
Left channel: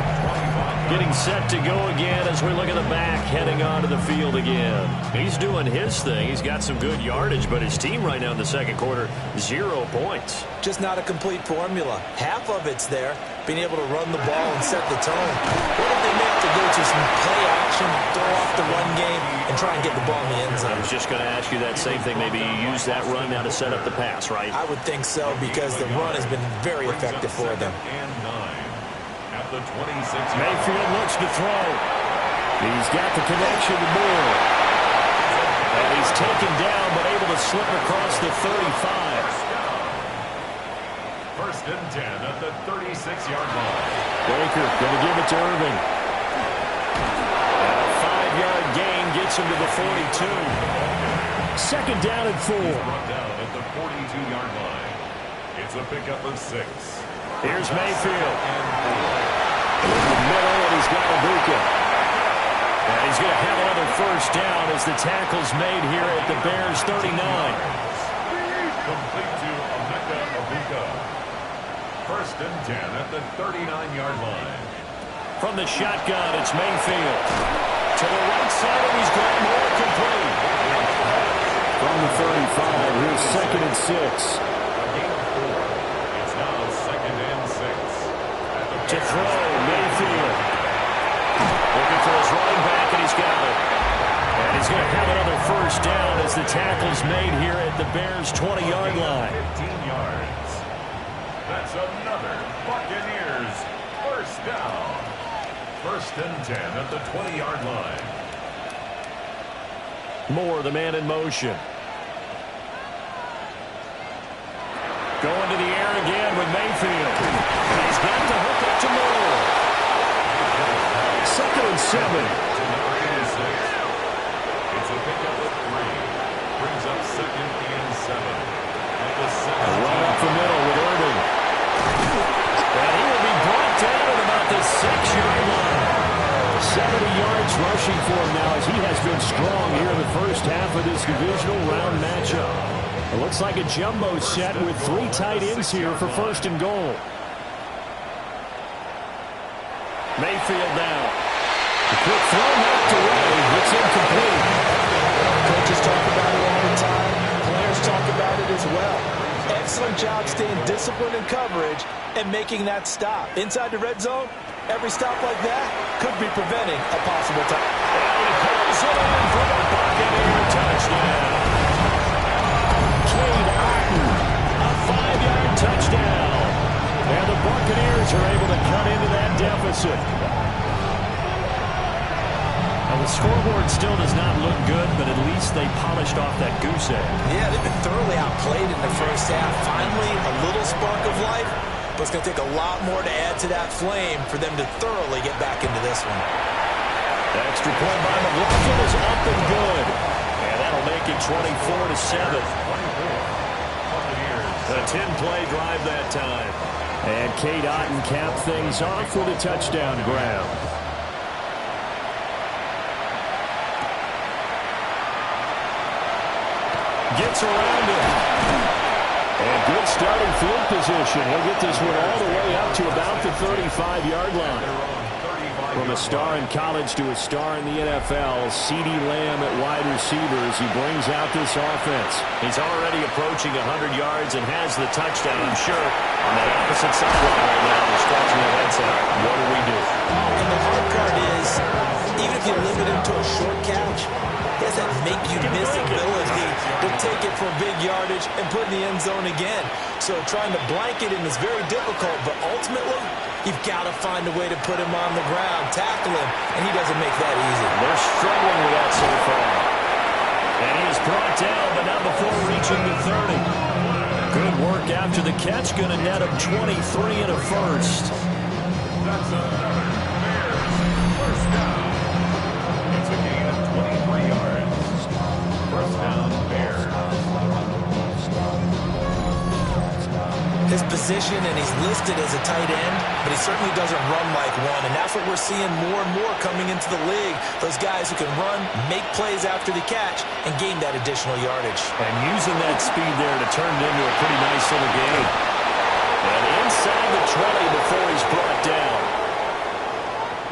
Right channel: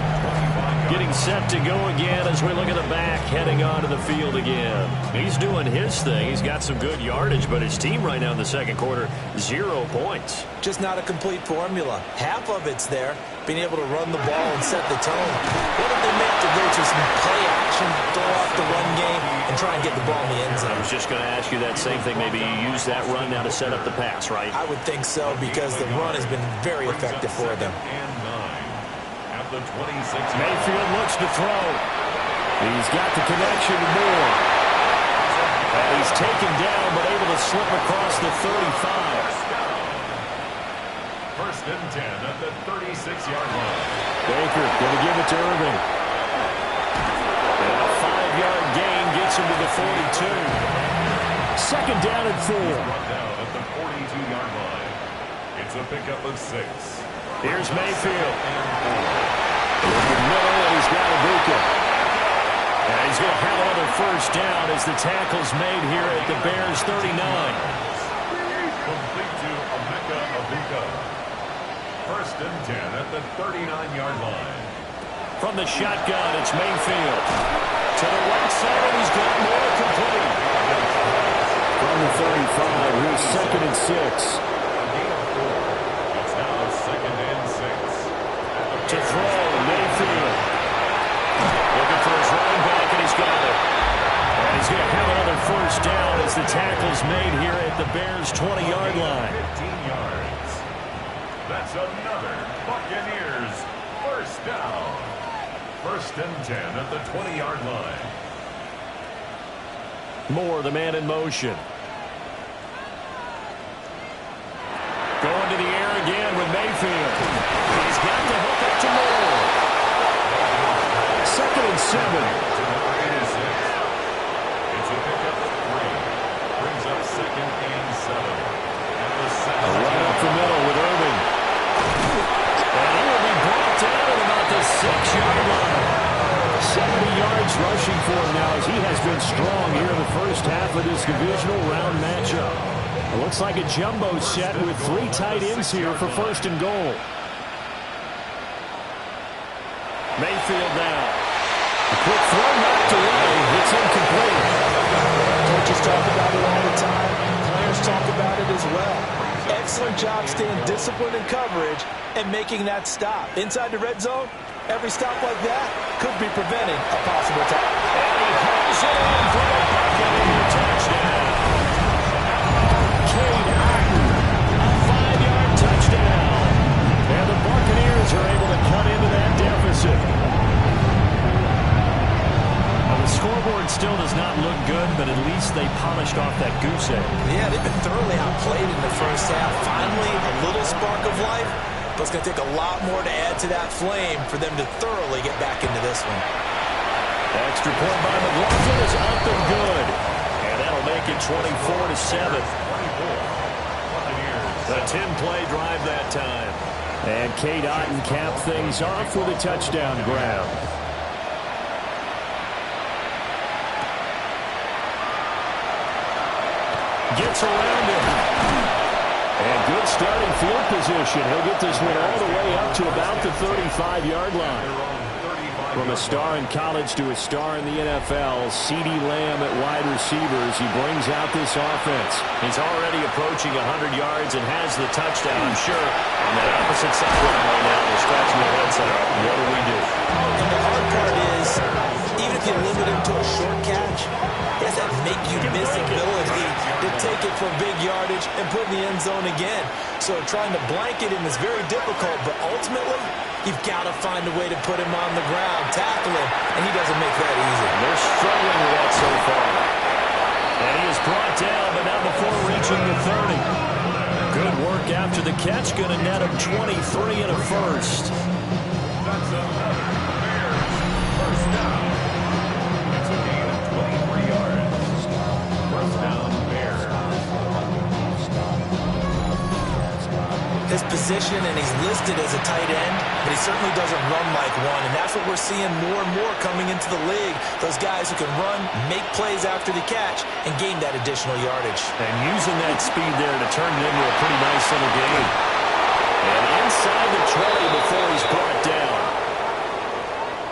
Getting set to go again as we look at the back, heading onto the field again. He's doing his thing. He's got some good yardage, but his team right now in the second quarter, 0 points. Just not a complete formula. Half of it's there, being able to run the ball and set the tone. What if they may have to go to some play action, throw off the run game, and try and get the ball in the end zone? I was just going to ask you that same thing. Maybe you use that run now to set up the pass, right? I would think so, because the run has been very effective for them. The 26. Mayfield looks to throw. He's got the connection to Moore. And he's taken down, but able to slip across the 35. First and 10 at the 36-yard line. Baker going to give it to Irving. And a 5-yard gain gets him to the 42. Second down and 4. He's brought down at the 42-yard line. It's a pickup of 6. Here's Mayfield. In the middle, and he's got Ibuka. And he's going to have another first down as the tackle's made here at the Bears' 39. Complete to Emeka Ibuka. First and 10 at the 39-yard line. From the shotgun, it's Mayfield. To the right side, and he's got more complete. From the 35, here's second and 6. Second and 6. To throw, Mayfield. Looking for his running back, and he's got it. And he's going to have another first down as the tackle's made here at the Bears' 20-yard line. 15 yards. That's another Buccaneers first down. First and 10 at the 20-yard line. Moore, the man in motion. Going to the air again with Mayfield. He's got the hook up to Moore. Second and 7. To number 86. It's a pickup of 3. Brings up second and 7. At the 7. A run up the middle with Irving. And he will be brought down at about the 6-yard line. 70 yards rushing for him now as he has been strong here in the first half of this divisional round matchup. It looks like a jumbo set with 3 tight ends here for first and goal. Mayfield now. A quick throw knocked away. It's incomplete. Coaches talk about it all the time. Players talk about it as well. Excellent job staying disciplined in coverage and making that stop. Inside the red zone, every stop like that could be preventing a possible touchdown. And he holds it in for the Buccaneer touchdown. Cade Otton, a 5-yard touchdown. And the Buccaneers are able to cut into that deficit. Now, the scoreboard still does not look good, but at least they polished off that goose egg. Yeah, they've been thoroughly outplayed in the first half. Finally, a little spark of life, but it's going to take a lot more to add to that flame for them to thoroughly get back into this one. Extra point by McLaughlin is up and good. And that'll make it 24-7. A 10-play drive that time. And Cade Otton capped things off with a touchdown grab. Gets around him. And good starting field position. He'll get this one all the way up to about the 35-yard line. From a star in college to a star in the NFL, CeeDee Lamb at wide receivers. He brings out this offense. He's already approaching 100 yards and has the touchdown, I'm sure. On that opposite sideline right now, they're scratching their heads out. What do we do? And the hard part is, even if you limit him to a short catch, he has that make-you-miss ability to take it for big yardage and put in the end zone again. So trying to blanket him is very difficult, but ultimately, you've got to find a way to put him on the ground, tackle him, and he doesn't make that easy. They're struggling with that so far. And he is brought down, but not before reaching the 30. Good work after the catch, going to net him 23 and a first. That's another Bears first down. It's a gain of 23 yards. First down, Bears. His position, and he's listed as a tight end, but he certainly doesn't run like one, and that's what we're seeing more and more coming into the league. Those guys who can run, make plays after the catch, and gain that additional yardage. And using that speed there to turn it into a pretty nice little gain. And inside the 20 before he's brought down.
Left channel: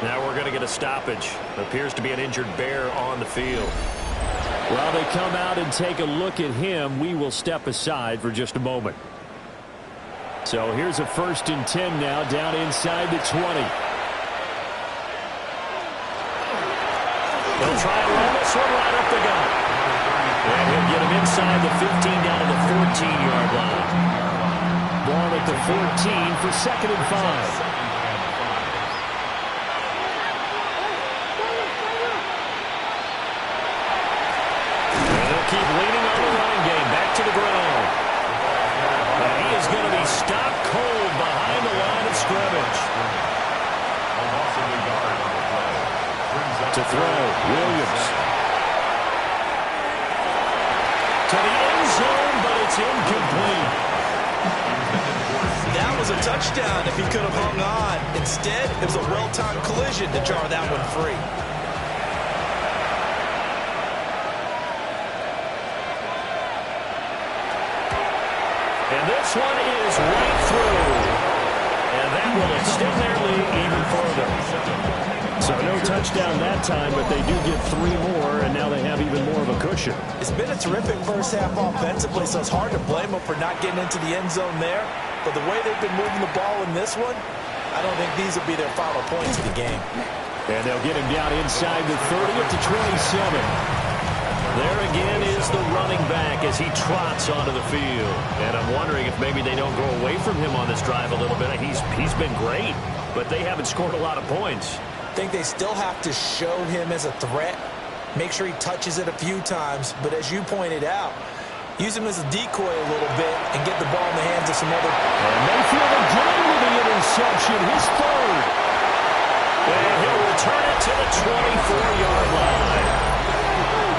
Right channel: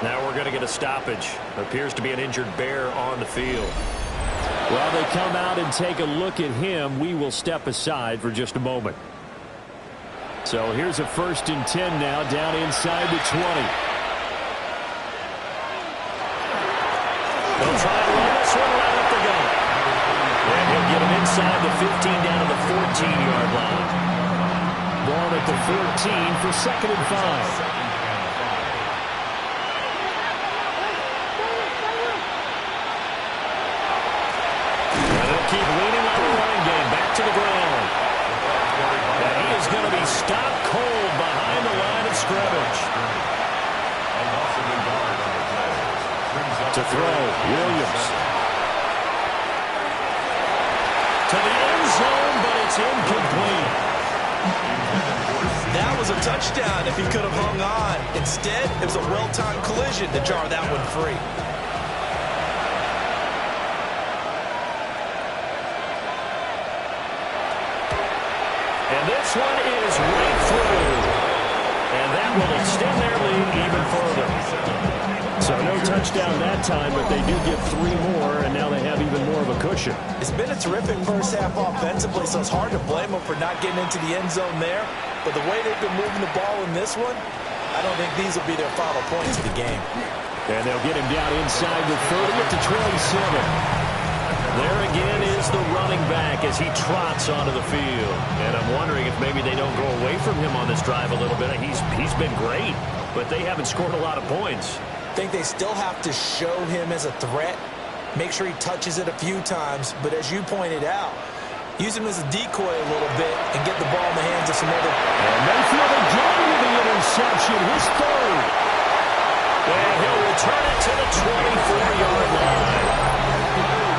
Now we're going to get a stoppage. Appears to be an injured Bear on the field. While they come out and take a look at him, we will step aside for just a moment. So here's a 1st and 10 now down inside the 20. They'll try and run this one right up the gut. And he'll get him inside the 15 down to the 14-yard line. Ball at the 14 for 2nd and 5. Keep leaning on the running game. Back to the ground. And he is going to be stopped cold behind the line of scrimmage. A loss of a yard on the play. Brings up to throw, Williams. To the end zone, but it's incomplete. That was a touchdown if he could have hung on. Instead, it was a well-timed collision to jar that one free. And this one is right through. And that will extend their lead even further. So no touchdown that time, but they do get 3 more, and now they have even more of a cushion. It's been a terrific first half offensively, so it's hard to blame them for not getting into the end zone there. But the way they've been moving the ball in this one, I don't think these will be their final points of the game. And they'll get him down inside the 30 at the 27. There again is the running back as he trots onto the field. And I'm wondering if maybe they don't go away from him on this drive a little bit. He's been great, but they haven't scored a lot of points. I think they still have to show him as a threat, make sure he touches it a few times. But as you pointed out, use him as a decoy a little bit and get the ball in the hands of some other. And Mayfield again with the interception, his 3rd. And he'll return it to the 24-yard line.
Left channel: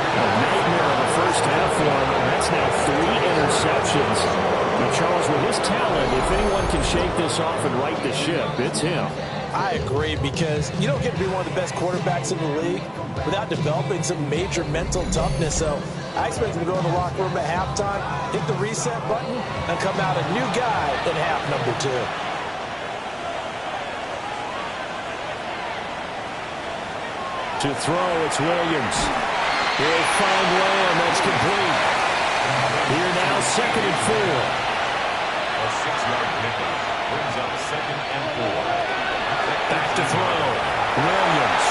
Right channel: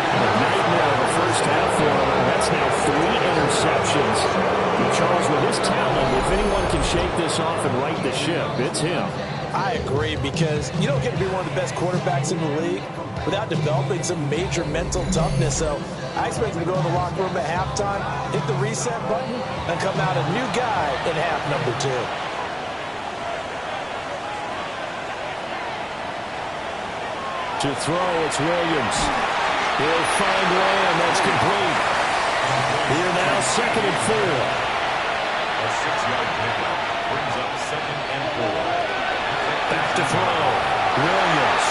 A nightmare of a first half for him. That's now 3 interceptions. But Charles, with his talent, if anyone can shake this off and right the ship, it's him. I agree, because you don't get to be one of the best quarterbacks in the league without developing some major mental toughness. So I expect him to go in the locker room at halftime, hit the reset button, and come out a new guy in half number 2. To throw, it's Williams. He'll find Lamb. That's complete. Here now, 2nd and 4. A 6-yard pickup brings up 2nd and 4. Back to throw. Williams.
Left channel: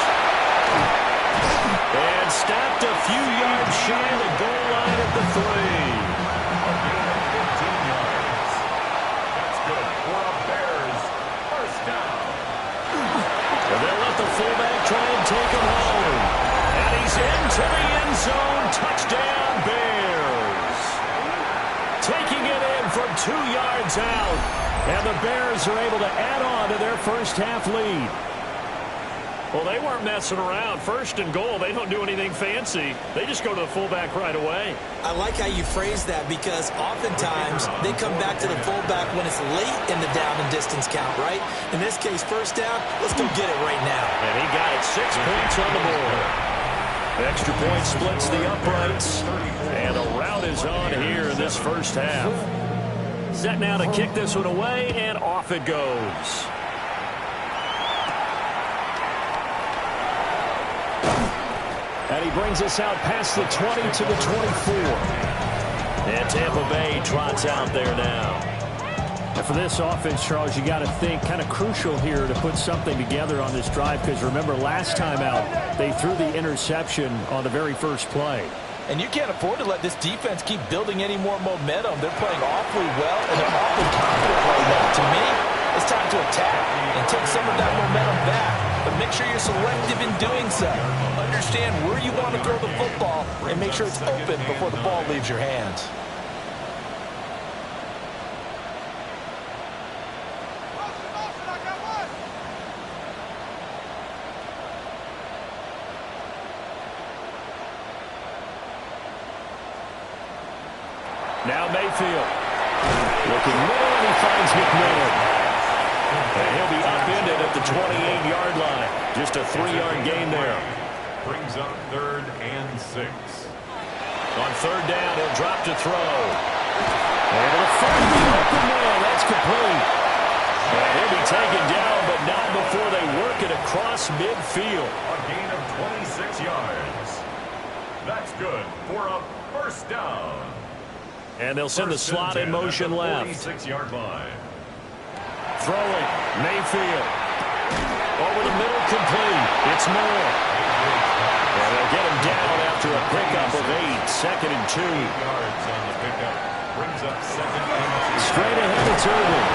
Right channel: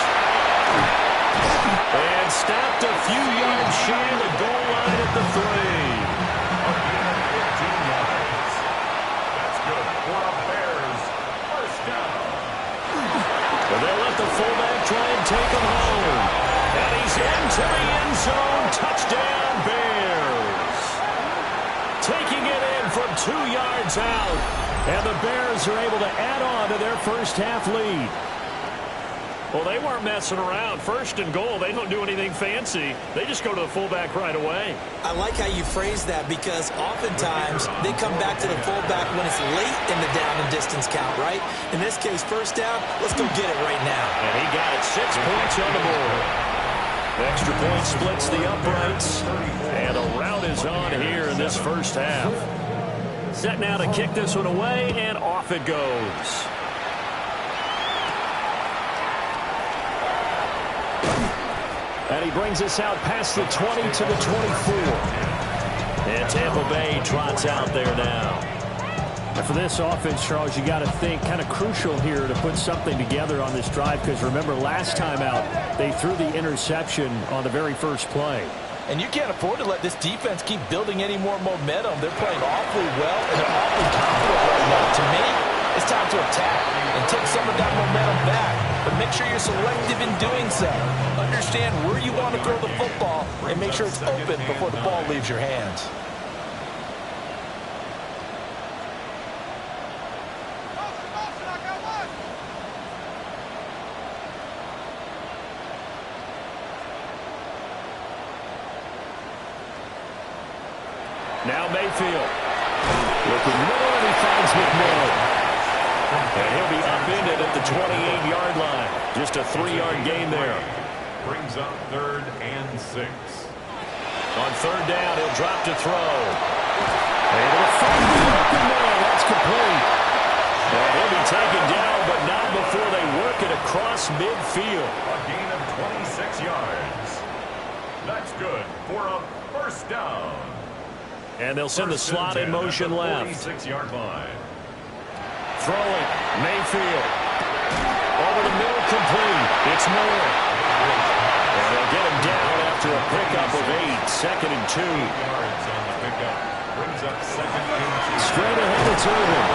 And stopped a few yards shy of the goal line at the 3. A gain of 15 yards. That's good for a Bears first down. And they'll let the fullback try and take him home. And he's into the end zone. Touchdown, Bears. Taking it in from 2 yards out. And the Bears are able to add on to their first half lead. Well, they weren't messing around. 1st and goal, they don't do anything fancy. They just go to the fullback right away. I like how you phrase that, because oftentimes they come back to the fullback when it's late in the down and distance count, right? In this case, 1st down, let's go get it right now. And he got it. 6 points on the board. Extra point splits the uprights. And a rout is on here in this first half. Set now to kick this one away, and off it goes. And he brings us out past the 20 to the 24. And Tampa Bay trots out there now. And for this offense, Charles, you got to think kind of crucial here to put something together on this drive, because remember last time out they threw the interception on the very first play. And you can't afford to let this defense keep building any more momentum. They're playing awfully well, and they're awfully confident right now. To me, it's time to attack and take some of that momentum back. But make sure you're selective in doing so. Understand where you want to throw the football and make sure it's open before the ball leaves your hands. Now Mayfield. Looking middle, and he finds McMillan. And he'll be upended at the 28-yard line. Just a 3-yard gain there. Brings up 3rd and 6. On 3rd down, he'll drop to throw. Able to find the open man. That's complete. And he'll be taken down, but not before they work it across midfield. A gain of 26 yards. That's good for a first down. And they'll send the slot in motion left. 46-yard line. Throwing, Mayfield. Over the middle, complete. It's Moore. And they'll get him down after a pickup of 8. 2nd and 2. 8 yards on the pickup. Brings up 2nd and 2. Straight ahead, it's Irvin.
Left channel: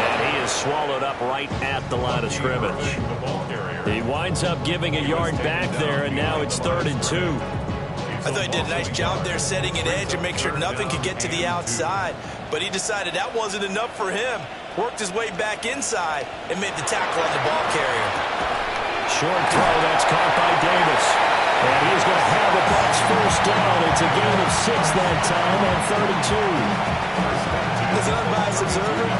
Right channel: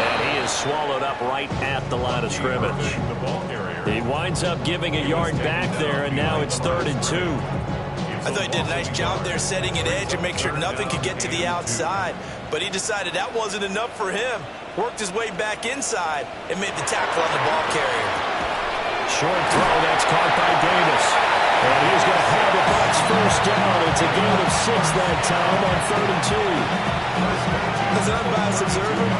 And he is swallowed up right at the line of scrimmage. He winds up giving a yard back there, and now it's 3rd and 2. I thought he did a nice job there setting an edge and make sure nothing could get to the outside. But he decided that wasn't enough for him. Worked his way back inside and made the tackle on the ball carrier. Short throw, that's caught by Davis. And he's going to have the Bucs first down. It's a gain of 6 that time on 3rd and 2. As an unbiased observer,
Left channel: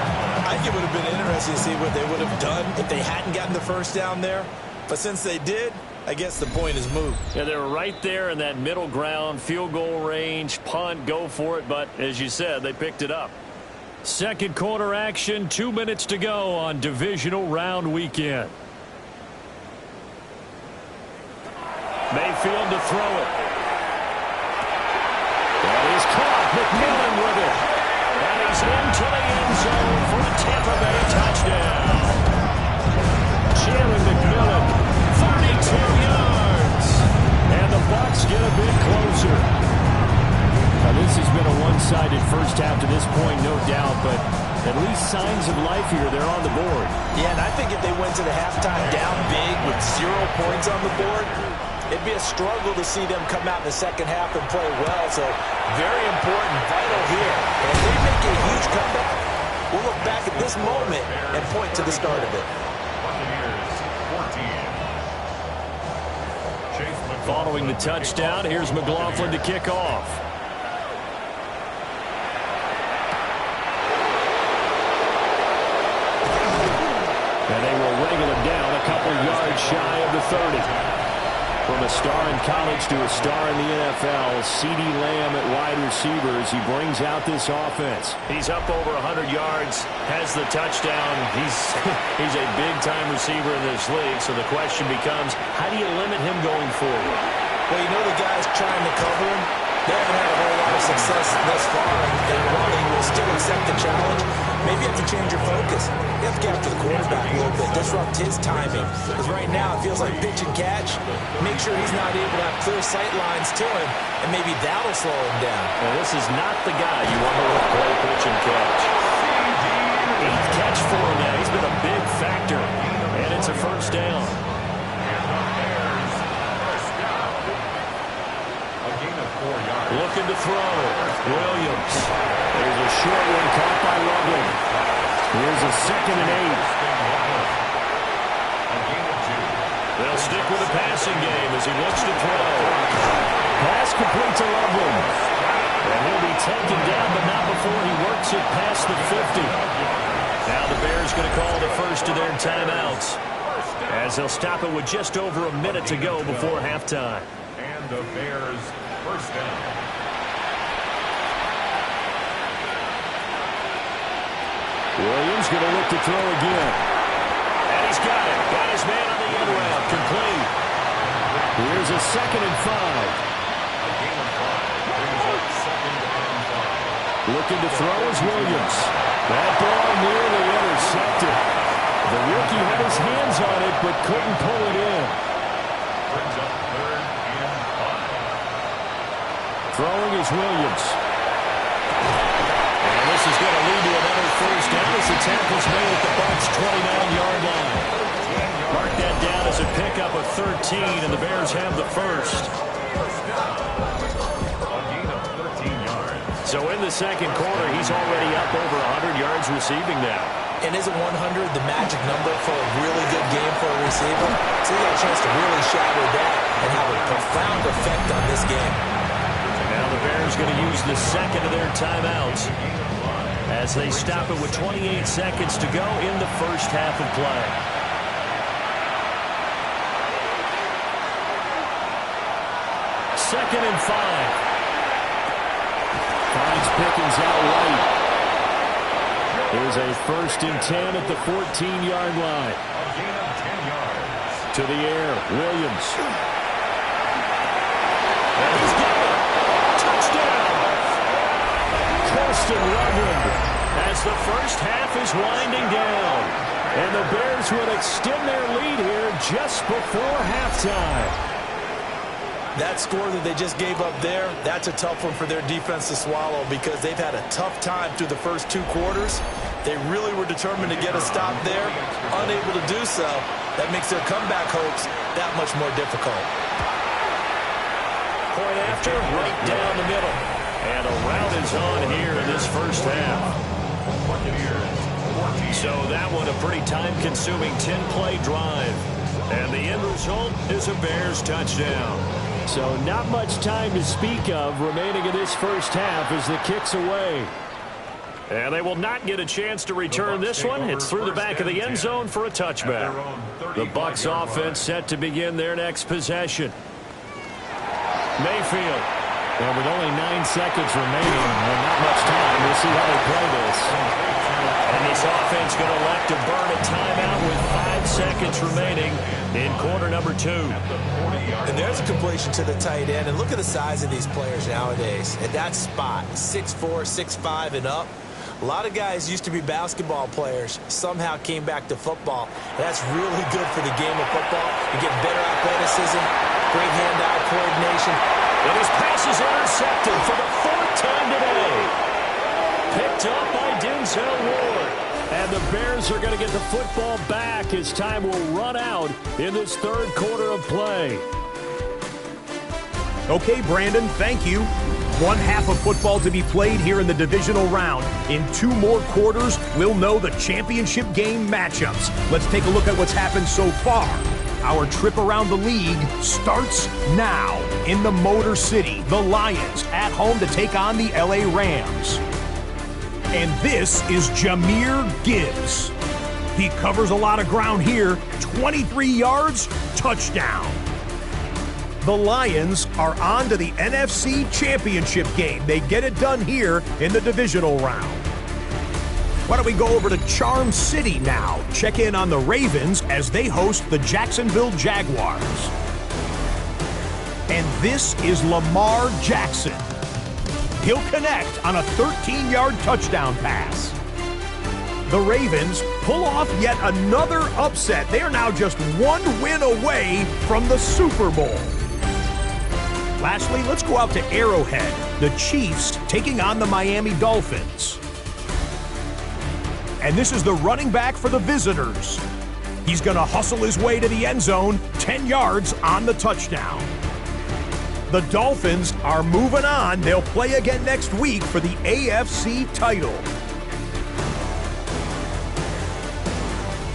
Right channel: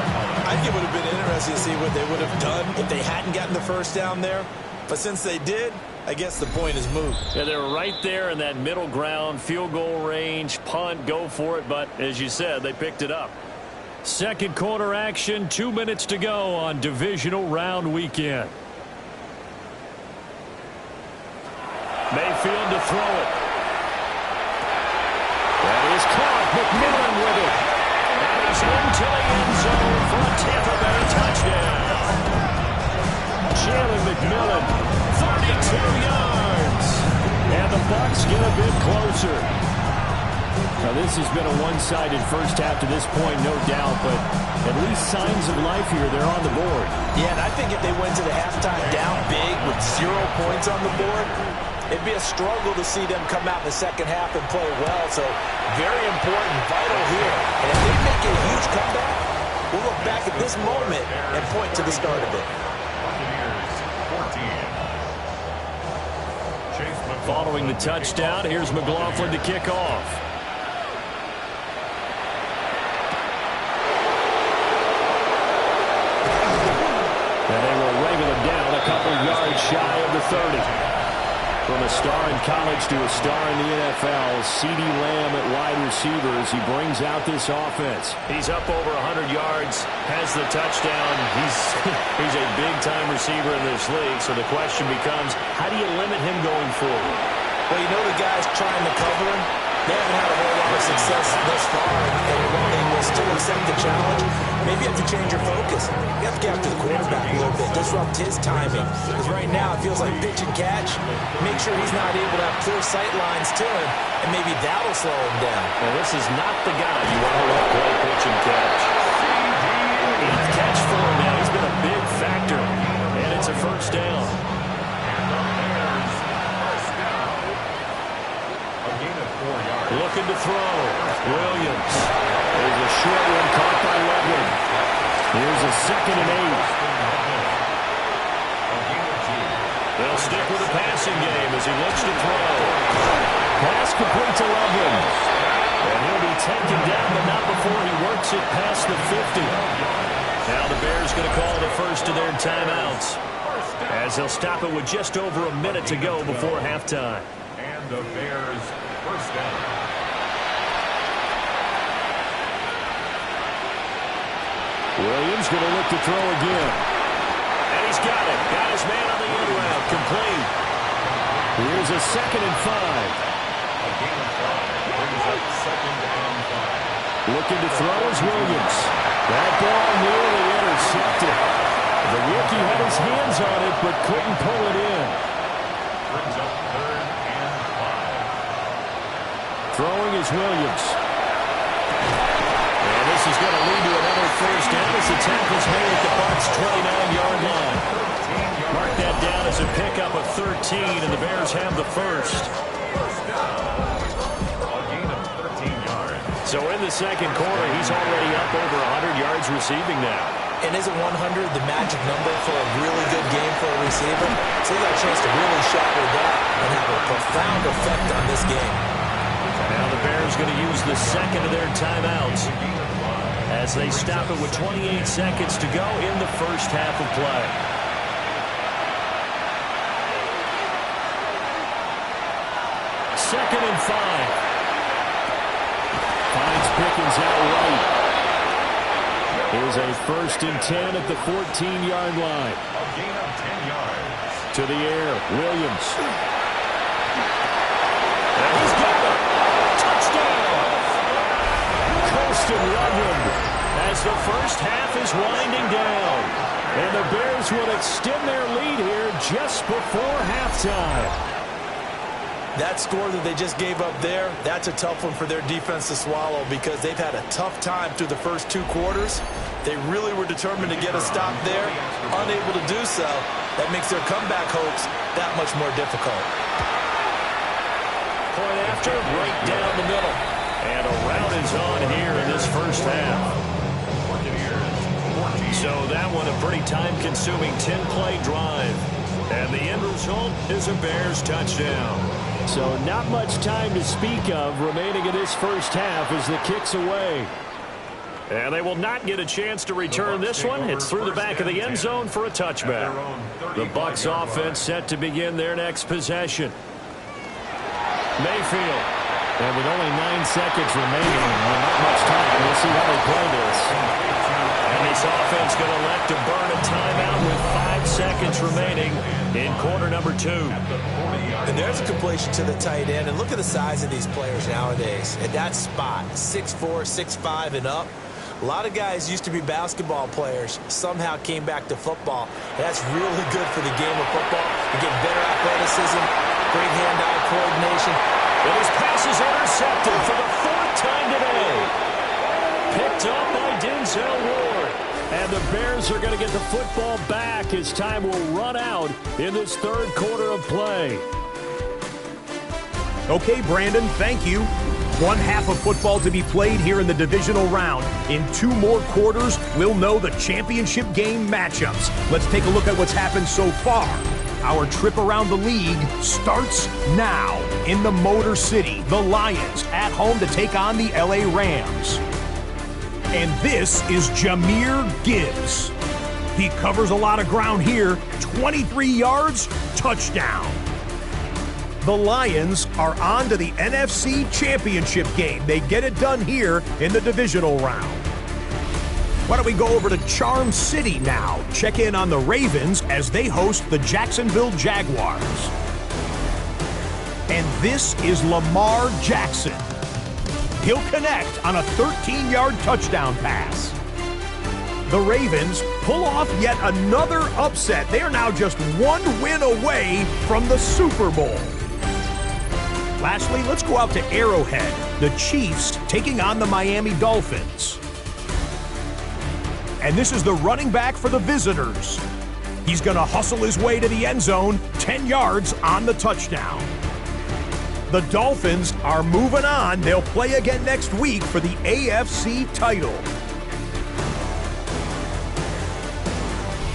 I think it would have been interesting to see what they would have done if they hadn't gotten the first down there. But since they did, I guess the point is moot. Yeah, they were right there in that middle ground, field goal range, punt, go for it. But as you said, they picked it up. Second quarter action, 2 minutes to go on divisional round weekend. Mayfield to throw it. That is caught. McMillan with it. And he's into the end zone for a Tampa Bay touchdown. Jalen McMillan, 32 yards. And the Bucs get a bit closer. Now, this has been a one-sided first half to this point, no doubt, but at least signs of life here. They're on the board. Yeah, and I think if they went to the halftime down big with 0 points on the board, it'd be a struggle to see them come out in the second half and play well. So very important, vital here. And if they make a huge comeback, we'll look back at this moment and point to the start of it. Buccaneers 14. Following the touchdown, here's McLaughlin to kick off. And they will wrangle him down a couple yards shy of the 30. From a star in college to a star in the NFL, CeeDee Lamb at wide receiver as he brings out this offense. He's up over 100 yards, has the touchdown. He's a big-time receiver in this league, so the question becomes, how do you limit him going forward? Well, you know the guys trying to cover him, they haven't had a whole lot of success thus far, and while they will still accept the challenge, maybe you have to change your focus. You have to get after the quarterback a little bit, disrupt his timing. Because right now it feels like pitch and catch. Make sure he's not able to have clear sight lines to him, and maybe that'll slow him down. And this is not the guy you want to let play pitch and catch. 8th catch for him now. He's been a big factor, and it's a first down. And the Bears first down. A gain of 4 yards. Looking to throw. Williams. There's a short one caught by Loveland. Here's a 2nd and 8. A gain of 2. They'll stick with the passing game as he looks to throw. Pass complete to Loveland. And he'll be taken down, but not before he works it past the 50. Now the Bears going to call the first of their timeouts, as they'll stop it with just over a minute to go before halftime. And the Bears first down. Williams going to look to throw again. And he's got it. Got his man on the end route. Complete. Here's a 2nd and 5. A gain of 5 brings up 2nd and 5. Looking to throw is Williams. That ball nearly intercepted. The rookie had his hands on it but couldn't pull it in. Brings up 3rd and 5. Throwing is Williams. And this is going to lead to another first down as the tackle's made at the Bucs' 29-yard line. Mark that down as a pickup of 13, and the Bears have the first. First down. A gain of 13 yards. So in the second quarter, he's already up over 100 yards receiving now. And isn't 100 the magic number for a really good game for a receiver? So he got a chance to really shatter that and have a profound effect on this game. Now the Bears going to use the second of their timeouts as they stop it with 28 seconds to go in the first half of play. Second and 5. Finds Pickens out right. Here's a 1st and 10 at the 14-yard line. A gain of 10 yards. To the air, Williams. And he's got it. Touchdown. Colston Loveland as the first half is winding down. And the Bears will extend their lead here just before halftime. That score that they just gave up there, that's a tough one for their defense to swallow because they've had a tough time through the first 2 quarters. They really were determined to get a stop there, unable to do so. That makes their comeback hopes that much more difficult. Point after, right down the middle. And a rout is on here in this first half. So that one a pretty time-consuming 10-play drive. And the end result is a Bears touchdown. So not much time to speak of remaining in this first half as the kick's away. And they will not get a chance to return this one. It's through the back of the end zone for a touchback. The Bucs offense set to begin their next possession. Mayfield. And with only 9 seconds remaining, well, not much time. We'll see how they play this. And this offense going to elect to burn a timeout with 5 seconds remaining in quarter number 2. And there's a completion to the tight end. And look at the size of these players nowadays. At that spot, 6'4", 6'5", and up. A lot of guys used to be basketball players, somehow came back to football. And that's really good for the game of football. You get better athleticism, great hand-eye coordination. And his pass is intercepted for the 4th time today. Picked up by Denzel Ward. And the Bears are going to get the football back as time will run out in this 3rd quarter of play. Okay, Brandon, thank you. 1 half of football to be played here in the divisional round. In 2 more quarters, we'll know the championship game matchups. Let's take a look at what's happened so far. Our trip around the league starts now. In the Motor City, the Lions at home to take on the LA Rams. And this is Jahmyr Gibbs. He covers a lot of ground here. 23 yards, touchdown. The Lions are on to the NFC Championship game. They get it done here in the divisional round. Why don't we go over to Charm City now? Check in on the Ravens as they host the Jacksonville Jaguars. And this is Lamar Jackson. He'll connect on a 13-yard touchdown pass. The Ravens pull off yet another upset. They are now just 1 win away from the Super Bowl. Lastly, let's go out to Arrowhead. The Chiefs taking on the Miami Dolphins. And this is the running back for the visitors. He's going to hustle his way to the end zone, 10 yards on the touchdown. The Dolphins are moving on. They'll play again next week for the AFC title.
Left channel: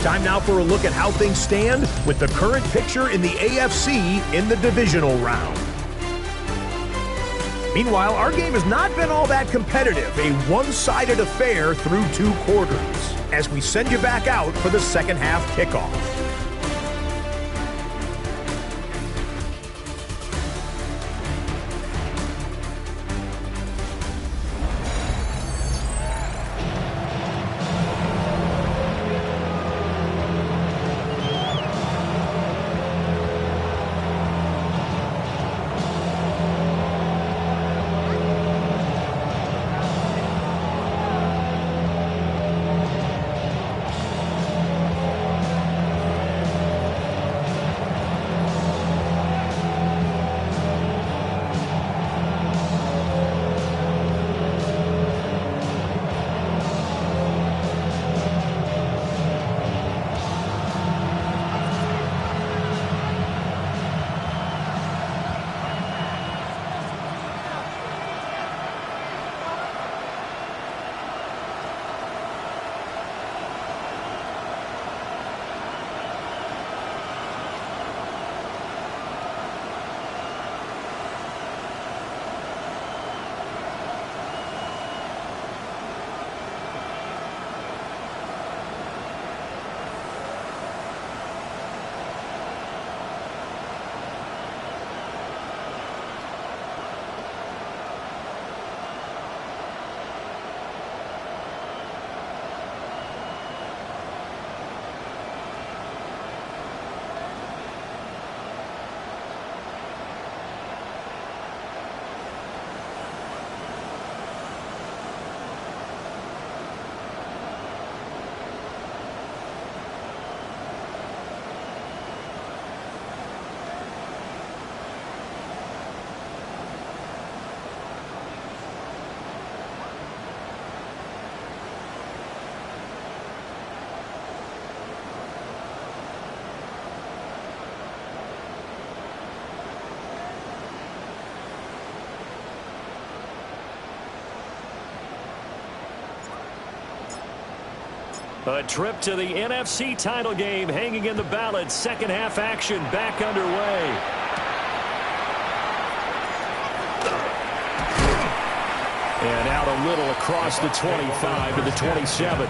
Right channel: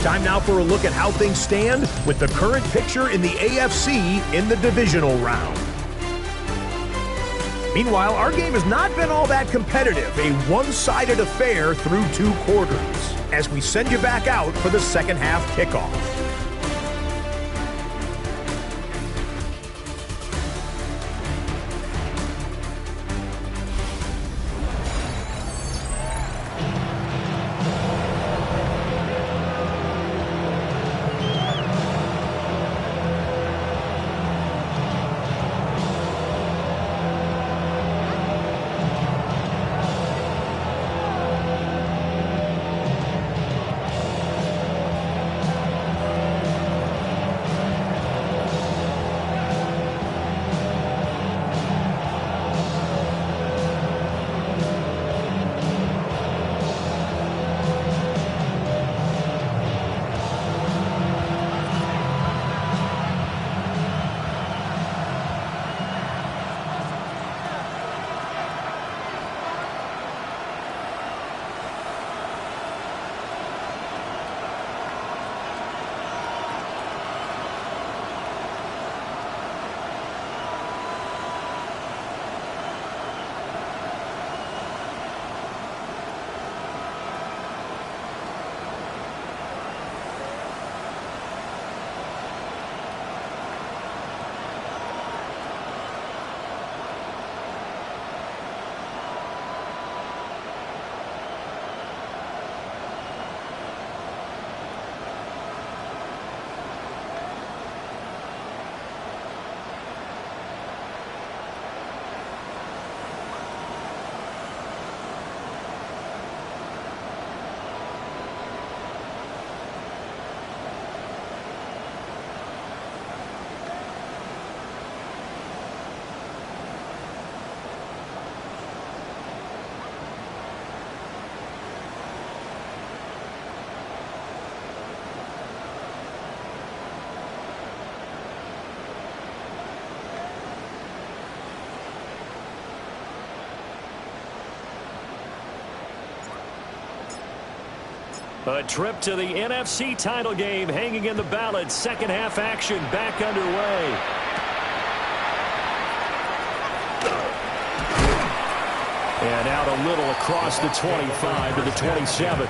Time now for a look at how things stand with the current picture in the AFC in the divisional round. Meanwhile, our game has not been all that competitive, a one-sided affair through 2 quarters, as we send you back out for the second half kickoff. A trip to the NFC title game hanging in the balance. Second half action back underway. And out a little across the 25 to the 27.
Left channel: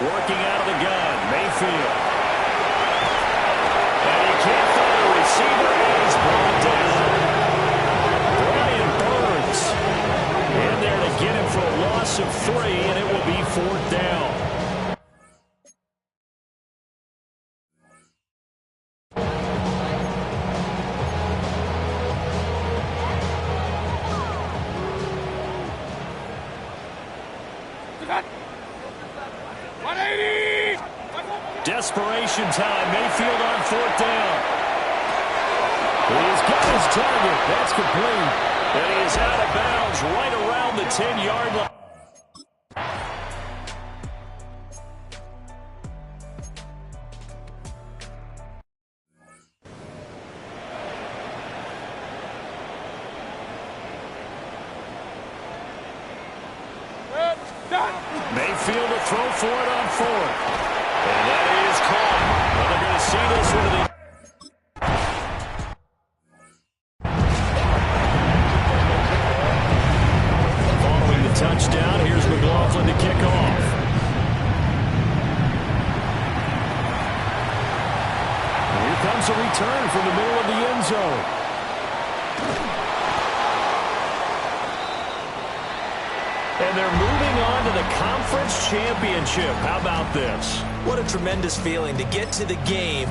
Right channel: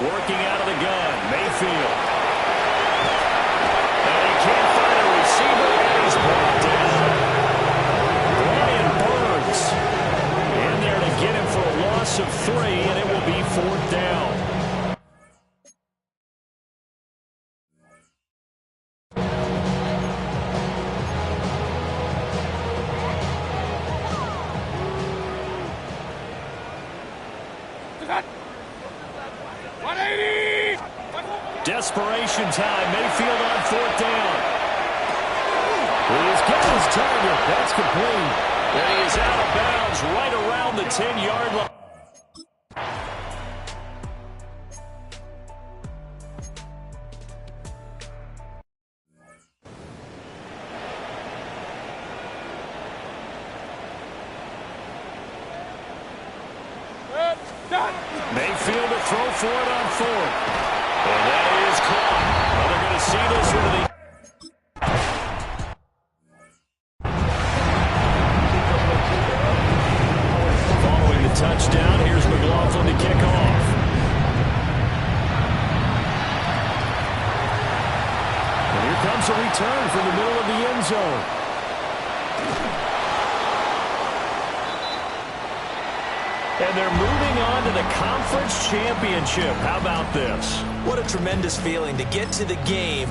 Working out of the gun, Mayfield. And he can't find a receiver, and he's brought down. Brian Burns in there to get him for a loss of 3, and it will be 4th down. Desperation time. Mayfield on 4th down. He's got his target. That's complete. And he is out of bounds right around the 10-yard line. Mayfield to throw for it on 4th. And that is caught. Well, they're going to see this one to the... Following the touchdown, here's McLaughlin to kick off. And here comes a return from the middle of the end zone. And they're moving on to the conference championship. How about this? What a tremendous feeling to get to the game.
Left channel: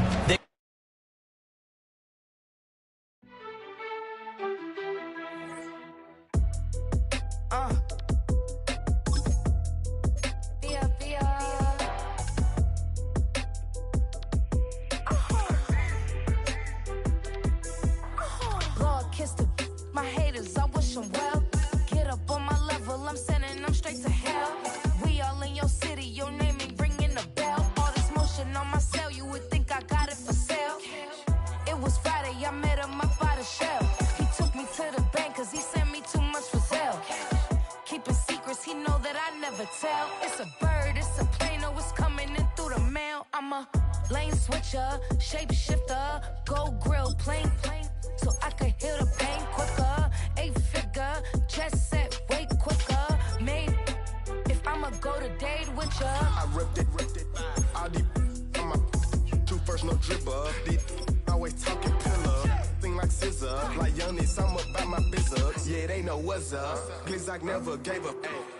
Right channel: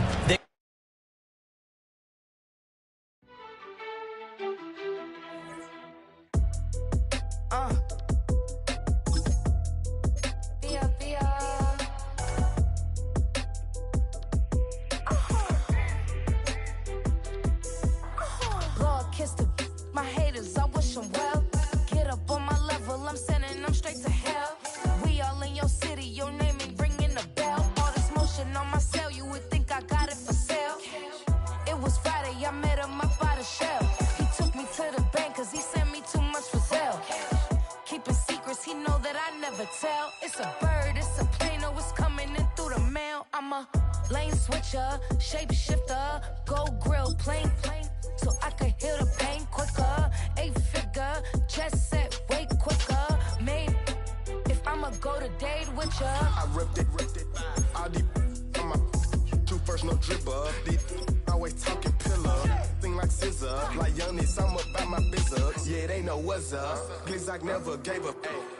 Lord, kiss my haters. I wish them well. Get up on my level. I'm sending them straight to hell. We all in your city. Your name ain't ringing the bell. All this motion on my cell. You would think I got it for sale. It was Friday. I met him up by the shell. He took me to the bank because he sent me too much for sale. Keeping secrets. He know that I never tell. It's a bird. It's a plane. Oh, it's coming in through the mail. I'm a lane switcher. Shapeshifter. Go grill. Plane. So I could heal the pain quicker. 8-figure, just set way quicker. Maybe if I'ma go to date with ya. I ripped it. All these on my 2 first, no dribble. These always talking pillar. Thing like scissor. Like youngest, I'm about my business. Yeah, they know what's up. Glizak never gave up.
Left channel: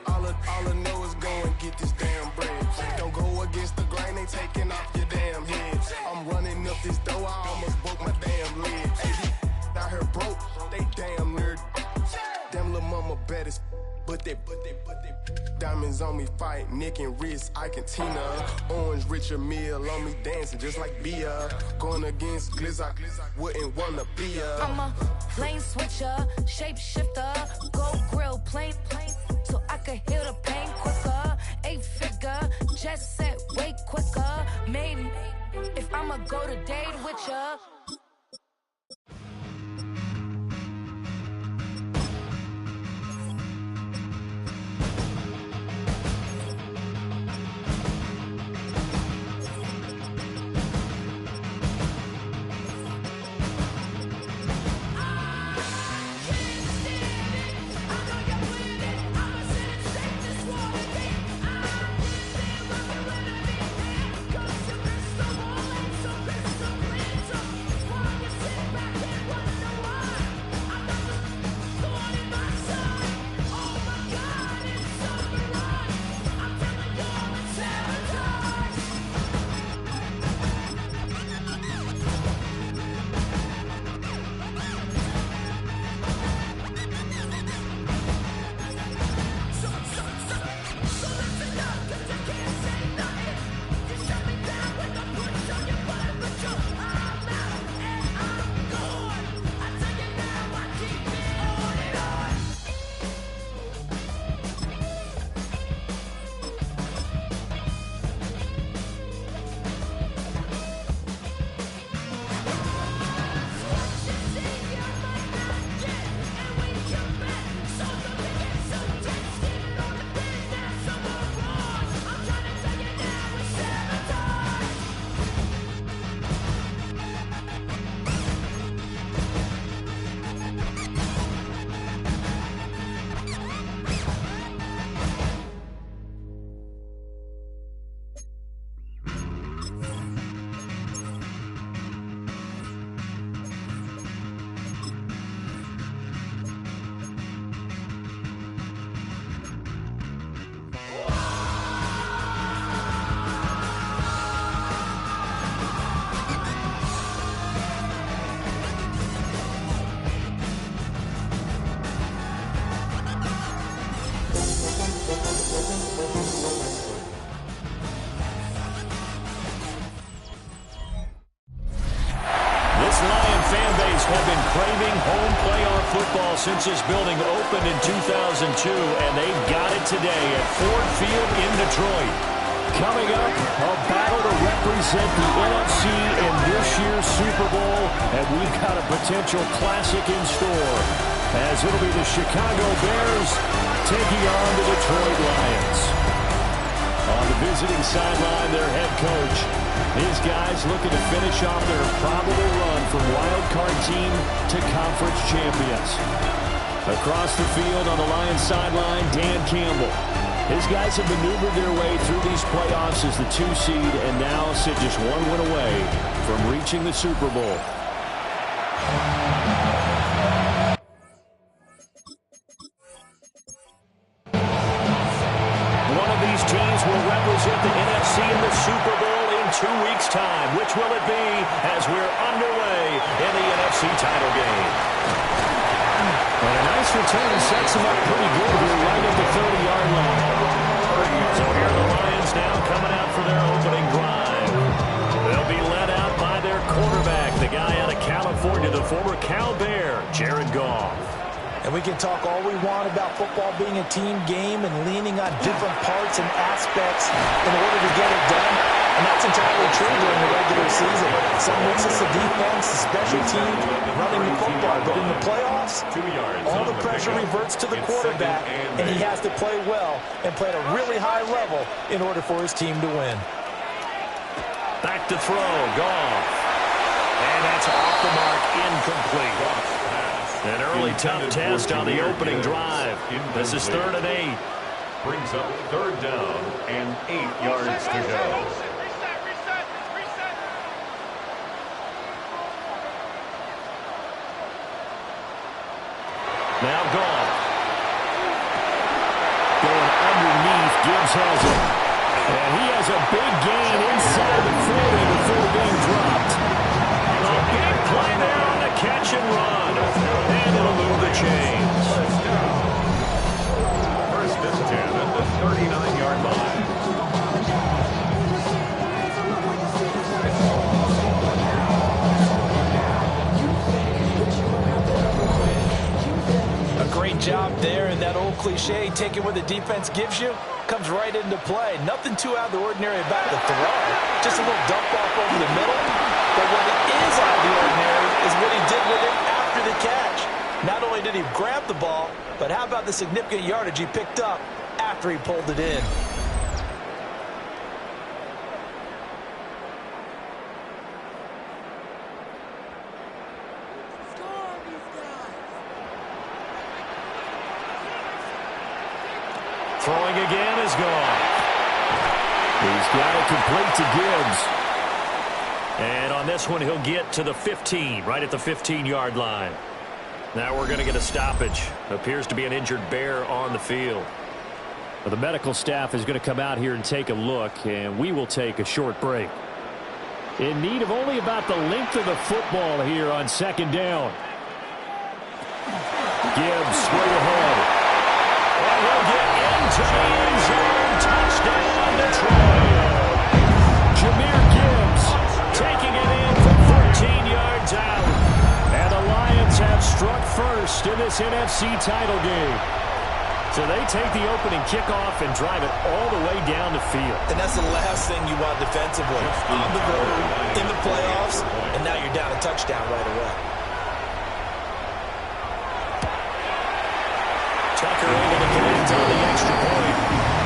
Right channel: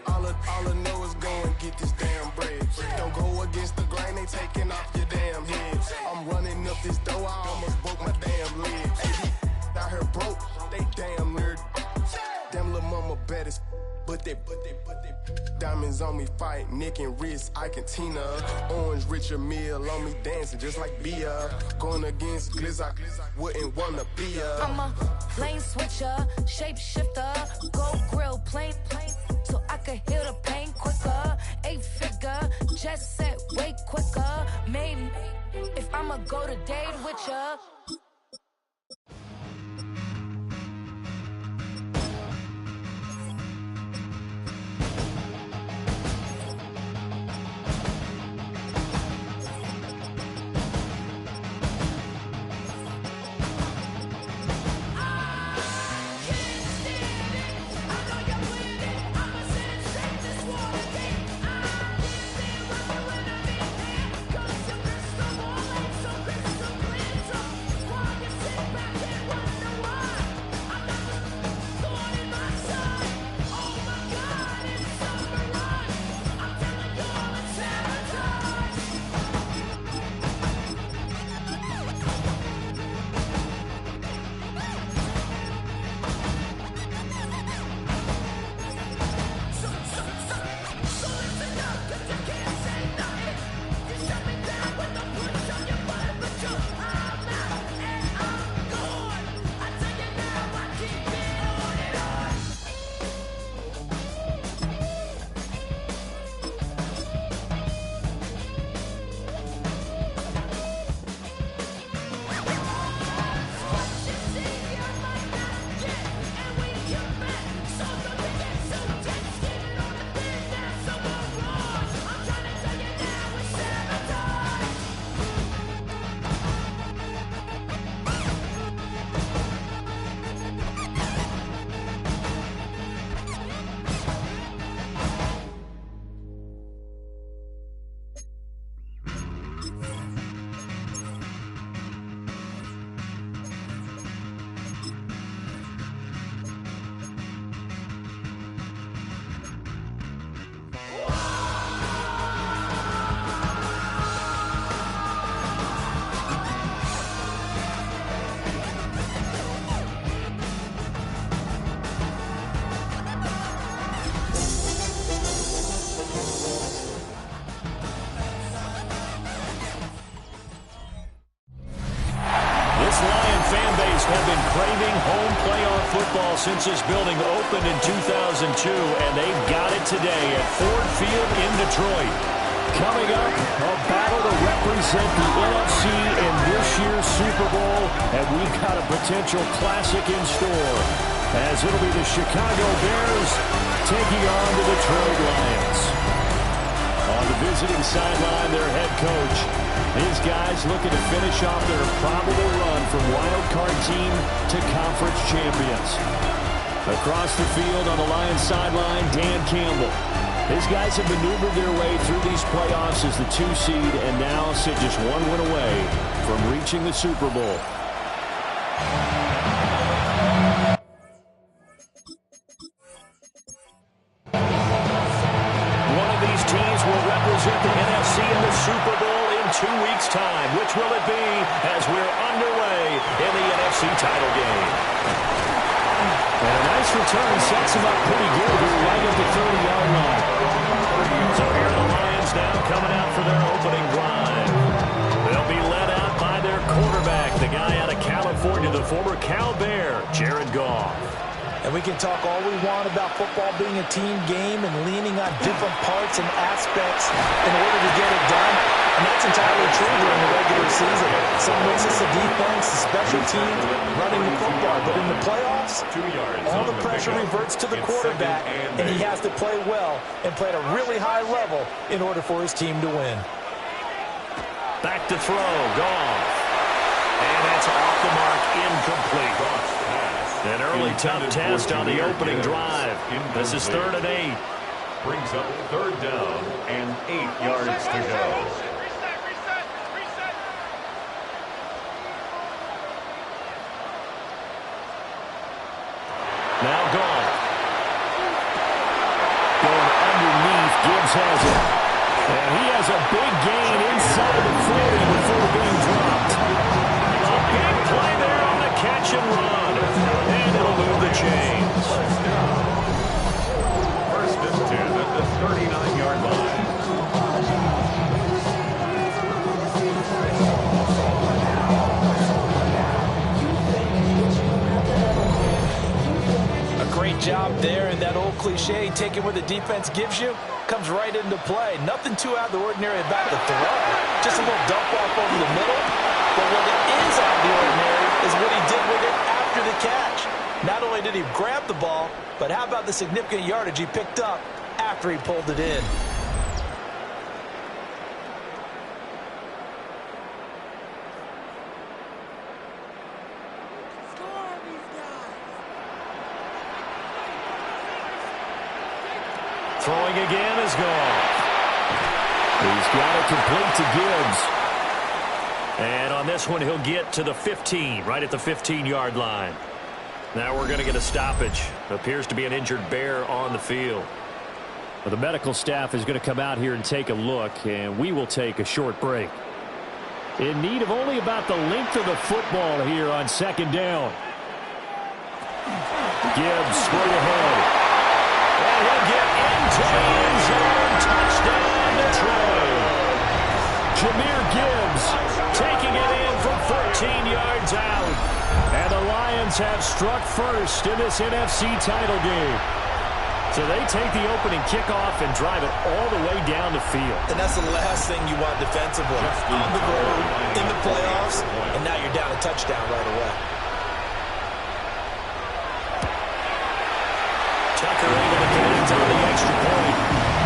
All I know is go and get this damn bread. Don't go against the grain, they taking off your damn head. I'm running up this door, I almost broke my damn leg. Out here broke, they damn nerd. Damn little mama bad as but they diamonds on me fight, Nick and wrist, Ike and Tina. Orange Richard Mill on me dancing just like Bia. Going against Glizak, wouldn't wanna be ya. I'm a lane switcher, shapeshifter, go grill, plane, so I could heal the pain quicker. 8-figure, just set way quicker. Made if I'ma go to date with ya. This Lion fan base have been craving home playoff football since this building opened in 2002, and they've got it today at Ford Field in Detroit. Coming up, a battle to represent the NFC in this year's Super Bowl, and we've got a potential classic in store, as it'll be the Chicago Bears taking on the Detroit Lions. On the visiting sideline, their head coach. These guys looking to finish off their probable run from wild card team to conference champions. Across the field on the Lions sideline, Dan Campbell. His guys have maneuvered their way through these playoffs as the 2 seed and now sit just 1 win away from reaching the Super Bowl. One of these teams will represent the NFC in the Super Bowl in 2 weeks' time. Which will it be as we're underway in the NFC title game? And a nice return sets them up pretty good here right at the 30-yard line. So here are the Lions now coming out for their opening drive. They'll be led out by their quarterback, the guy out of California, the former Cal Bear, Jared Goff. And we can talk all we want about football being a team game and leaning on different parts and aspects in order to get it done. And that's entirely true during the regular season. Some weeks it's the defense, the special teams, running the football. But in the playoffs, all the pressure reverts to the quarterback, and he has to play well and play at a really high level in order for his team to win. Back to throw, Goff. And that's off the mark, incomplete. An early tough test on the opening drive. This is 3rd and 8. Brings up 3rd down and 8 yards to go. Now Goff. Going underneath, Gibbs has it. And he has a big gain inside the 40 before being dropped. A big play there on the catch and run. And it'll move the chains. First and 10 at the 39-yard line. A great job there, and that old cliche, taking what the defense gives you, comes right into play. Nothing too out of the ordinary about the throw. Just a little dump off over the middle. But what is out of the ordinary is what he did with it after the catch. Not only did he grab the ball, but how about the significant yardage he picked up after he pulled it in? Throwing again is Goff. He's got it complete to Gibbs. And on this one, he'll get to the 15, right at the 15-yard line. Now we're going to get a stoppage. Appears to be an injured Bear on the field. Well, the medical staff is going to come out here and take a look, and we will take a short break. In need of only about the length of the football here on 2nd down. Gibbs straight ahead. And he'll get into the end zone. Touchdown, Detroit. Jahmyr Gibbs taking it in from 14 yards out. And the Lions have struck first in this NFC title game. So they take the opening kickoff and drive it all the way down the field. And that's the last thing you want defensively. On the road, in the playoffs, and now you're down a touchdown right away. Tucker able to connect on the extra point.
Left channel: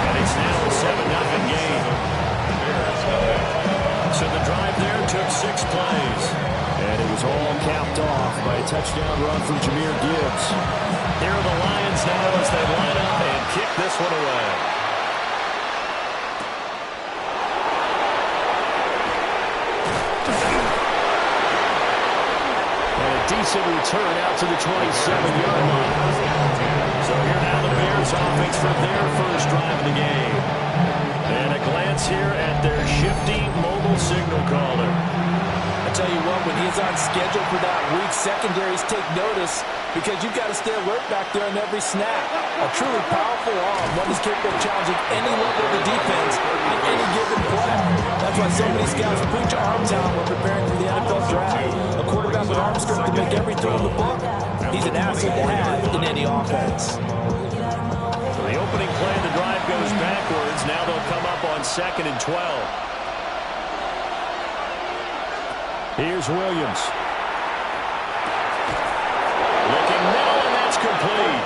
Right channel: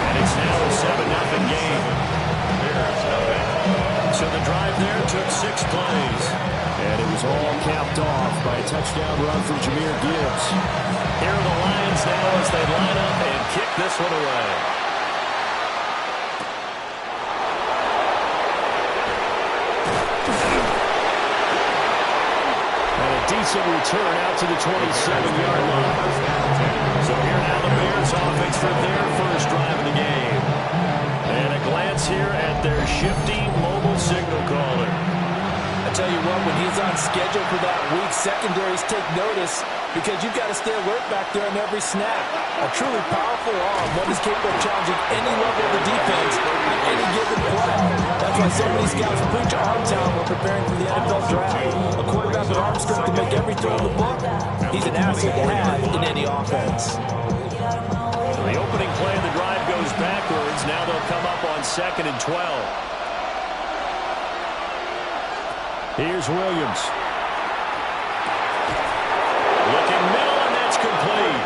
And it's now a 7-0 game. So the drive there took 6 plays. And it was all capped off by a touchdown run from Jahmyr Gibbs. Here are the Lions now as they line up and kick this one away. And a decent return out to the 27-yard line. So here now the Bears offense for their first drive of the game. And a glance here at their shifty mobile signal caller. I tell you what, when he's on schedule for that week, secondaries take notice because you've got to stay alert back there on every snap. A truly powerful arm, one is capable of challenging any level of the defense on any given play. That's why so many scouts preach arm talent when preparing for the NFL draft. A quarterback arm strength to make every throw in the book. He's an asset to have in any offense. So the opening play of the drive goes backwards. Now they'll come up on 2nd and 12. Here's Williams. Looking middle, and that's complete.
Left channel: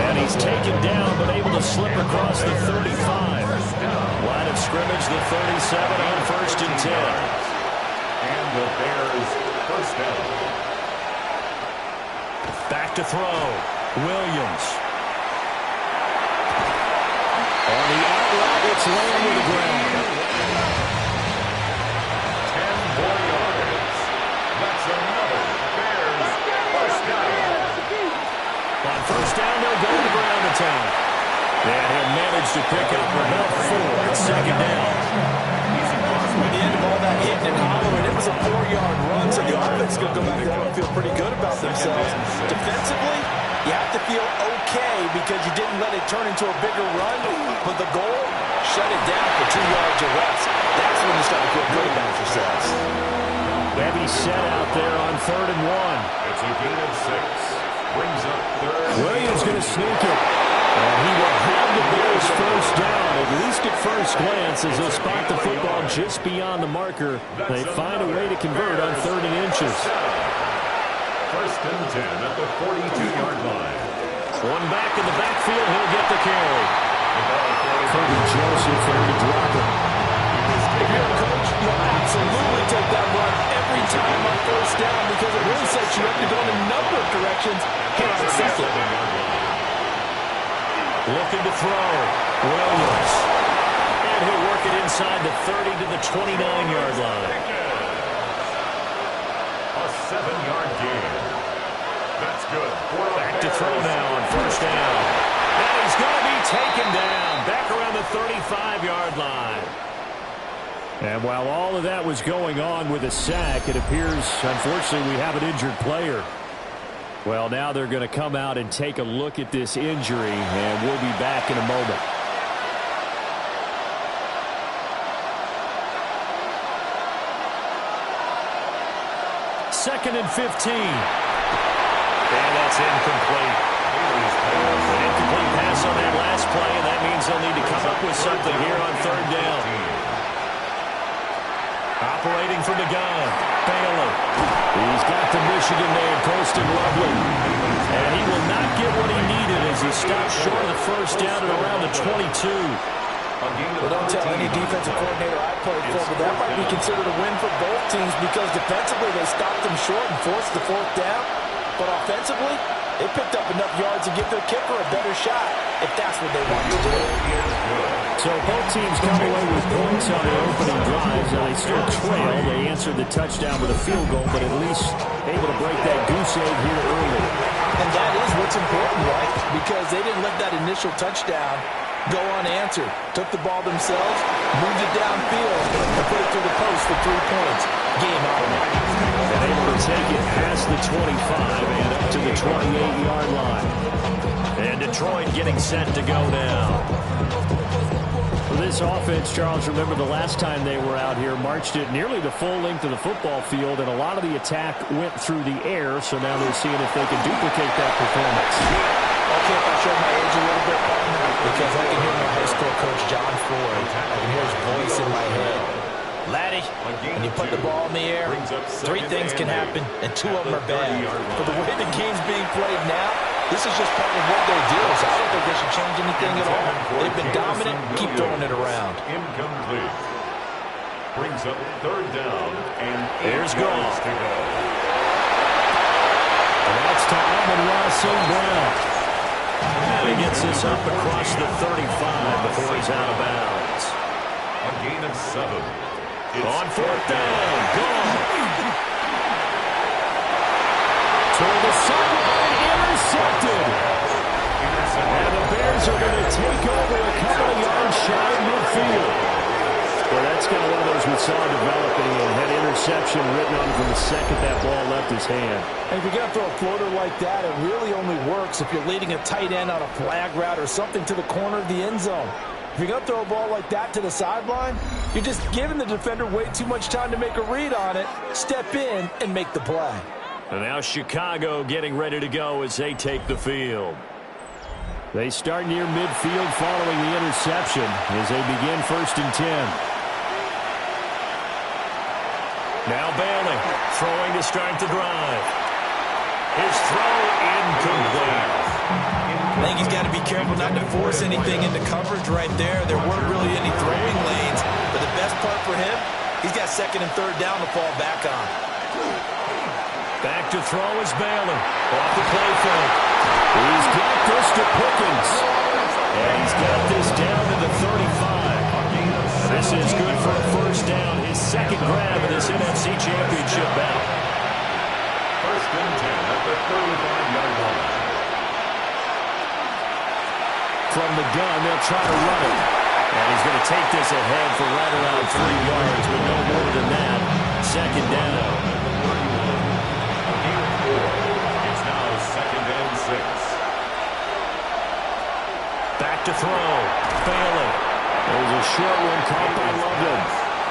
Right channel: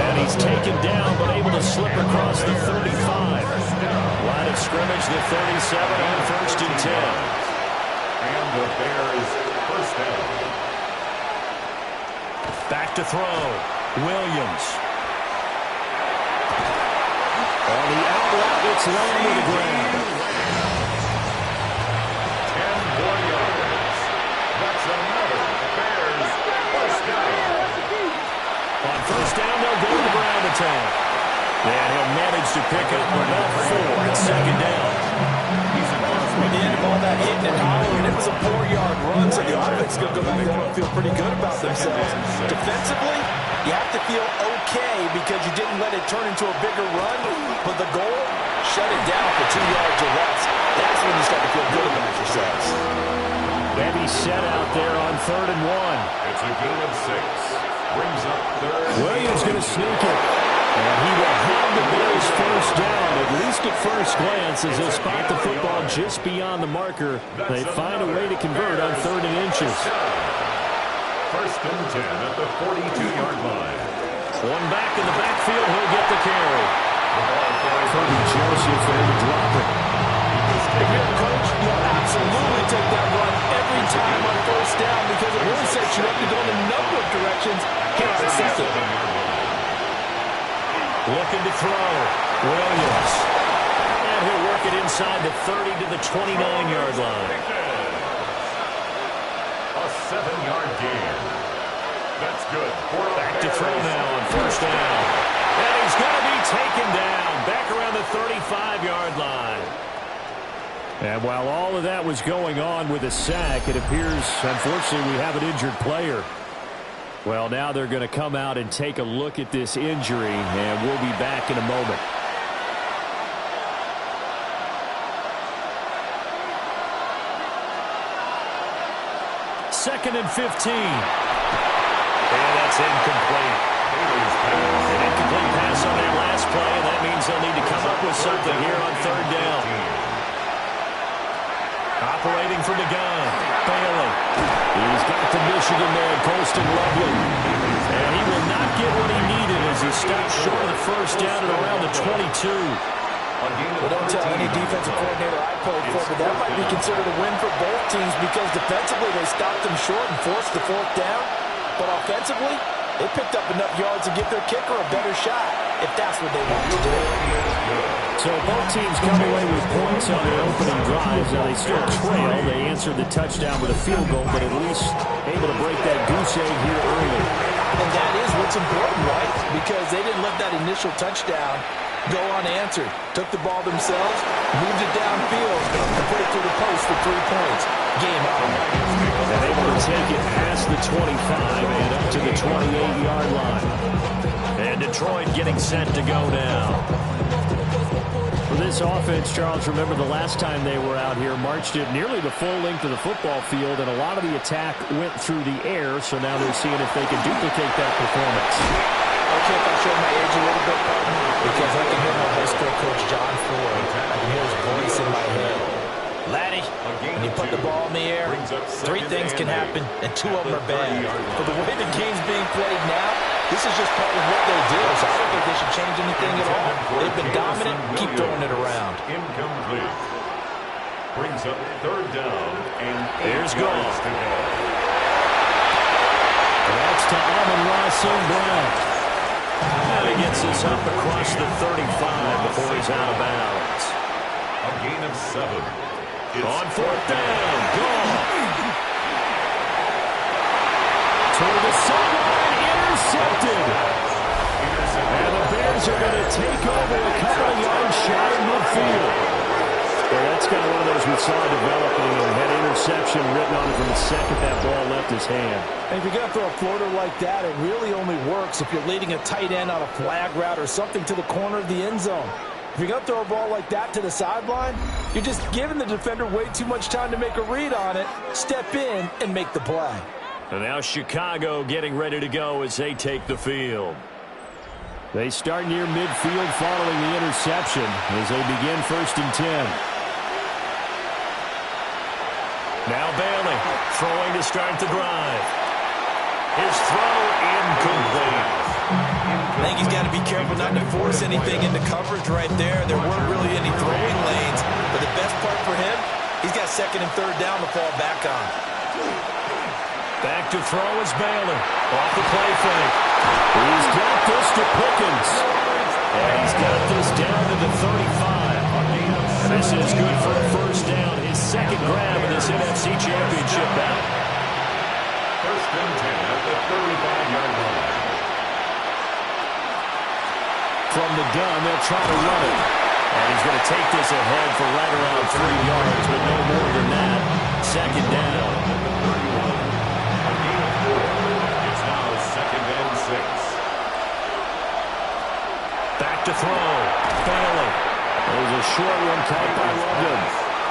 And he's taken down, but able to slip across the 35. Line of scrimmage, the 37 on 1st and 10. And the Bears first down. Back to throw. Williams. On the out route, it's Lamb with the ground. 10 more yards. That's another Bears first down. On 1st down, they'll go to the ground attack. And he'll manage to pick up about 4 at 2nd down. At the end of all that hitting and hollering, it was a 4-yard run, so the offense is going to go back there and feel pretty good about themselves. Defensively, you have to feel okay because you didn't let it turn into a bigger run, but the goal, shut it down for 2 yards or less. That's when you start to feel good about yourselves. Heavy set out there on 3rd and 1. It's a gain of 6. Brings up 3rd. Williams going to sneak it. And he will have the Bears first down, at least at first glance, as they'll spot the football just beyond the marker. They find a way to convert on 3rd and inches. 1st and 10 at the 42-yard line. One back in the backfield, he'll get the carry. Kirby Joseph there to drop it. If you're a coach, you'll absolutely take that run every time on 1st down because it really sets you up to go in a number of directions here on 2nd. Looking to throw. Williams. And he'll work it inside the 30 to the 29-yard line. A 7-yard gain. That's good. Back to throw now on 1st down. And he's going to be taken down. Back around the 35-yard line. And while all of that was going on with a sack, it appears, unfortunately, we have an injured player. Well, now they're going to come out and take a look at this injury, and we'll be back in a moment. Second and 15. And that's incomplete. An incomplete pass on that last play, and that means they'll need to come up with something here on 3rd down. Operating from the gun, Bailey. He's got the Michigan man, Colston Lovely. And he will not get what he needed as he stops short of the 1st down at around the 22. Well, don't tell any defensive coordinator I played for, but that might be considered a win for both teams because defensively they stopped them short and forced the 4th down. But offensively, they picked up enough yards to give their kicker a better shot if that's what they want to do. So both teams come away with points on their opening drives. Now they still trail. They answered the touchdown with a field goal, but at least able to break that goose egg here early. And that is what's important, right? Because they didn't let that initial touchdown go unanswered. Took the ball themselves, moved it downfield, and put it through the post for 3 points. Game out. And able to take it past the 25 and up to the 28-yard line. And Detroit getting set to go now. For this offense, Charles, remember the last time they were out here, marched it nearly the full length of the football field, and a lot of the attack went through the air, so now they're seeing if they can duplicate that performance. Okay, if I show my age a little bit, partner, because I can hear my high school coach, John Floyd. I can hear his voice in my head. Laddie, when you put the ball in the air, 3 things can happen, and 2 of them are bad. But the way the game's being played now, this is just part of what they do, so I don't think they should change anything at all. They've been dominant. Keep throwing it around. Incomplete. Brings up 3rd down, and here's goal. That's to Amon-Ra St. Brown. And he gets this up across the 35 before he's out of bounds. A gain of 7. On 4th down, Goff. Toward the sideline, intercepted. And the Bears are going to take over a couple of yards shy of midfield. Well, that's kind of one of those we saw developing and had interception written on it from the second that ball left his hand. And if you're going to throw a floater like that, it really only works if you're leading a tight end on a flag route or something to the corner of the end zone. If you're going to throw a ball like that to the sideline, you're just giving the defender way too much time to make a read on it, step in, and make the play. And now Chicago getting ready to go as they take the field. They start near midfield following the interception as they begin 1st and 10. Now Bailey throwing to start the drive. His throw incomplete. I think he's got to be careful not to force anything into coverage right there. There weren't really any throwing lanes. But the best part for him, he's got 2nd and 3rd down to fall back on. Back to throw is Bailey. Off the play fake. He's got this to Pickens. And he's got this down to the 35. This is good for a 1st down. His 2nd grab of this NFC Championship bout. 1st and 10 at the 35-yard line. From the gun, they'll try to run it. And he's going to take this ahead for right around 3 yards, but no more than that. 2nd down. A gain of 4. It's now 2nd and 6. Back to throw. Bailey. There's a short one caught by London.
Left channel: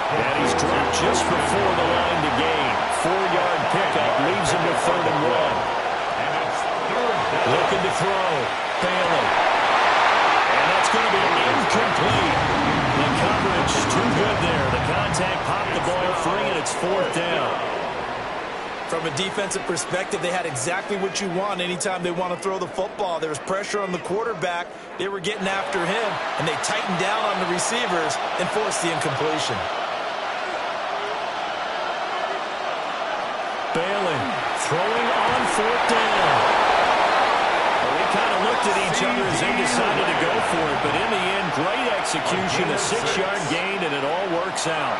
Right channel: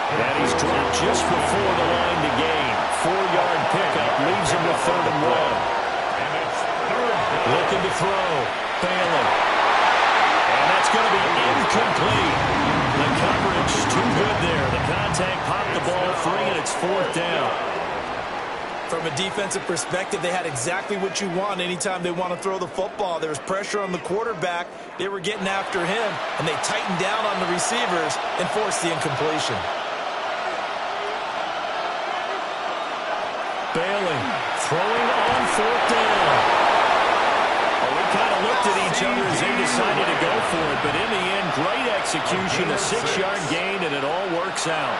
And he's dropped just before the line to gain. 4-yard pickup leaves him with 3rd and 1. And it's 3rd down. Looking to throw. Bailey. And that's going to be incomplete. The coverage too good there. The contact popped the ball free, and it's 4th down. From a defensive perspective, they had exactly what you want anytime they want to throw the football. There was pressure on the quarterback. They were getting after him, and they tightened down on the receivers and forced the incompletion. Bailey throwing on 4th down. Well, we kind of looked at each other as they decided to go for it, but in the end, great execution, a 6-yard gain, and it all works out.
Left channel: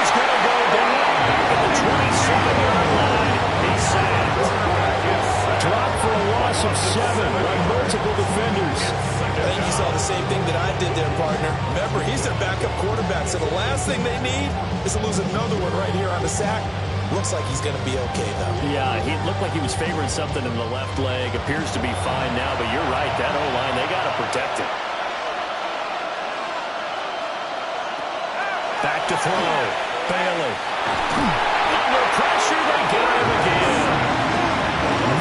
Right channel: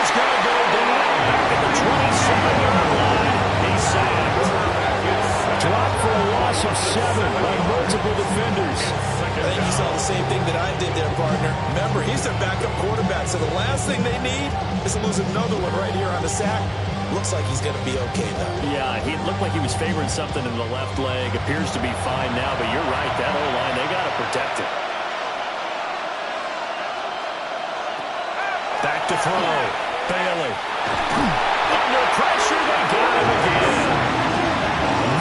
He's going to go down back at the 27-yard line. He's sacked. Dropped for a loss of 7 by multiple defenders. I think you saw the same thing that I did there, partner. Remember, he's their backup quarterback, so the last thing they need is to lose another one right here on the sack. Looks like he's going to be okay, though. Yeah, he looked like he was favoring something in the left leg. Appears to be fine now, but you're right. That O-line, they got to protect it. Back to throw. Bailey. Under pressure, they got him again.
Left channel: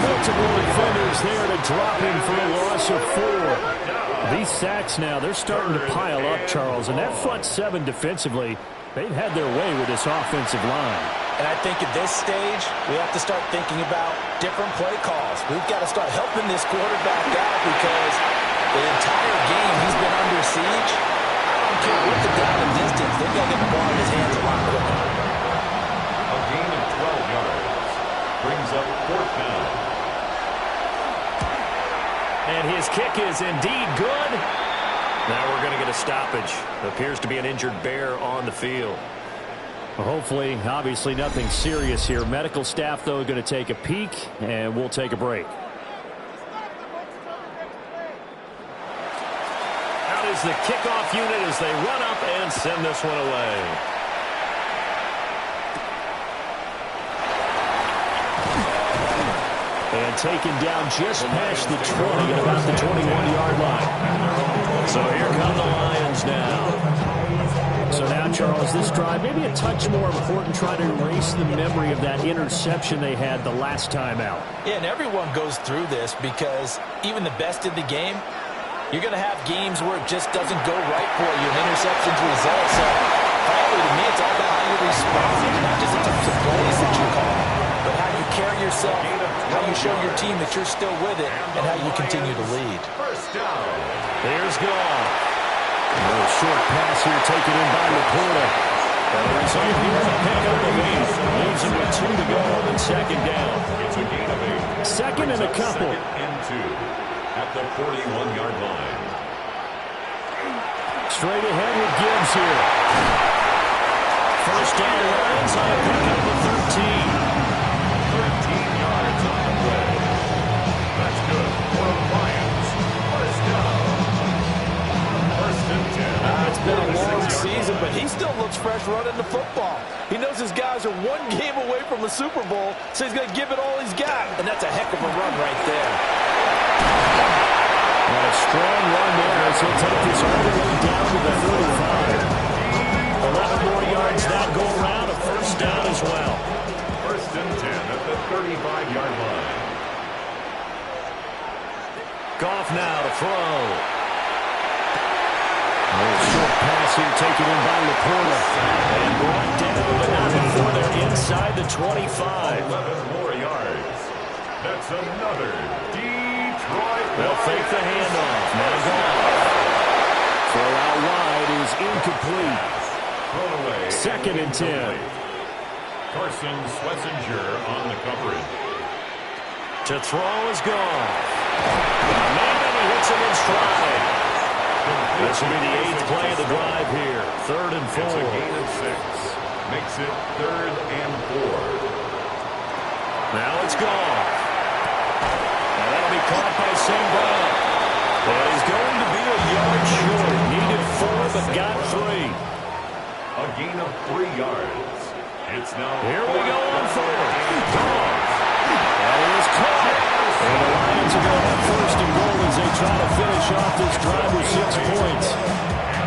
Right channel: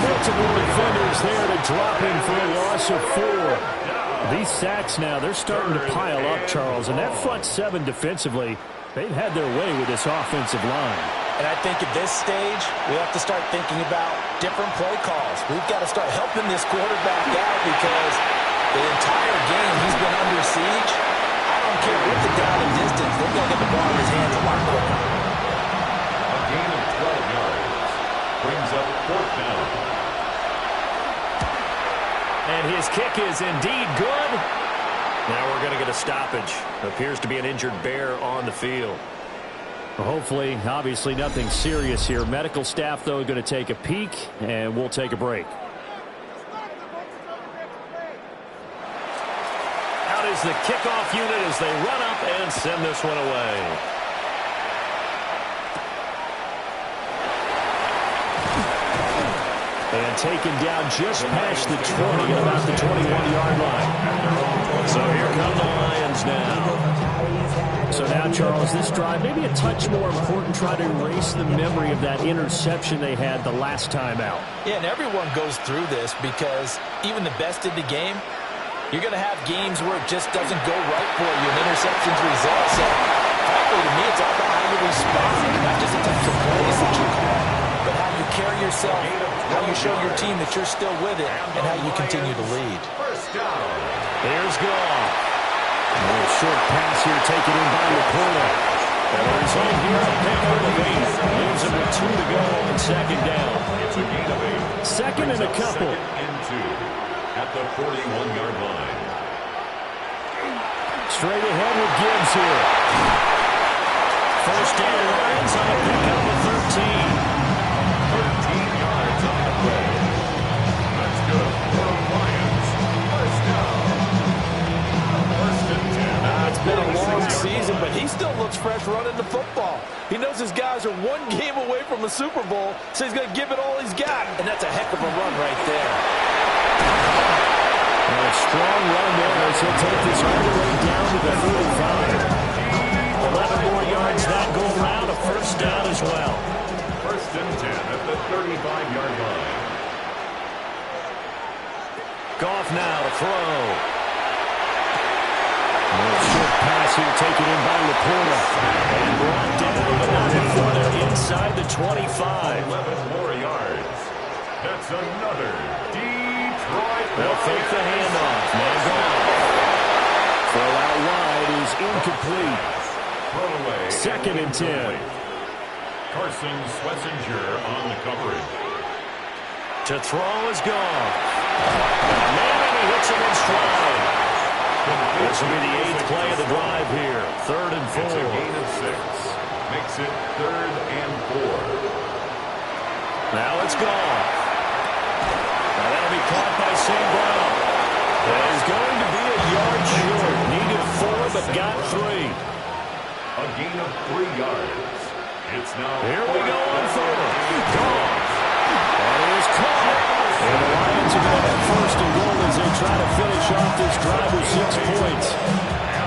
Multiple defenders there to drop him for a loss of 4. These sacks now, they're starting to pile up, Charles. And that front 7 defensively, they've had their way with this offensive line. And I think at this stage, we have to start thinking about different play calls. We've got to start helping this quarterback out because the entire game he's been under siege. I don't care what the down and distance. They've got to get the ball in his hands a lot quicker. A gain of 12 yards. Brings up 4th down. And his kick is indeed good. Now we're going to get a stoppage. Appears to be an injured Bear on the field. Well, hopefully, obviously nothing serious here. Medical staff, though, going to take a peek, and we'll take a break. Out is the kickoff unit as they run up and send this one away. And taken down just past the 20 at about the 21-yard line. So here come the Lions now. So now, Charles, this drive, maybe a touch more important, try to erase the memory of that interception they had the last time out. Yeah, and everyone goes through this because even the best in the game, you're going to have games where it just doesn't go right for you, and interceptions result. So, frankly, to me, it's all about how you respond, not just the types of plays that you call, but how you carry yourself, how you show your team that you're still with it, and how you continue to lead. First down. Here's Goff. A little short pass here taken in by Laporta. And the result here, a pickup of 8. Leaves him with 2 to go on 2nd down. It's a gain of 8. Second and a couple. 2nd and 2 at the 41-yard line. Straight ahead with Gibbs here. First down, Lions on a pickup of 13. 13 yards on the play. That's good for the Lions. First down. 1st and 10. It's been a long season, but he still looks fresh running the football. He knows his guys are one game away from a Super Bowl, so he's going to give it all he's got. And that's a heck of a run right there. And a strong run there as he'll take this all the way down to the 35. Well, 11 more yards that go around, a first down as well. 1st and 10 at the 35-yard line. Goff now to throw. A short pass here taken in by Laporta. And brought down, but not before they're inside the 25. 11 more yards. That's another Detroit. They'll fake the handoff. Now Goff. Throw out wide is incomplete. Thrown away. 2nd and 10. Carson Schlesinger on the coverage. To throw is Goff. Got a man and he hits him in stride. This will be the 8th play of the drive here. 3rd and 4. It's a gain of 6. Makes it 3rd and 4. Now it's Goff. Now that'll be caught by St. Brown. Well, he's going to be a yard short. Needed 4, but got 3. A gain of 3 yards. It's now. Here we go on 4th. Goff. That is caught. And the Lions are going to have 1st and goal as they try to finish off this drive with 6 points.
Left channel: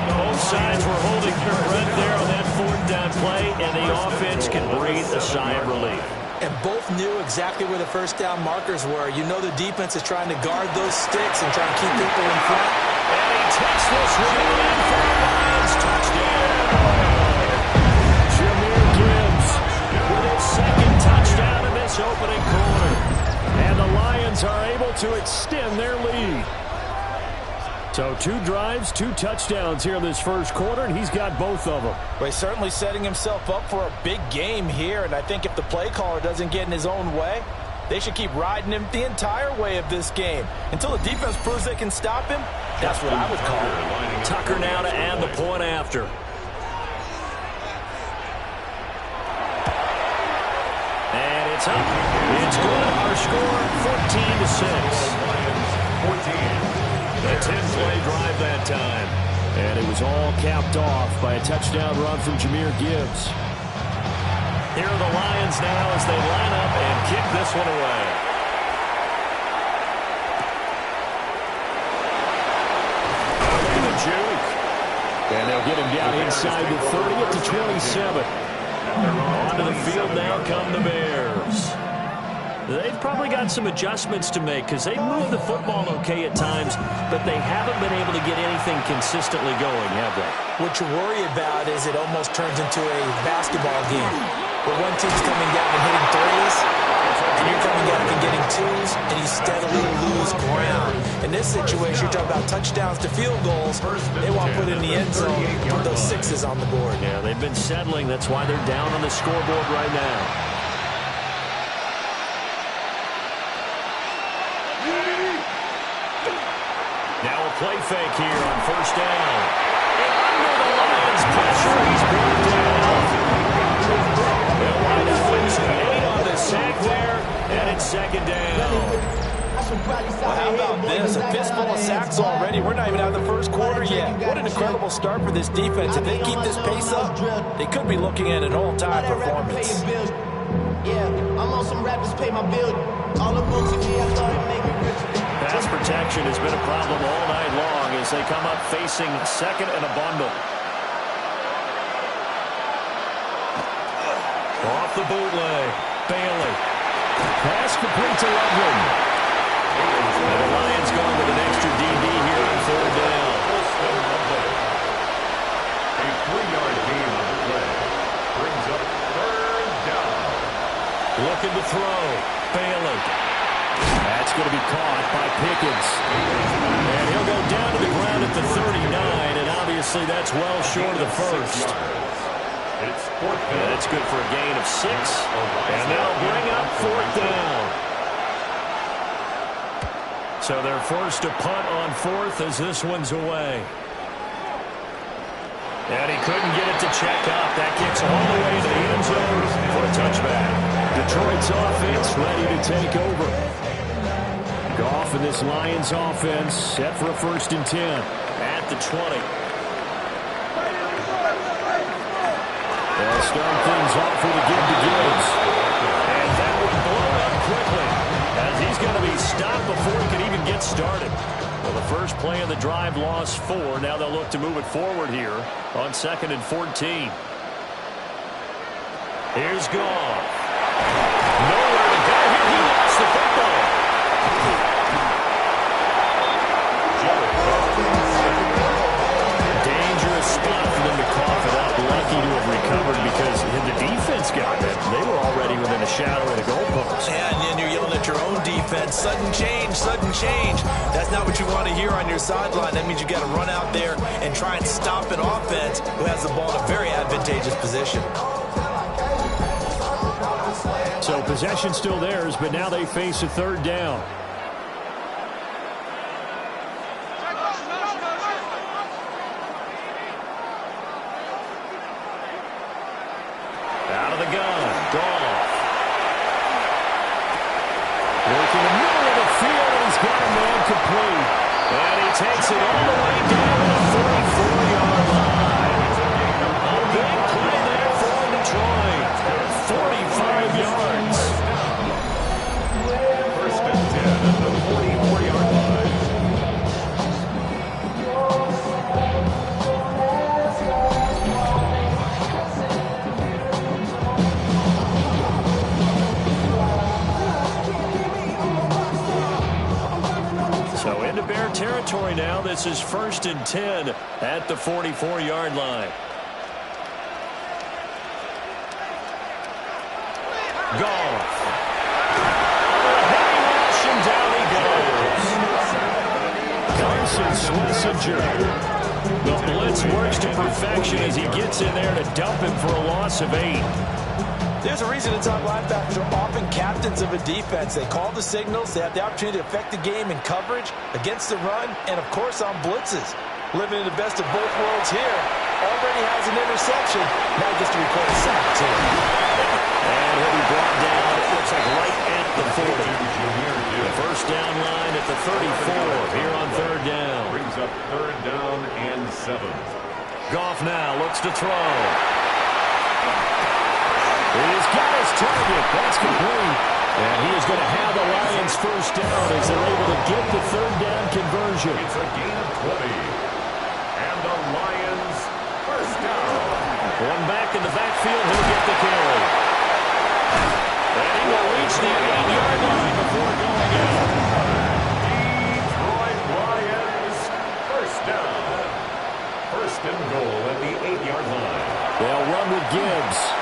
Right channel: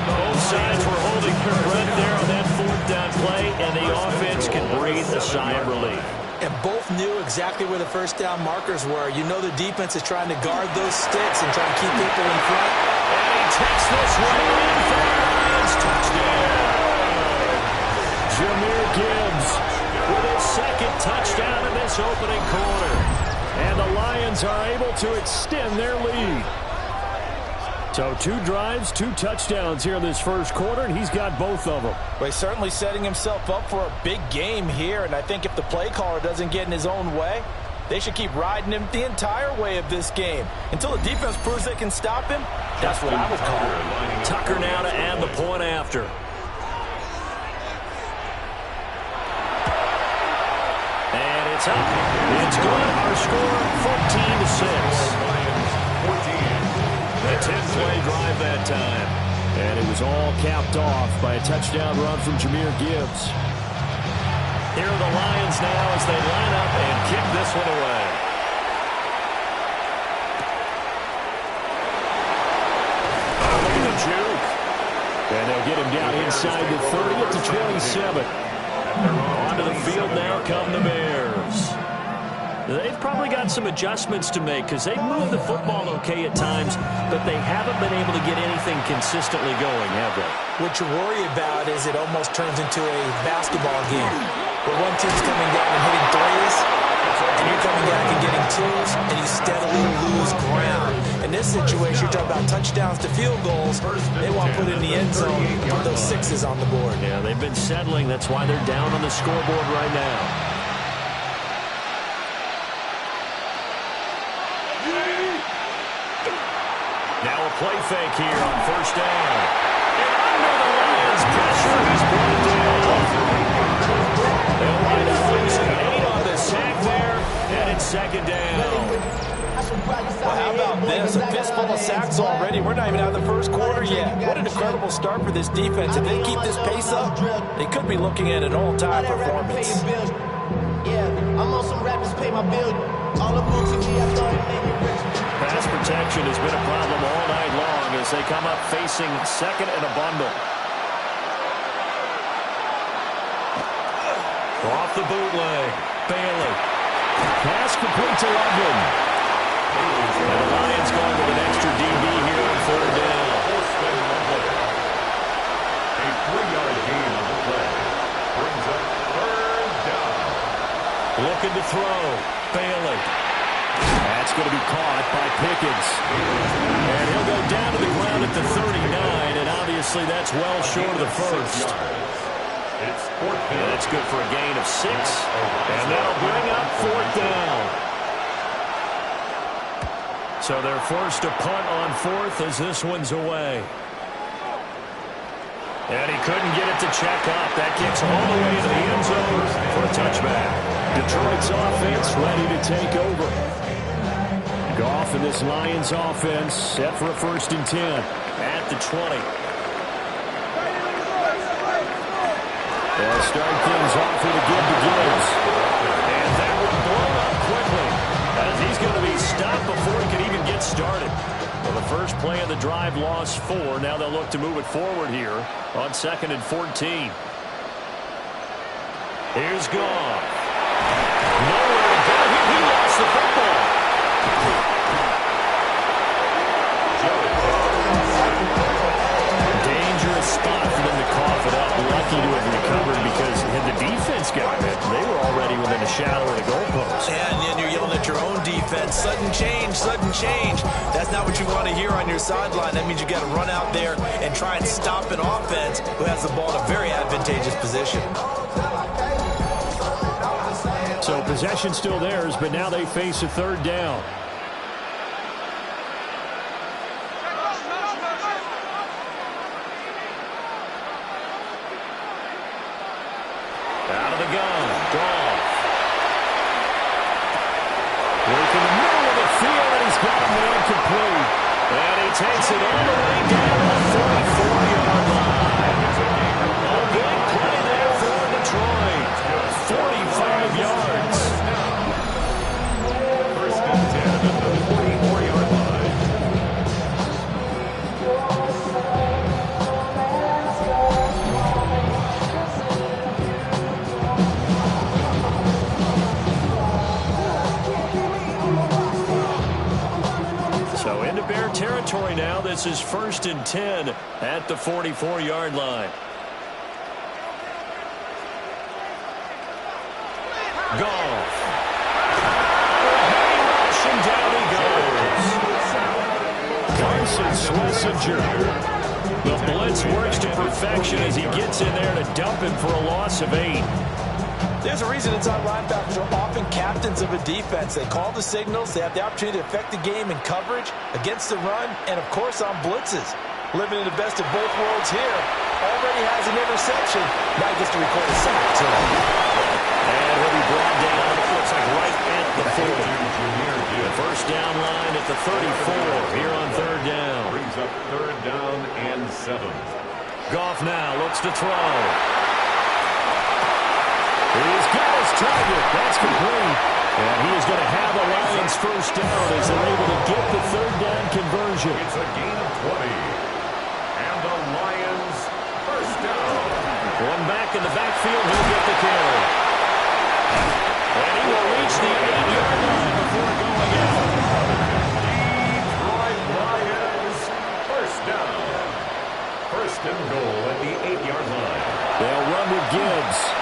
Both sides were holding their breath there on that 4th down play, and the offense can breathe a sigh of relief. And both knew exactly where the 1st down markers were. You know the defense is trying to guard those sticks and try to keep people in front. And he takes this one in for the Lions. Touchdown. Jahmyr Gibbs with his 2nd touchdown in this opening quarter. And the Lions are able to extend their lead. So 2 drives, 2 touchdowns here in this first quarter, and he's got both of them. Well, he's certainly setting himself up for a big game here, and I think if the play caller doesn't get in his own way, they should keep riding him the entire way of this game. Until the defense proves they can stop him, that's what I would call it. Tucker now to add the point after. And it's up. It's good. Our score, 14-6. Lions, 14. A 10-play drive that time. And it was all capped off by a touchdown run from Jahmyr Gibbs. Here are the Lions now as they line up and kick this one away. Oh, look at the juke. And they'll get him down inside the 30 at the 27. Onto the field now come the Bears. They've probably got some adjustments to make because they've moved the football okay at times, but they haven't been able to get anything consistently going, have they? What you worry about is it almost turns into a basketball game where one team's coming down and hitting threes, and you're coming back and getting twos, and you steadily lose ground. In this situation, you're talking about touchdowns to field goals. They want to put in the end zone and put those 6s on the board. Yeah, they've been settling. That's why they're down on the scoreboard right now. Now a play fake here on 1st down. And under the Lions' pressure, he's brought down. They'll wind up losing 8 on the sack there, and it's 2nd down. Well, how about this? A fistful of sacks already. We're not even out of the first quarter yet. What an incredible start for this defense. If they keep this pace up, they could be looking at an all-time performance. Yeah, I'm on some rappers pay my bill. All the books in me, I thought it made me richer. Pass protection has been a problem all night long as they come up facing 2nd and a bundle. Off the bootleg. Bailey. Pass complete to Loveland. And the Lions going with an extra DB here on 3rd down. A 3-yard gain on the play. Brings up 3rd down. Looking to throw. Bailey. That's going to be caught by Pickens. And he'll go down to the ground at the 39, and obviously that's well short of the first. It's 4th down. And that's good for a gain of 6. And that'll bring up 4th down. So they're forced to punt on 4th as this one's away. And he couldn't get it to check up. That kicks all the way into the end zone for a touchback. Detroit's offense ready to take over. Goff and this Lions offense set for a 1st and 10 at the 20. They'll start things off with a give to Gibbs. And that one blown up quickly as he's going to be stopped before he can even get started. Well, the first play of the drive lost 4. Now they'll look to move it forward here on 2nd and 14. Here's Goff. Nowhere to go here. He lost the football. Dangerous spot for them to cough it up. Lucky to have recovered because had the defense gotten it, they were already within a shadow of the goalpost. And then you're yelling at your own defense. Sudden change, sudden change. That's not what you want to hear on your sideline. That means you got to run out there and try and stop an offense who has the ball in a very advantageous position. So possession still theirs, but now they face a 3rd down. Out of the gun, Goff. Working the middle of the field, and he's got a man complete. And he takes it all the way down to the 44-yard line. A big play there for Detroit. 45 yards. First and 10 at the 44-yard line. So into Bear territory now. This is 1st and 10 at the 44-yard line. Goff. A heavy rush, and down he goes. Carson Schlesinger. The blitz works to perfection as he gets in there to dump him for a loss of 8. There's a reason inside linebackers are often captains of a defense. They call the signals. They have the opportunity to affect the game in coverage, against the run, and, of course, on blitzes. Living in the best of both worlds here. Already has an interception. Now he gets to record a sack, too. And he'll be brought down, it looks like right at the 40. The first down line at the 34 here on 3rd down. Brings up 3rd down and 7. Goff now looks to throw. He's got his target. That's complete. And he is going to have the Lions first down as they're able to get the 3rd down conversion. It's a gain of 20. And the Lions first down. One back in the backfield. He'll get the carry. And he will reach the 8-yard line before going out. Detroit Lions first down. 1st and goal at the 8-yard line. They'll run with Gibbs.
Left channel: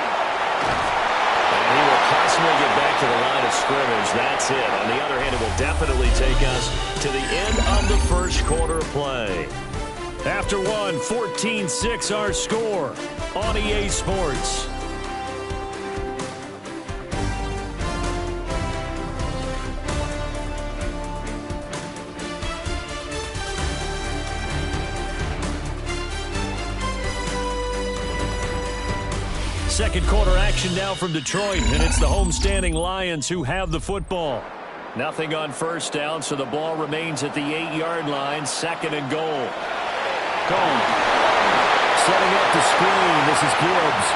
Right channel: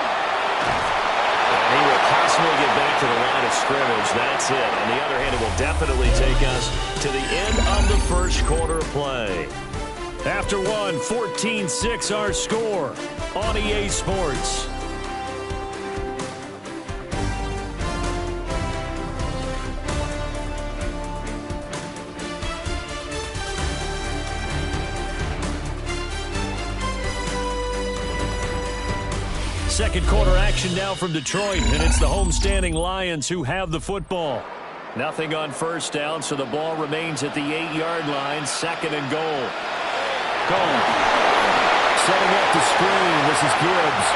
And he will possibly get back to the line of scrimmage. That's it. On the other hand, it will definitely take us to the end of the first quarter of play. After one, 14-6 our score on EA Sports. Second quarter action now from Detroit, and it's the homestanding Lions who have the football. Nothing on first down, so the ball remains at the 8-yard line, 2nd and goal. Goal. Setting up the screen, this is Gibbs.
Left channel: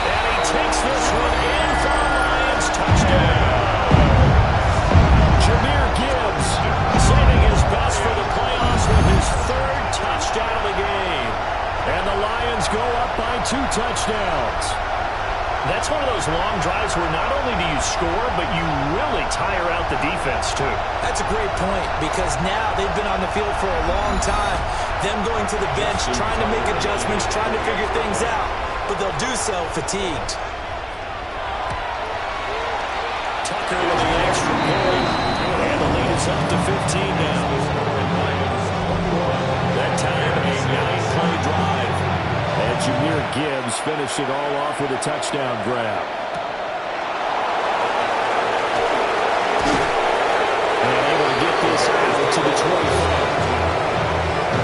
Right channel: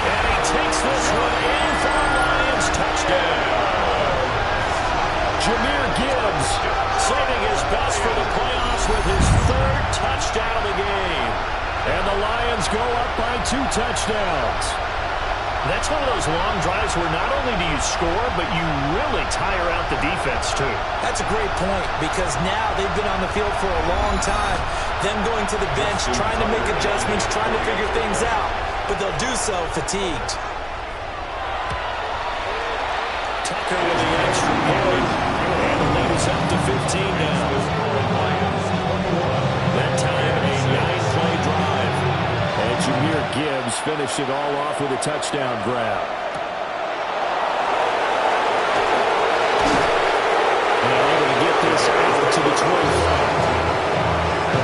And he takes this one in for a Lions touchdown. Jahmyr Gibbs saving his best for the playoffs with his 3rd touchdown of the game. And the Lions go up by 2 touchdowns. That's one of those long drives where not only do you score, but you really tire out the defense, too. That's a great point, because now they've been on the field for a long time. Them going to the bench, trying to make adjustments, trying to figure things out, but they'll do so fatigued. Tucker with the extra point, and the lead is up to 15 now. That time, a 9-play drive. And Jahmyr Gibbs finished it all off with a touchdown grab. And able to get this out to the 25.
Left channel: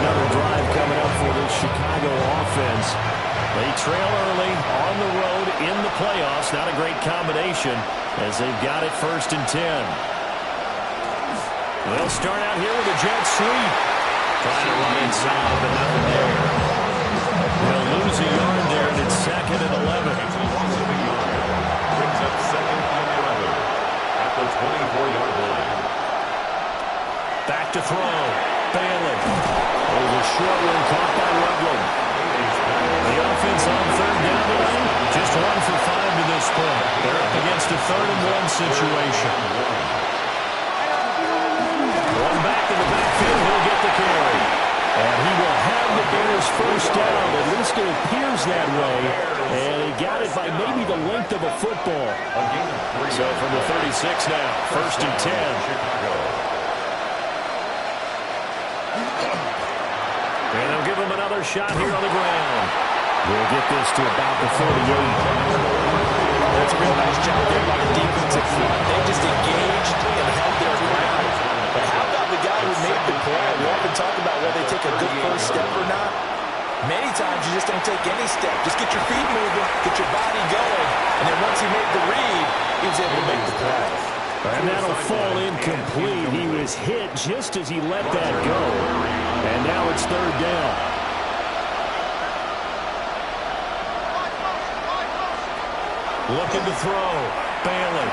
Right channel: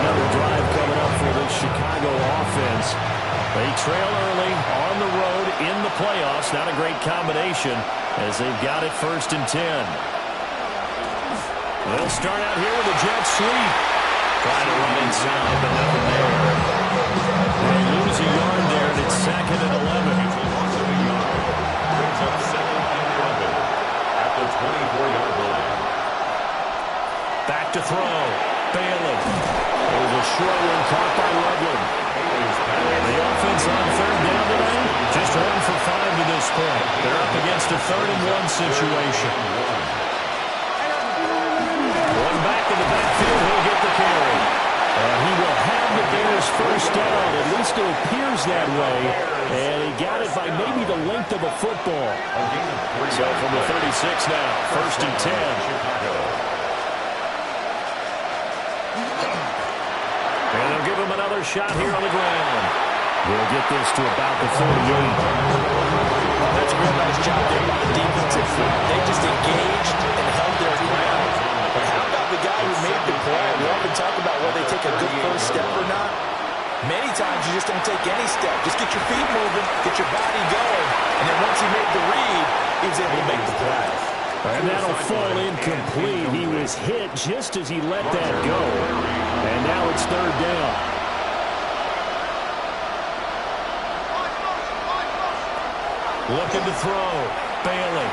Another drive coming up for the Chicago offense. They trail early on the road in the playoffs. Not a great combination as they've got it 1st and 10. They'll start out here with a jet sweep. Trying to run inside, but nothing there. They'll lose a yard there, and it's 2nd and 11. It's a loss of a yard. Brings up 2nd and 11 at the 24-yard line. Back to throw. Bailey. It was a short one caught by Loveland. The offense on third down tonight, just 1 for 5 to this point. They're up against a 3rd-and-1 situation. One back in the backfield, he'll get the carry. And he will have the Bears first down. At least it appears that way. And he got it by maybe the length of a football. So from the 36 now, 1st and 10. And they'll give him another shot here on the ground. We'll get this to about the 38. That's a real nice job there by the defensive front. They just engaged and held their ground. But how about the guy who made the play? We often talk about whether they take a good first step or not. Many times you just don't take any step. Just get your feet moving, get your body going, and then once he made the read, he was able to make the play. And that'll fall incomplete. He was hit just as he let that go. And now it's 3rd down. Looking to throw. Bailey.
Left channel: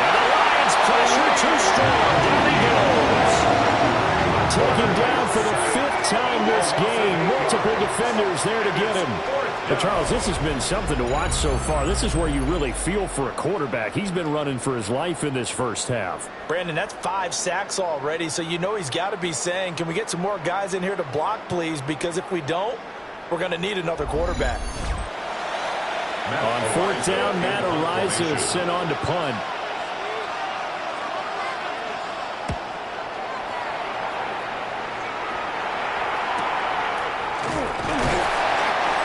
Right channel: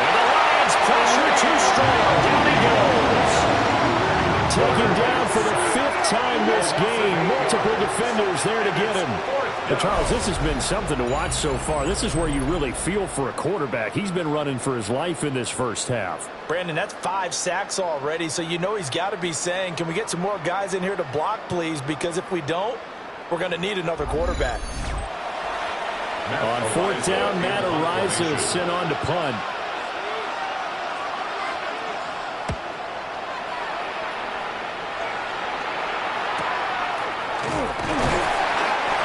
And the Lions pressure too strong. Down he goes. Taken down for the 5th time this game. Multiple defenders there to get him. But Charles, this has been something to watch so far. This is where you really feel for a quarterback. He's been running for his life in this first half. Brandon, that's 5 sacks already, so you know he's got to be saying, can we get some more guys in here to block, please? Because if we don't, we're going to need another quarterback. On 4th down, Matt Araiza is sent on to punt.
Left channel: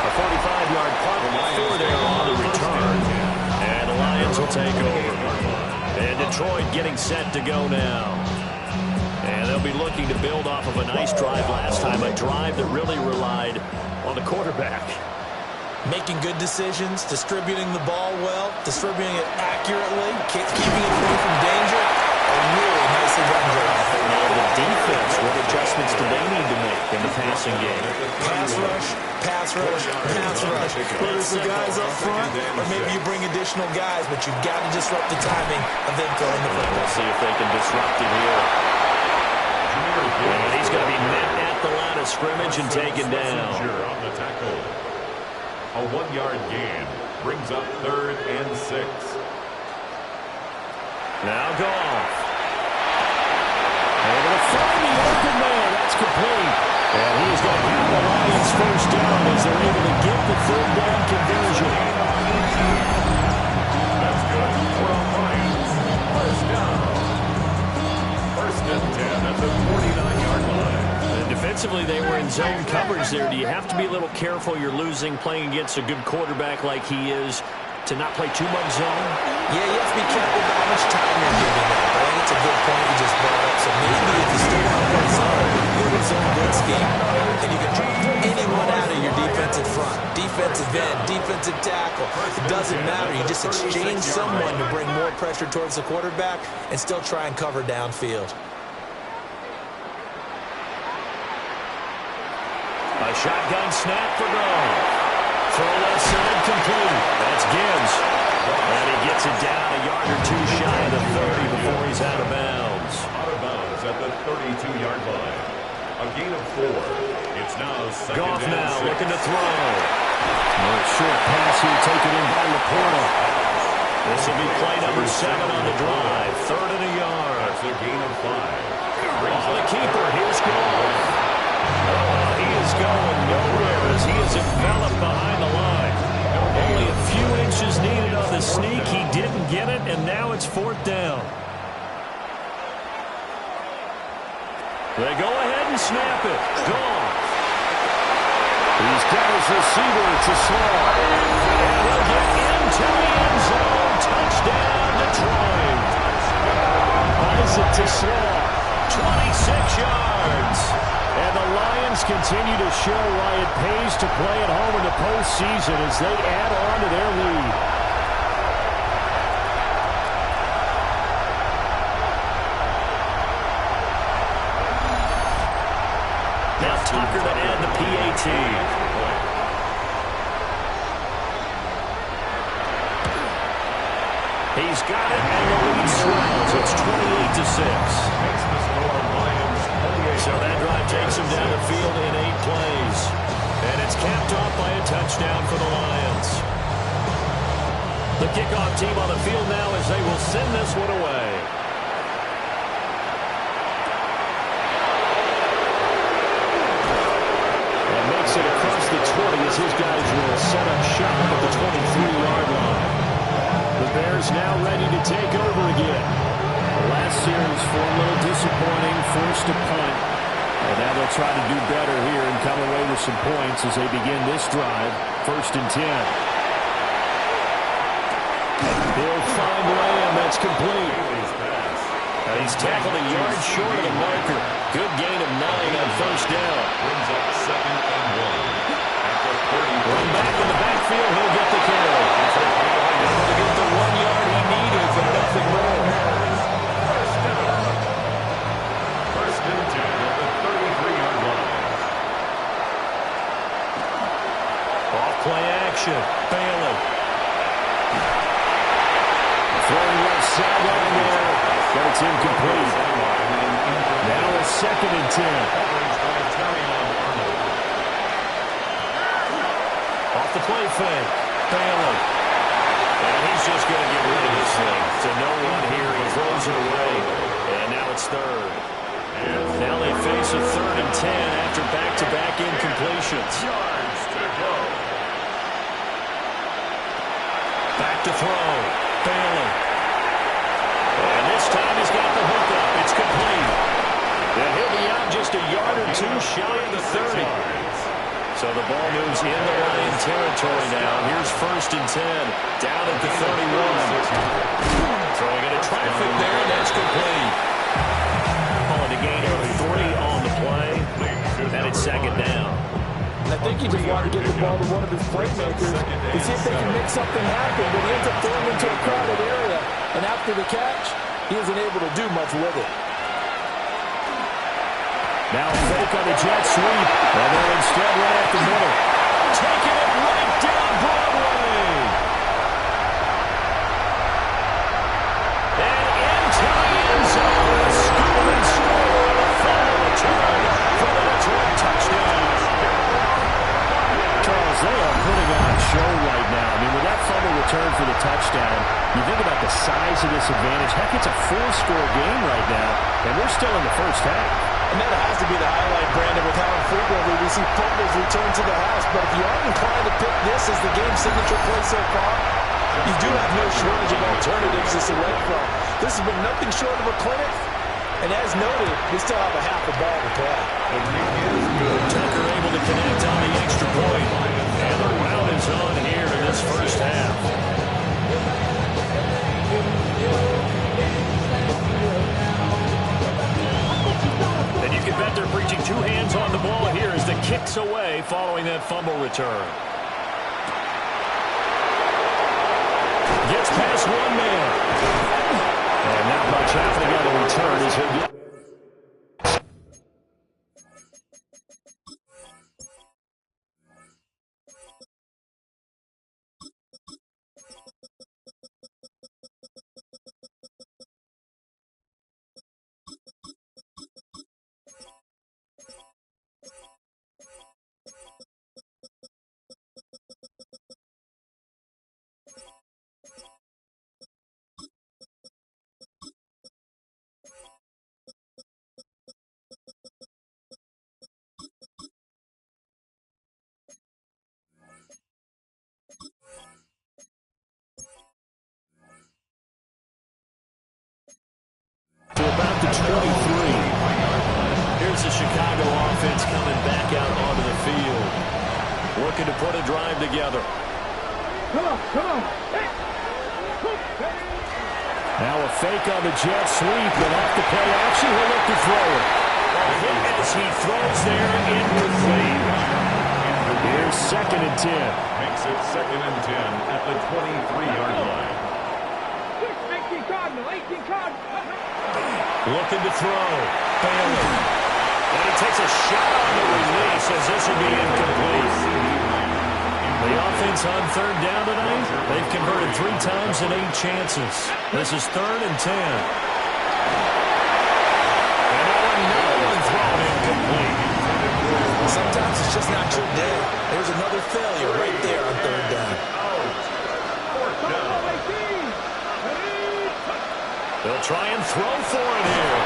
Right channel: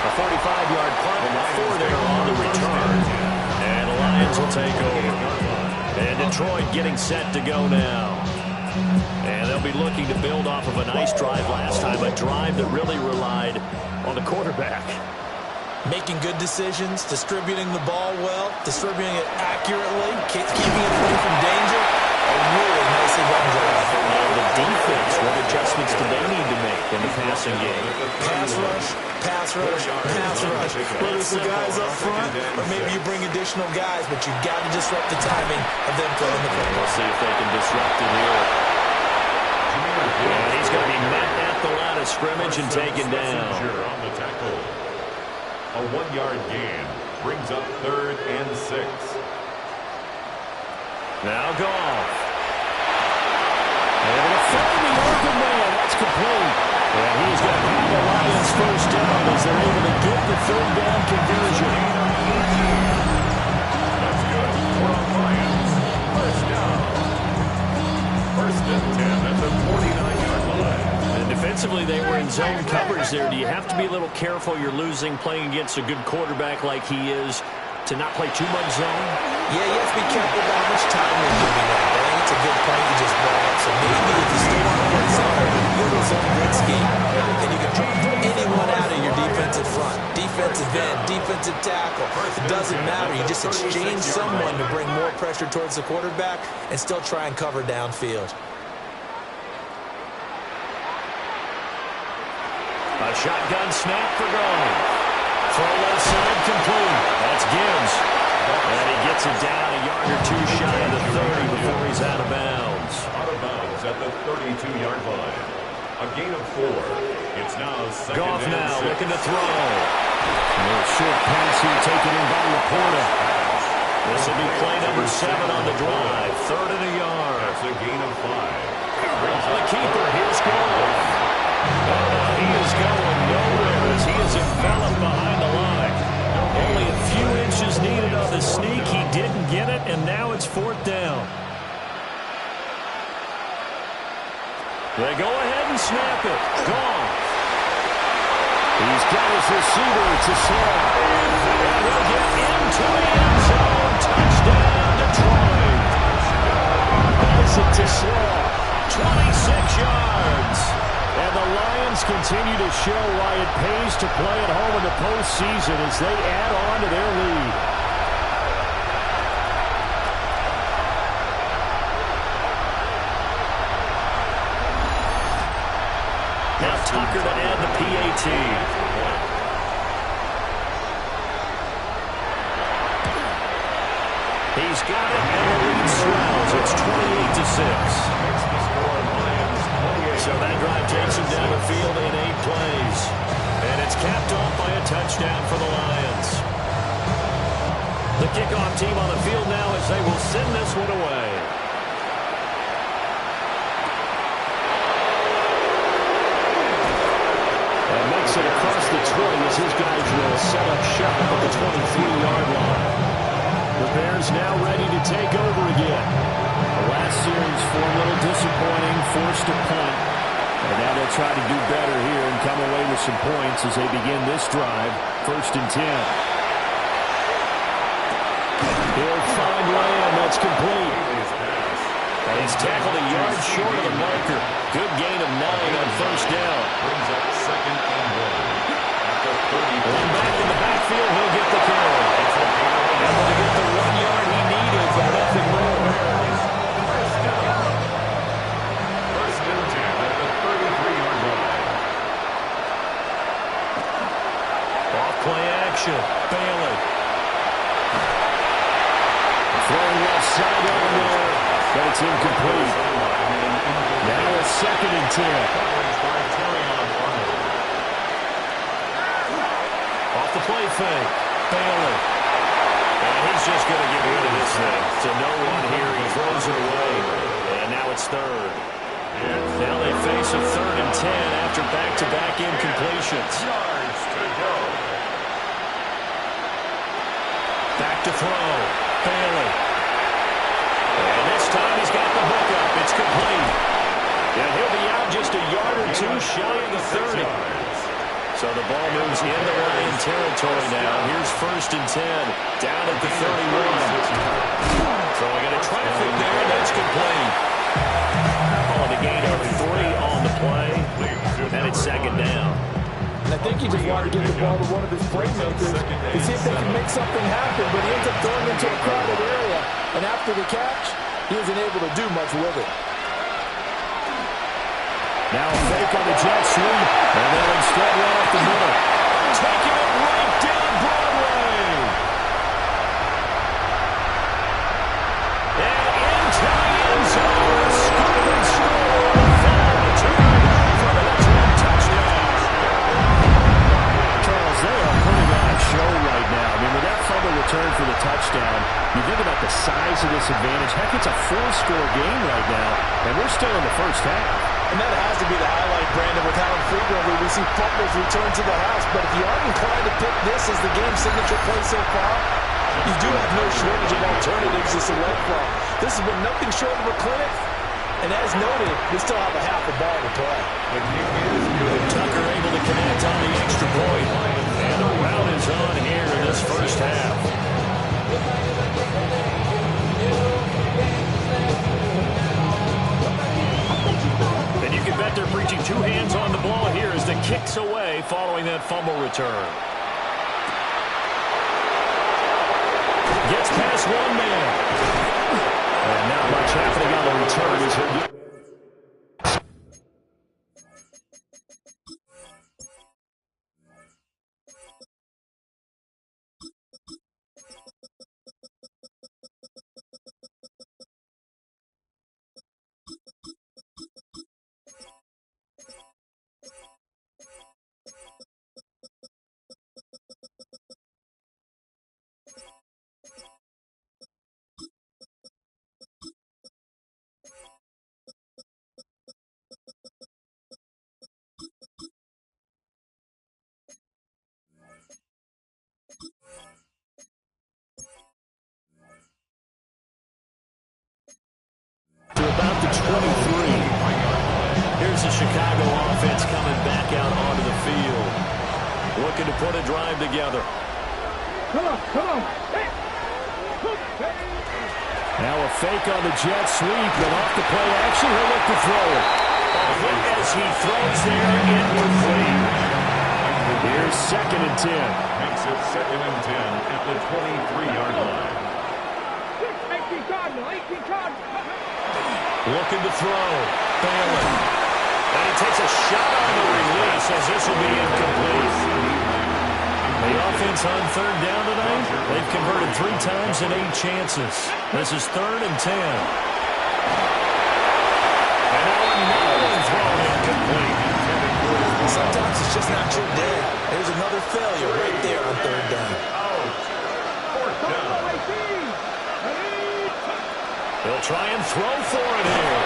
A 45-yard punt with 4 there on the return. And the Lions will take over. And Detroit getting set to go now. And they'll be looking to build off of a nice drive last time, a drive that really relied on the quarterback. Making good decisions, distributing the ball well, distributing it accurately, keeping it away from danger. A really nicely run drive. Now the defense, what adjustments do they need to make in the passing game? Pass rush, pass rush, pass rush. Whether it's the guys up front or maybe you bring additional guys, but you've got to disrupt the timing of them throwing the football. We'll see if they can disrupt it here. And he's going to be met at the line of scrimmage and taken down. On the tackle. A 1-yard gain brings up 3rd and 6. Now Goff. Able to find the open man. That's complete. And he's going to have the Lions first down as they're able to get the 3rd down conversion. That's good for the Lions. First down. 1st and 10 at the 49-yard line. And defensively, they were in zone coverage there. Do you have to be a little careful? You're losing playing against a good quarterback like he is to not play too much zone? Yeah, you have to be careful about how much time you're giving up. I think it's a good point you just brought up. So maybe if you still want to play zone, you have a zone blitz scheme, and you can drop anyone out of your defensive front, defensive end, defensive tackle. It doesn't matter. You just exchange someone to bring more pressure towards the quarterback and still try and cover downfield. A shotgun snap for Goff. Throw left side complete. That's Gibbs. And he gets it down a yard or 2 shy of the 30 before he's out of bounds. Out of bounds at the 32-yard line. A gain of 4. It's now 2nd Goff and now 6. looking to throw. A short pass here taken in by Laporta. This will be play number 7 on the drive. 3rd and a yard. That's a gain of 5. On the keeper, here's Goff. He is going nowhere as he is enveloped behind the line. Only a few inches needed on the sneak. He didn't get it, and now it's 4th down. They go ahead and snap it. Goff. He's got his receiver to Slaw. And he'll get into the end zone. Touchdown, Detroit. Isaac to Slaw. 26 yards. And the Lions continue to show why it pays to play at home in the postseason as they add on to their lead. Now Tucker to add the PAT. He's got it, and the lead swells. It's 28-6. Makes the score Lions So that drive takes him down the field in 8 plays. And it's capped off by a touchdown for the Lions. The kickoff team on the field now as they will send this one away. And makes it across the 20 as his guys will set up shop at the 23-yard line. The Bears now ready to take over again. The last series for a little disappointing, forced a punt. And now they'll try to do better here and come away with some points as they begin this drive. 1st and 10. He'll find Lamb. That's complete. And he's tackled a yard short of the marker. Good gain of 9 on 1st down. Brings up 2nd and 1. At the 30. Run back in the backfield. He'll get the carry. Able to get the 1 yard he needed, but nothing more. First down. 1st and 10 at the 33-yard line. Off play action. Bailey. Throwing left sideline there, but it's incomplete. Now a 2nd and 10. Coverage by Terrion Arnold. Off the play fake. Bailey. And he's just going to get rid of this thing. To no one here. He throws it away. And now it's 3rd. Now they face a 3rd and 10 after back-to-back incompletions. Yards to go. Back to throw. Bailey. And this time he's got the hook up. It's complete. And he'll be out just a yard or 2 shy of the 30. So the ball moves into Lion territory now. Here's 1st and 10. Down at the 31. Throwing into traffic there. That's complete. Calling a gain of 3 on the play. And it's 2nd down. And I think he just wanted to get the ball to one of his playmakers to see if they can make something happen, but he ends up throwing into a crowded area. And after the catch, he isn't able to do much with it. Now a fake on the jet sweep. And then instead right up the middle. Taking it right down Broadway. And into the end zone. A scoop and score on the final return for the Detroit touchdown. Charles, they are putting on a show right now. I mean, with that fumble return for the touchdown, you think about the size of this advantage. Heck, it's a 4-score game right now, and we're still in the first half. And that has to be the highlight, Brandon, with how infrequently we see fumbles return to the house. But if you aren't inclined to pick this as the game signature play so far, you do have no shortage of alternatives to select from. This has been nothing short of a clinic. And as noted, we still have a half a ball to play. The kick is good. Tucker able to connect on the extra point. And the rout is on here in this first half. And you can bet they're preaching 2 hands on the ball here as the kick's away following that fumble return. Gets past 1 man. And not much happening on the return as he'll get... to about the 23. Here's the Chicago offense coming back out onto the field. Looking to put a drive together. Come on, come on. Now a fake on the jet sweep, and off the play action, he'll look to throw it. A hit as he throws there inwardly. Here's 2nd and 10. Makes it 2nd and 10 at the 23-yard line. 18 Cardinal, 18 Cardinal. Looking to throw. Bailey. And he takes a shot on the release as this will be incomplete. The offense on 3rd down tonight, they've converted 3 times in 8 chances. This is 3rd and 10. And now another one thrown in incomplete. Sometimes it's just not your day. There's another failure right there on third down. Fourth down. They'll try and throw for it here.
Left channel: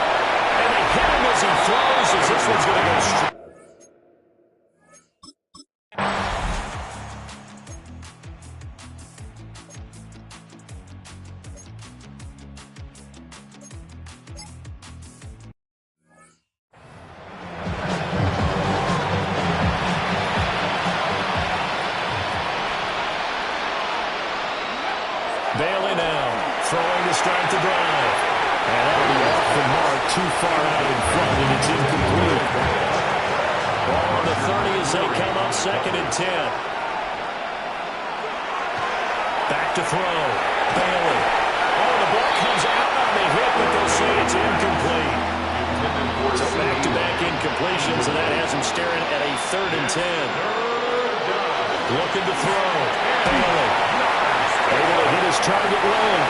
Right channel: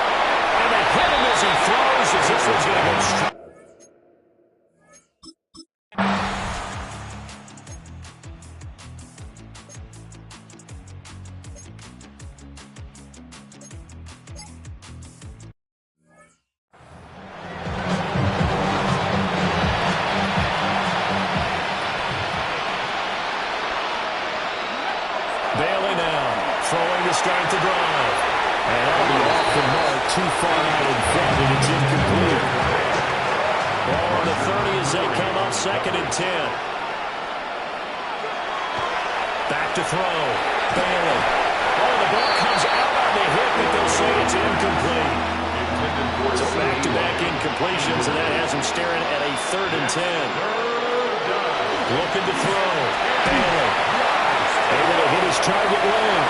And they hit him as he throws, as this one's going to go straight. Bailey now, throwing to start the drive. And that'll be off the mark, too far out in front, and it's incomplete. Ball on the 30 as they come up 2nd and 10. Back to throw. Bailey. Oh, the ball comes out on the hit, but they'll say it's incomplete. So back-to-back incompletions, and that has him staring at a 3rd and 10. Looking to throw. Bailey. Able to hit his target lane.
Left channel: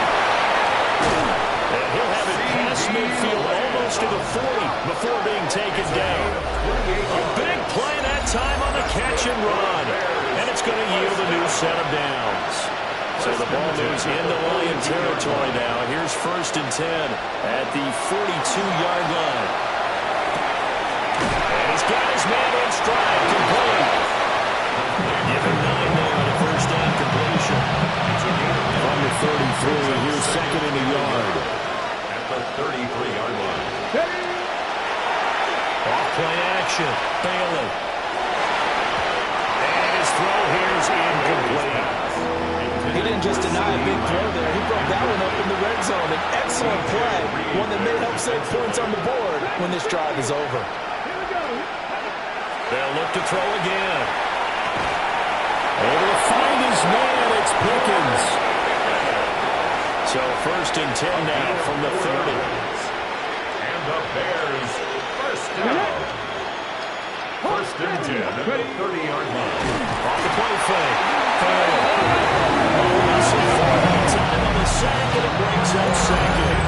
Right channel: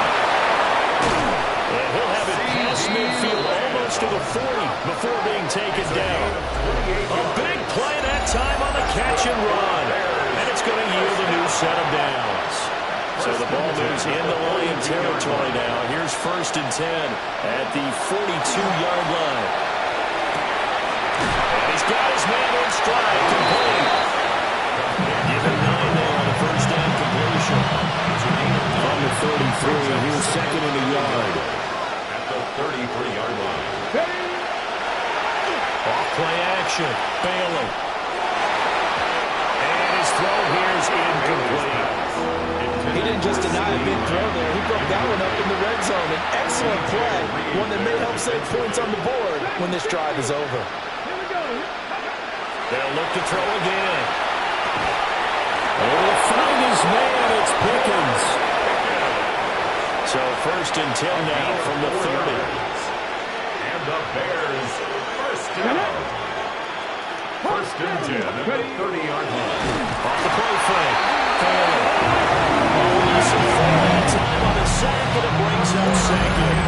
And he'll have it past midfield almost to the 40 before being taken down. A big play that time on the catch and run. And it's going to yield a new set of downs. So the ball moves into Lion territory now. Here's 1st and 10 at the 42-yard line. And he's got his man in stride, complete. Give him 9 there on the first down completion. From the 33, here's 2nd and a yard. At the 33-yard line. Off play action. Bailey. And his throw here's incomplete. He didn't just deny a big throw there. He broke that one up in the red zone. An excellent play. One that may help save points on the board when this drive is over. They'll look to throw again. Able to find his man. It's Pickens. So 1st and 10 now from the 30. And the Bears first down. 1st and 10 at the 30-yard line. Off the play fake. Bailey. Russell for that time on the sack, and it brings up 2nd.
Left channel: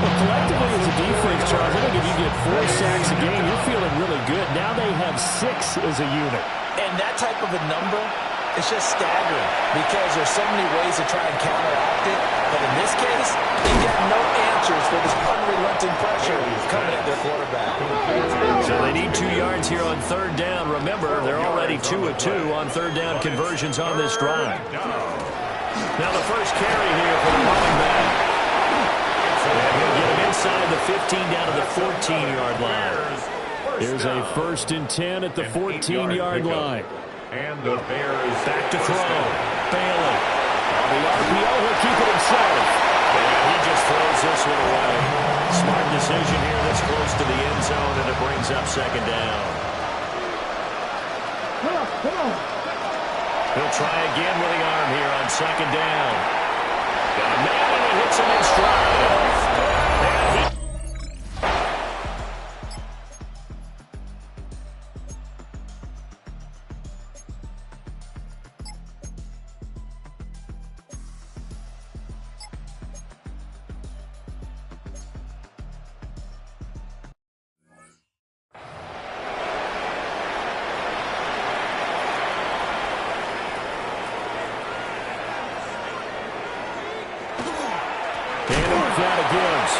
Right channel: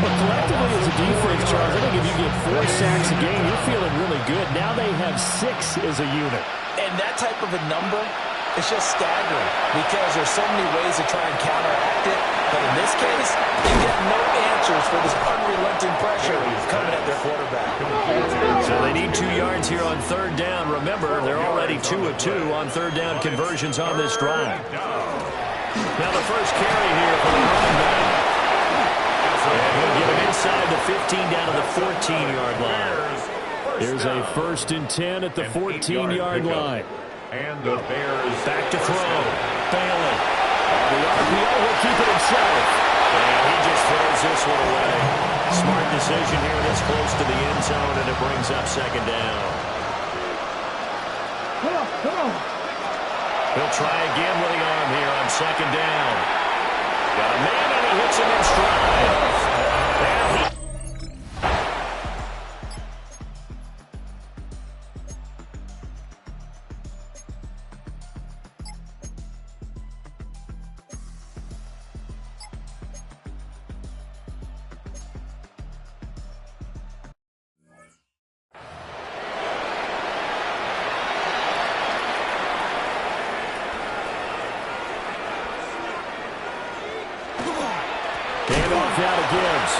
Well, collectively as a defense, Charles, I think if you get 4 sacks a game, you're feeling really good. Now they have 6 as a unit. And that type of a number, it's just staggering because there's so many ways to try and counteract it. But in this case, they get no answers for this unrelenting pressure coming at their quarterback. So they need 2 yards here on 3rd down. Remember, they're already 2 of 2 on 3rd down conversions on this drive. Now the first carry here for the running back. And he'll get him inside the 15 down to the 14-yard line. Here's a 1st and 10 at the 14-yard line. And the Bears back to throw. Bailey. On the RPO, he'll keep it himself. And he just throws this one away. Smart decision here this close to the end zone, and it brings up 2nd down. Come on. He'll try again with the arm here on 2nd down. Got a man, and he hits him in stride. And he... Now to Gibbs.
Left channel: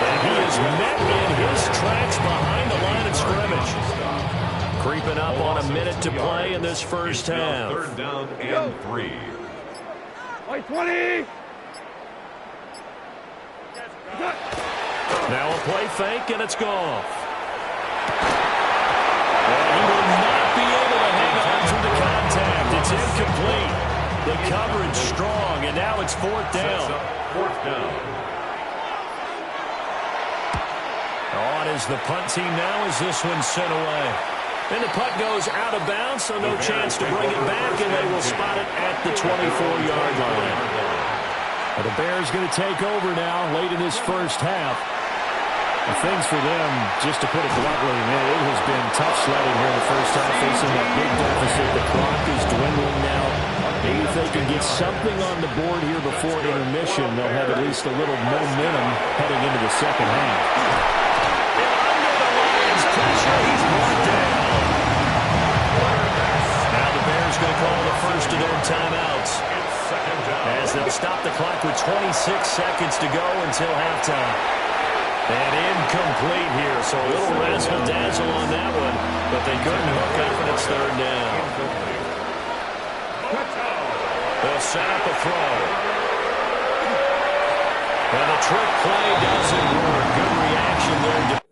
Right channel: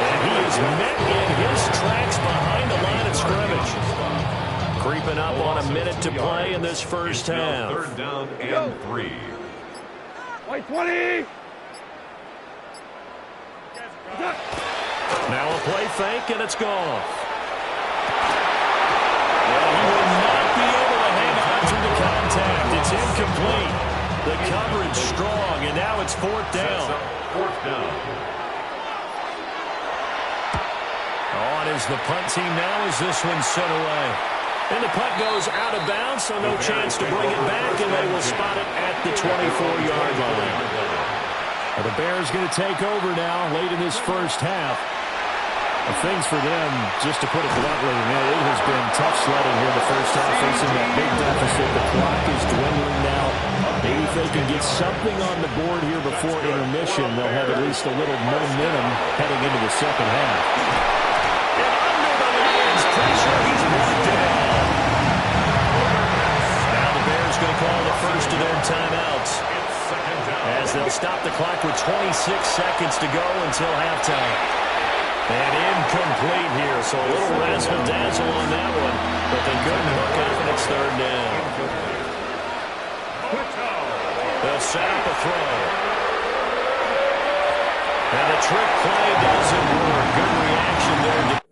And he is met in his tracks behind the line of scrimmage. Creeping up on a minute to play in this first half. 3rd down and 3. Wait, 20. Now a play fake, and it's gone. And he will not be able to hang on through the contact. It's incomplete. The coverage strong, and now it's 4th down. 4th down. On is the punt team now as this one's sent away. And the punt goes out of bounds, so no chance to bring it back, and they will spot it at the 24-yard line. Well, the Bears going to take over now late in this first half. Well, things for them, just to put it bluntly, man, it has been tough sledding here in the first half, facing that big deficit. The clock is dwindling now. Maybe if they can get something on the board here before intermission, they'll have at least a little momentum heading into the second half. And under the Lions' pressure. He's brought down. Now the Bears going to call the first of their timeouts as they'll stop the clock with 26 seconds to go until halftime. And incomplete here, so a little razzle-dazzle on that one, but they couldn't hook up, and it's third down. They'll set up a throw. And the trick play doesn't work. Good reaction there.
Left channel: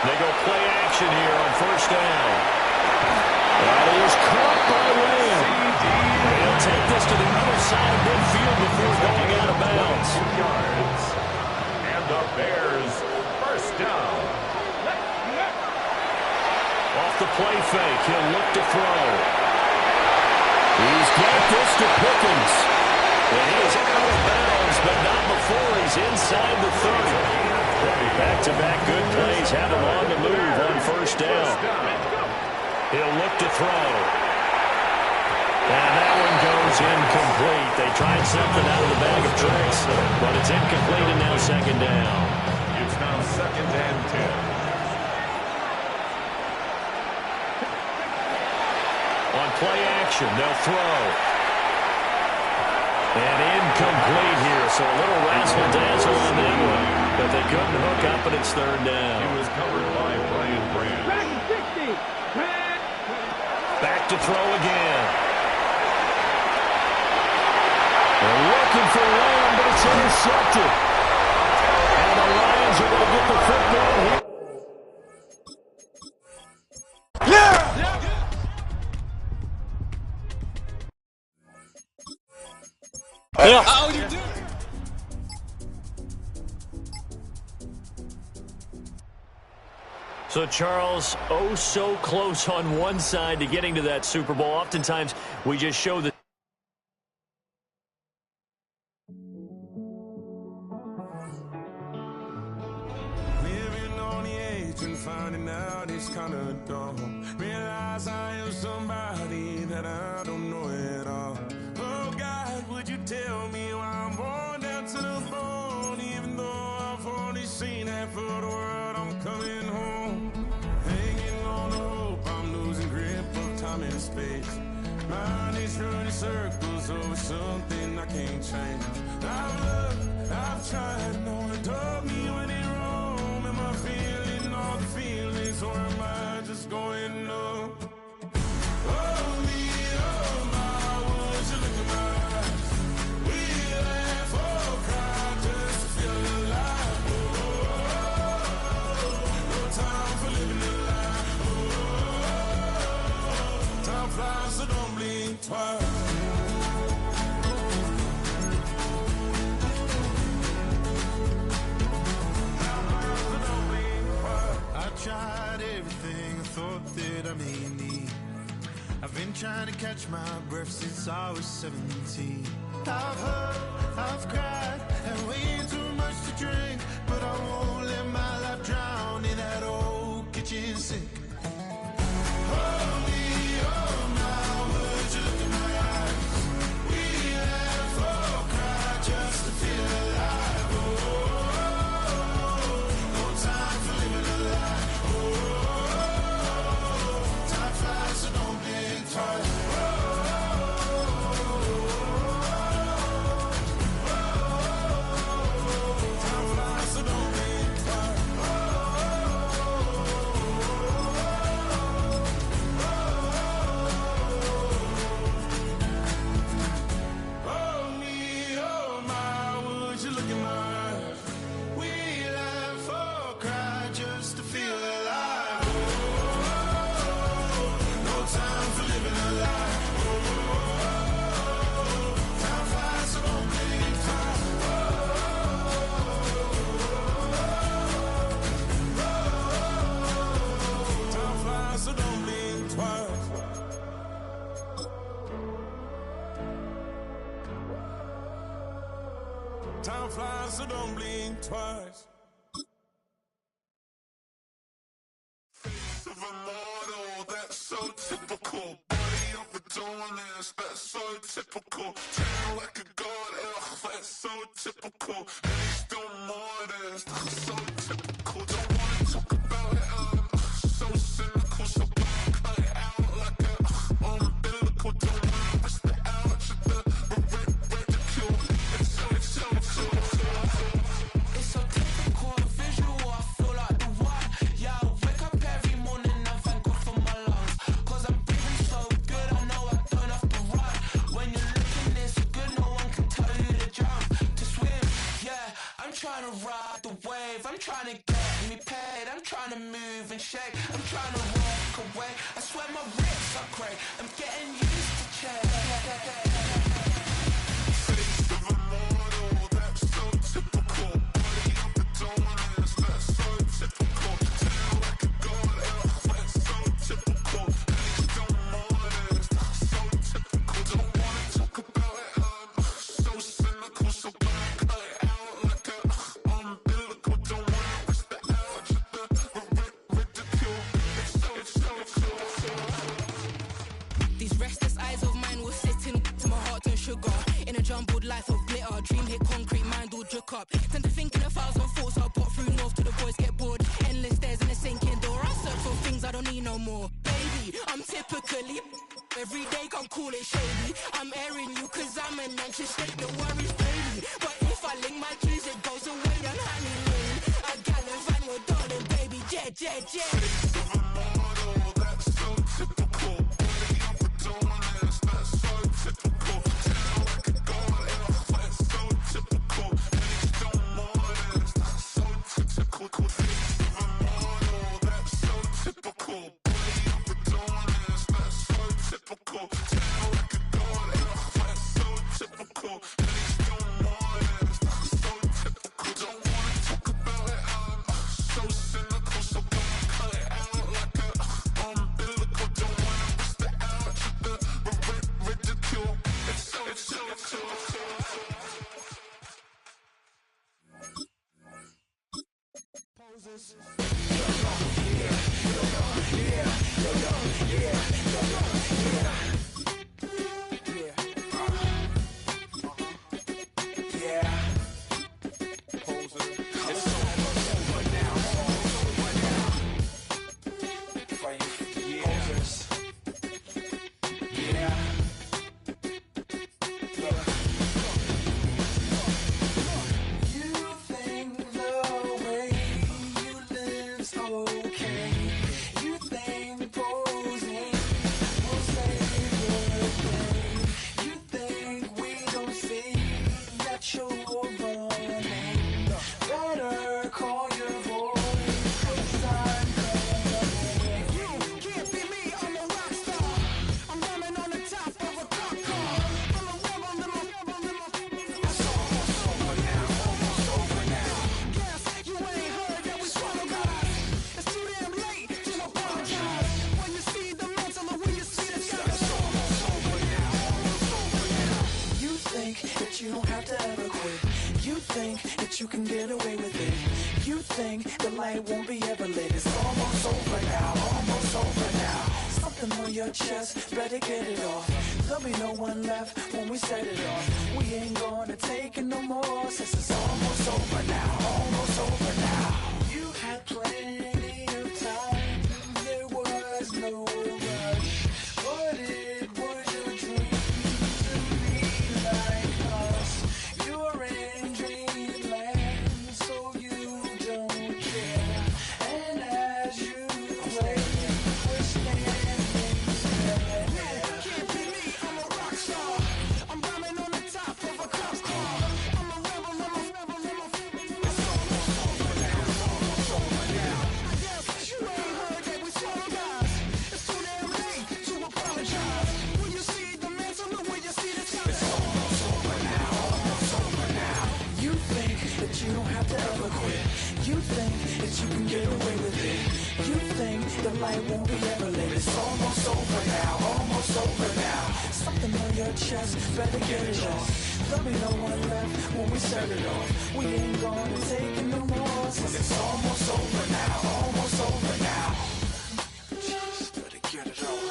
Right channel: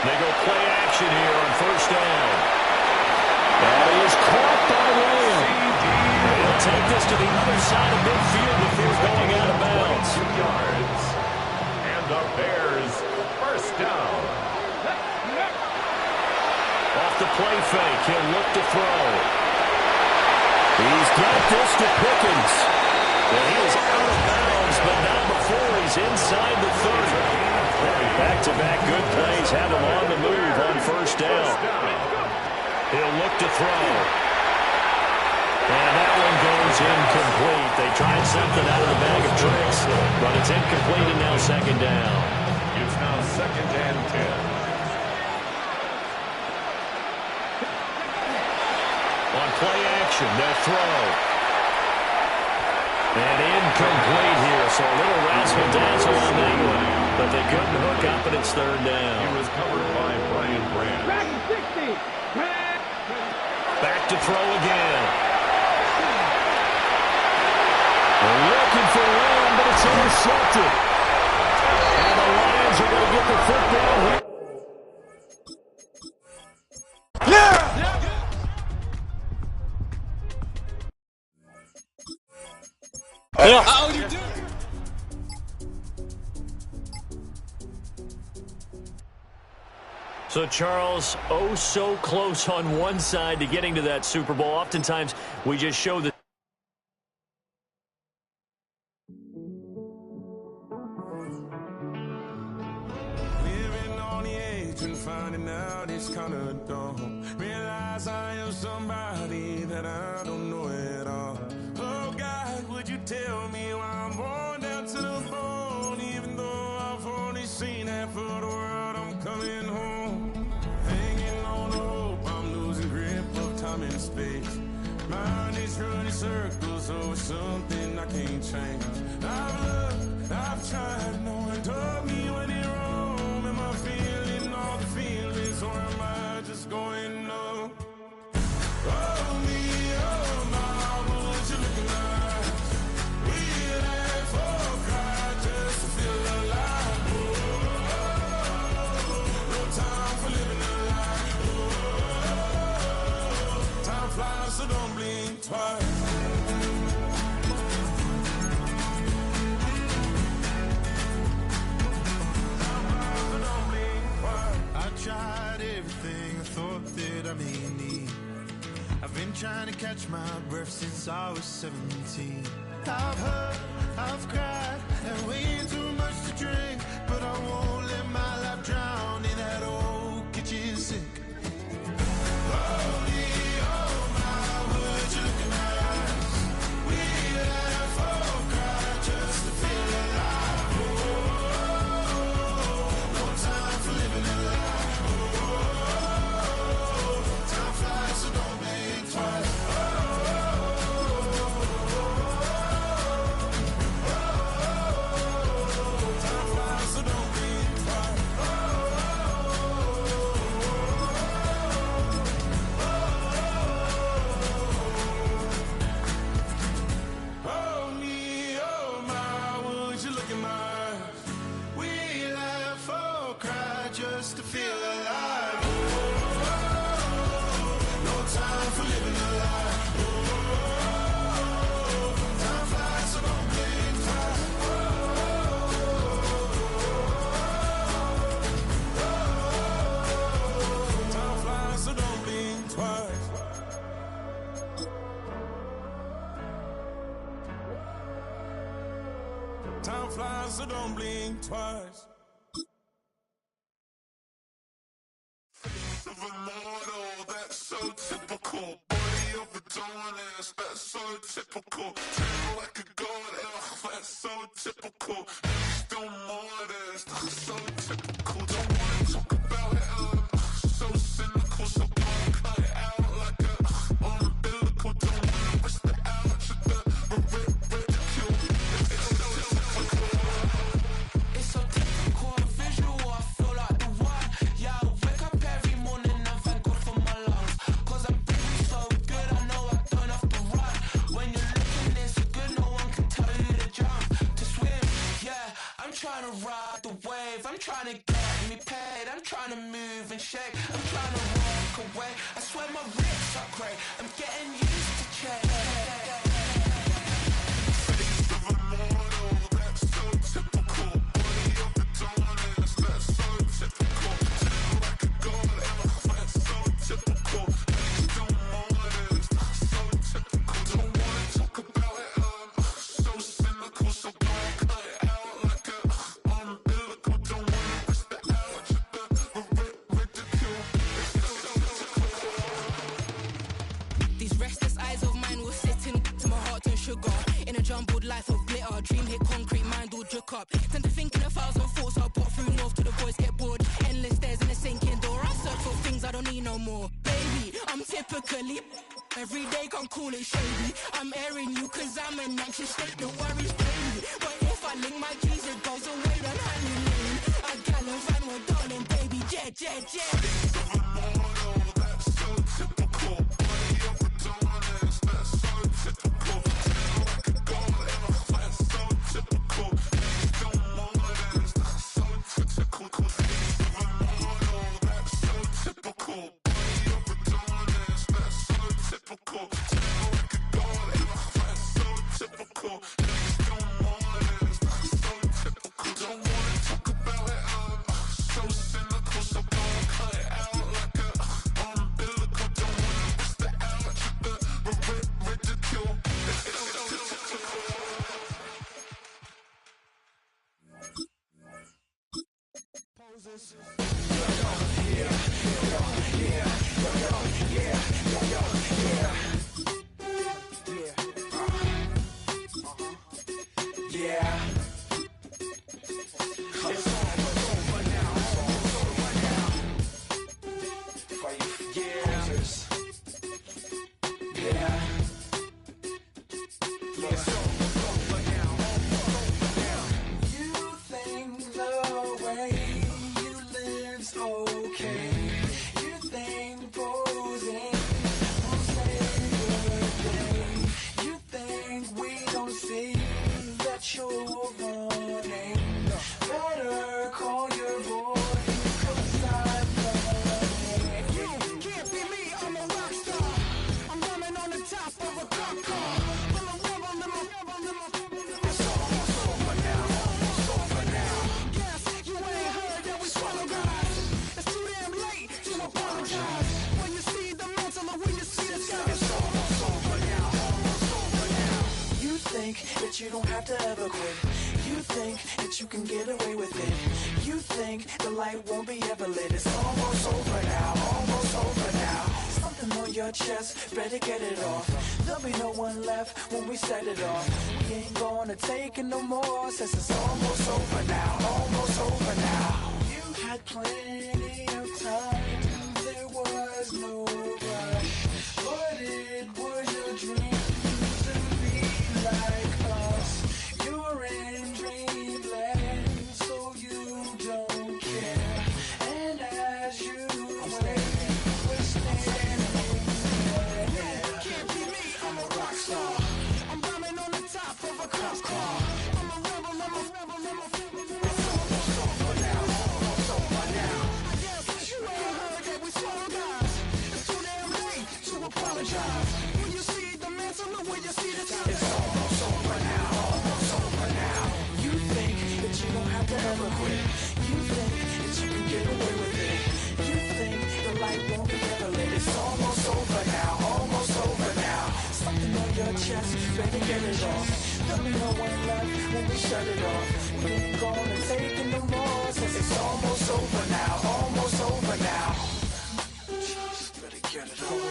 They go play action here on first down. That is caught by Lamb. They'll take this to the other side of midfield before going out of bounds. 2 yards. And the Bears first down. Off the play fake, he'll look to throw. He's got this to Pickens. And he is out of bounds, but not before he's inside the 30. Back-to-back good plays have him on the move on first down. He'll look to throw. And that one goes incomplete. They tried something out of the bag of tricks, but it's incomplete and now second down. It's now 2nd and 10. On play action, they'll throw. And incomplete here, so a little razzle-dazzle on that one, but they couldn't hook up, and it's third down. He was covered by Brian Branch. Back to throw again. They're looking for Lamb, but it's intercepted. And the Lions are going to get the football here. Yeah. How you doing? So, Charles, oh so close on one side to getting to that Super Bowl. Oftentimes, we just show the living on the edge and finding out it's kind of dumb. Realize I am somebody that I don't know at all. Oh, God, would you tell me why I'm worn down to the bone? Even though I've only seen half of the world, I'm coming home. Hanging on the hope, I'm losing grip of time and space. Mind is running circles over something I can't change. I've looked, I've tried, no one told me when it wrong. Am I feeling all the feelings, or am I just going numb? Oh, me, oh, my, would you look at my eyes? We laugh or cry just to feel alive. Oh, no time for living a lie. Oh, time flies, so don't blink twice. I tried everything I thought that I may need. I've been trying to catch my breath since I was 17. I've hurt, I've cried, and way too much to drink. But I won't let my life drown in that old kitchen sink. Oh, me, oh, my, would you look at my eyes? We laugh or cry just to feel alive. Oh, no time for living a lie. Time flies, so don't blink twice. Time flies, so don't blink twice. Oh, me, oh, my, would you look in my eyes? We laugh or cry just to feel alive. No time for living a lie. Time flies, so don't blink twice. Time flies, so don't blink twice. Time flies, so don't blink twice. so typical. Body overdoing it, that's so typical. Treating like a god, that's so typical. Please don't more this, so typical. Don't wanna talk about it, so cynical. So cut it out like a umbilical. Don't wanna risk the ouch of the ridicule. It's so typical, visual, I feel like the one. Yeah, I wake up every morning and thank God for my lungs. Cause I'm breathing so good, I know I don't have to run. When you're looking this good, no one can tell you to jump, to swim. Yeah, I'm trying to ride the wave, I'm trying to get me paid, I'm trying to move and shake, I'm trying to walk away. I swear my wrists are great, I'm getting used to change. Face of a mortal, that's so typical. Body overdoing it, that's so typical. Treating like a god, that's so typical. Please don't more this, so typical. Don't wanna talk about it, so cynical. So cut it out like a umbilical. Don't wanna risk the ouch of the ridicule. These restless eyes of mine will sit in to my heart and sugar. In a jumbled life of glitter, dream hit concrete, mind all jook up. Tend to think in 1,000 thoughts, I'll pop through north to the voice, get bored. Endless stairs in a sinking door, I search for things I don't need no more. Baby, I'm typically every day, can't call it shady. I'm airing you cause I'm an anxious state, the worries daily. But if I link my keys, it goes away, then honey lane. I gallivant with darling, baby, jet, jet, jet. Mortal, that's so typical. Body overdoing it, that's so typical. Treating like a god, that's so typical. Please don't more this, so typical. Face of a mortal, that's so typical. Body overdoing it, that's so typical. Treating like a god, that's so typical. Please don't more this, so typical. Don't wanna talk about it, so cynical. So cut it out like a umbilical. Don't wanna risk the ouch of the ridicule. It's so typical. Poses. You don't have to ever quit. You think that you can get away with it. You think the light won't be ever lit. It's almost over now, almost over now. Something on your chest, better get it off. There'll be no one left when we set it off. We ain't gonna take it no more, since it's almost over now, almost over now. You had plenty of time, there was no rush. But it was your dream to be like us. You're in dreamland, so you don't care. And as you play, we're standing there. Can't be me, I'm a rock star. I'm rhyming on the top of a cop car. I'm a rebel, I'm a rebel, I'm a rebel. It's almost over now, it's almost over now. I guess you ain't heard that we swallow guys. It's too damn late to apologize. When you see the mantle, look where you see the sun. It's almost over now, almost over now. You think that you don't have to ever quit. You think that you can get away with it. You think the light won't be ever lit. It's almost over now, almost over now. Something on your chest, better get it off. There'll be no one left when we shut it off. We ain't gonna take it no more, since it's almost over now, almost over now. Just better get it off.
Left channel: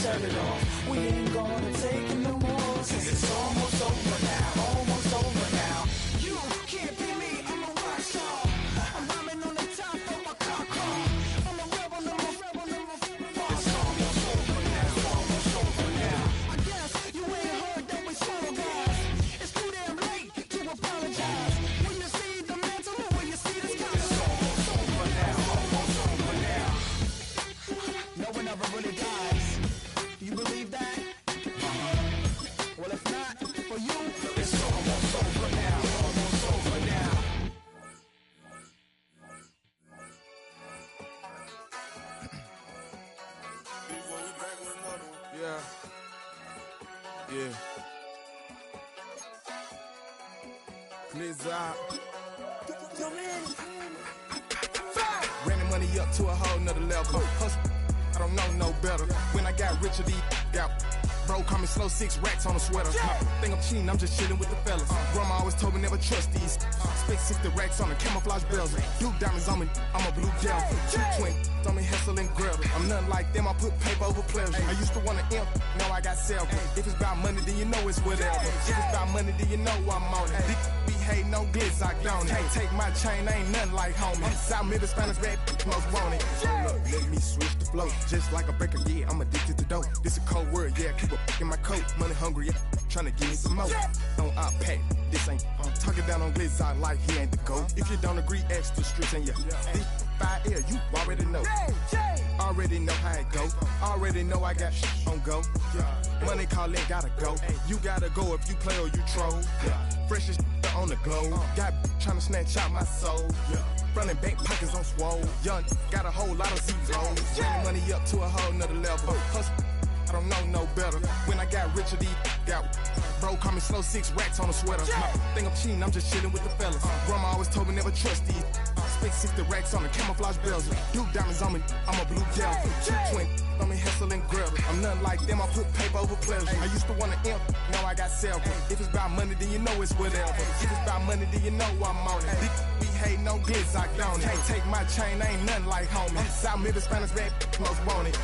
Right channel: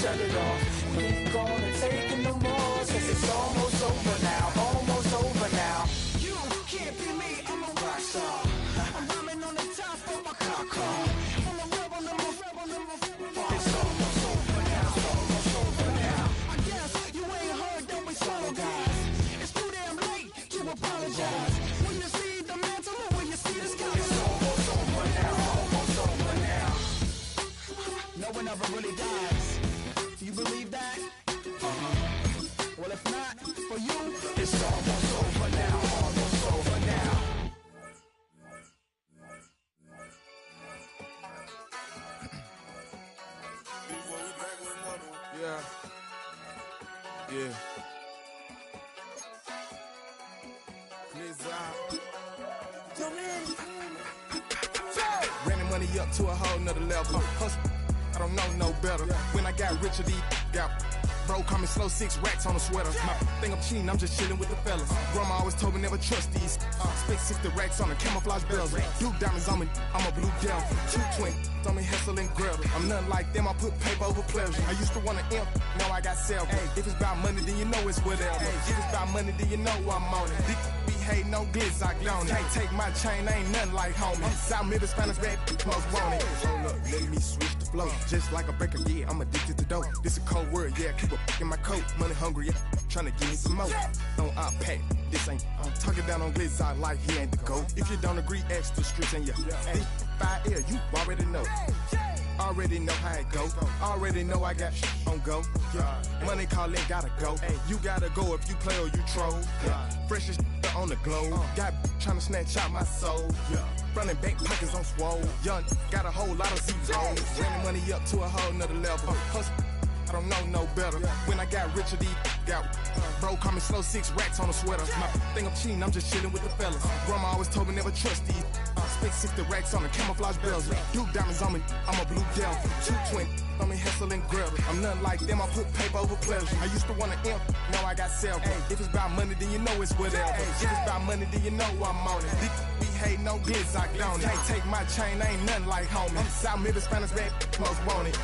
shut it off. We ain't gonna take it no more, since it's almost over now, almost over now. You can't be me, I'm a rock star. I'm rhyming on the top of my car. I'm a rebel, it's almost over now, it's almost over now. I guess you ain't heard that we solo guys. It's too damn late to apologize. When you see the mantle, when you see the sky, it's almost over now, almost over now. No one ever really dies. Do you believe that? Well, if not, for you, it's almost over now, almost over now. Yeah. Yeah. Blizzard. Ran the money up to a whole nother level. Hustle, I don't know no better. When I got richer, these got bro, call me slow, 6 racks on a sweater. My think I'm cheating, I'm just chilling with the fellas. Grandma always told me never trust these. Spent 60 racks on a camouflage bells. Blue diamonds on me, I'm a blue gel. 220 on me, Hessel and Grub. I'm nothing like them, I put paper over pleasure. I used to want to imp, now I got several. If it's about money, then you know it's whatever. If it's about money, then you know I'm on it. Be hating on glitz, I on it. Can't take my chain, ain't nothing like homie. South Middle Spanish red, most want it. Hold up, let me switch the flow. Just like a breaker, yeah, I'm addicted to dope. This a cold word, yeah, keep a in my coat. Money hungry, yeah, tryna give me some more. On our pack, this ain't. I'm talking down on glitz, I like he ain't the GOAT. If you don't agree, ask the streets and yeah. This 5L, you already know. Already know how it go. Already know I got shit on go. Money calling, gotta go. You gotta go if you play or you troll. Fresh as on the globe. Got tryna snatch out my soul. Running bank pockets on swole. Young, got a whole lot of zeros. Ran the money up to a whole nother level. Hustle, I don't know no better. When I got richer, these got bro, call me slow, 6 racks on a sweater. My think I'm cheating, I'm just chilling with the fellas. Grandma always told me never trust these. Spent 60 racks on the camouflage bells. Blue diamonds on me, I'm a blue gel. 220 on me, Hessel and Grub. I'm nothing like them, I put paper over pleasure. I used to want to imp, now I got several. If it's about money, then you know it's whatever. If it's about money, then you know I'm on it. Be hating on glitz, I on it. Can't take my chain, ain't nothing like homie. South Middle Spanish red, most want it.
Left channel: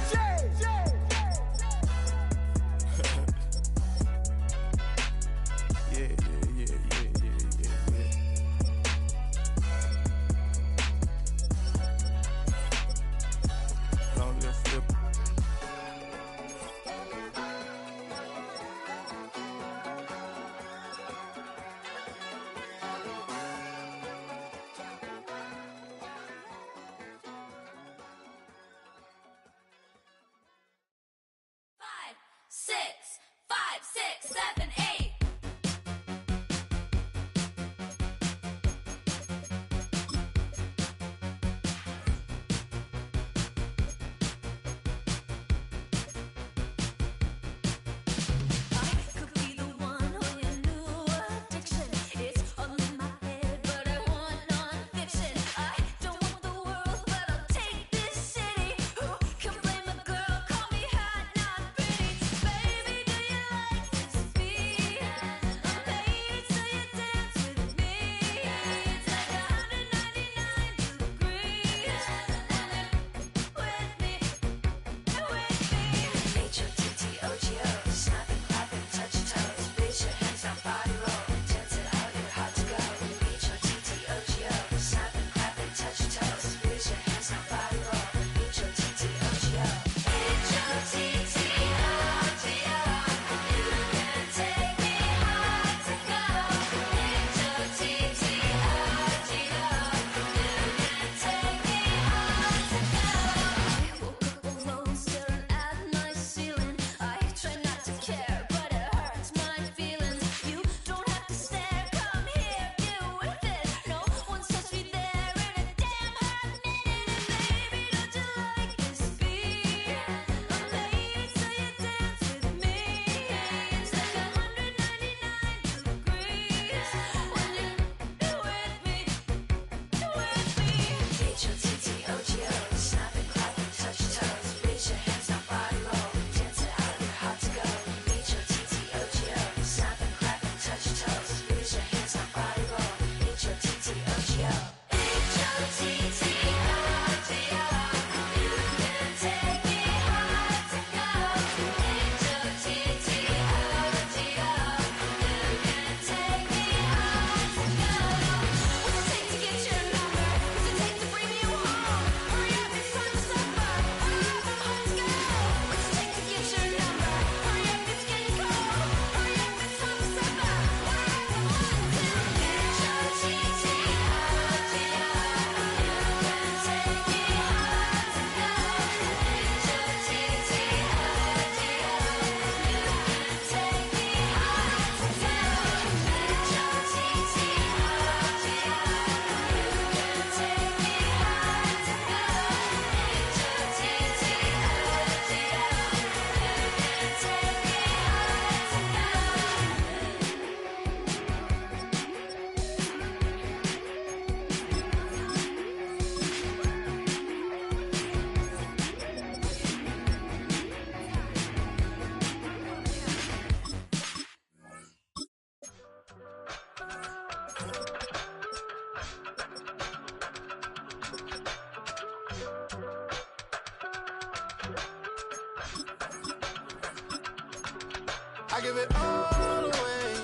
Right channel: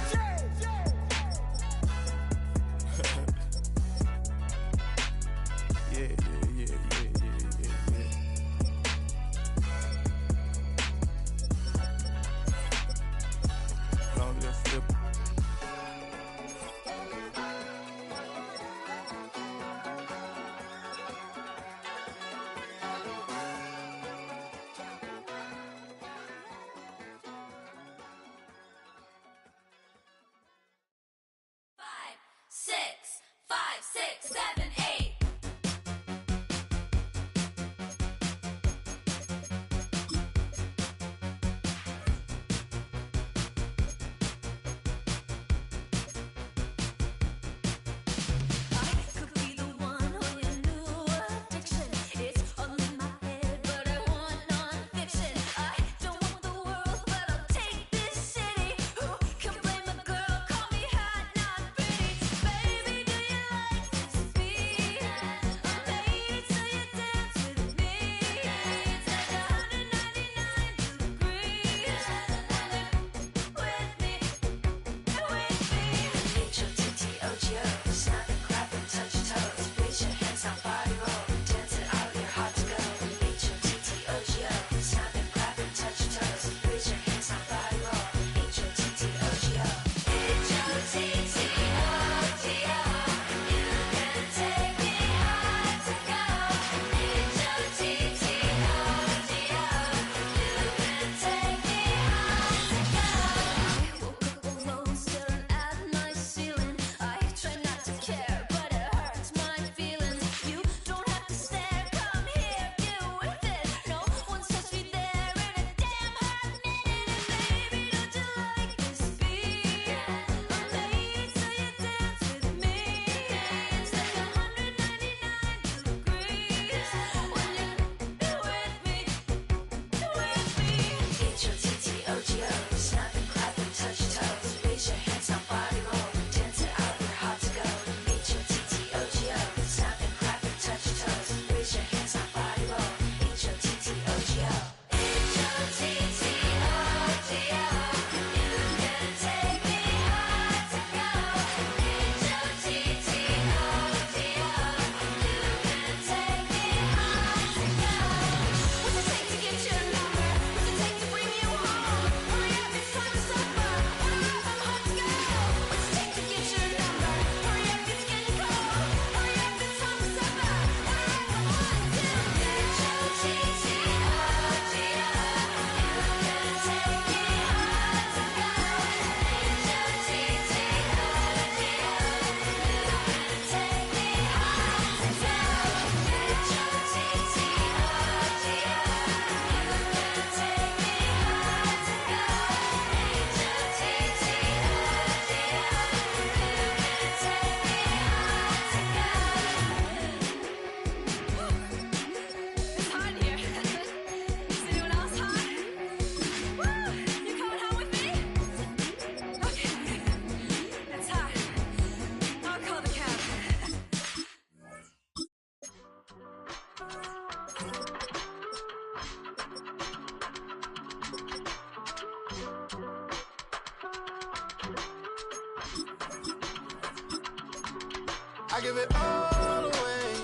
I give it all away.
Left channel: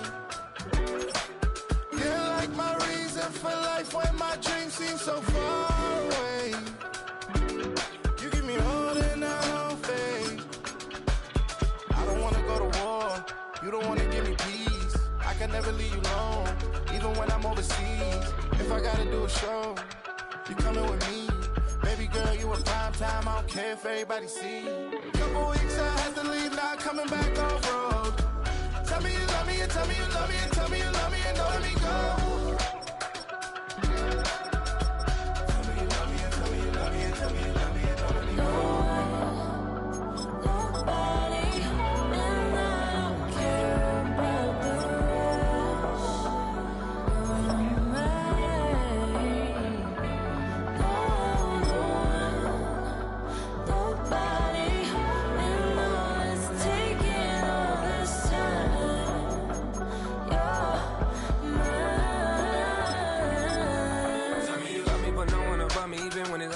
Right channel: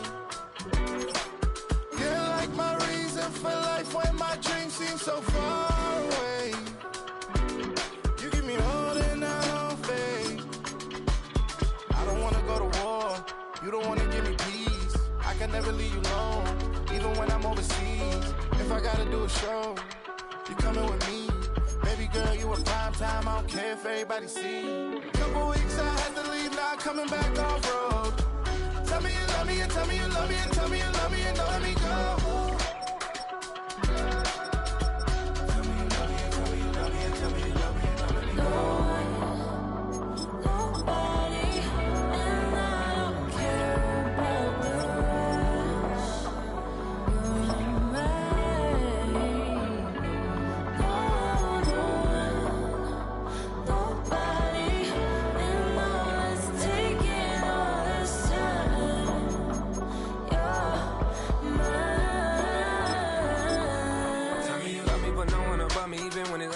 You're like my reason for life when my dreams seem so far away. You give me more than I don't fade. I don't wanna go to war. You don't wanna give me peace. I can never leave you alone, even when I'm overseas. If I gotta do a show, you coming with me. Baby girl, you in prime time. I don't care if everybody see. Couple weeks I had to leave, now coming back off road. Tell me you love me, and tell me you love me, and tell me you love me, and don't let me go.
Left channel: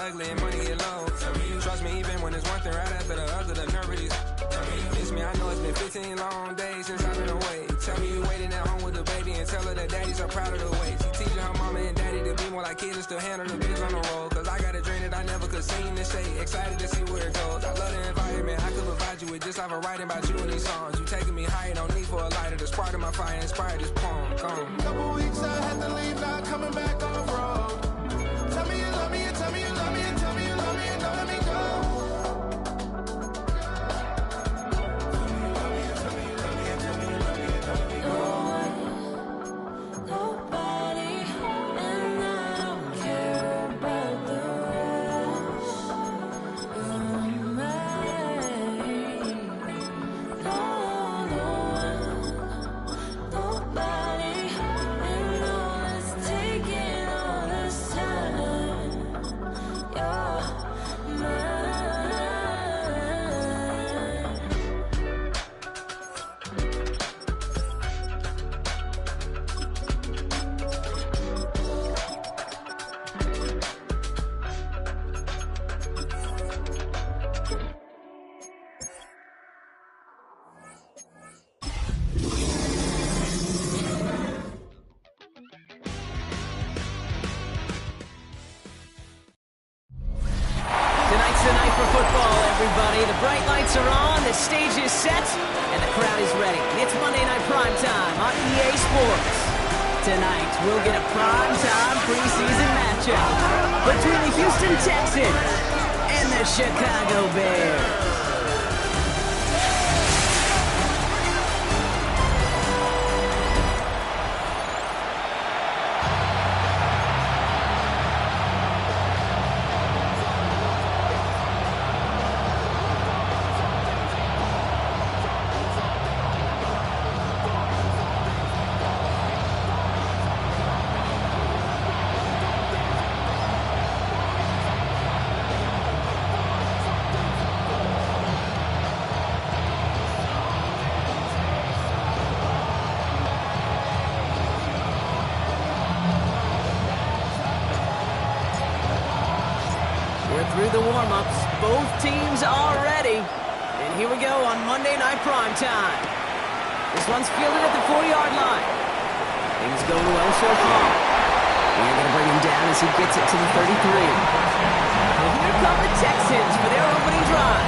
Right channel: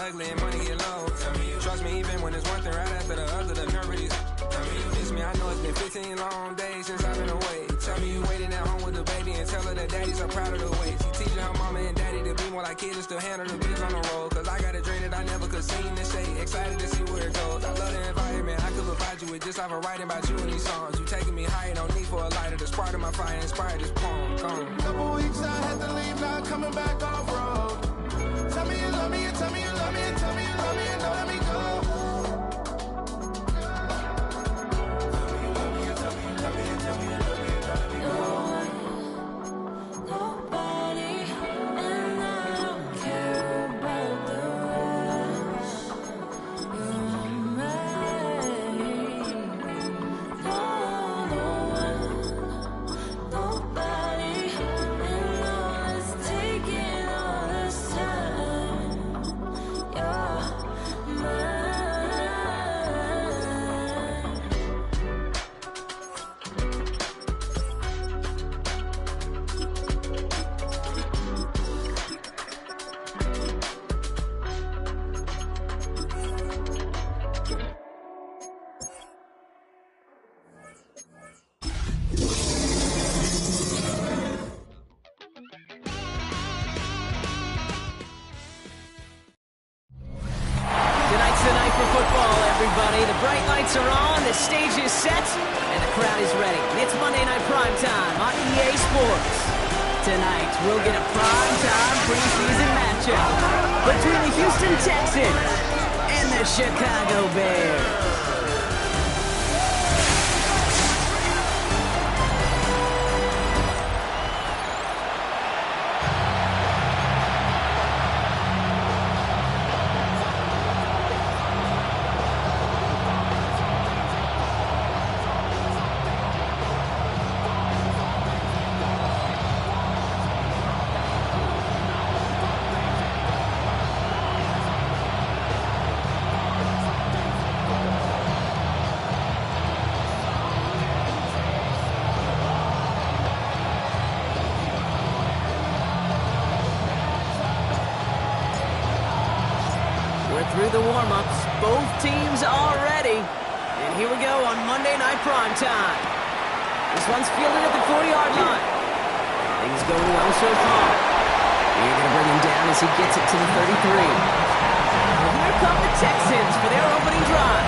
Ugly and money get low. Trust me, even when it's one thing right after the other, the nerve is. Miss me, I know it's been 15 long days since I've been away. Tell me you waiting at home with the baby and tell her that daddy's so proud of the way. She teaching her mama and daddy to be more like kids and still handle the biz on the road. Cause I got a dream that I never could sing to say. Excited to see where it goes. I love the environment. I could provide you with just off of writing about you in these songs. You taking me higher, no need for a lighter. The spark of my fire inspired this poem. Gone. Couple weeks I had to leave, now coming back off road. Tell me you love me, and tell me you love me, and tell me you love me, and don't let me go. Tonight's the night for football, everybody. The bright lights are on, the stage is set, and the crowd is ready. It's Monday Night Prime Time on EA Sports. Tonight, we'll get a prime-time preseason matchup between the Houston Texans and the Chicago Bears. Through the warm-ups, both teams are ready. And here we go on Monday Night Prime Time. This one's fielded at the 40-yard line. Things going well so far. You're going to bring him down as he gets it to the 33. Well, here come the Texans for their opening drive.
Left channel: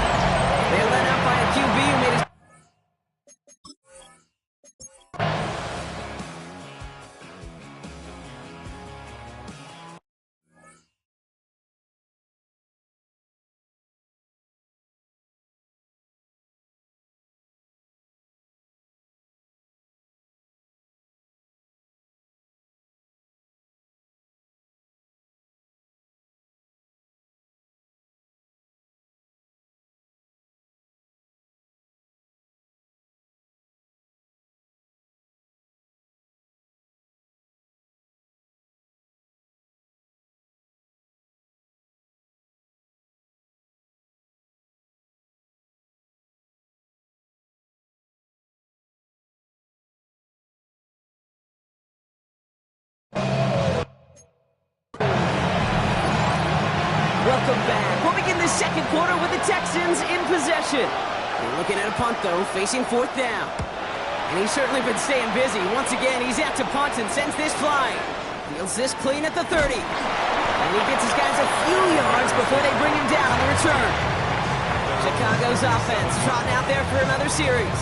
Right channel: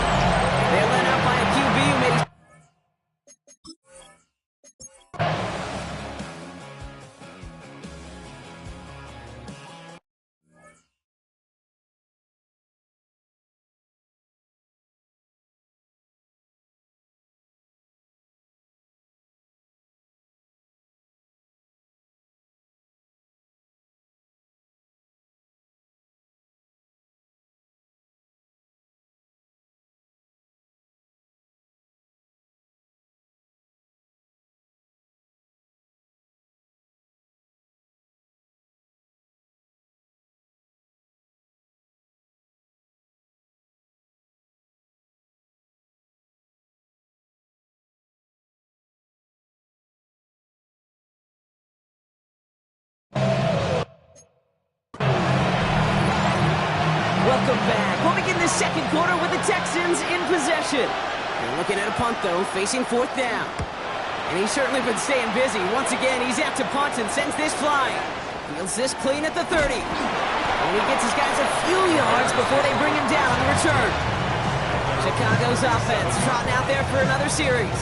They're led out by a QB who made his... Welcome back. We'll begin the second quarter with the Texans in possession. They're looking at a punt, though, facing 4th down. And he's certainly been staying busy. Once again, he's out to punt and sends this flying. Fields this clean at the 30. And he gets his guys a few yards before they bring him down on the return. Chicago's offense trotting out there for another series.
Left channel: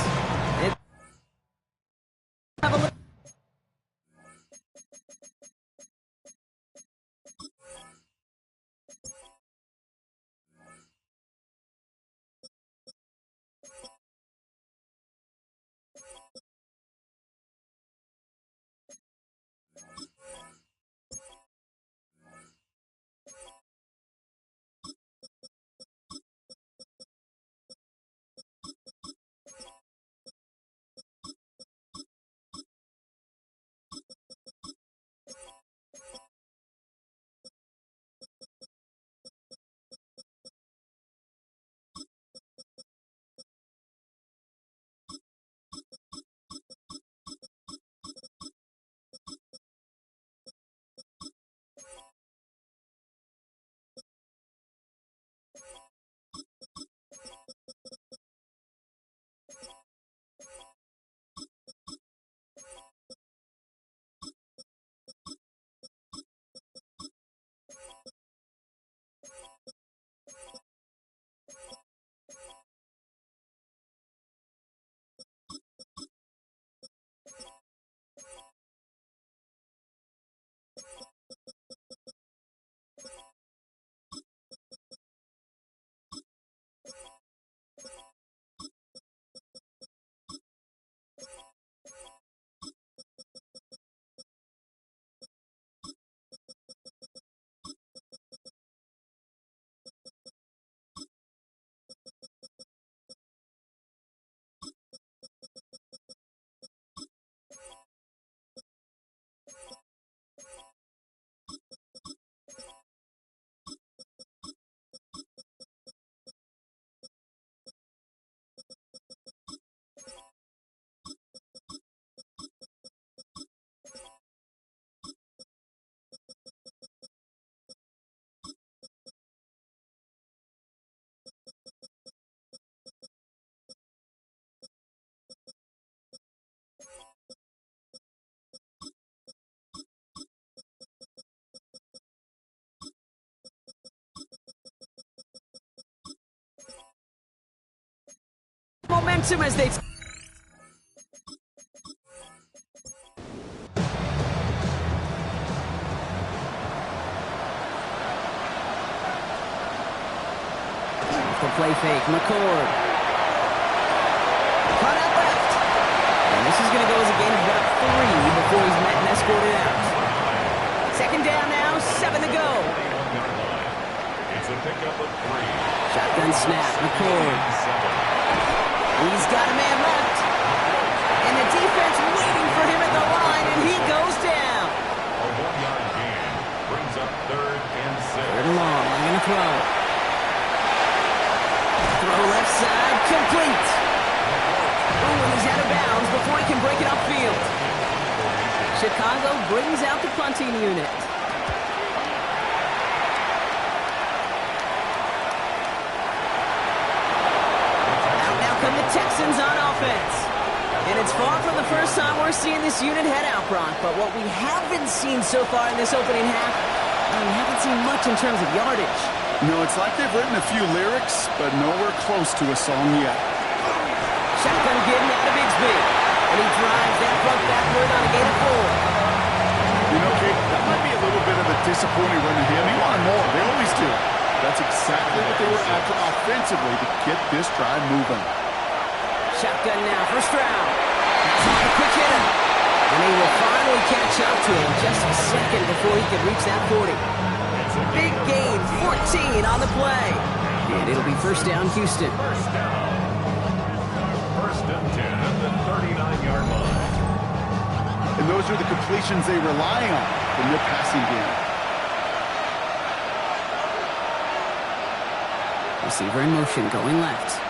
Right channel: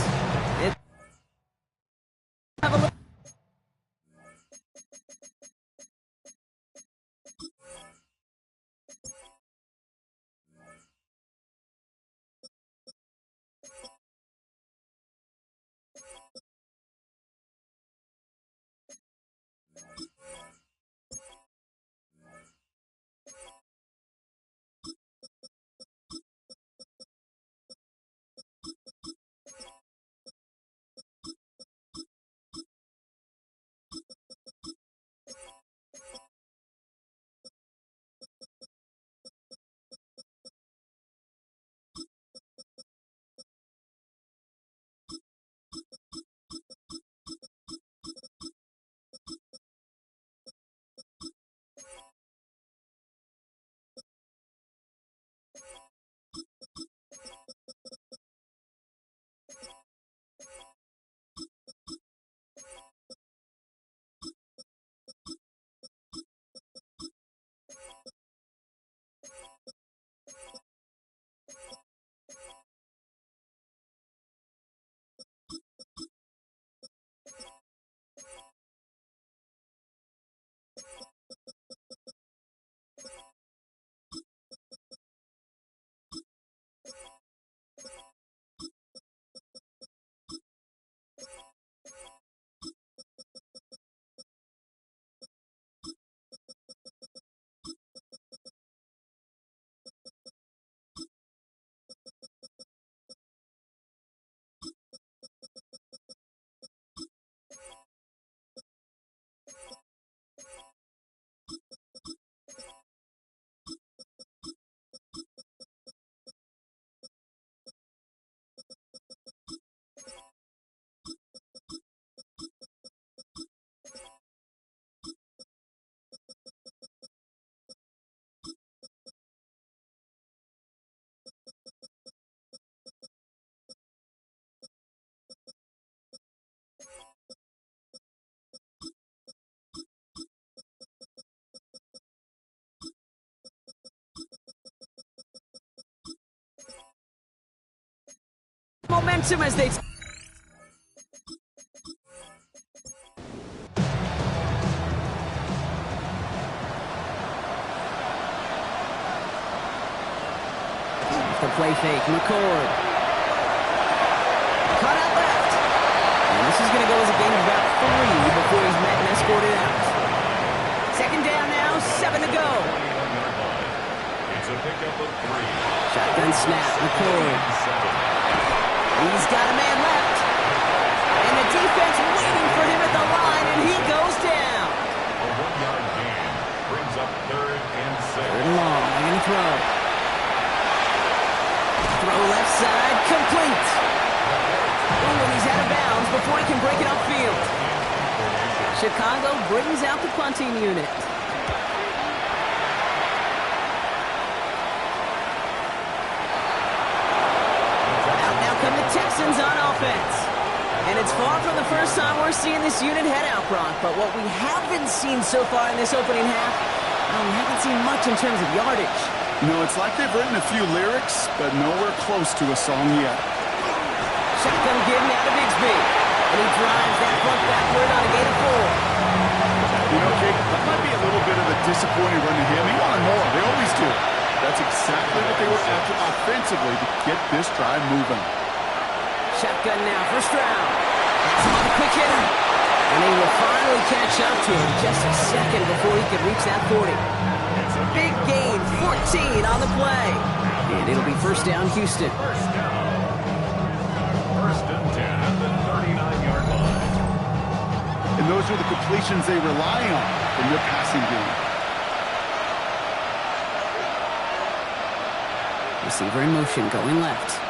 Have a look. Momentum as they... The play fake, McCord. Cut out left. And this is going to go as a gain of about 3 before he's met and escorted out. 2nd down now, 7 to go. It's a pickup of 3. Shotgun snap, McCord. He's got a man left. And the defense waiting for him at the line, and he goes down. A 1-yard gain brings up 3rd and 6. 3rd and long, they're going to throw. Throw left side, complete. Ooh, and he's out of bounds before he can break it upfield. Chicago brings out the punting unit. Out now come the Texans on offense. And it's far from the first time we're seeing this unit head out, Brock. But what we haven't seen so far in this opening half, well, we haven't seen much in terms of yardage. No, it's like they've written a few lyrics, but nowhere close to a song yet. Shotgun getting out of Bigsby. And he drives that front backward on a gain of 4. You know, Kate, that might be a little bit of a disappointing run to him. He wanted more. They always do. That's exactly what they were after offensively to get this drive moving. Shotgun now for Stroud. That's him on a quick hitter. And he will finally catch up to him just a second before he can reach that 40. Big gain, 14 on the play. And it'll be 1st down, Houston. 1st down. 1st and 10 at the 39-yard line. And those are the completions they rely on from their passing game. Receiver in motion, going left.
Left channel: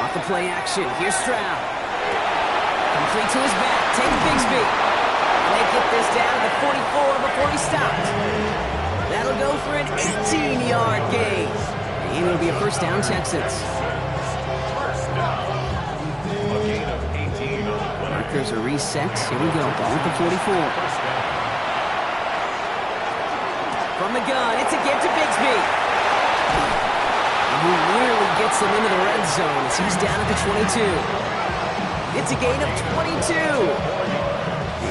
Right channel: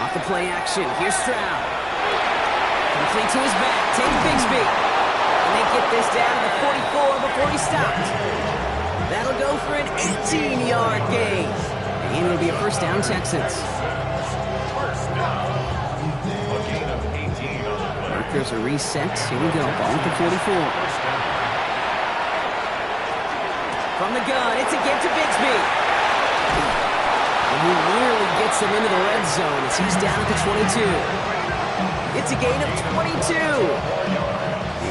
Off the play action, here's Stroud. Complete to his back, take Bigsby. And they get this down to the 44 before he stopped. That'll go for an 18-yard gain. And it'll be a 1st down, Texans. 1st markers are reset. Here we go. Ball at the 44. From the gun, it's a give to Bigsby. And he nearly gets him into the red zone as he's down at the 22. It's a gain of 22.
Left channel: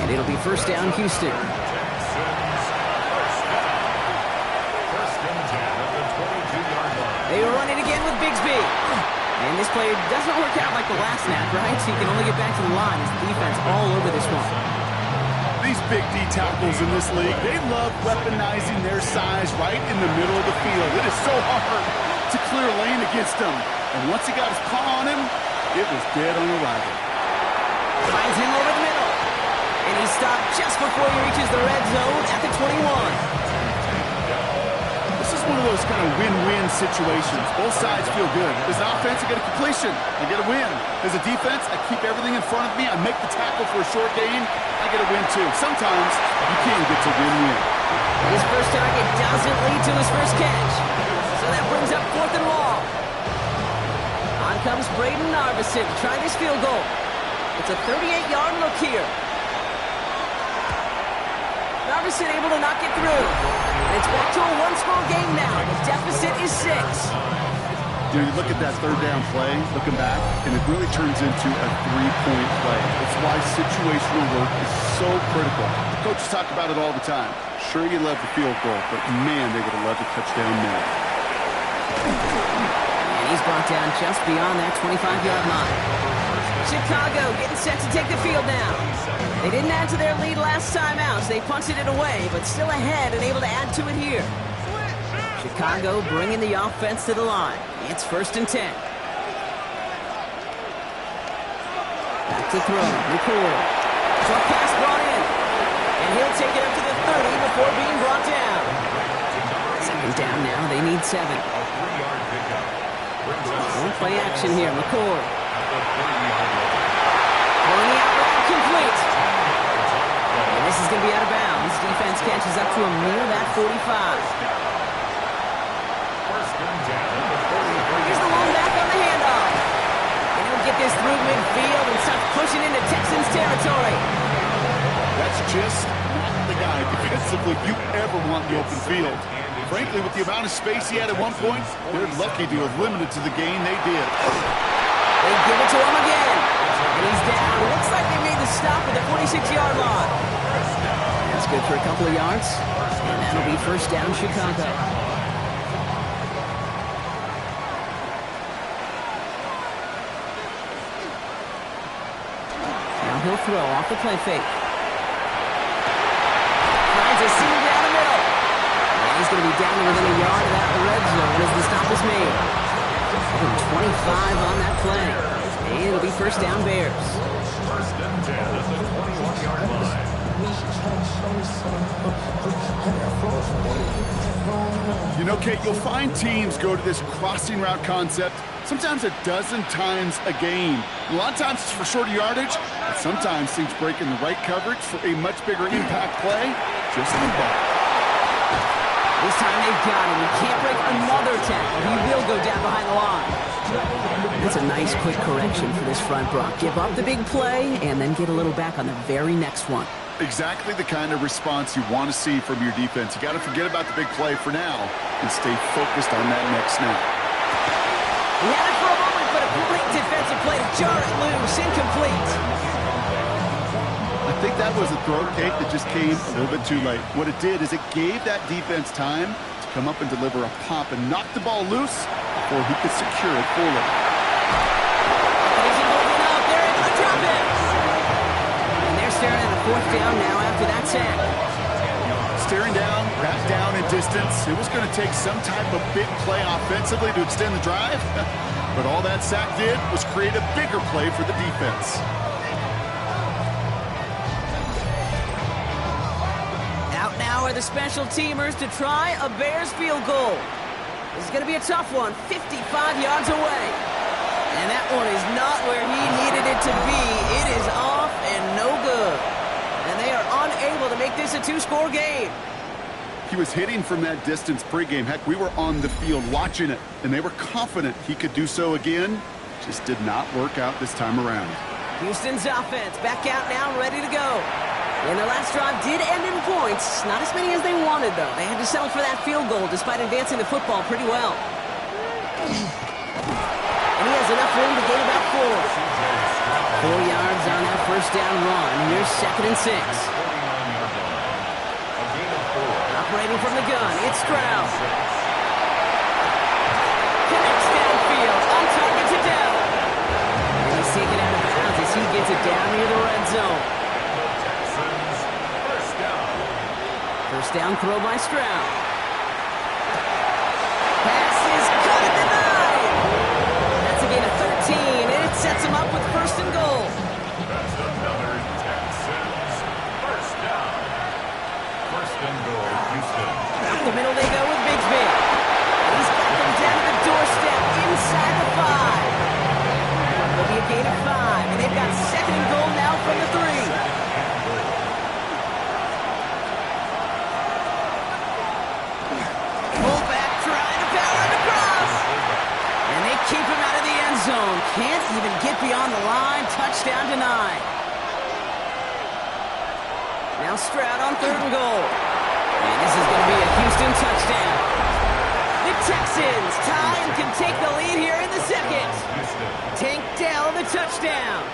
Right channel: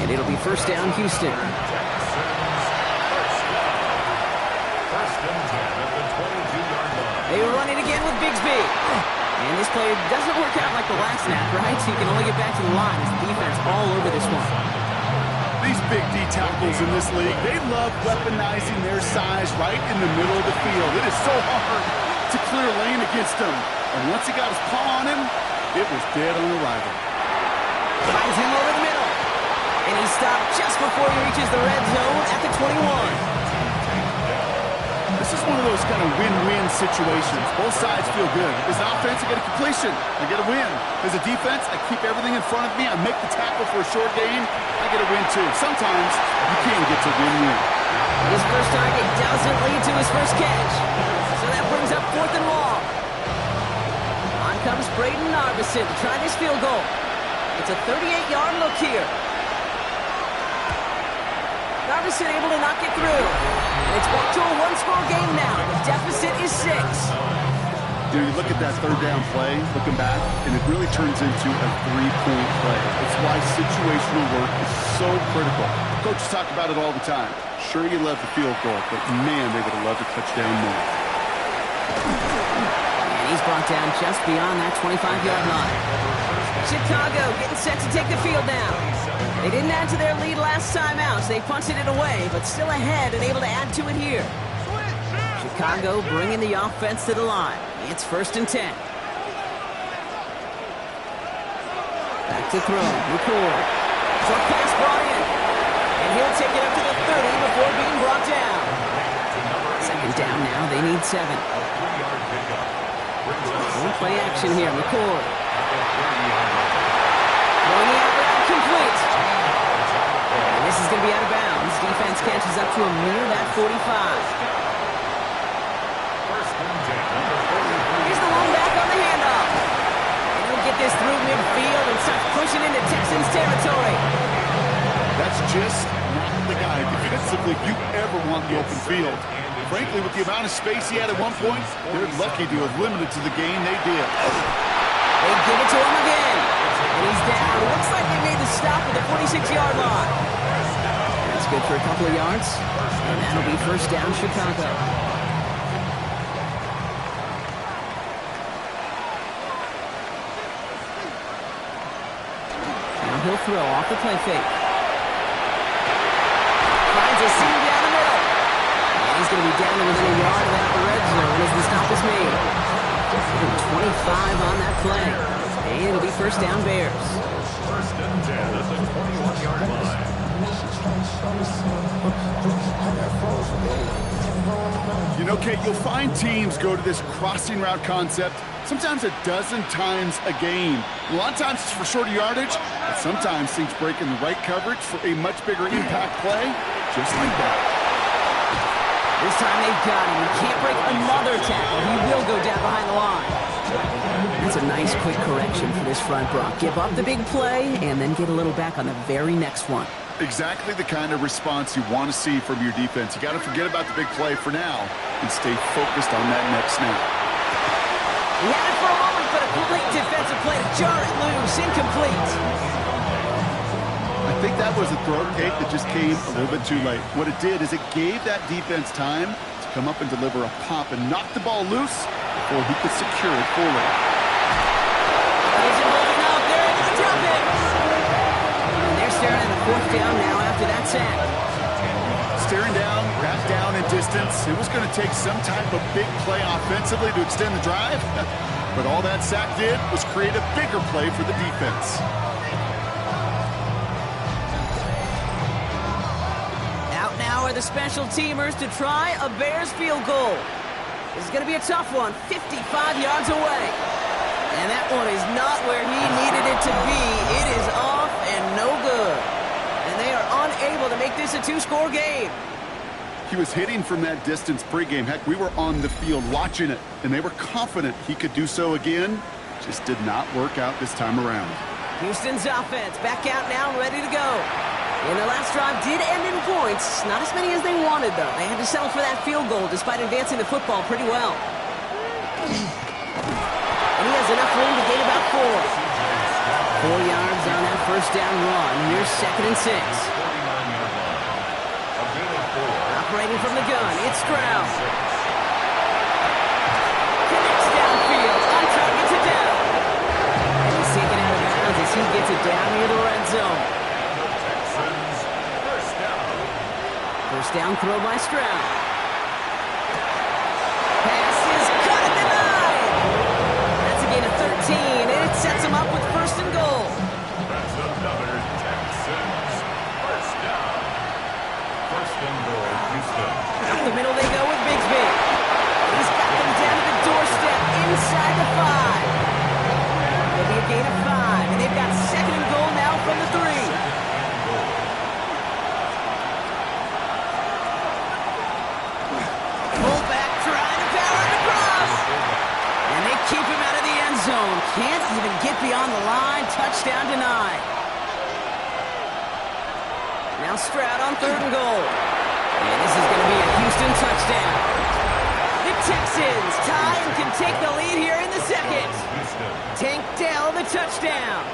And it'll be first down, Houston. They run it again with Bigsby. And this play doesn't work out like the last snap, right? So you can only get back to the line as the defense all over this one. These big D tackles in this league, they love weaponizing their size right in the middle of the field. It is so hard to clear lane against him. And once he got his paw on him, it was dead on arrival. Finds him over the middle. And he stopped just before he reaches the red zone at the 21. This is one of those kind of win-win situations. Both sides feel good. As an offense, I get a completion. I get a win. As a defense, I keep everything in front of me. I make the tackle for a short gain. I get a win, too. Sometimes you can't get to win-win. His first target doesn't lead to his first catch. So that brings up 4th and long. On comes Braden Narveson to try this field goal. It's a 38-yard look here. Narveson able to knock it through. And it's back to a one-score game now. The deficit is 6. You look at that third down play, looking back, and it really turns into a 3-point play. It's why situational work is so critical. Coaches talk about it all the time. Sure, you love the field goal, but man, they would have loved a touchdown more. And he's brought down just beyond that 25-yard line. Chicago getting set to take the field now. They didn't add to their lead last time out, so they punted it away, but still ahead and able to add to it here. Chicago bringing the offense to the line. It's 1st and 10. Back to throw. McCord. Short pass brought in. And he'll take it up to the 30 before being brought down. 2nd down now. They need 7. One play action here. McCord. Throwing the out route complete. And this is going to be out of bounds. Defense catches up to him near that 45. Here's the long back on the handoff. And he'll get this through midfield and start pushing into Texans territory. That's just not the guy defensively you ever want in the open field. Frankly, with the amount of space he had at one point, they're lucky to have limited to the gain they did. They give it to him again. And he's down. Looks like they made the stop at the 46-yard line. That's good for a couple of yards. And that'll be first down, Chicago. Now he'll throw off the play fake. Finds a seam down the middle. And he's going to be down to within a yard of that red zone as the stop is made. 25 on that play. And it'll be first down, Bears. 1st and 10 at the 21-yard line. You know, Kate, you'll find teams go to this crossing route concept sometimes a dozen times a game. A lot of times it's for shorter yardage, but sometimes things break in the right coverage for a much bigger impact play, just like that. This time they've got him. He can't break another tackle. He will go down behind the line. That's a nice quick correction for this front, Brock. Give up the big play and then get a little back on the very next one. Exactly the kind of response you want to see from your defense. You got to forget about the big play for now and stay focused on that next snap. He had it for a moment, but a great defensive play to jar it loose. Incomplete. I think that was a throw, Kate, that just came a little bit too late. What it did is it gave that defense time to come up and deliver a pop and knock the ball loose before he could secure it fully. He's holding up. They're able to drop it. And they're staring at a 4th down now after that sack. Staring down, back down in distance. It was going to take some type of big play offensively to extend the drive. But all that sack did was create a bigger play for the defense. Out now are the special teamers to try a Bears field goal. This is going to be a tough one, 55 yards away. And that one is not where he needed it to be. It is off and no good. And they are unable to make this a 2-score game. He was hitting from that distance pregame. Heck, we were on the field watching it, and they were confident he could do so again. Just did not work out this time around. Houston's offense back out now and ready to go. And their last drive did end in points. Not as many as they wanted, though. They had to settle for that field goal despite advancing the football pretty well. And he has enough room to gain about 4. 4 yards on that first down run. Here's 2nd and 6. Operating from the gun, it's Stroud. Connects downfield, on target to Dell. And he's taken out of bounds as he gets it down near the red zone. First down throw by Stroud. Pass is cut at the 9. That's a gain of 13, and it sets him up with 1st and goal. That's another Texans first down. 1st and goal, Houston. Up the middle they go with Bigsby. He's got them down to the doorstep inside the 5. There'll be a gain of 5, and they've got 2nd and goal now from the 3. And they keep him out of the end zone. Can't even get beyond the line. Touchdown denied. Now Stroud on 3rd and goal. And this is going to be a Houston touchdown. The Texans tie and can take the lead here in the 2nd. Tank Dell the touchdown.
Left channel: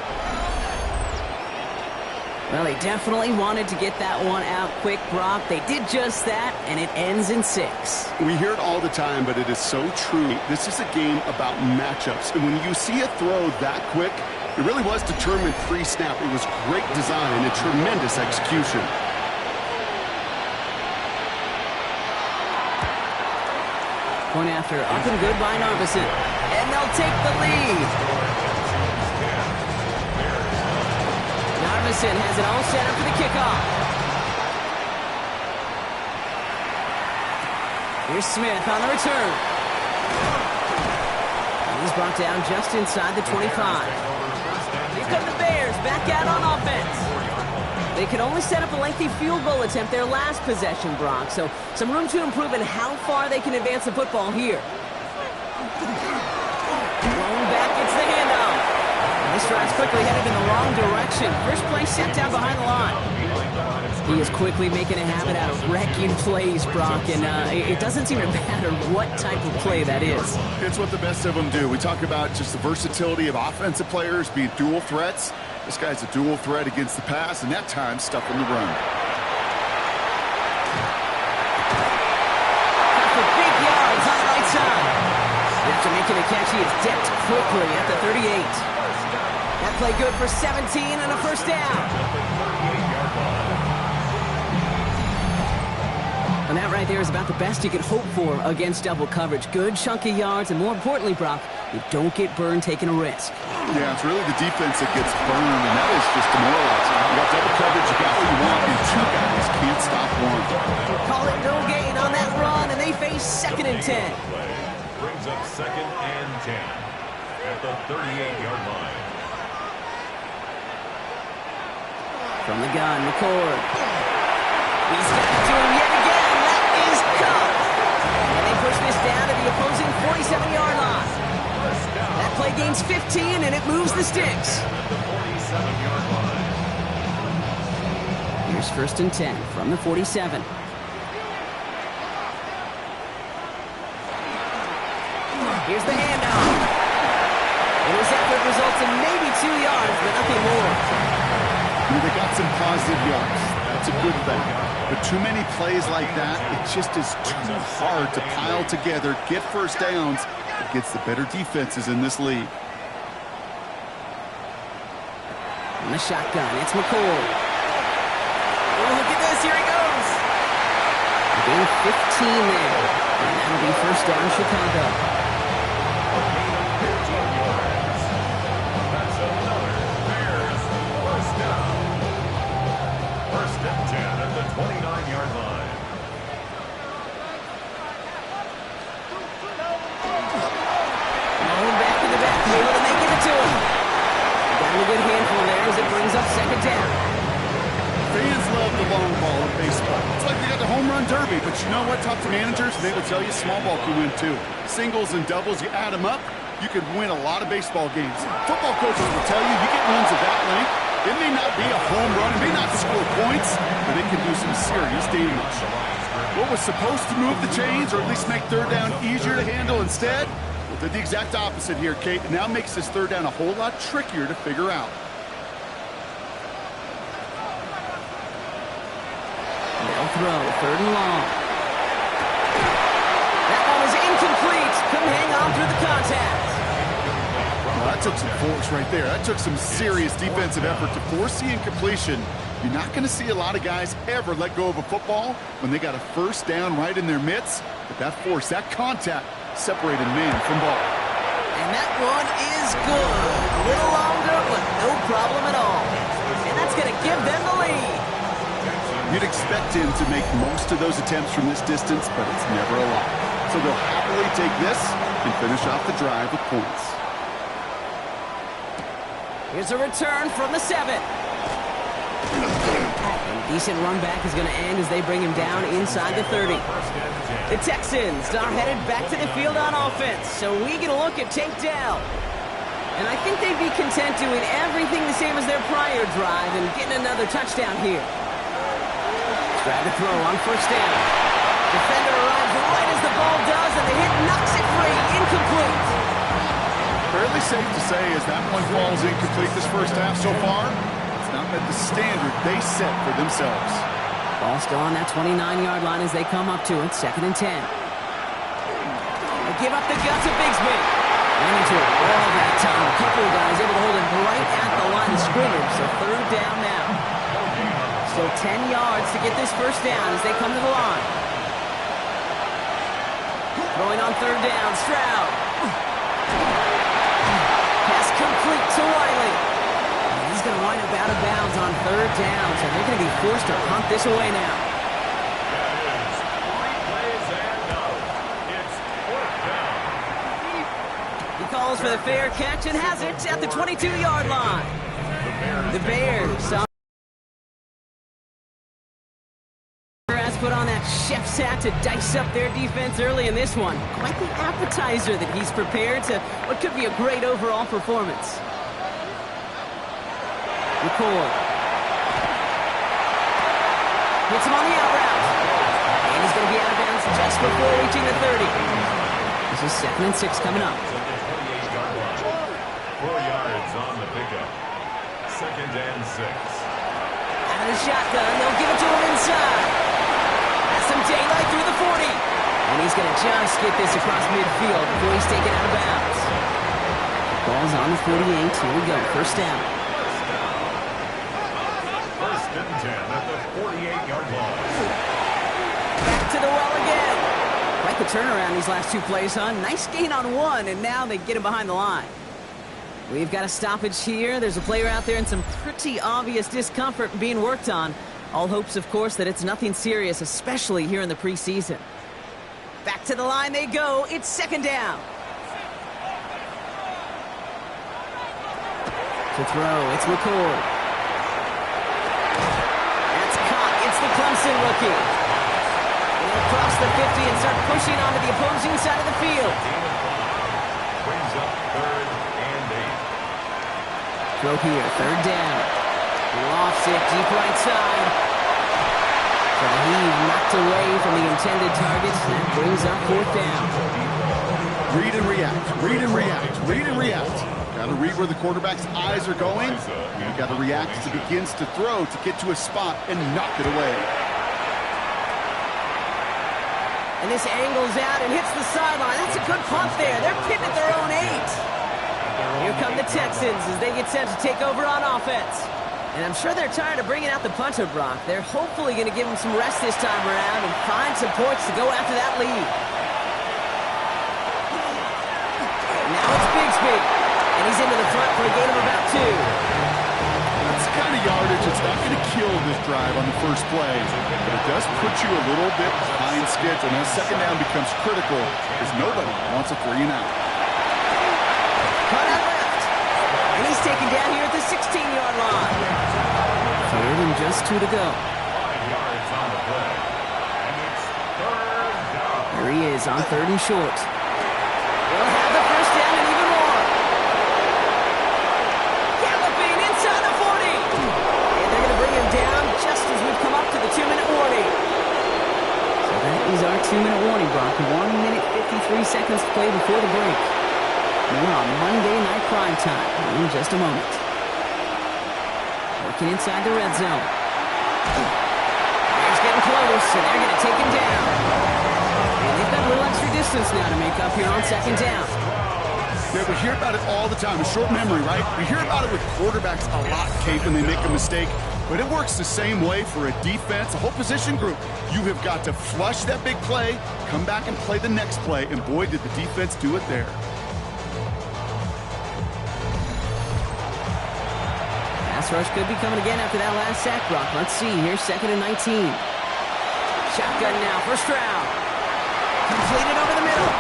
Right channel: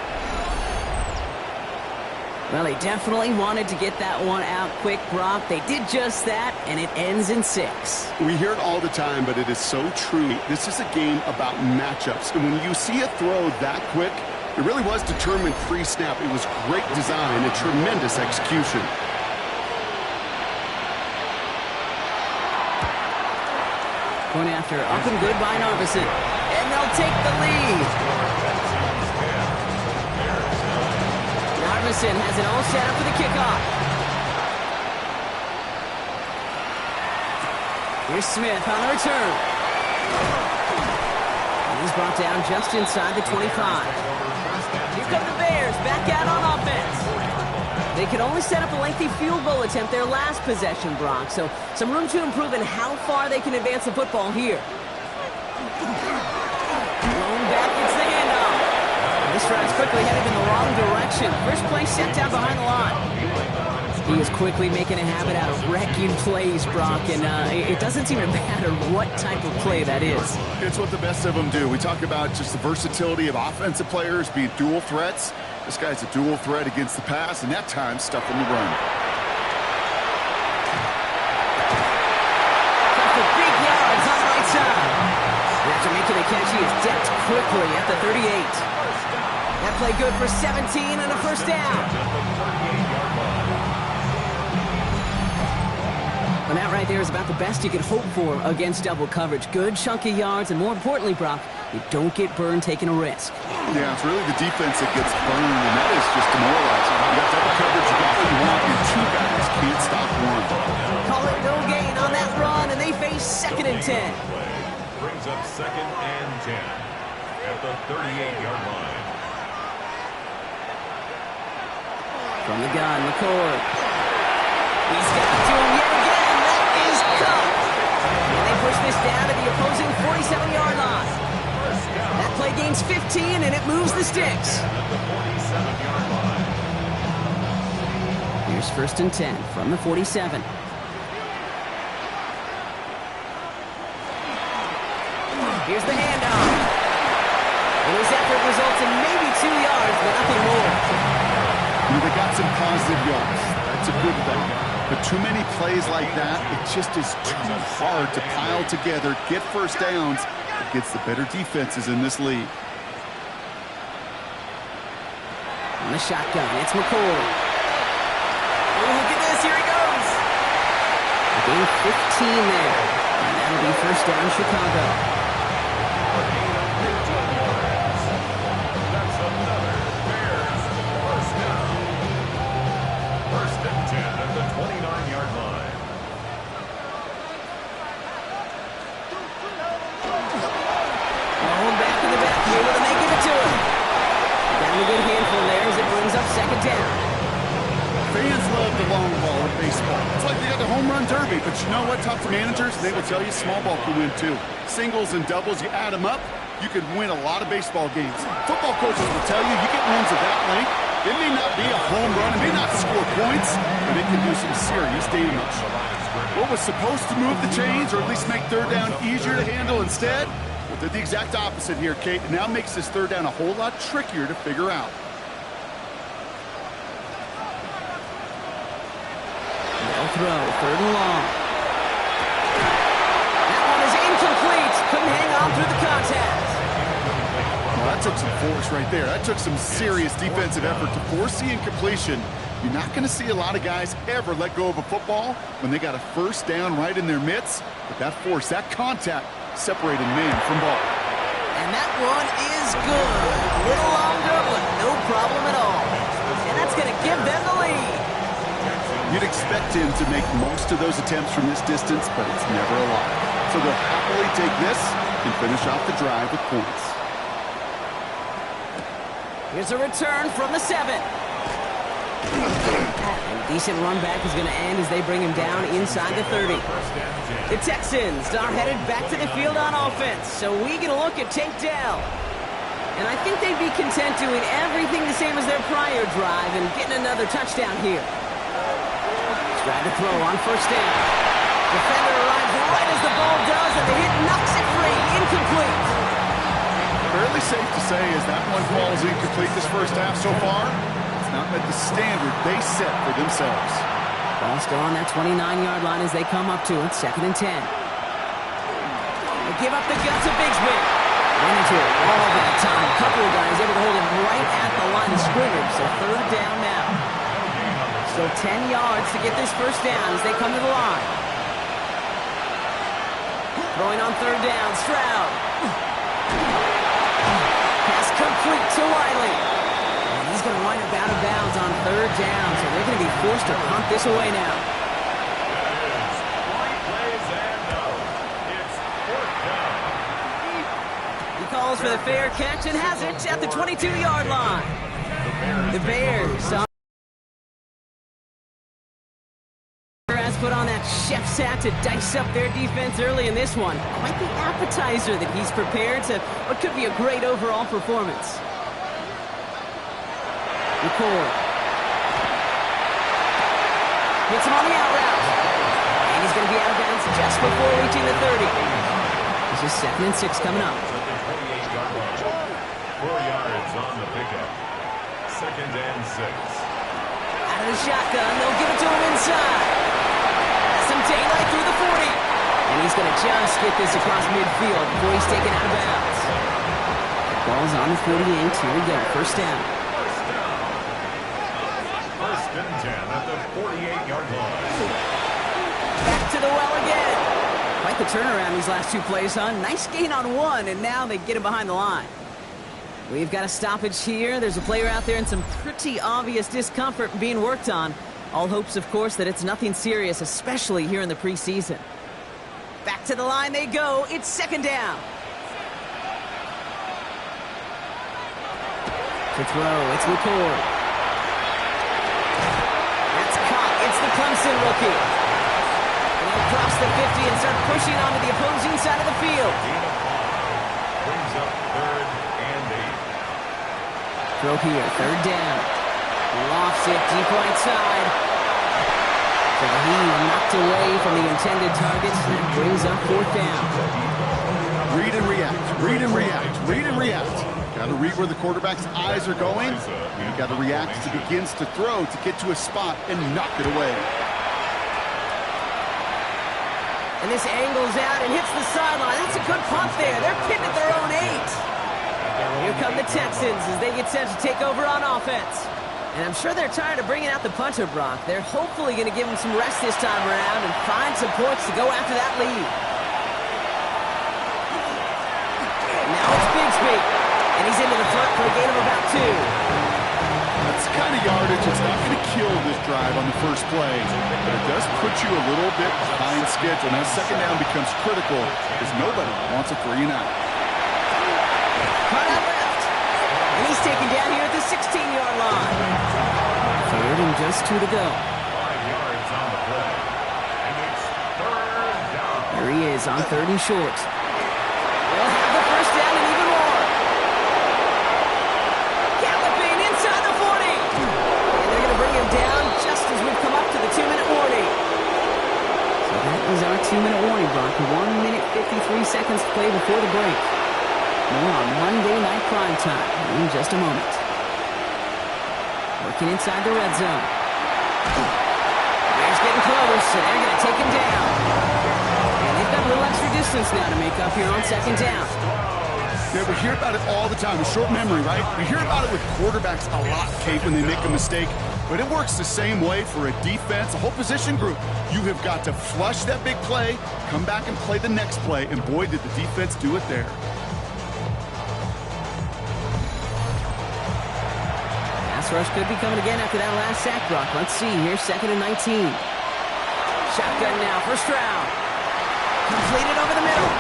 Well, they definitely wanted to get that one out quick, Brock. They did just that, and it ends in 6. We hear it all the time, but it is so true. This is a game about matchups. And when you see a throw that quick, it really was determined pre-snap. It was great design and tremendous execution. Point after, up and good by Narvison. And they'll take the lead. Narvison has it all set up for the kickoff. Here's Smith on the return. And he's brought down just inside the 25. Here come the Bears back out on offense. They could only set up a lengthy field goal attempt their last possession, Brock. So some room to improve in how far they can advance the football here. Blown back, it's the handoff. This drive's quickly headed in the wrong direction. First play set down behind the line. He is quickly making a habit out of wrecking plays, Brock, and it doesn't seem to matter what type of play that is. It's what the best of them do. We talk about just the versatility of offensive players being dual threats. This guy's a dual threat against the pass, and that time stuff in the run. Got the big yards on the right side. And after making a catch, he is decked quickly at the 38. That play good for 17 and a first down. And that right there is about the best you could hope for against double coverage. Good chunky yards, and more importantly, Brock, you don't get burned taking a risk. Yeah, it's really the defense that gets burned, and that is just demoralizing. You got double coverage, you got what you want, and 2 guys can't stop one. Call it no gain on that run, and they face 2nd and 10. Brings up 2nd and 10 at the 38-yard line. From the gun, McCord. He's got it to him yet again. That is Cup. And they push this down to the opposing 47-yard line. That play gains 15, and it moves the sticks. Here's 1st and 10 from the 47. Here's the handoff. And his effort results in maybe 2 yards, but nothing more. They got some positive yards. That's a good thing. But too many plays like that, it just is too hard to pile together, get first downs against the better defenses in this league. On the shotgun, it's McCord. Oh, look at this. Here he goes. A gain of 15 there. And that'll be first down, Chicago. That's another Bears first down. 1st and 10 at the 29-yard line. Going back in the backfield, and they give it to him. Got him a good handful there as it brings up 2nd down. Fans love the long ball in baseball. It's like they got the home run derby, but you know what? Talk to managers, they will tell you small ball can win too. Singles and doubles, you add them up, you could win a lot of baseball games. Football coaches will tell you get runs of that length. It may not be a home run, it may not score points, but it can do some serious damage. What was supposed to move the chains, or at least make third down easier to handle instead, well, did the exact opposite here, Kate. It now makes this third down a whole lot trickier to figure out. They'll throw, third and long. That one is incomplete. Couldn't hang on through the contact. Well, that took some force right there. That took some serious defensive effort to force the incompletion. You're not going to see a lot of guys ever let go of a football when they got a first down right in their midst. But that force, that contact, separated man from ball. And that one is good. A little longer, but no problem at all. And that's going to give them the lead. You'd expect him to make most of those attempts from this distance, but it's never a lot. So they'll happily take this and finish off the drive with points. Here's a return from the 7. And a decent run back is going to end as they bring him down inside the 30. The Texans are headed back to the field on offense, so we get a look at Tank Dell. And I think they'd be content doing everything the same as their prior drive and getting another touchdown here. Try to throw on first down. Defender arrives right as the ball does, and the hit knocks it free. Incomplete. Fairly safe to say as that one falls incomplete this first half so far, it's not met the standard they set for themselves. Ball still on that 29-yard line as they come up to it, 2nd and 10. They give up the guts of Bigsby. Ran into it all that time. A couple of guys able to hold him right at the line of scrimmage, so third down now. Still 10 yards to get this first down as they come to the line. Throwing on third down, Stroud. Pass complete to Wiley. And he's going to wind up out of bounds on third down, so they're going to be forced to punt this away now. That is 3 plays and out. It's 4th down. He calls for the fair catch and has it at the 22-yard line. The Bears put on that chef's hat to dice up their defense early in this one. Quite the appetizer that he's prepared to what could be a great overall performance. McCord hits him on the out route. And he's going to be out of bounds just before reaching the 30. This is 2nd and 6 coming up. 4 yards on the pickup. 2nd and 6. Out of the shotgun, they'll give it to him inside. Some daylight through the 40. And he's going to just get this across midfield before he's taken out of bounds. The ball's on the 48. Here we go. First down. 1st and 10 at the 48-yard line. Back to the well again. Quite the turnaround these last 2 plays, huh? Nice gain on 1, and now they get him behind the line. We've got a stoppage here. There's a player out there in some pretty obvious discomfort being worked on. All hopes, of course, that it's nothing serious, especially here in the preseason. Back to the line they go. It's 2nd down. To throw, it's McCord. That's caught. It's the Clemson rookie. And he'll cross the 50 and start pushing onto the opposing side of the field. Gain of 5. Brings up 3rd and 8. Throw here, 3rd down. Lofts it deep right side. So the heave knocked away from the intended target. That brings up 4th down. Read and react, read and react, read and react. Got to read where the quarterback's eyes are going. You got to react as he begins to throw to get to a spot and knock it away. And this angles out and hits the sideline. That's a good punt there. They're pinned at their own 8. Here come the Texans as they get set to take over on offense. And I'm sure they're tired of bringing out the punter, Brock. They're hopefully going to give him some rest this time around and find some points to go after that lead. Now it's Bigsby. And he's into the front for a gain of about 2. That's the kind of yardage that's not going to kill this drive on the first play, but it does put you a little bit behind schedule. Now 2nd down becomes critical because nobody wants a 3 and out. Cut out left. And he's taken down here at the 16-yard line. 3rd and just 2 to go. 5 yards on the play. And it's 3rd down. There he is on 3rd and short. He'll have the first down and even inside the 40. And they're going to bring him down just as we've come up to the 2-minute warning. So that is our 2-minute warning, Brock. 1 minute, 53 seconds to play before the break. More on Monday Night Prime Time in just a moment. Working inside the red zone. Bears getting close, and they're going to take him down. And they've got a little extra distance now to make up here on second down. Yeah, we hear about it all the time. A short memory, right? We hear about it with quarterbacks a lot, Kate, when they make a mistake. But it works the same way for a defense, a whole position group. You have got to flush that big play, come back and play the next play, and boy, did the defense do it there. Pass rush could be coming again after that last sack, Brock. Let's see here, 2nd and 19. Shotgun now for Stroud. Completed over the middle.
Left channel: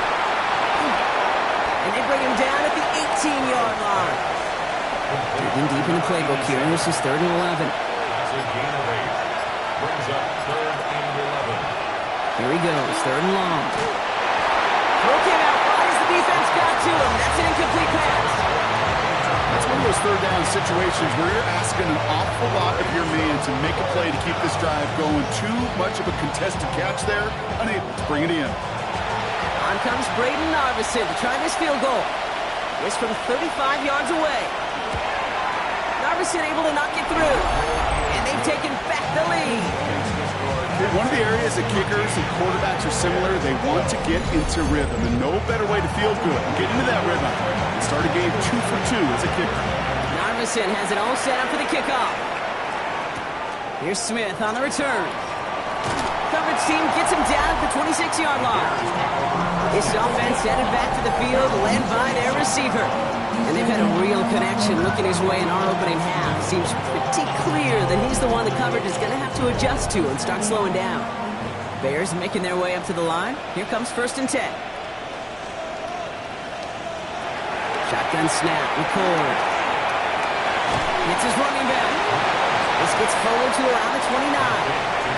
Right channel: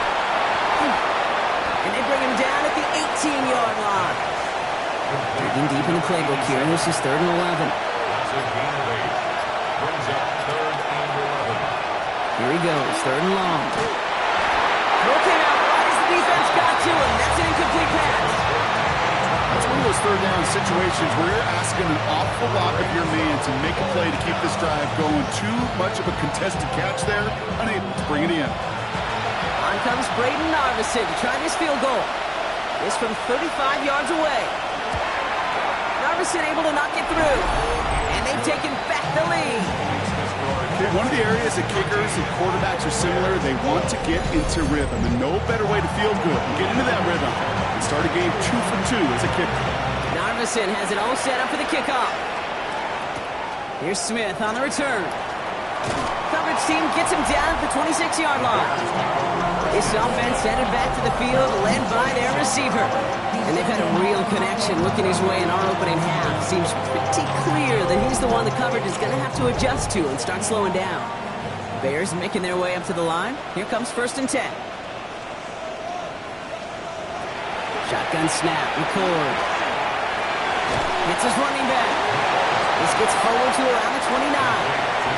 And they bring him down at the 18-yard line. Digging deep in the playbook here, and this is 3rd and 11. That's a gain of 8. Brings up 3rd and 11. Here he goes, 3rd and long. Throw came out right as the defense got to him. That's an incomplete pass. That's one of those third down situations where you're asking an awful lot of your man to make a play to keep this drive going. Too much of a contested catch there, unable to bring it in. On comes Braden Narveson to try this field goal. This from 35 yards away. Narveson able to not get through. And they've taken back the lead. One of the areas that kickers and quarterbacks are similar, they want to get into rhythm. And no better way to feel good and get into that rhythm and start a game 2 for 2 as a kicker. Narveson has it all set up for the kickoff. Here's Smith on the return. Coverage team gets him down at the 26-yard line. This offense headed back to the field, led by their receiver. And they've had a real connection looking his way in our opening half. Seems pretty clear that he's the one the coverage is going to have to adjust to and start slowing down. Bears making their way up to the line. Here comes 1st and 10. Shotgun snap, record. Gets his running back. This gets forward to around the 29.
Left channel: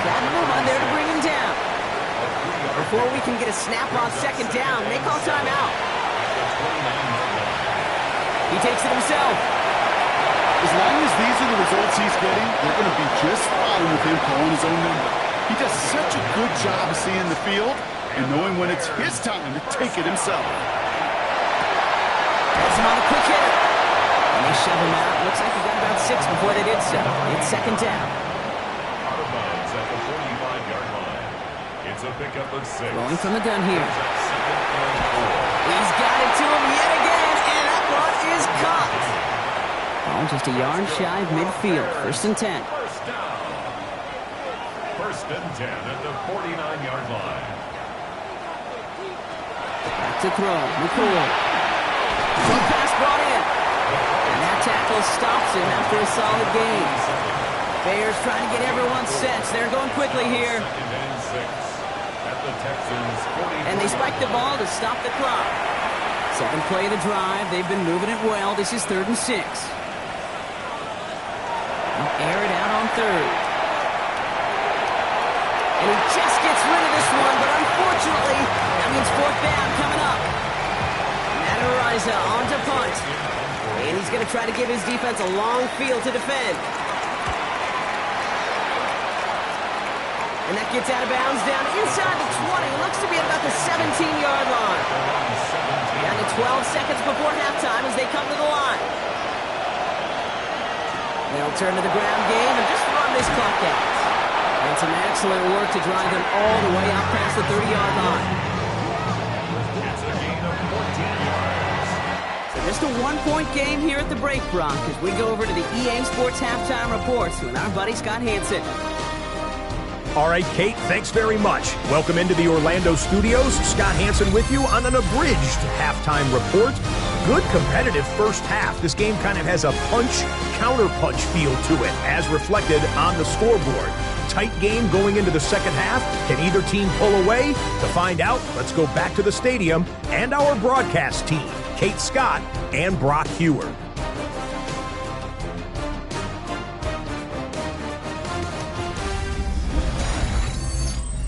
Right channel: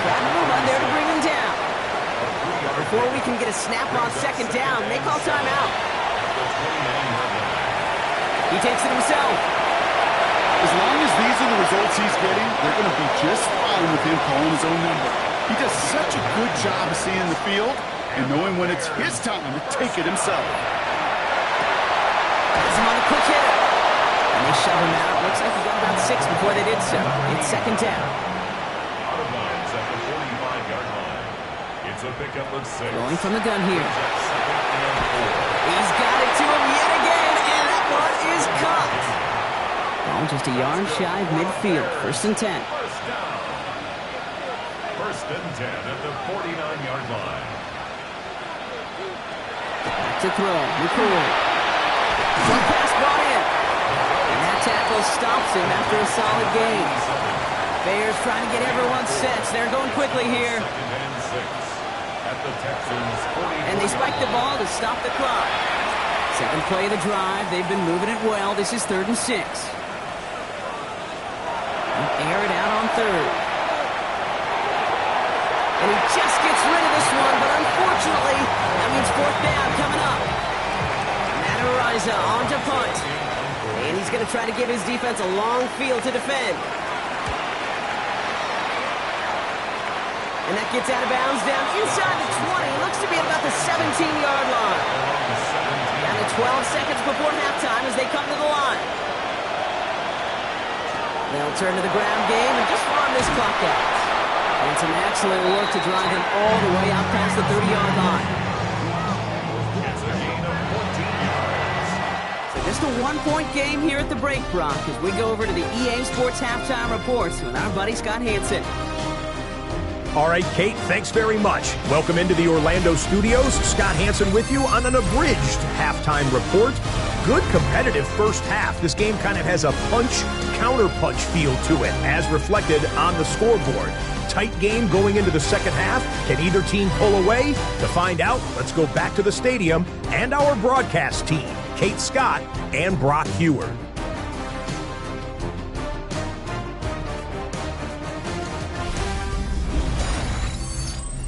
Bad move on there to bring him down. Before we can get a snap on 2nd down, they call timeout. He takes it himself. As long as these are the results he's getting, they're going to be just fine with him calling his own number. He does such a good job of seeing the field and knowing when it's his time to take it himself. Has him on the quick hitter. And they shove him out. Looks like he got about 6 before they did so. It's 2nd down. Out of bounds at the 45-yard line. It's a pickup of 6. Going from the gun here. 2nd and 4. He's got it to him yet again, and that one is caught. Ball just a yard shy of midfield. 1st and 10. First down. 1st and 10 at the 49-yard line. Back to throw. McCoy. One pass brought in. And that tackle stops him after a solid gain. Bears trying to get everyone set. They're going quickly here. 2nd and 6 at the Texans 40. And they spike the ball to stop the clock. 7th play of the drive. They've been moving it well. This is 3rd and 6. Air it out on 3rd. And he just gets rid of this one, but unfortunately, that means 4th down coming up. Matt Araiza on to punt. And he's going to try to give his defense a long field to defend. And that gets out of bounds down inside the 20. It looks to be at about the 17-yard line. Down to 12 seconds before halftime as they come to the line. They'll turn to the ground game and just run this clock out. And some excellent work to drive them all the way out past the 30-yard line. It's a gain of 14 yards. So just a 1-point game here at the break, Brock, as we go over to the EA Sports Halftime Reports with our buddy Scott Hanson. All right, Kate, thanks very much. Welcome into the Orlando studios. Scott Hanson with you on an abridged halftime report. Good competitive first half. This game kind of has a punch-counter-punch feel to it, as reflected on the scoreboard. Tight game going into the second half. Can either team pull away? To find out, let's go back to the stadium and our broadcast team, Kate Scott and Brock Huard.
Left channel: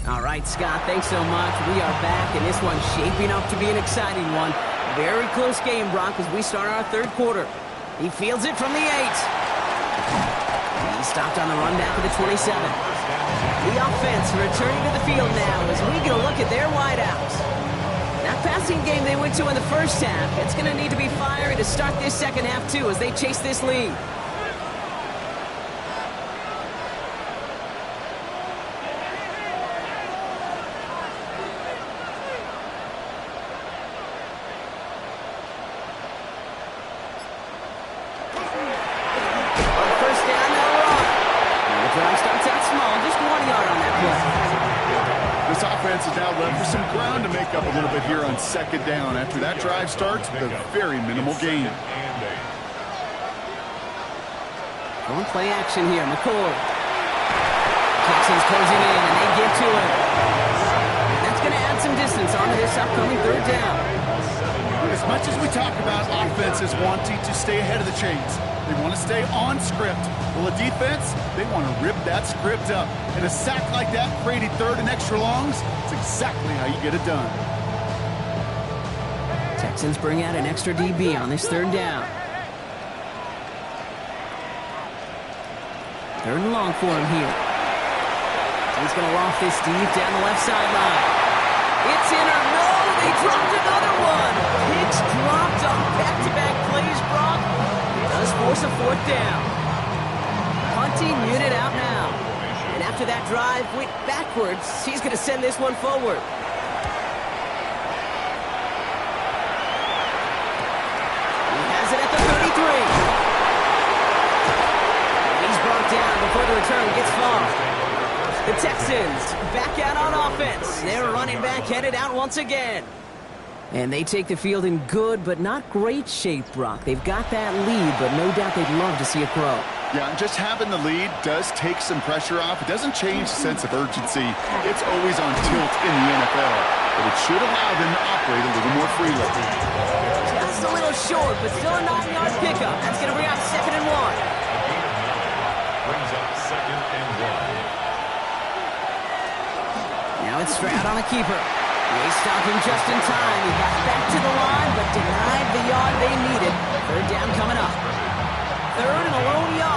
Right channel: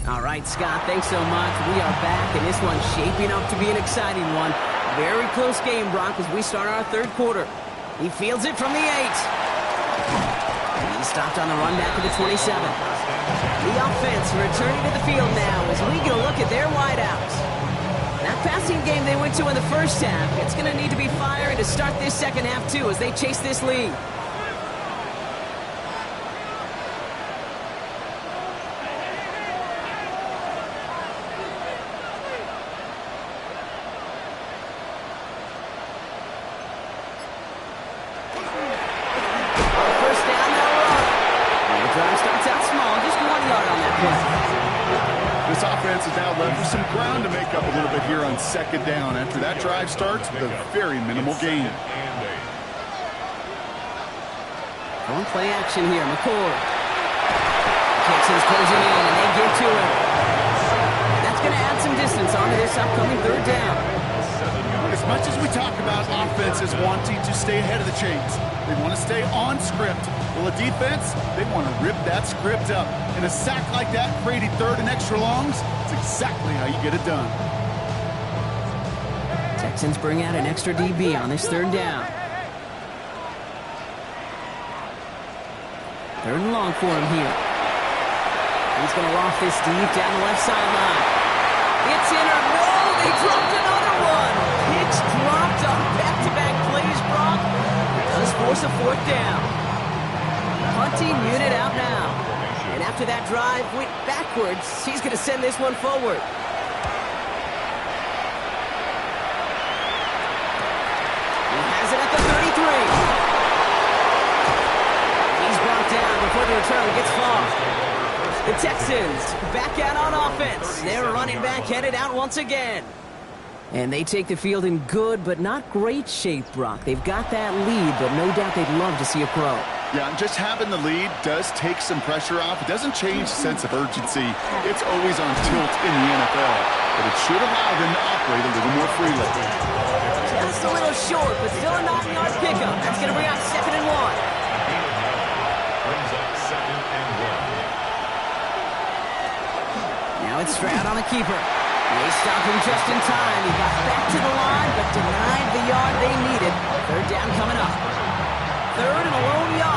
All right, Scott, thanks so much. We are back, and this one's shaping up to be an exciting one. Very close game, Brock, as we start our third quarter. He fields it from the 8. He stopped on the run back to the 27. The offense returning to the field now as we get a look at their wideouts. That passing game they went to in the first half, it's going to need to be fiery to start this second half too as they chase this lead. This offense is now left with some ground to make up a little bit here on second down. After that drive starts with a very minimal gain. Going play action here, McCord. Texans closing in, and they get to him. And that's going to add some distance onto this upcoming third down. As much as we talk about offenses wanting to stay ahead of the chains, they want to stay on script. Well, a defense, they want to rip that script up. And a sack like that, creating third and extra longs, it's exactly how you get it done. Texans bring out an extra DB on this third down. Third and long for him here. He's going to loft this deep down the left sideline. It's in or no, they dropped another one. Picks dropped on back-to-back plays, Brock. It does force a fourth down. Punting unit out now. And after that drive went backwards, he's going to send this one forward. He has it at the 33. And he's brought down before the return gets far. The Texans back out on offense. Their running back headed out once again. And they take the field in good but not great shape, Brock. They've got that lead, but no doubt they'd love to see it grow. Yeah, and just having the lead does take some pressure off. It doesn't change the sense of urgency. It's always on tilt in the NFL, but it should allow them to operate a little more freely. Just a little short, but still a 9-yard pickup. That's going to bring up 2nd and 1. Brings up 2nd and 1. Now it's Stroud on the keeper. They stopped him just in time. He got back to the line, but denied the yard they needed. Third down coming up. Third and a lone yard.